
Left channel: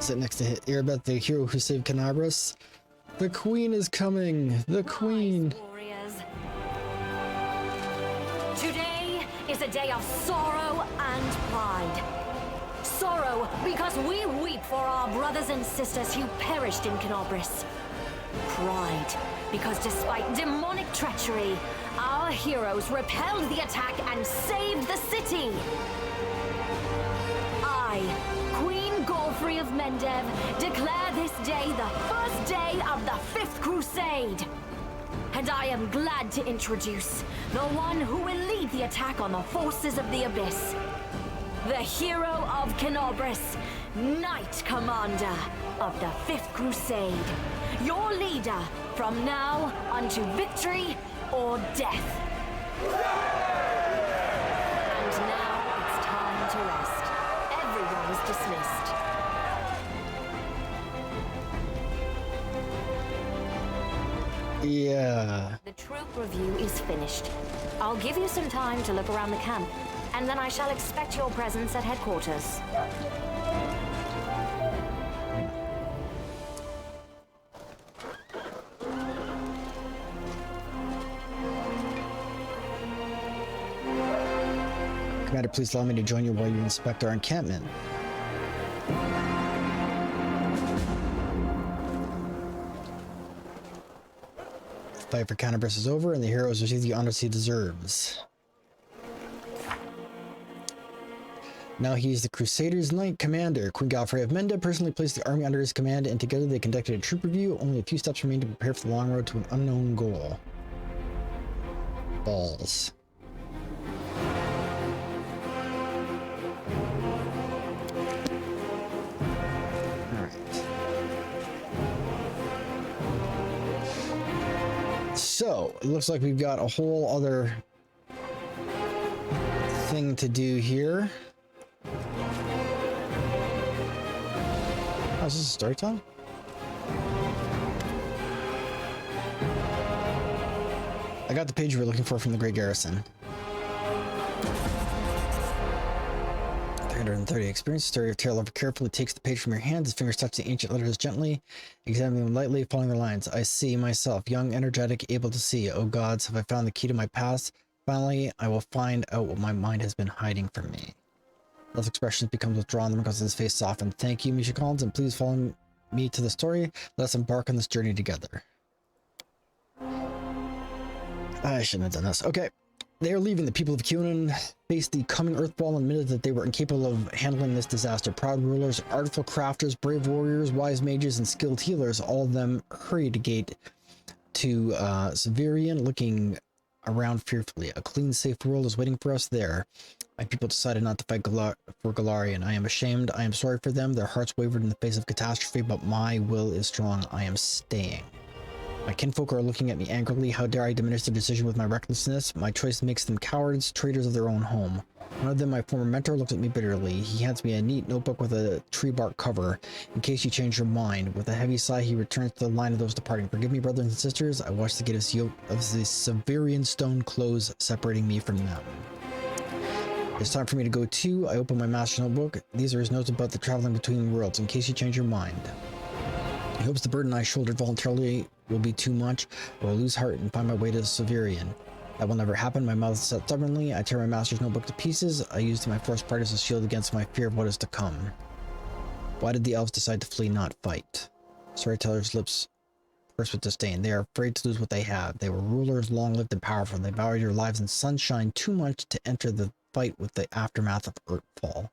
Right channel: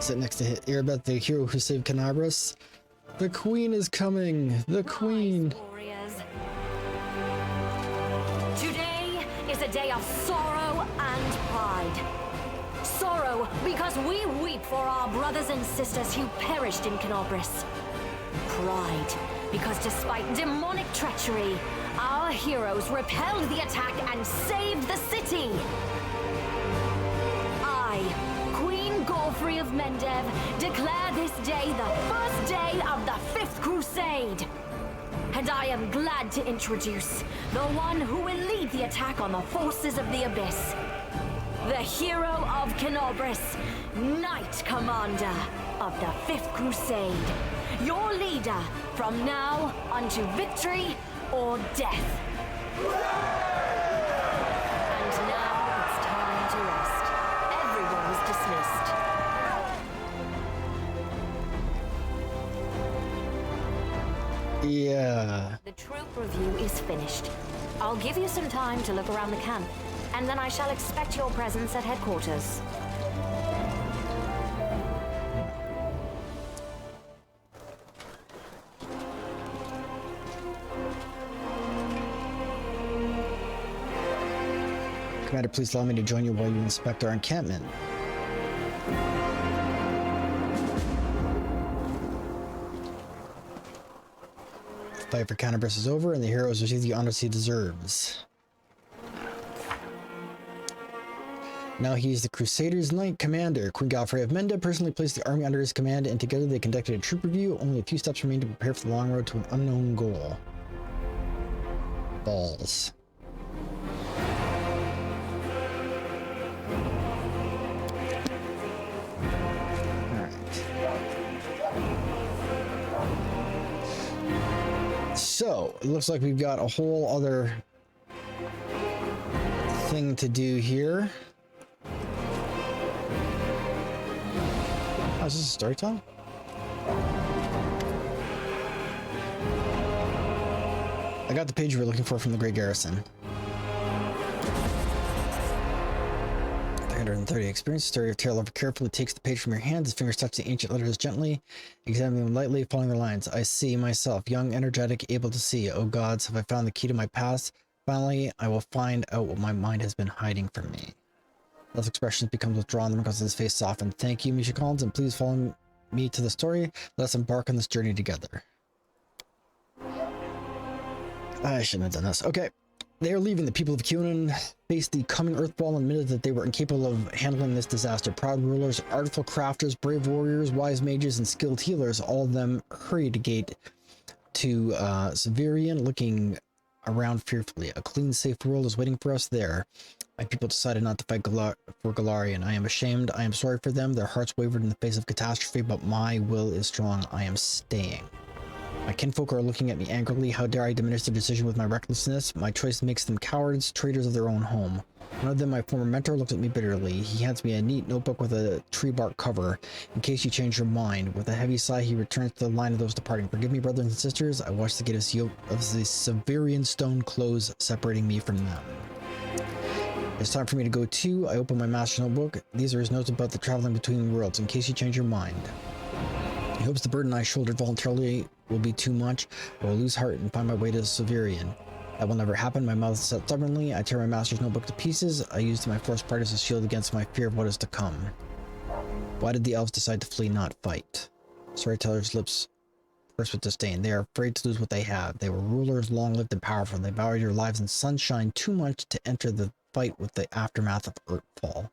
Sit next to Irbeth, the hero who saved Canabris. The queen is coming! The queen! Warriors. Today is a day of sorrow and pride. Sorrow because we weep for our brothers and sisters who perished in Canabris. Pride because despite demonic treachery, our heroes repelled the attack and saved the city. I, Queen Godfrey of Mendev, declare this day the first day of the 5th Crusade. And I am glad to introduce the one who will lead the attack on the forces of the Abyss. The hero of Canabris, Knight Commander of the 5th Crusade. Your leader from now unto victory or death. And now it's time to rest. Everyone is dismissed. Yeah. The troop review is finished. I'll give you some time to look around the camp, and then I shall expect your presence at headquarters. Commander, please allow me to join you while you inspect our encampment. The fight for Canabris is over, and the hero has received the honors he deserves. Now he is the Crusaders' Knight Commander. Queen Godfrey of Menda personally placed the army under his command, and together they conducted a troop review. Only a few steps remain to prepare for the long road to an unknown goal. Balls. So, it looks like we've got a whole other thing to do here. Oh, is this a story time? I got the page we were looking for from the Great Garrison. 330 experience. Story of Tail Lover carefully takes the page from your hands. His fingers touch the ancient letters gently, examining them lightly, following their lines. I see myself, young, energetic, able to see. Oh gods, have I found the key to my past? Finally, I will find out what my mind has been hiding from me. Those expressions become withdrawn because his face softened. Thank you, Misha Collins, and please follow me to the story. Let us embark on this journey together. I shouldn't have done this. Okay. They are leaving. The people of Cunin faced the coming Earthfall and admitted that they were incapable of handling this disaster. Proud rulers, artful crafters, brave warriors, wise mages, and skilled healers, all of them hurried to gate to Severian, looking around fearfully. A clean, safe world is waiting for us there. My people decided not to fight for Galarian. I am ashamed. I am sorry for them. Their hearts wavered in the face of catastrophe, but my will is strong. I am staying. My kinfolk are looking at me angrily. How dare I diminish their decision with my recklessness? My choice makes them cowards, traitors of their own home. One of them, my former mentor, looked at me bitterly. He hands me a neat notebook with a tree bark cover. In case you change your mind. With a heavy sigh, he returns to the line of those departing. Forgive me, brothers and sisters. I watched the gate of the Severian stone close, separating me from them. It's time for me to go too. I open my master notebook. These are his notes about the traveling between worlds, in case you change your mind. He hopes the burden I shouldered voluntarily will be too much. I will lose heart and find my way to Severian. That will never happen. My mouth is set stubbornly. I tear my master's notebook to pieces. I used my forced part as a shield against my fear of what is to come. Why did the elves decide to flee, not fight? Storyteller's lips pursed with disdain. They are afraid to lose what they have. They were rulers, long-lived and powerful. They valued their lives in sunshine too much to enter the fight with the aftermath of Earthfall.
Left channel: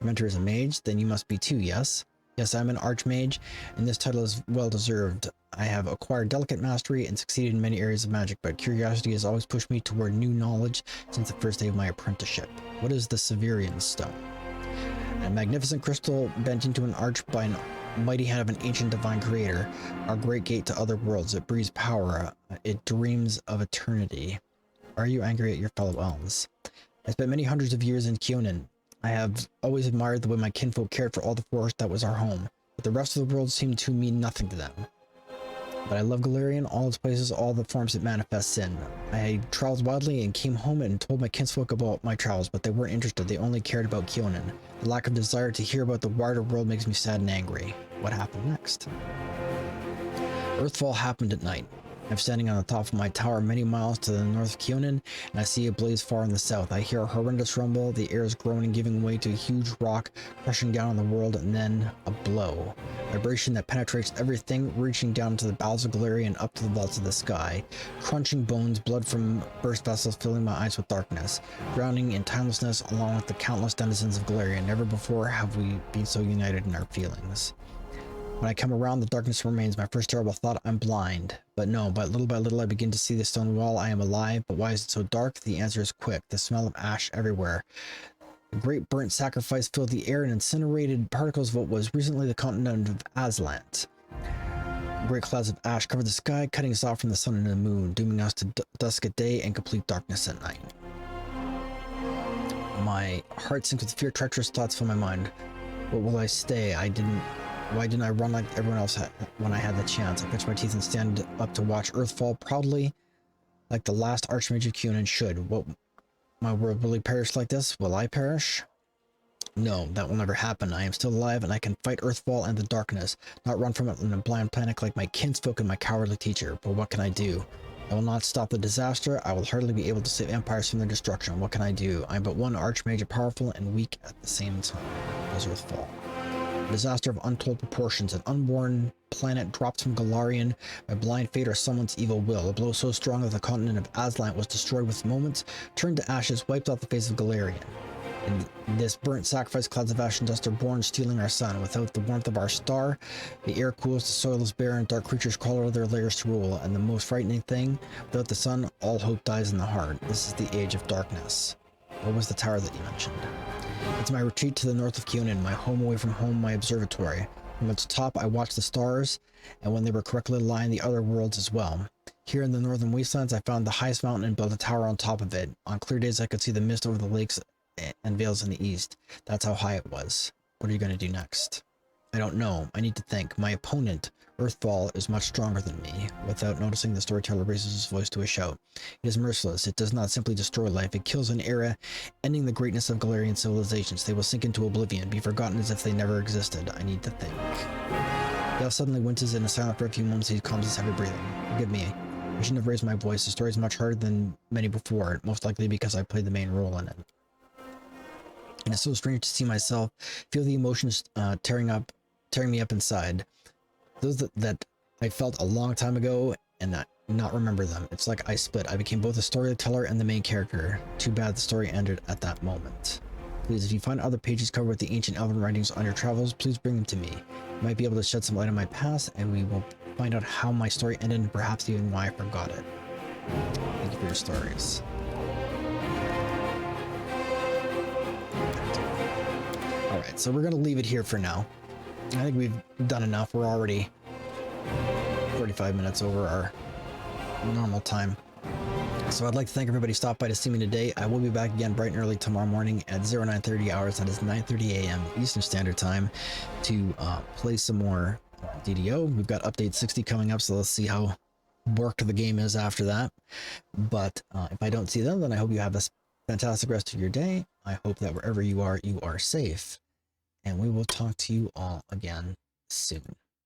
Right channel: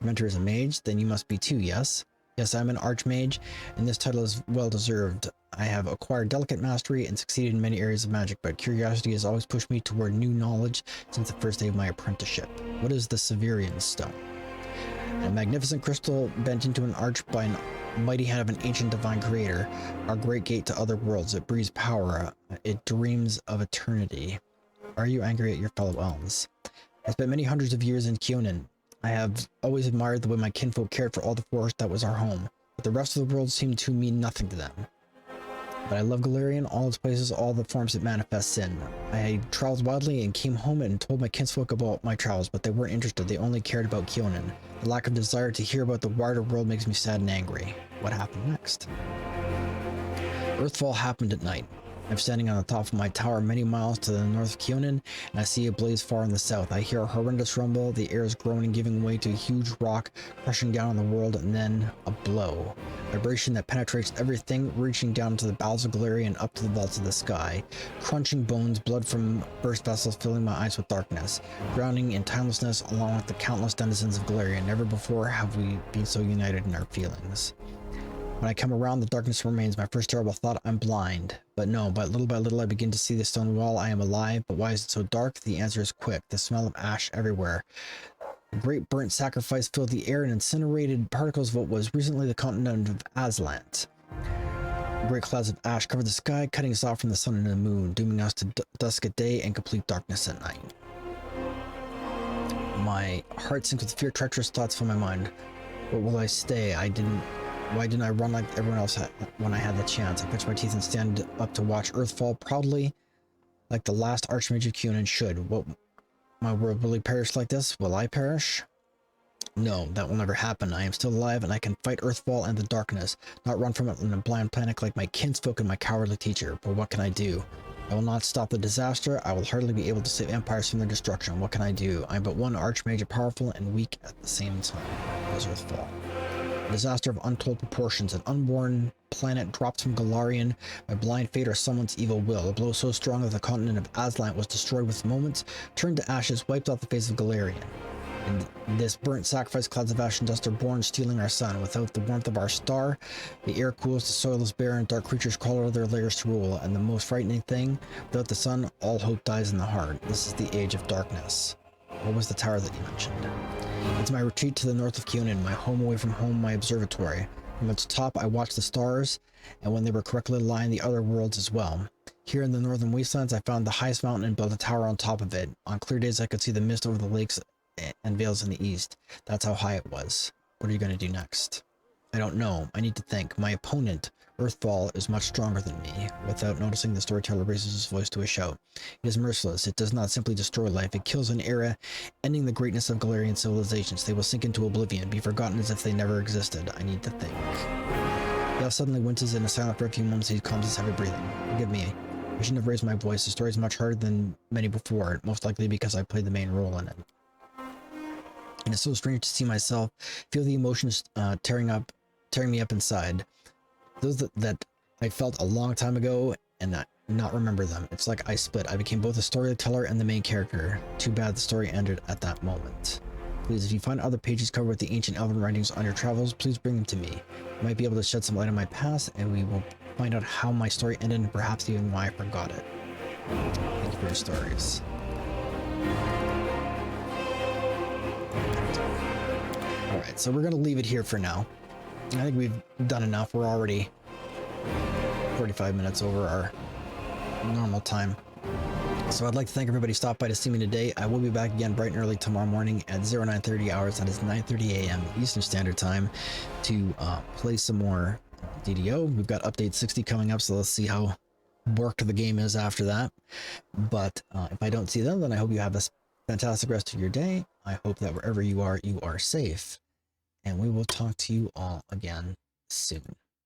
Your mentor is a mage, then you must be too, yes? Yes, I'm an archmage, and this title is well-deserved. I have acquired delicate mastery and succeeded in many areas of magic, but curiosity has always pushed me toward new knowledge since the first day of my apprenticeship. What is the Severian Stone? A magnificent crystal bent into an arch by an mighty hand of an ancient divine creator. Our great gate to other worlds. It breathes power. It dreams of eternity. Are you angry at your fellow elves? I spent many hundreds of years in Cunin. I have always admired the way my kinfolk cared for all the forest that was our home, but the rest of the world seemed to mean nothing to them. But I love Galarian, all its places, all the forms it manifests in. I traveled widely and came home and told my kinsfolk about my travels, but they weren't interested. They only cared about Cunin. The lack of desire to hear about the wider world makes me sad and angry. What happened next? Earthfall happened at night. I'm standing on the top of my tower many miles to the north of Cunin, and I see a blaze far in the south. I hear a horrendous rumble, the air is groaning, giving way to a huge rock crushing down on the world, and then a blow. Vibration that penetrates everything, reaching down to the bowels of Galarian and up to the vaults of the sky. Crunching bones, blood from burst vessels filling my eyes with darkness. Drowning in timelessness along with the countless denizens of Galarian. Never before have we been so united in our feelings. When I come around, the darkness remains. My first terrible thought, I'm blind. But no, by little I begin to see the stone wall. I am alive, but why is it so dark? The answer is quick. The smell of ash everywhere. A great burnt sacrifice filled the air and incinerated particles of what was recently the continent of Aslant. Great clouds of ash covered the sky, cutting us off from the sun and the moon, dooming us to dusk at day and complete darkness at night. My heart sinks with fear, treacherous thoughts fill my mind. Where will I stay? Why didn't I run like everyone else when I had the chance? I clench my teeth and stand up to watch Earthfall proudly, like the last Archmage of Cunin should. What, my world really perish like this? Will I perish? No, that will never happen. I am still alive, and I can fight Earthfall and the darkness, not run from it in a blind panic like my kinsfolk and my cowardly teacher. But what can I do? I will not stop the disaster. I will hardly be able to save empires from their destruction. What can I do? I am but one Archmage, powerful and weak at the same time. As Earthfall. A disaster of untold proportions. An unborn planet dropped from Galarian by blind fate or someone's evil will. A blow so strong that the continent of Aslant was destroyed with moments, turned to ashes, wiped off the face of Galarian. In this burnt sacrifice, clouds of ash and dust are born, stealing our sun. Without the warmth of our star, the air cools, the soil is barren, dark creatures crawl out of their lairs to rule. And the most frightening thing, without the sun, all hope dies in the heart. This is the age of darkness. What was the tower that you mentioned? It's my retreat to the north of Cunin, my home away from home, my observatory. From its top, I watched the stars, and when they were correctly aligned, the other worlds as well. Here in the northern wastelands, I found the highest mountain and built a tower on top of it. On clear days, I could see the mist over the lakes and vales in the east. That's how high it was. What are you going to do next? I don't know. I need to think. My opponent, Earthfall, is much stronger than me. Without noticing, the storyteller raises his voice to a shout. It is merciless. It does not simply destroy life. It kills an era, ending the greatness of Galarian civilizations. They will sink into oblivion, be forgotten as if they never existed. I need to think. The elf suddenly winces in a silence for a few moments. He calms his heavy breathing. Forgive me. I shouldn't have raised my voice. The story is much harder than many before, most likely because I played the main role in it. and it's so strange to see myself feel the emotions tearing me up inside. Those that I felt a long time ago and not remember them. It's like I split. I became both the storyteller and the main character. Too bad the story ended at that moment. Please, if you find other pages covered with the ancient elven writings on your travels, please bring them to me. I might be able to shed some light on my past, and we will find out how my story ended and perhaps even why I forgot it. Thank you for your stories. Alright, so we're going to leave it here for now. I think we've done enough. We're already 45 minutes over our normal time. So I'd like to thank everybody who stopped by to see me today. I will be back again bright and early tomorrow morning at 0930 hours. That is 9:30 a.m. Eastern Standard Time to play some more DDO. We've got update 60 coming up, so let's see how worked the game is after that. But if I don't see them, then I hope you have a fantastic rest of your day. I hope that wherever you are safe. And we will talk to you all again soon.